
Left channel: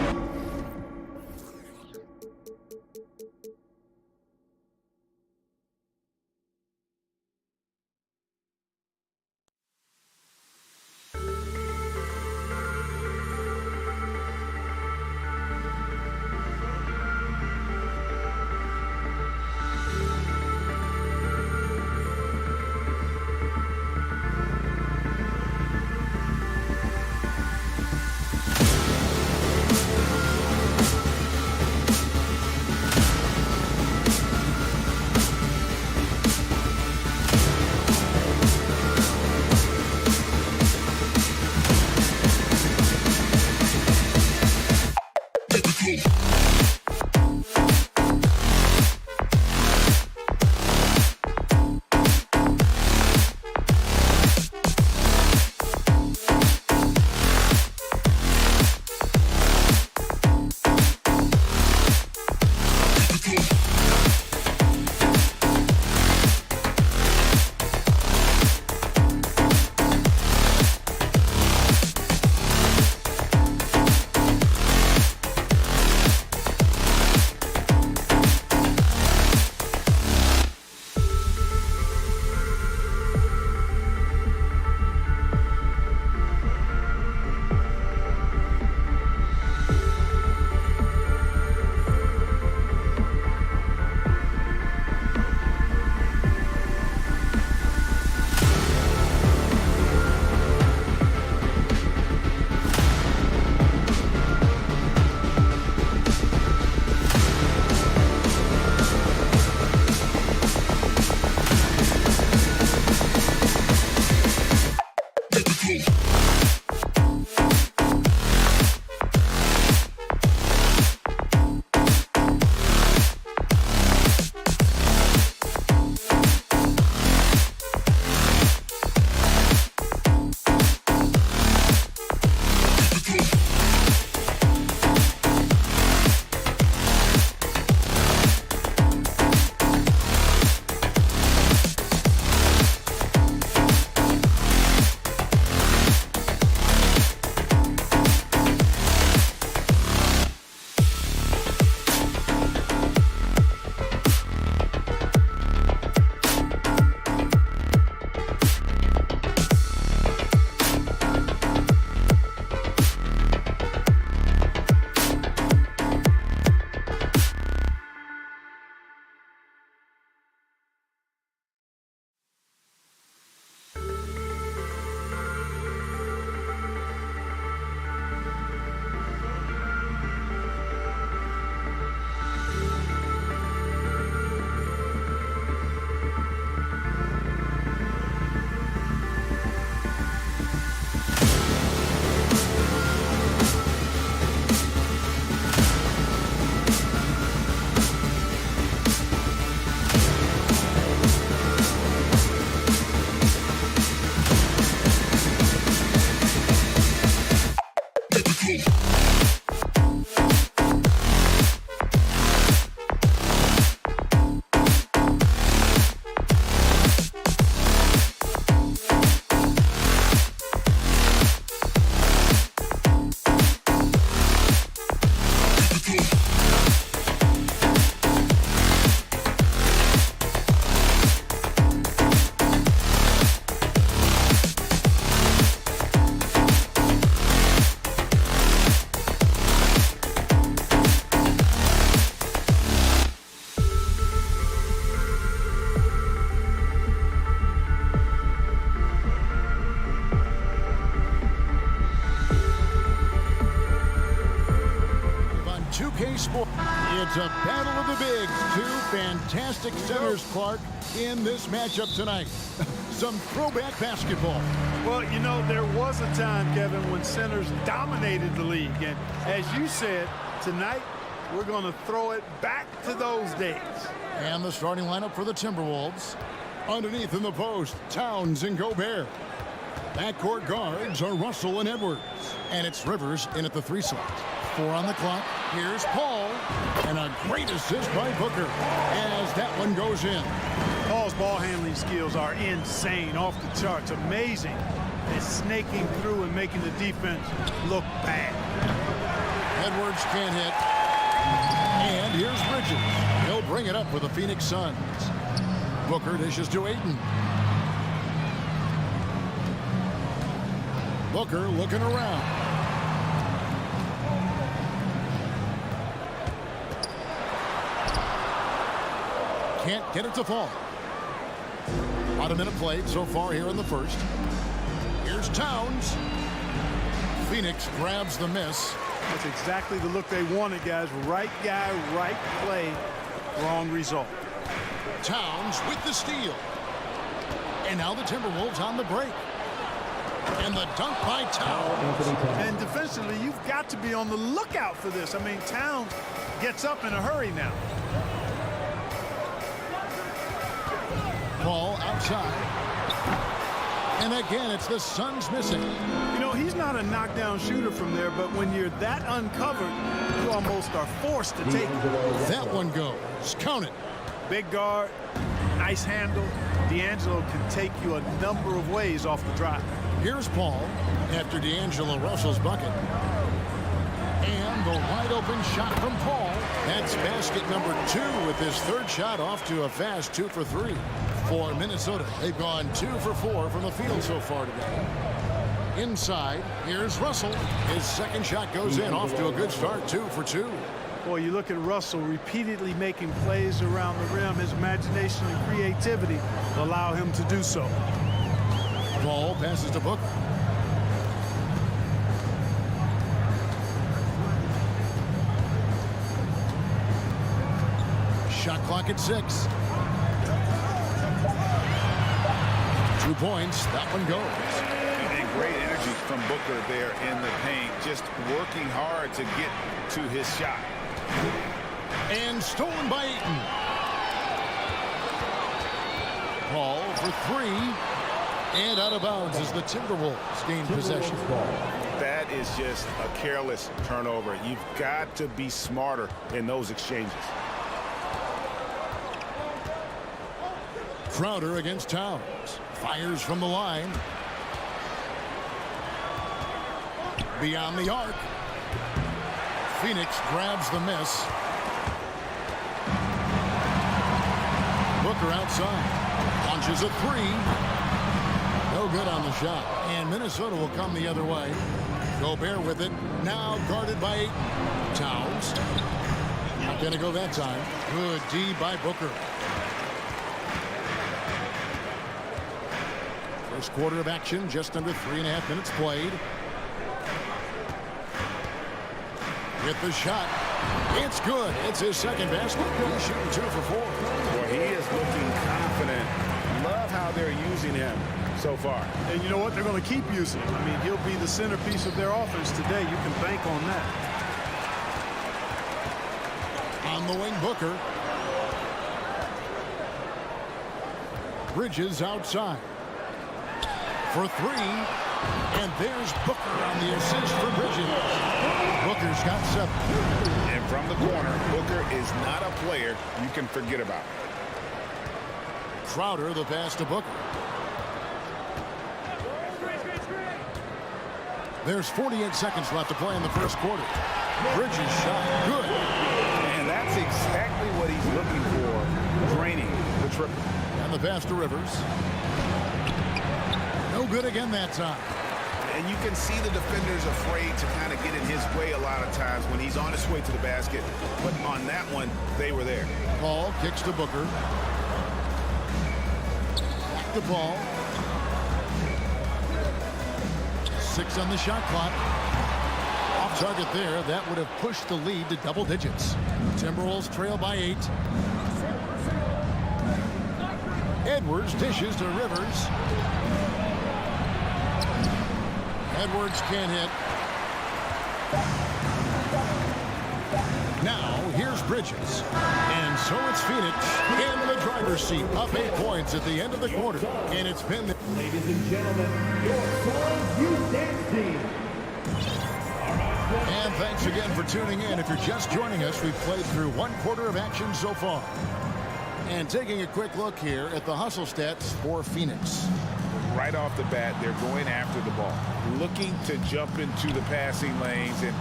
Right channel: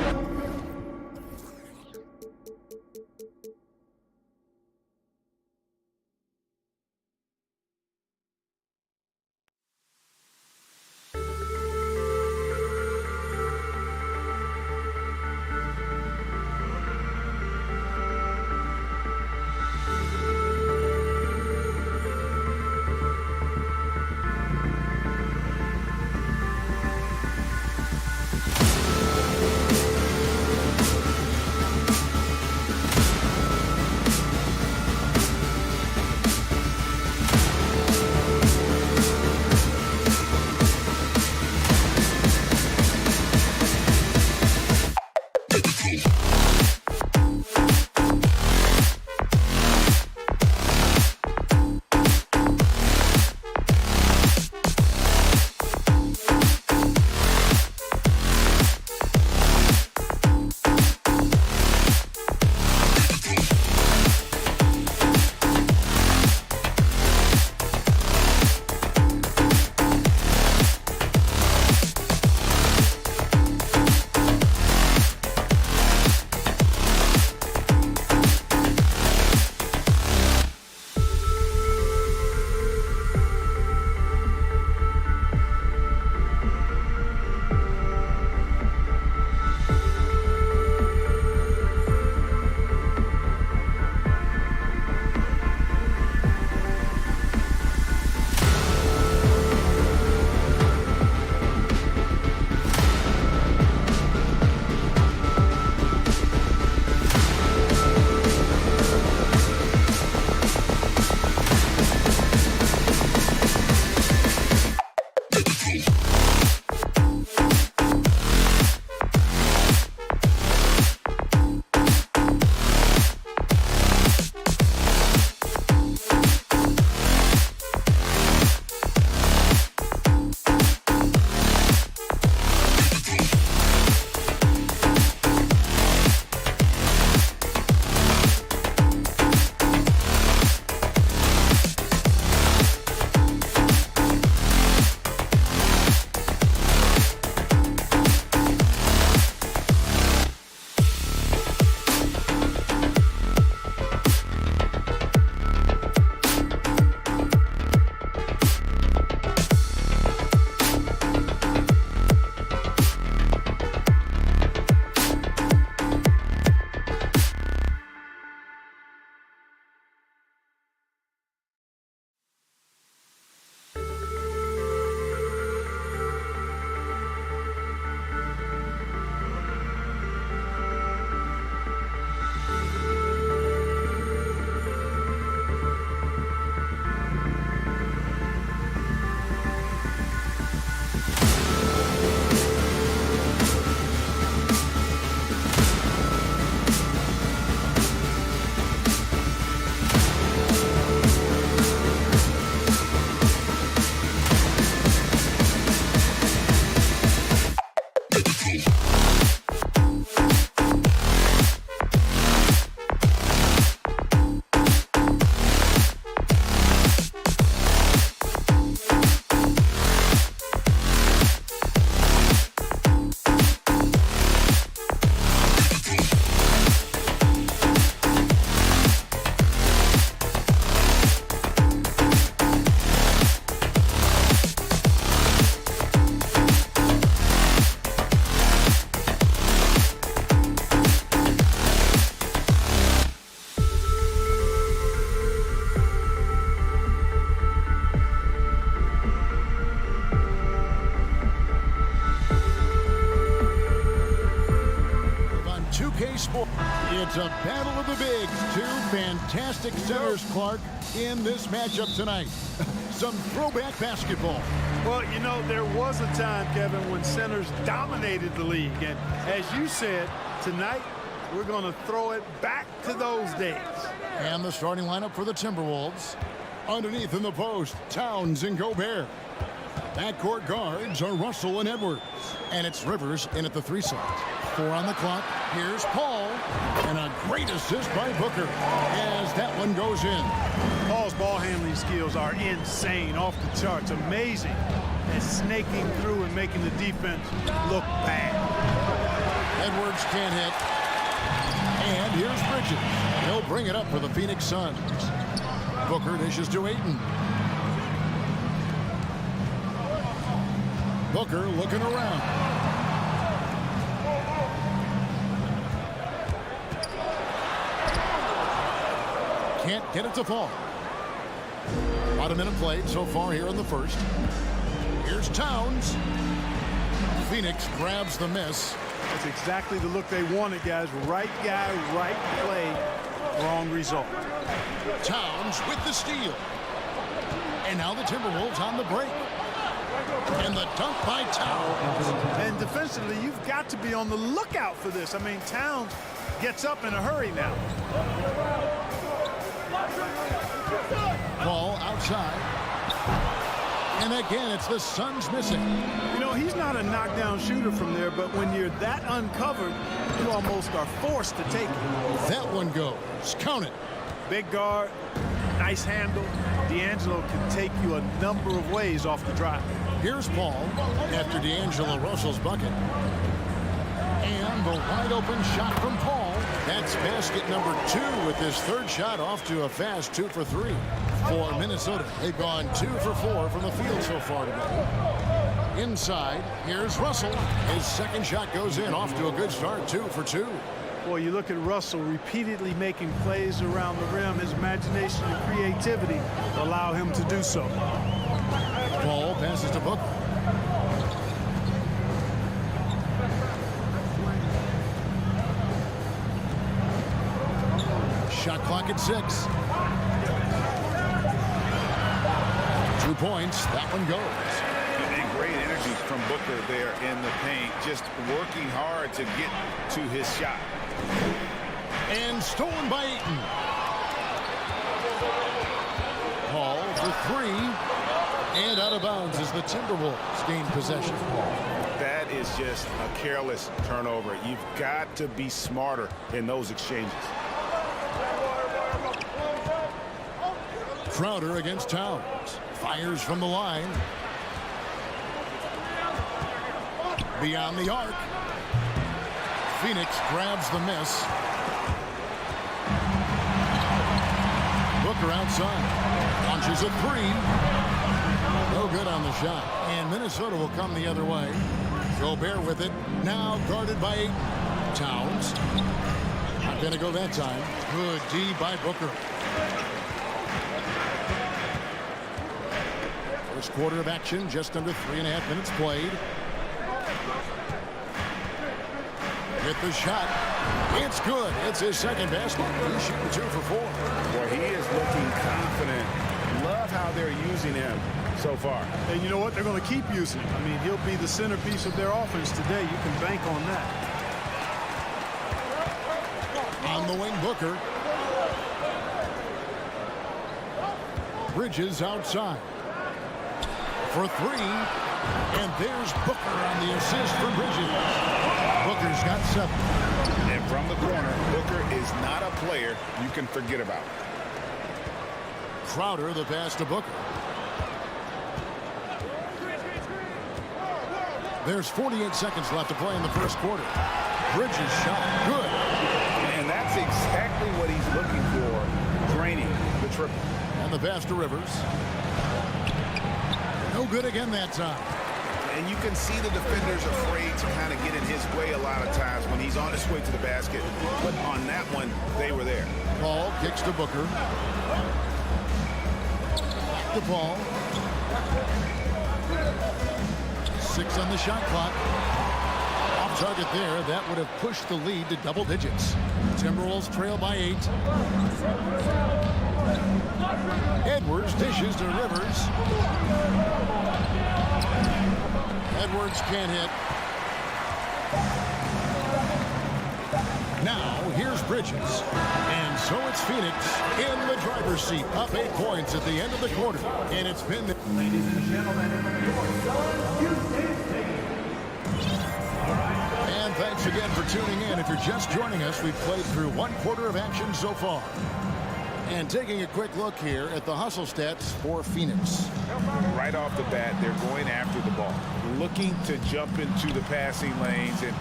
Sports. It's a battle of the bigs. Two fantastic centers, Clark, in this matchup tonight. Some throwback basketball. Well, you know, there was a time, Kevin, when centers dominated the league. And as you said, tonight we're going to throw it back to those days. And the starting lineup for the Timberwolves. Underneath in the post, Towns and Gobert. Backcourt guards are Russell and Edwards. And it's Rivers in at the 3 slot. 4 on the clock. Here's Paul. And a great assist by Booker as that one goes in. Paul's ball handling skills are insane, off the charts, amazing at snaking through and making the defense look bad. Edwards can't hit. And here's Bridges. He'll bring it up for the Phoenix Suns. Booker dishes to Ayton. Booker looking around. Can't get it to fall. About a minute played so far here in the first. Here's Towns. Phoenix grabs the miss. That's exactly the look they wanted, guys. Right guy, right play, wrong result. Towns with the steal. And now the Timberwolves on the break. And the dunk by Towns. And defensively, you've got to be on the lookout for this. I mean, Towns gets up in a hurry now. Ball outside. And again, it's the Suns missing. You know, he's not a knockdown shooter from there, but when you're that uncovered, you almost are forced to take it. That one goes. Count it. Big guard, nice handle. D'Angelo can take you a number of ways off the drive. Here's Paul after D'Angelo Russell's bucket. And the wide open shot from Paul. That's basket number 2 with his third shot off to a fast 2 for 3 for Minnesota. They've gone 2 for 4 from the field so far today. Inside, here's Russell. His second shot goes in off to a good start, 2 for 2. Boy, you look at Russell repeatedly making plays around the rim. His imagination and creativity allow him to do so. Ball passes to Booker. Shot clock at 6. 2 points. That one goes. And great energy from Booker there in the paint, just working hard to get to his shot. And stolen by Ayton. Paul for 3. And out of bounds as the Timberwolves gain possession. That is just a careless turnover. You've got to be smarter in those exchanges. Crowder against Towns. Fires from the line. Beyond the arc. Phoenix grabs the miss. Booker outside. Launches a 3. No good on the shot. And Minnesota will come the other way. Gobert with it. Now guarded by Ayton. Towns. Not going to go that time. Good D by Booker. First quarter of action, just under 3.5 minutes played. Get the shot. It's good. It's his second basket. He's shooting 2 for 4. Boy, he is looking confident. Love how they're using him so far. And you know what? They're going to keep using him. I mean, he'll be the centerpiece of their offense today. You can bank on that. On the wing, Booker. Bridges outside. For 3. And there's Booker on the assist for Bridges. Booker's got 7. And from the corner, Booker is not a player you can forget about. Crowder, the pass to Booker. There's 48 seconds left to play in the first quarter. Bridges shot. Good. And that's exactly what he's looking for, draining the triple. And the pass to Rivers. No good again that time. And you can see the defenders afraid to kind of get in his way a lot of times when he's on his way to the basket. But on that one, they were there. Paul kicks to Booker. Back to Paul. 6 on the shot clock. Off Off target there. That would have pushed the lead to double digits. Timberwolves trail by 8. Edwards dishes to Rivers. Edwards can't hit. Now, here's Bridges. And so it's Phoenix in the driver's seat, up 8 points at the end of the quarter. And it's been... Ladies and gentlemen, your Suns Houston team. And thanks again for tuning in. If you're just joining us, we've played through 1 quarter of action so far. And taking a quick look here at the hustle stats for Phoenix. Right off the bat, they're going after the ball, looking to jump into the passing lanes and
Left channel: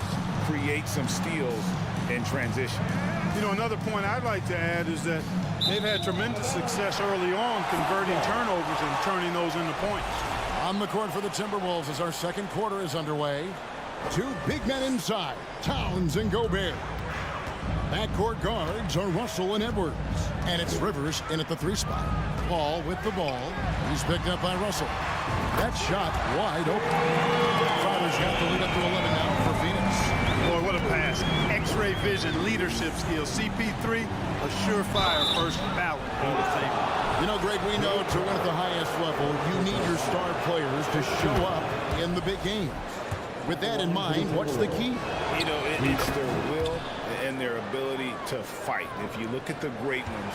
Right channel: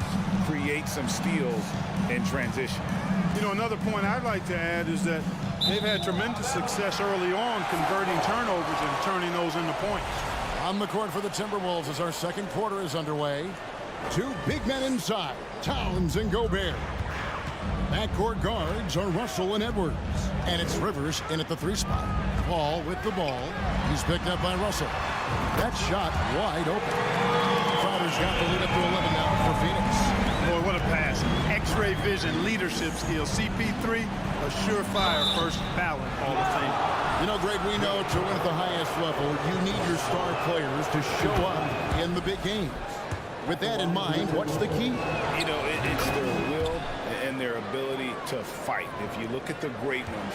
create some steals in transition. You know, another point I'd like to add is that they've had tremendous success early on converting turnovers and turning those into points. On the court for the Timberwolves as our second quarter is underway. 2 big men inside, Towns and Gobert. Backcourt guards are Russell and Edwards. And it's Rivers in at the 3 spot. Paul with the ball. He's picked up by Russell. That shot wide open. Crowder's got the lead up to 11 now for Phoenix. Boy, what a pass. X-ray vision, leadership skills. CP3, a surefire first ballot Hall of Fame. You know, Greg, we know to win at the highest level, you need your star players to show up in the big games. With that in mind, what's the key? You know, it's their will and their ability to fight. If you look at the great ones,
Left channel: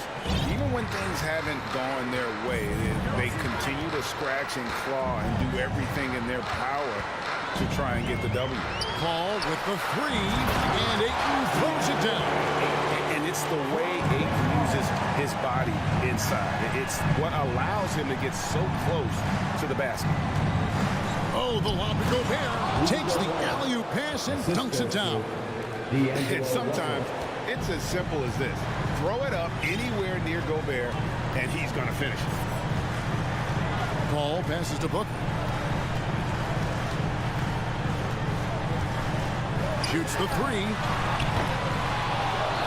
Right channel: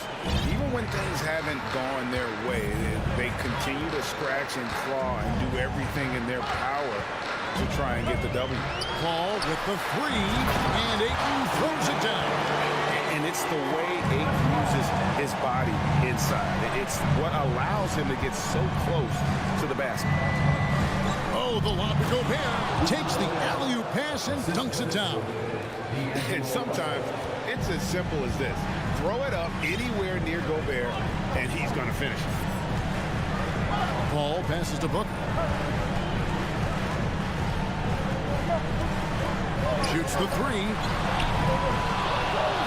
even when things haven't gone their way, they continue to scratch and claw and do everything in their power to try and get the W. Paul with the 3, and Ayton throws it down. And it's the way Ayton uses his body inside. It's what allows him to get so close to the basket. Oh, the lob to Gobert. Takes the alley-oop pass and dunks it down. And sometimes it's as simple as this. Throw it up anywhere near Gobert, and he's going to finish it. Paul passes to Booker. Shoots the 3.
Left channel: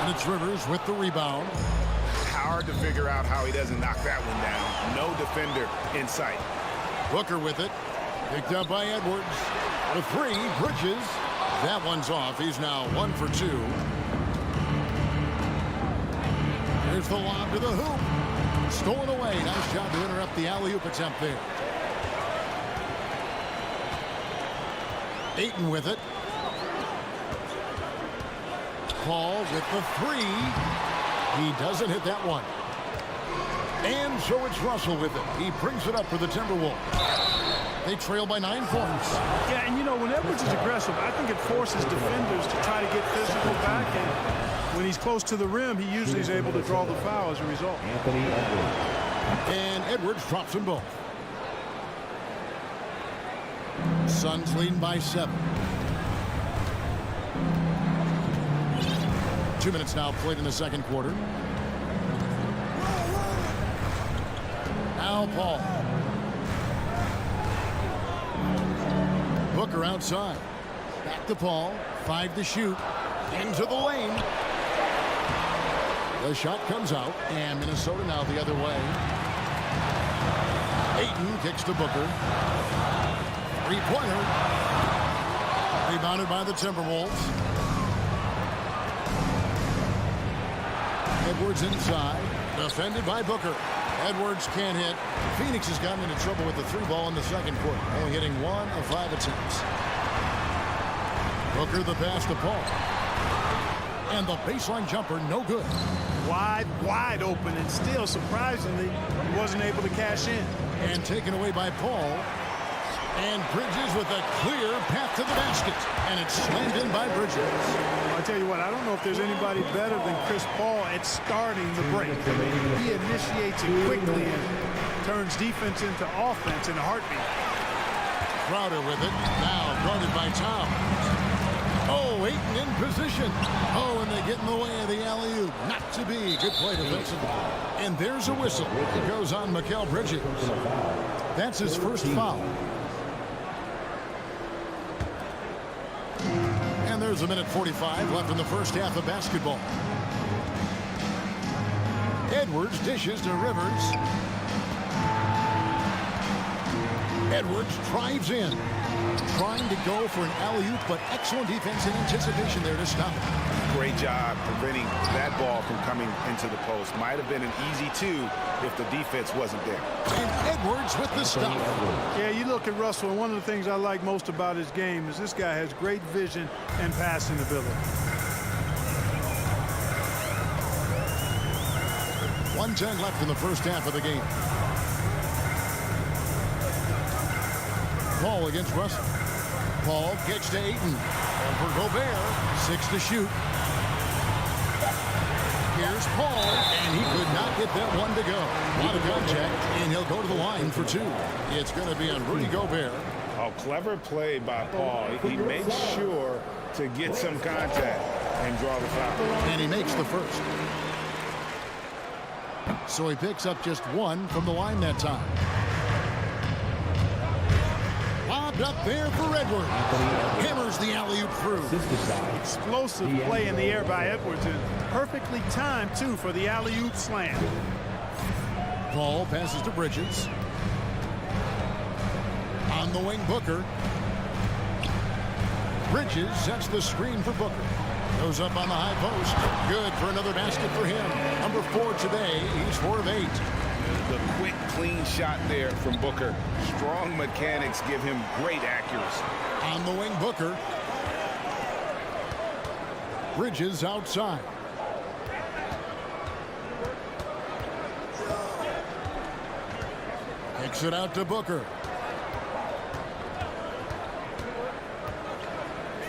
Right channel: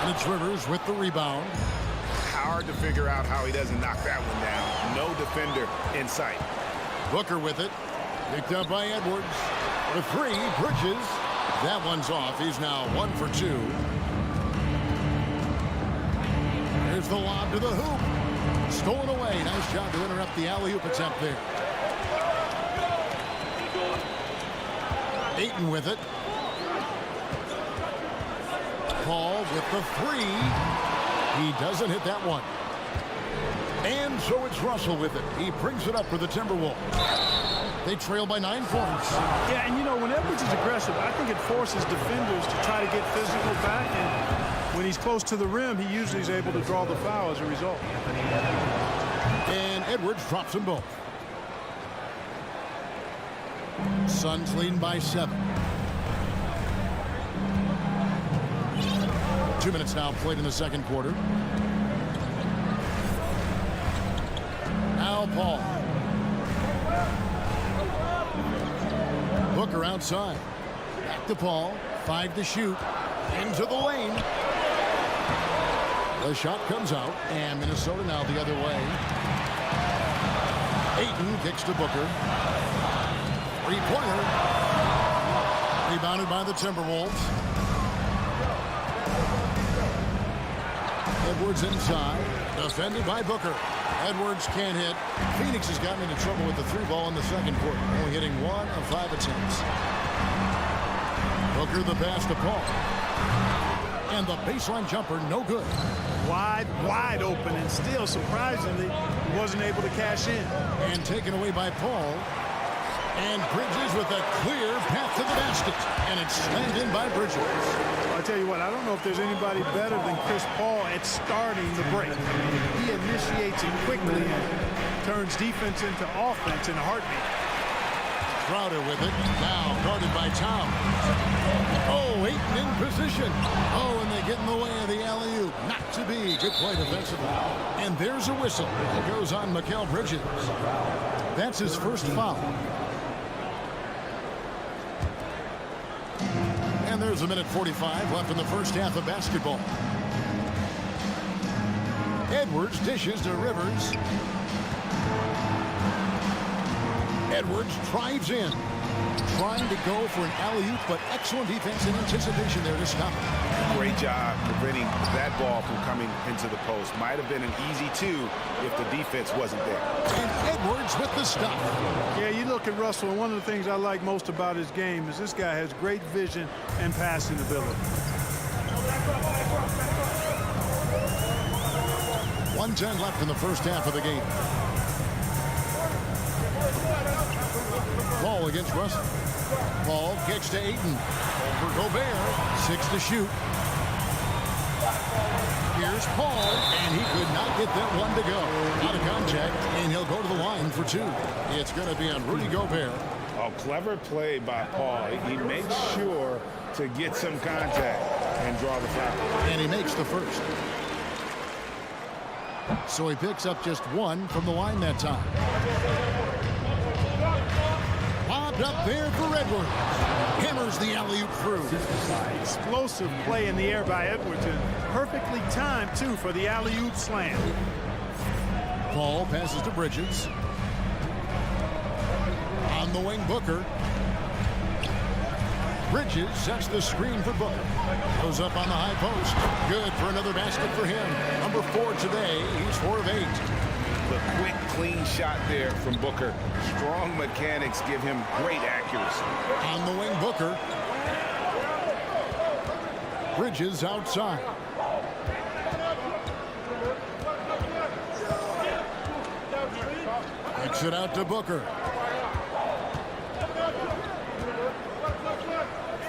And it's Rivers with the rebound. Hard to figure out how he doesn't knock that one down. No defender in sight. Booker with it. Picked up by Edwards. For 3, Bridges. That one's off. He's now 1 for 2. Here's the lob to the hoop. Stolen away. Nice job to interrupt the alley-oop attempt there. Ayton with it. Paul with the 3. He doesn't hit that one. And so it's Russell with it. He brings it up for the Timberwolves. They trail by 9 points. Yeah, and you know, when Edwards is aggressive, I think it forces defenders to try to get physical back. And when he's close to the rim, he usually is able to draw the foul as a result. And Edwards drops them both. Suns leading by 7. 2 minutes now played in the second quarter. Now Paul. Booker outside. Back to Paul. 5 to shoot. Into the lane. The shot comes out. And Minnesota now the other way. Ayton kicks to Booker. 3-pointer. Rebounded by the Timberwolves. Edwards inside. Defended by Booker. Edwards can't hit. Phoenix has gotten into trouble with the 3 ball in the second quarter, only hitting 1 of 5 attempts. Booker the pass to Paul. And the baseline jumper, no good. Wide open, and still, surprisingly, he wasn't able to cash in. And taken away by Paul. And Bridges with a clear path to the basket. And it's slammed in by Bridges. I tell you what, I don't know if there's anybody better than Chris Paul at starting the break. He initiates it quickly and turns defense into offense in a heartbeat. Crowder with it. Now guarded by Towns. Oh, Ayton in position. Oh, and they get in the way of the alley-oop. Not to be. Good play defensively. And there's a whistle. It goes on Mikal Bridges. That's his first foul. And there's 1:45 left in the first half of basketball. Edwards dishes to Rivers. Edwards drives in. Trying to go for an alley-oop, but excellent defense and anticipation there to stop it. Great job preventing that ball from coming into the post. Might have been an easy two if the defense wasn't there. And Edwards with the stop. Yeah, you look at Russell, and one of the things I like most about his game is this guy has great vision and passing ability. 1:10 left in the first half of the game. Paul against Russell. Paul kicks to Ayton. Over Gobert. 6 to shoot. Here's Paul, and he could not get that one to go. A lot of contact, and he'll go to the line for 2. It's going to be on Rudy Gobert. Oh, clever play by Paul. He makes sure to get some contact and draw the foul. And he makes the first. So he picks up just 1 from the line that time. Lobbed up there for Edwards. Hammers the alley-oop through. Explosive play in the air by Edwards, and perfectly timed, too, for the alley-oop slam. Paul passes to Bridges. On the wing, Booker. Bridges sets the screen for Booker. Goes up on the high post. Good for another basket for him. Number 4 today. He's 4 of 8. The quick, clean shot there from Booker. Strong mechanics give him great accuracy. On the wing, Booker. Bridges outside. Kicks it out to Booker.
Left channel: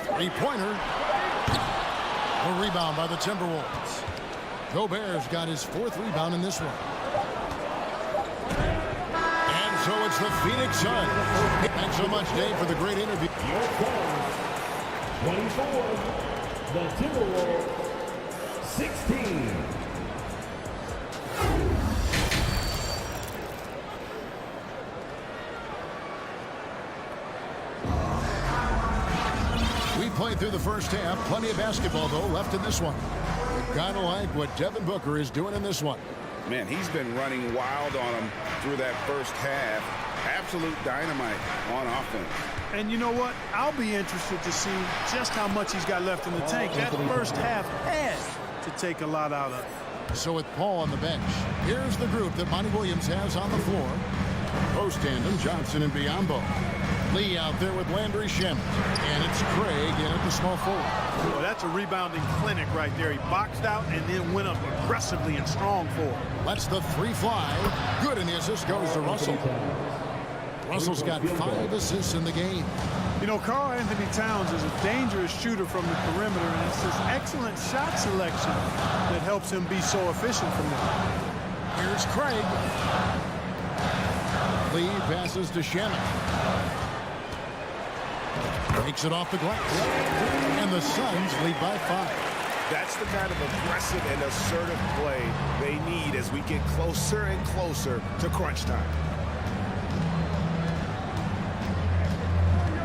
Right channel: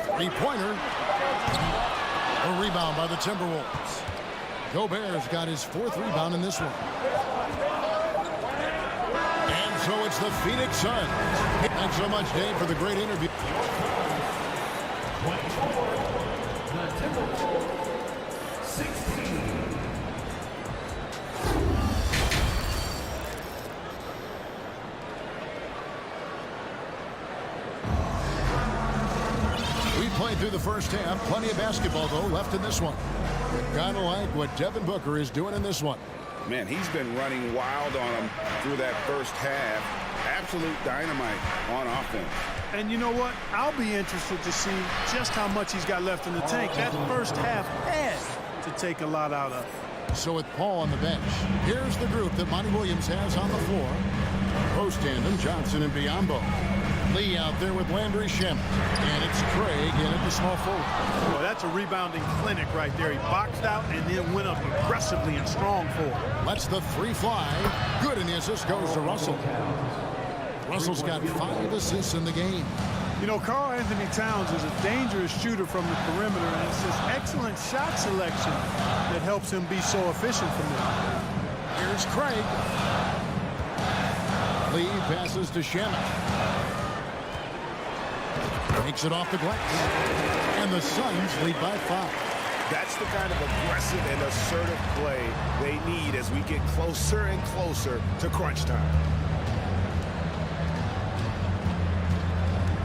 3-pointer. A rebound by the Timberwolves. Gobert's got his 4th rebound in this one. And so it's the Phoenix Suns. Thanks so much, Dave, for the great interview. 24, the Timberwolves, 16. We played through the first half. Plenty of basketball, though, left in this one. You gotta like what Devin Booker is doing in this one. Man, he's been running wild on him through that first half. Absolute dynamite on offense. And you know what? I'll be interested to see just how much he's got left in the tank. That first half had to take a lot out of it. So with Paul on the bench, here's the group that Monty Williams has on the floor. Post tandem, Johnson and Biyombo. Lee out there with Landry Shamet. And it's Craig in at the small forward. Well, that's a rebounding clinic right there. He boxed out and then went up aggressively and strong forward. Lets the 3 fly. Good, and the assist goes to Russell. Russell's got 5 assists in the game. You know, Karl Anthony Towns is a dangerous shooter from the perimeter, and it's this excellent shot selection that helps him be so efficient from there. Here's Craig. Lee passes to Shamet. Takes it off the glass. And the Suns lead by 5. That's the kind of aggressive and assertive play they need as we get closer and closer to crunch time.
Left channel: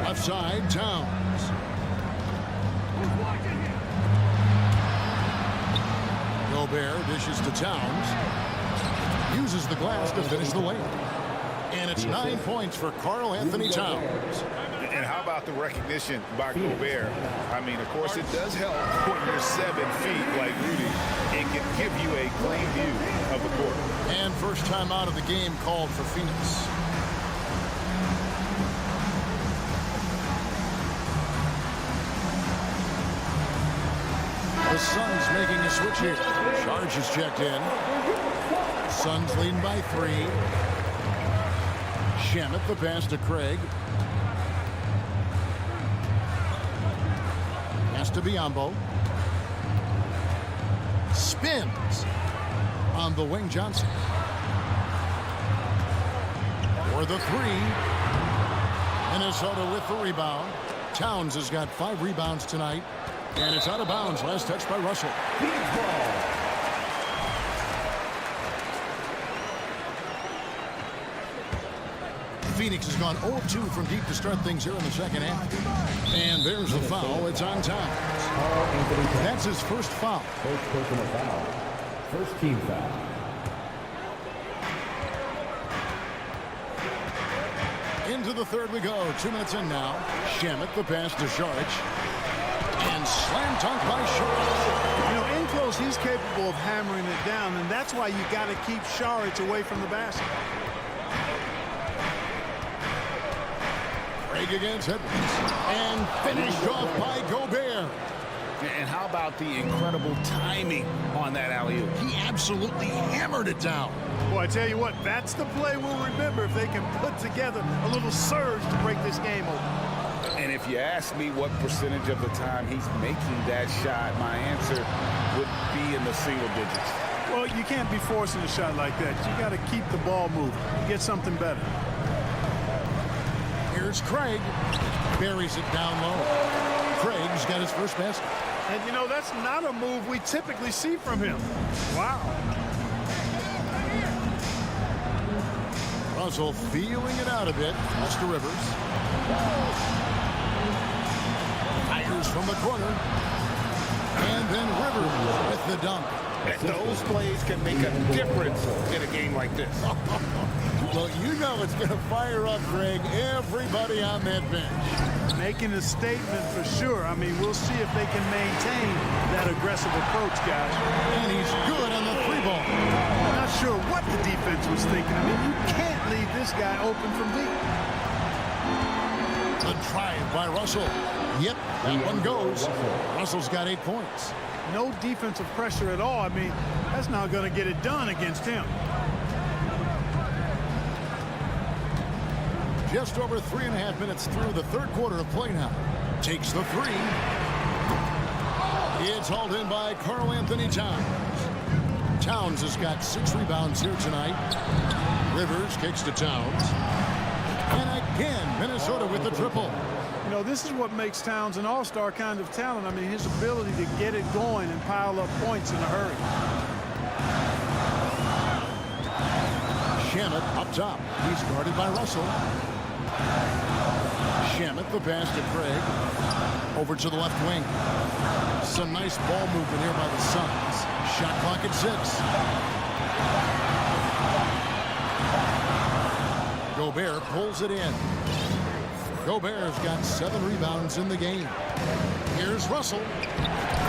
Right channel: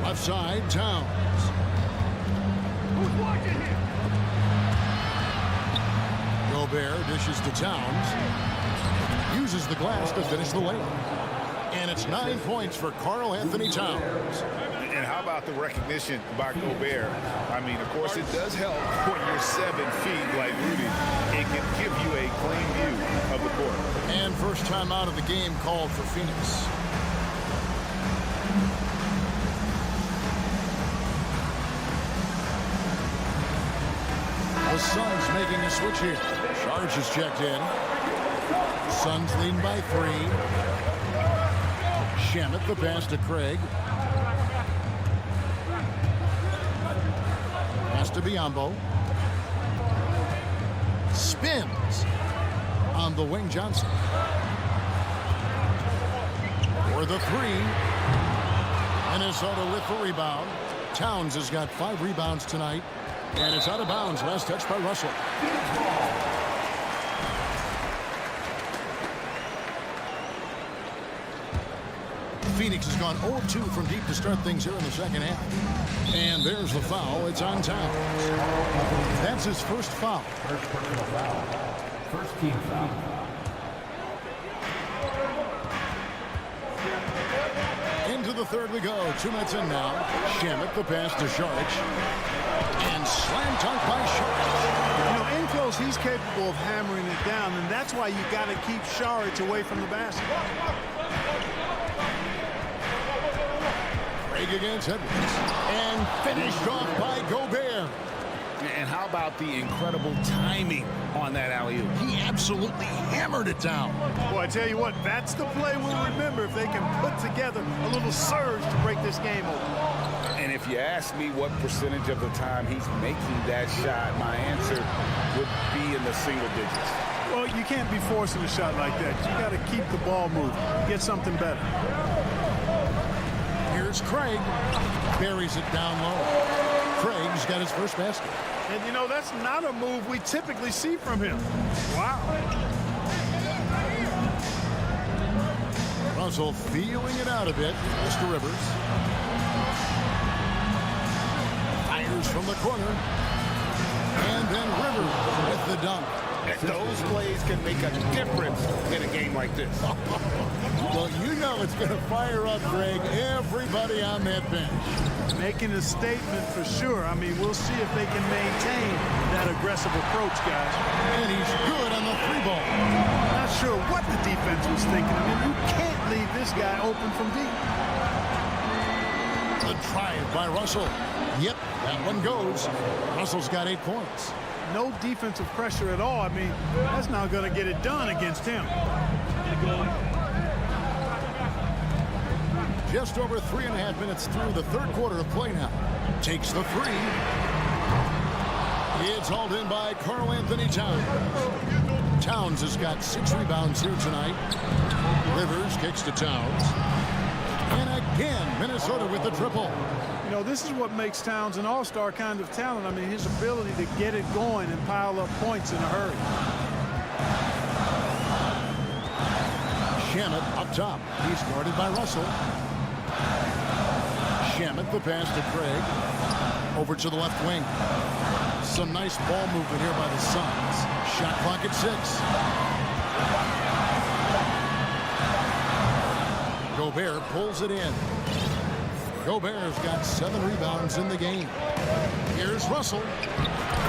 Left side, Towns. Who's watching here? Gobert dishes to Towns. Uses the glass to finish the layup. And it's 9 points for Karl Anthony Towns. And how about the recognition by Gobert? I mean, of course, it does help when you're 7 feet like Rudy. It can give you a clean view of the court. And first time out of the game called for Phoenix. The Suns making a switch here. Charge is checked in. Suns leading by 3. Shamet the pass to Craig. Pass to Biyombo. Spins on the wing, Johnson. For the 3. Minnesota with the rebound. Towns has got 5 rebounds tonight. And it's out of bounds. Last touch by Russell. Phoenix has gone 0-2 from deep to start things here in the second half. And there's the foul. It's on Towns. That's his first foul. First personal foul. First team foul. Into the third we go. 2 minutes in now. Shamet, the pass to Sharich. And slam dunk by Sharich. You know, in close, he's capable of hammering it down, and that's why you got to keep Sharich away from the basket. Craig against Edwards. And finished off by Gobert. And how about the incredible timing on that alley-oop? He absolutely hammered it down. Boy, I tell you what, that's the play we'll remember if they can put together a little surge to break this game open. And if you ask me what percentage of the time he's making that shot, my answer would be in the single digits. Well, you can't be forcing a shot like that. You got to keep the ball moving. Get something better. Here's Craig. Buries it down low. Craig's got his first basket. And, you know, that's not a move we typically see from him. Wow. Russell feeling it out a bit. Pass to Rivers. Fires from the corner. And then Rivers with the dunk. Those plays can make a difference in a game like this. Well, you know it's going to fire up, Greg, everybody on that bench. Making a statement for sure. I mean, we'll see if they can maintain that aggressive approach, guys. And he's good on the three ball. Not sure what the defense was thinking. I mean, you can't leave this guy open from deep. The drive by Russell. Yep, that one goes. Russell's got 8 points. No defensive pressure at all. I mean, that's not going to get it done against him. Just over 3.5 minutes through the third quarter of play now. Takes the three. It's hauled in by Karl Anthony Towns. Towns has got 6 rebounds here tonight. Rivers kicks to Towns. And again, Minnesota with the triple. You know, this is what makes Towns an all-star kind of talent. I mean, his ability to get it going and pile up points in a hurry. Shamet up top. He's guarded by Russell. Shamet, the pass to Craig. Over to the left wing. Some nice ball movement here by the Suns. Shot clock at 6. Gobert pulls it in. Gobert's got 7 rebounds in the game. Here's Russell.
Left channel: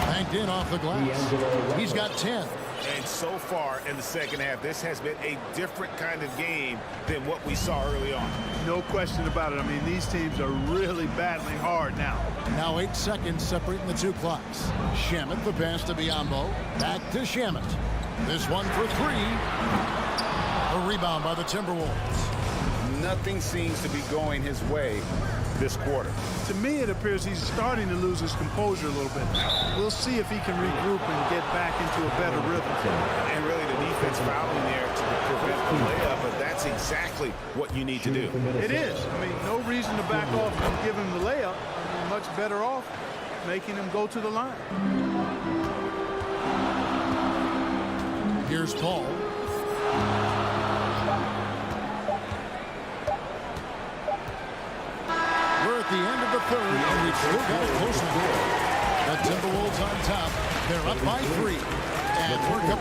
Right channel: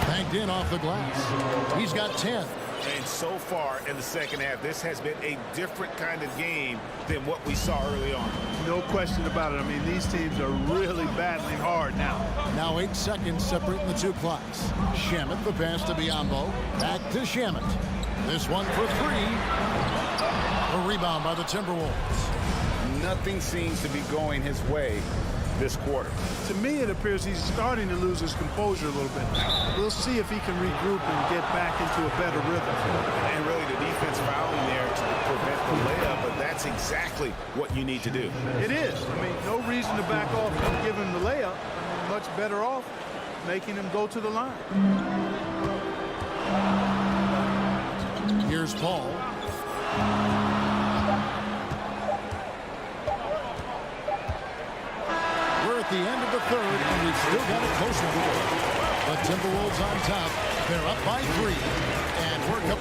Banked in off the glass. He's got 10. And so far in the second half, this has been a different kind of game than what we saw early on. No question about it. I mean, these teams are really battling hard now. Now 8 seconds separating the 2 clocks. Shamet, the pass to Biyombo. Back to Shamet. This one for 3. A rebound by the Timberwolves. Nothing seems to be going his way this quarter. To me, it appears he's starting to lose his composure a little bit. We'll see if he can regroup and get back into a better rhythm. And really the defense fouling there to prevent the layup, but that's exactly what you need to do. It is. I mean, no reason to back off and give him the layup. I mean, much better off making him go to the line. Here's Paul. We're at the end of the third, and we've still got a close one. The Timberwolves on top. They're up by 3. And we're up.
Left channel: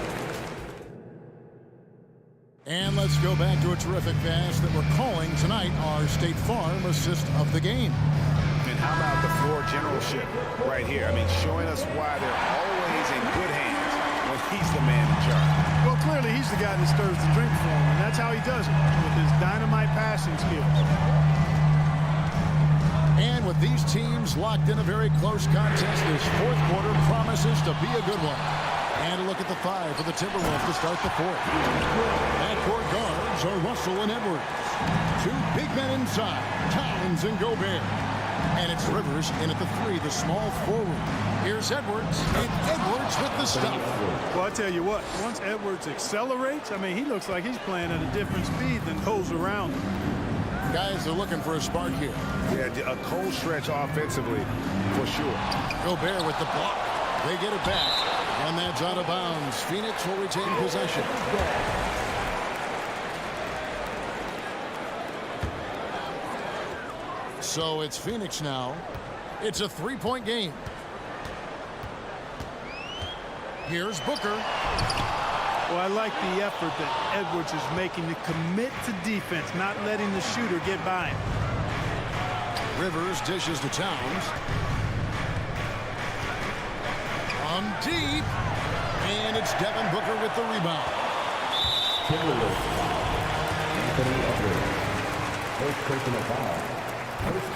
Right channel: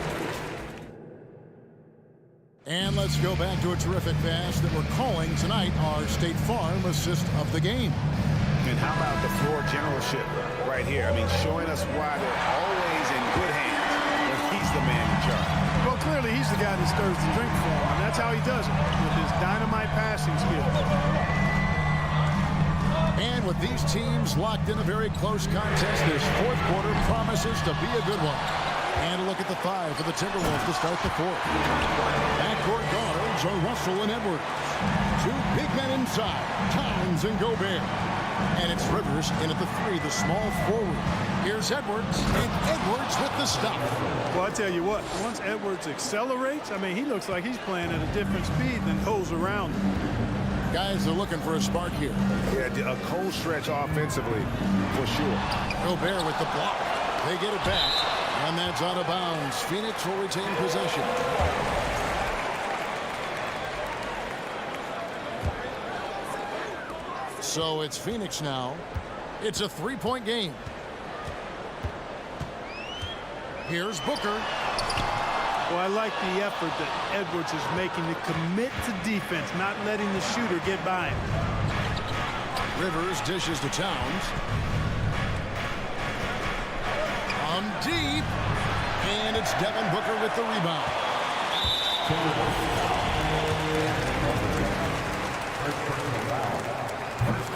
And let's go back to a terrific pass that we're calling tonight our State Farm assist of the game. And how about the floor generalship right here? I mean, showing us why they're always in good hands when he's the man in charge. Well, clearly he's the guy that stirs the drink for him, and that's how he does it, with his dynamite passing skills. And with these teams locked in a very close contest, this fourth quarter promises to be a good one. And a look at the 5 for the Timberwolves to start the fourth. Backcourt guards are Russell and Edwards. 2 big men inside, Towns and Gobert. And it's Rivers in at the 3, the small forward. Here's Edwards, and Edwards with the stuff. Well, I tell you what, once Edwards accelerates, I mean, he looks like he's playing at a different speed than those around him. Guys are looking for a spark here. Yeah, a cold stretch offensively, for sure. Gobert with the block. They get it back, and that's out of bounds. Phoenix will retain possession. So it's Phoenix now. It's a 3-point game. Here's Booker. Well, I like the effort that Edwards is making to commit to defense, not letting the shooter get by him. Rivers dishes to Towns. From deep. And it's Devin Booker with the rebound.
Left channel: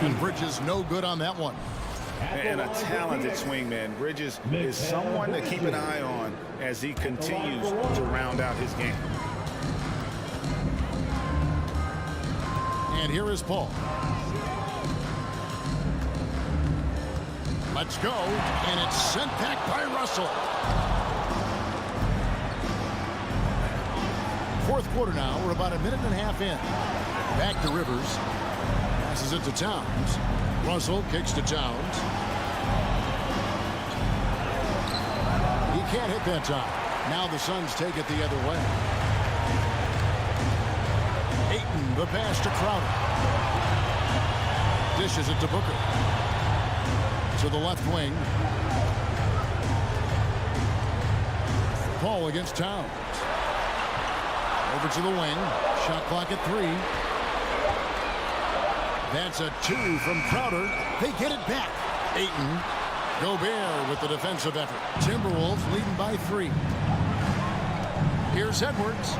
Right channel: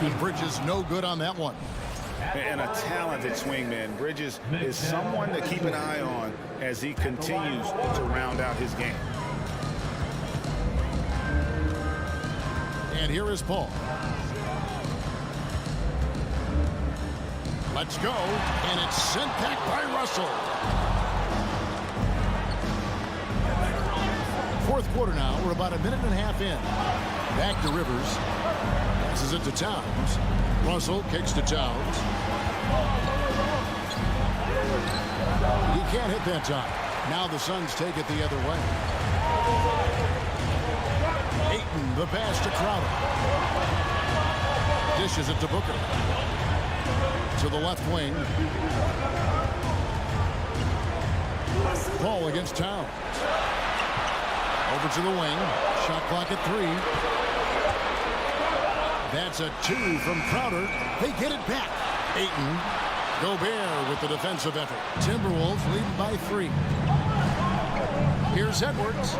And Bridges no good on that one. And a talented swingman. Bridges is someone to keep an eye on as he continues to round out his game. And here is Paul. Let's go. And it's sent back by Russell. Fourth quarter now. We're about a minute and a half in. Back to Rivers. Passes it to Towns. Russell kicks to Towns. He can't hit that time. Now the Suns take it the other way. Ayton, the pass to Crowder. Dishes it to Booker. To the left wing. Paul against Towns. Over to the wing. Shot clock at 3. That's a 2 from Crowder. They get it back. Ayton. Gobert with the defensive effort. Timberwolves leading by 3. Here's Edwards.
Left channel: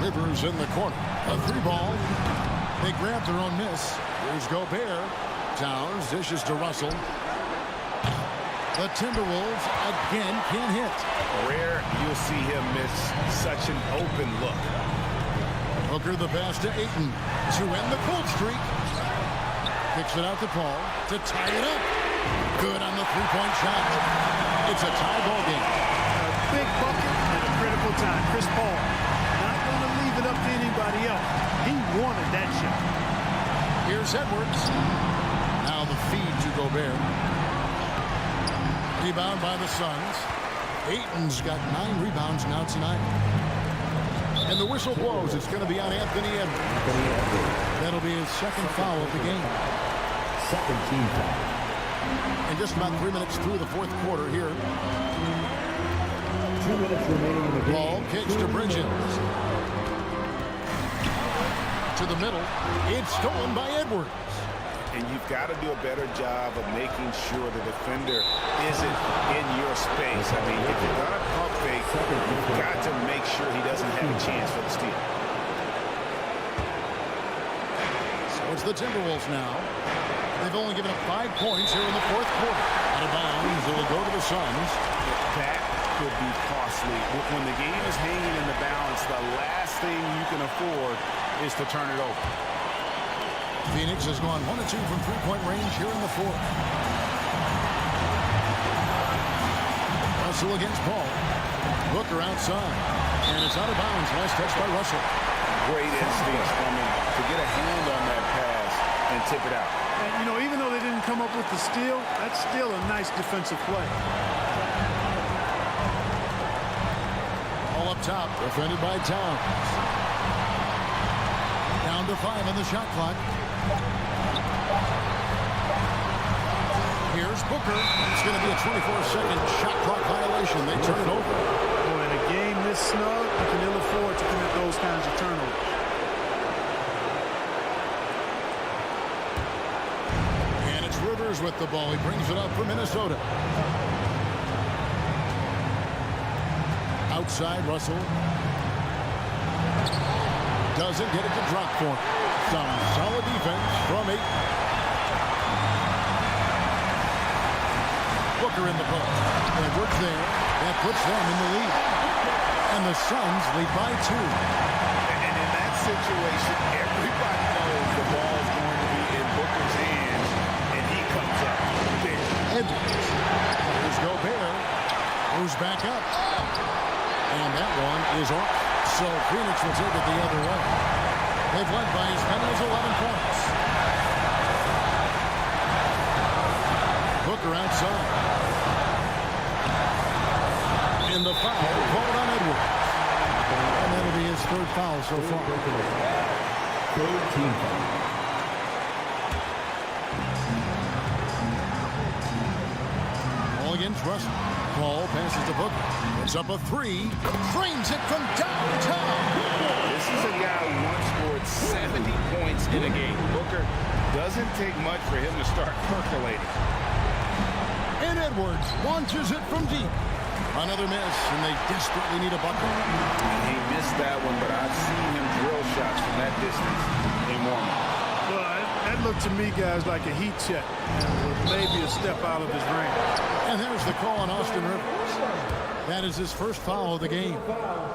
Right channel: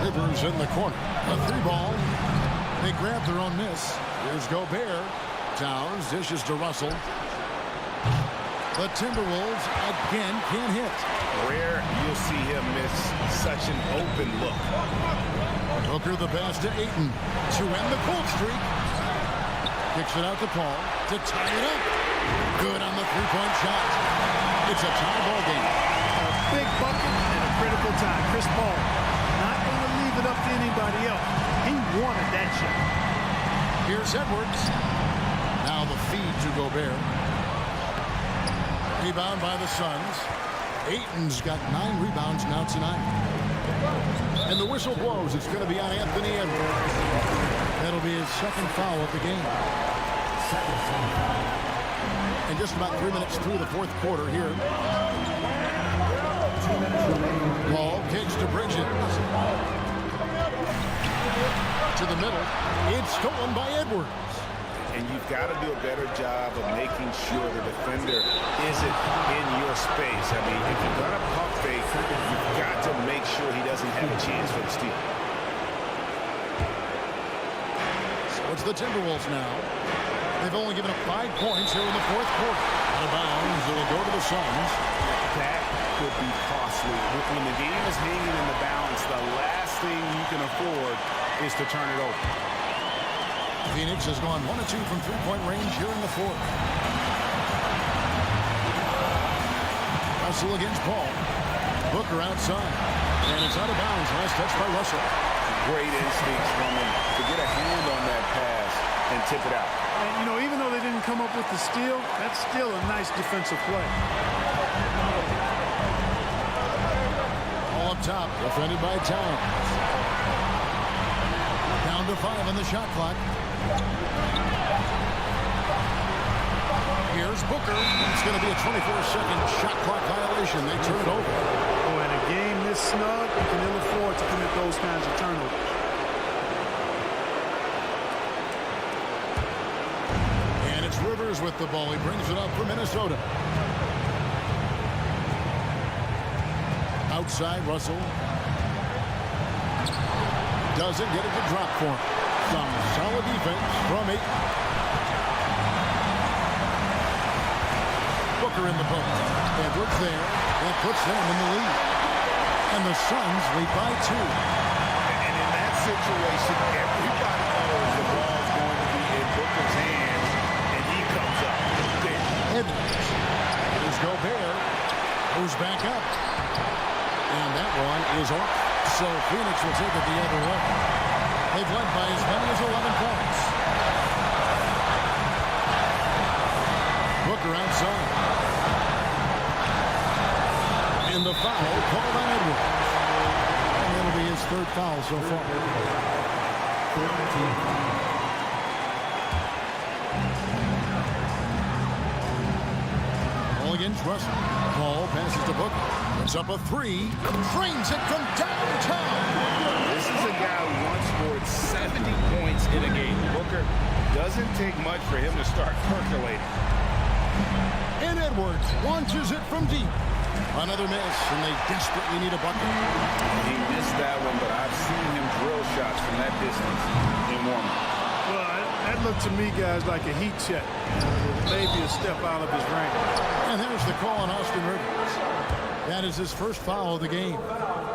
Rivers in the corner. A 3-ball. They grab their own miss. Here's Gobert. Towns dishes to Russell. The Timberwolves again can't hit. Rare you'll see him miss such an open look. Booker the pass to Ayton to end the cold streak. Kicks it out to Paul to tie it up. Good on the three-point shot. It's a tie ball game. A big bucket at a critical time. Chris Paul not going to leave it up to anybody else. He wanted that shot. Here's Edwards. Now the feed to Gobert. Rebound by the Suns. Ayton's got 9 rebounds now tonight. And the whistle blows. It's going to be on Anthony Edwards. That'll be his second foul of the game. Second team foul. And just about 3 minutes through the fourth quarter here. 2 minutes remaining in the game. Ball kicks to Bridges. To the middle. It's stolen by Edwards. And you've got to do a better job of making sure the defender isn't in your space. I mean, if you're going to pump fake, you've got to make sure he doesn't have a chance for the steal. So it's the Timberwolves now. They've only given up 5 points here in the fourth quarter. Out of bounds, it will go to the Suns. That could be costly. When the game is hanging in the balance, the last thing you can afford is to turn it over. Phoenix has gone 1 of 2 from three-point range here in the fourth. Russell against Paul. Booker outside. And it's out of bounds. Last touch by Russell. Great instincts from him to get a hand on that pass and tip it out. And, you know, even though they didn't come up with the steal, that's still a nice defensive play. All up top. Defended by Towns. Down to 5 on the shot clock. Here's Booker. It's going to be a 24-second shot clock violation. They turn it over. Oh, in a game this snug, you can ill afford to commit those kinds of turnovers. And it's Rivers with the ball. He brings it up for Minnesota. Outside, Russell. Doesn't get it to drop for him. Some solid defense from Ayton. Booker in the post. Edwards there. That puts them in the lead. And the Suns lead by 2. And in that situation, everybody knows the ball's going to be in Booker's hands, and he comes up big. Edwards. Here's Gobert. Goes back up. And that one is off. So Phoenix will take it the other way. They've led by as many as 11 points. Booker outside. And the foul called on Edwards. And that'll be his 3rd foul so far. 3rd team foul. All against Russell. Paul passes to Booker. Brings up a three. Drains it from downtown. This is a guy who once scored 70 points in a game. Booker, doesn't take much for him to start percolating. And Edwards launches it from deep. Another miss, and they desperately need a bucket. He missed that one, but I've seen him drill shots from that distance in warm-up. Well, that looked to me, guys, like a heat check, and was maybe a step out of his range. And there's the call on Austin Rivers. That is his first foul of the game.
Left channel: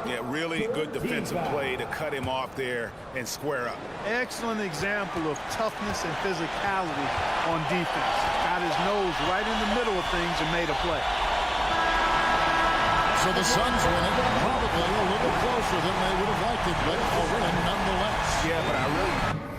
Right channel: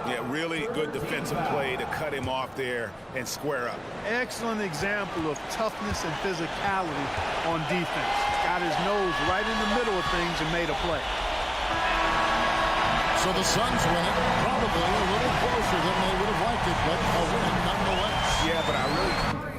Yeah, really good defensive play to cut him off there and square up. Excellent example of toughness and physicality on defense. Got his nose right in the middle of things and made a play. So the Suns win it, probably a little closer than they would have liked it, but a win nonetheless. Yeah, but I really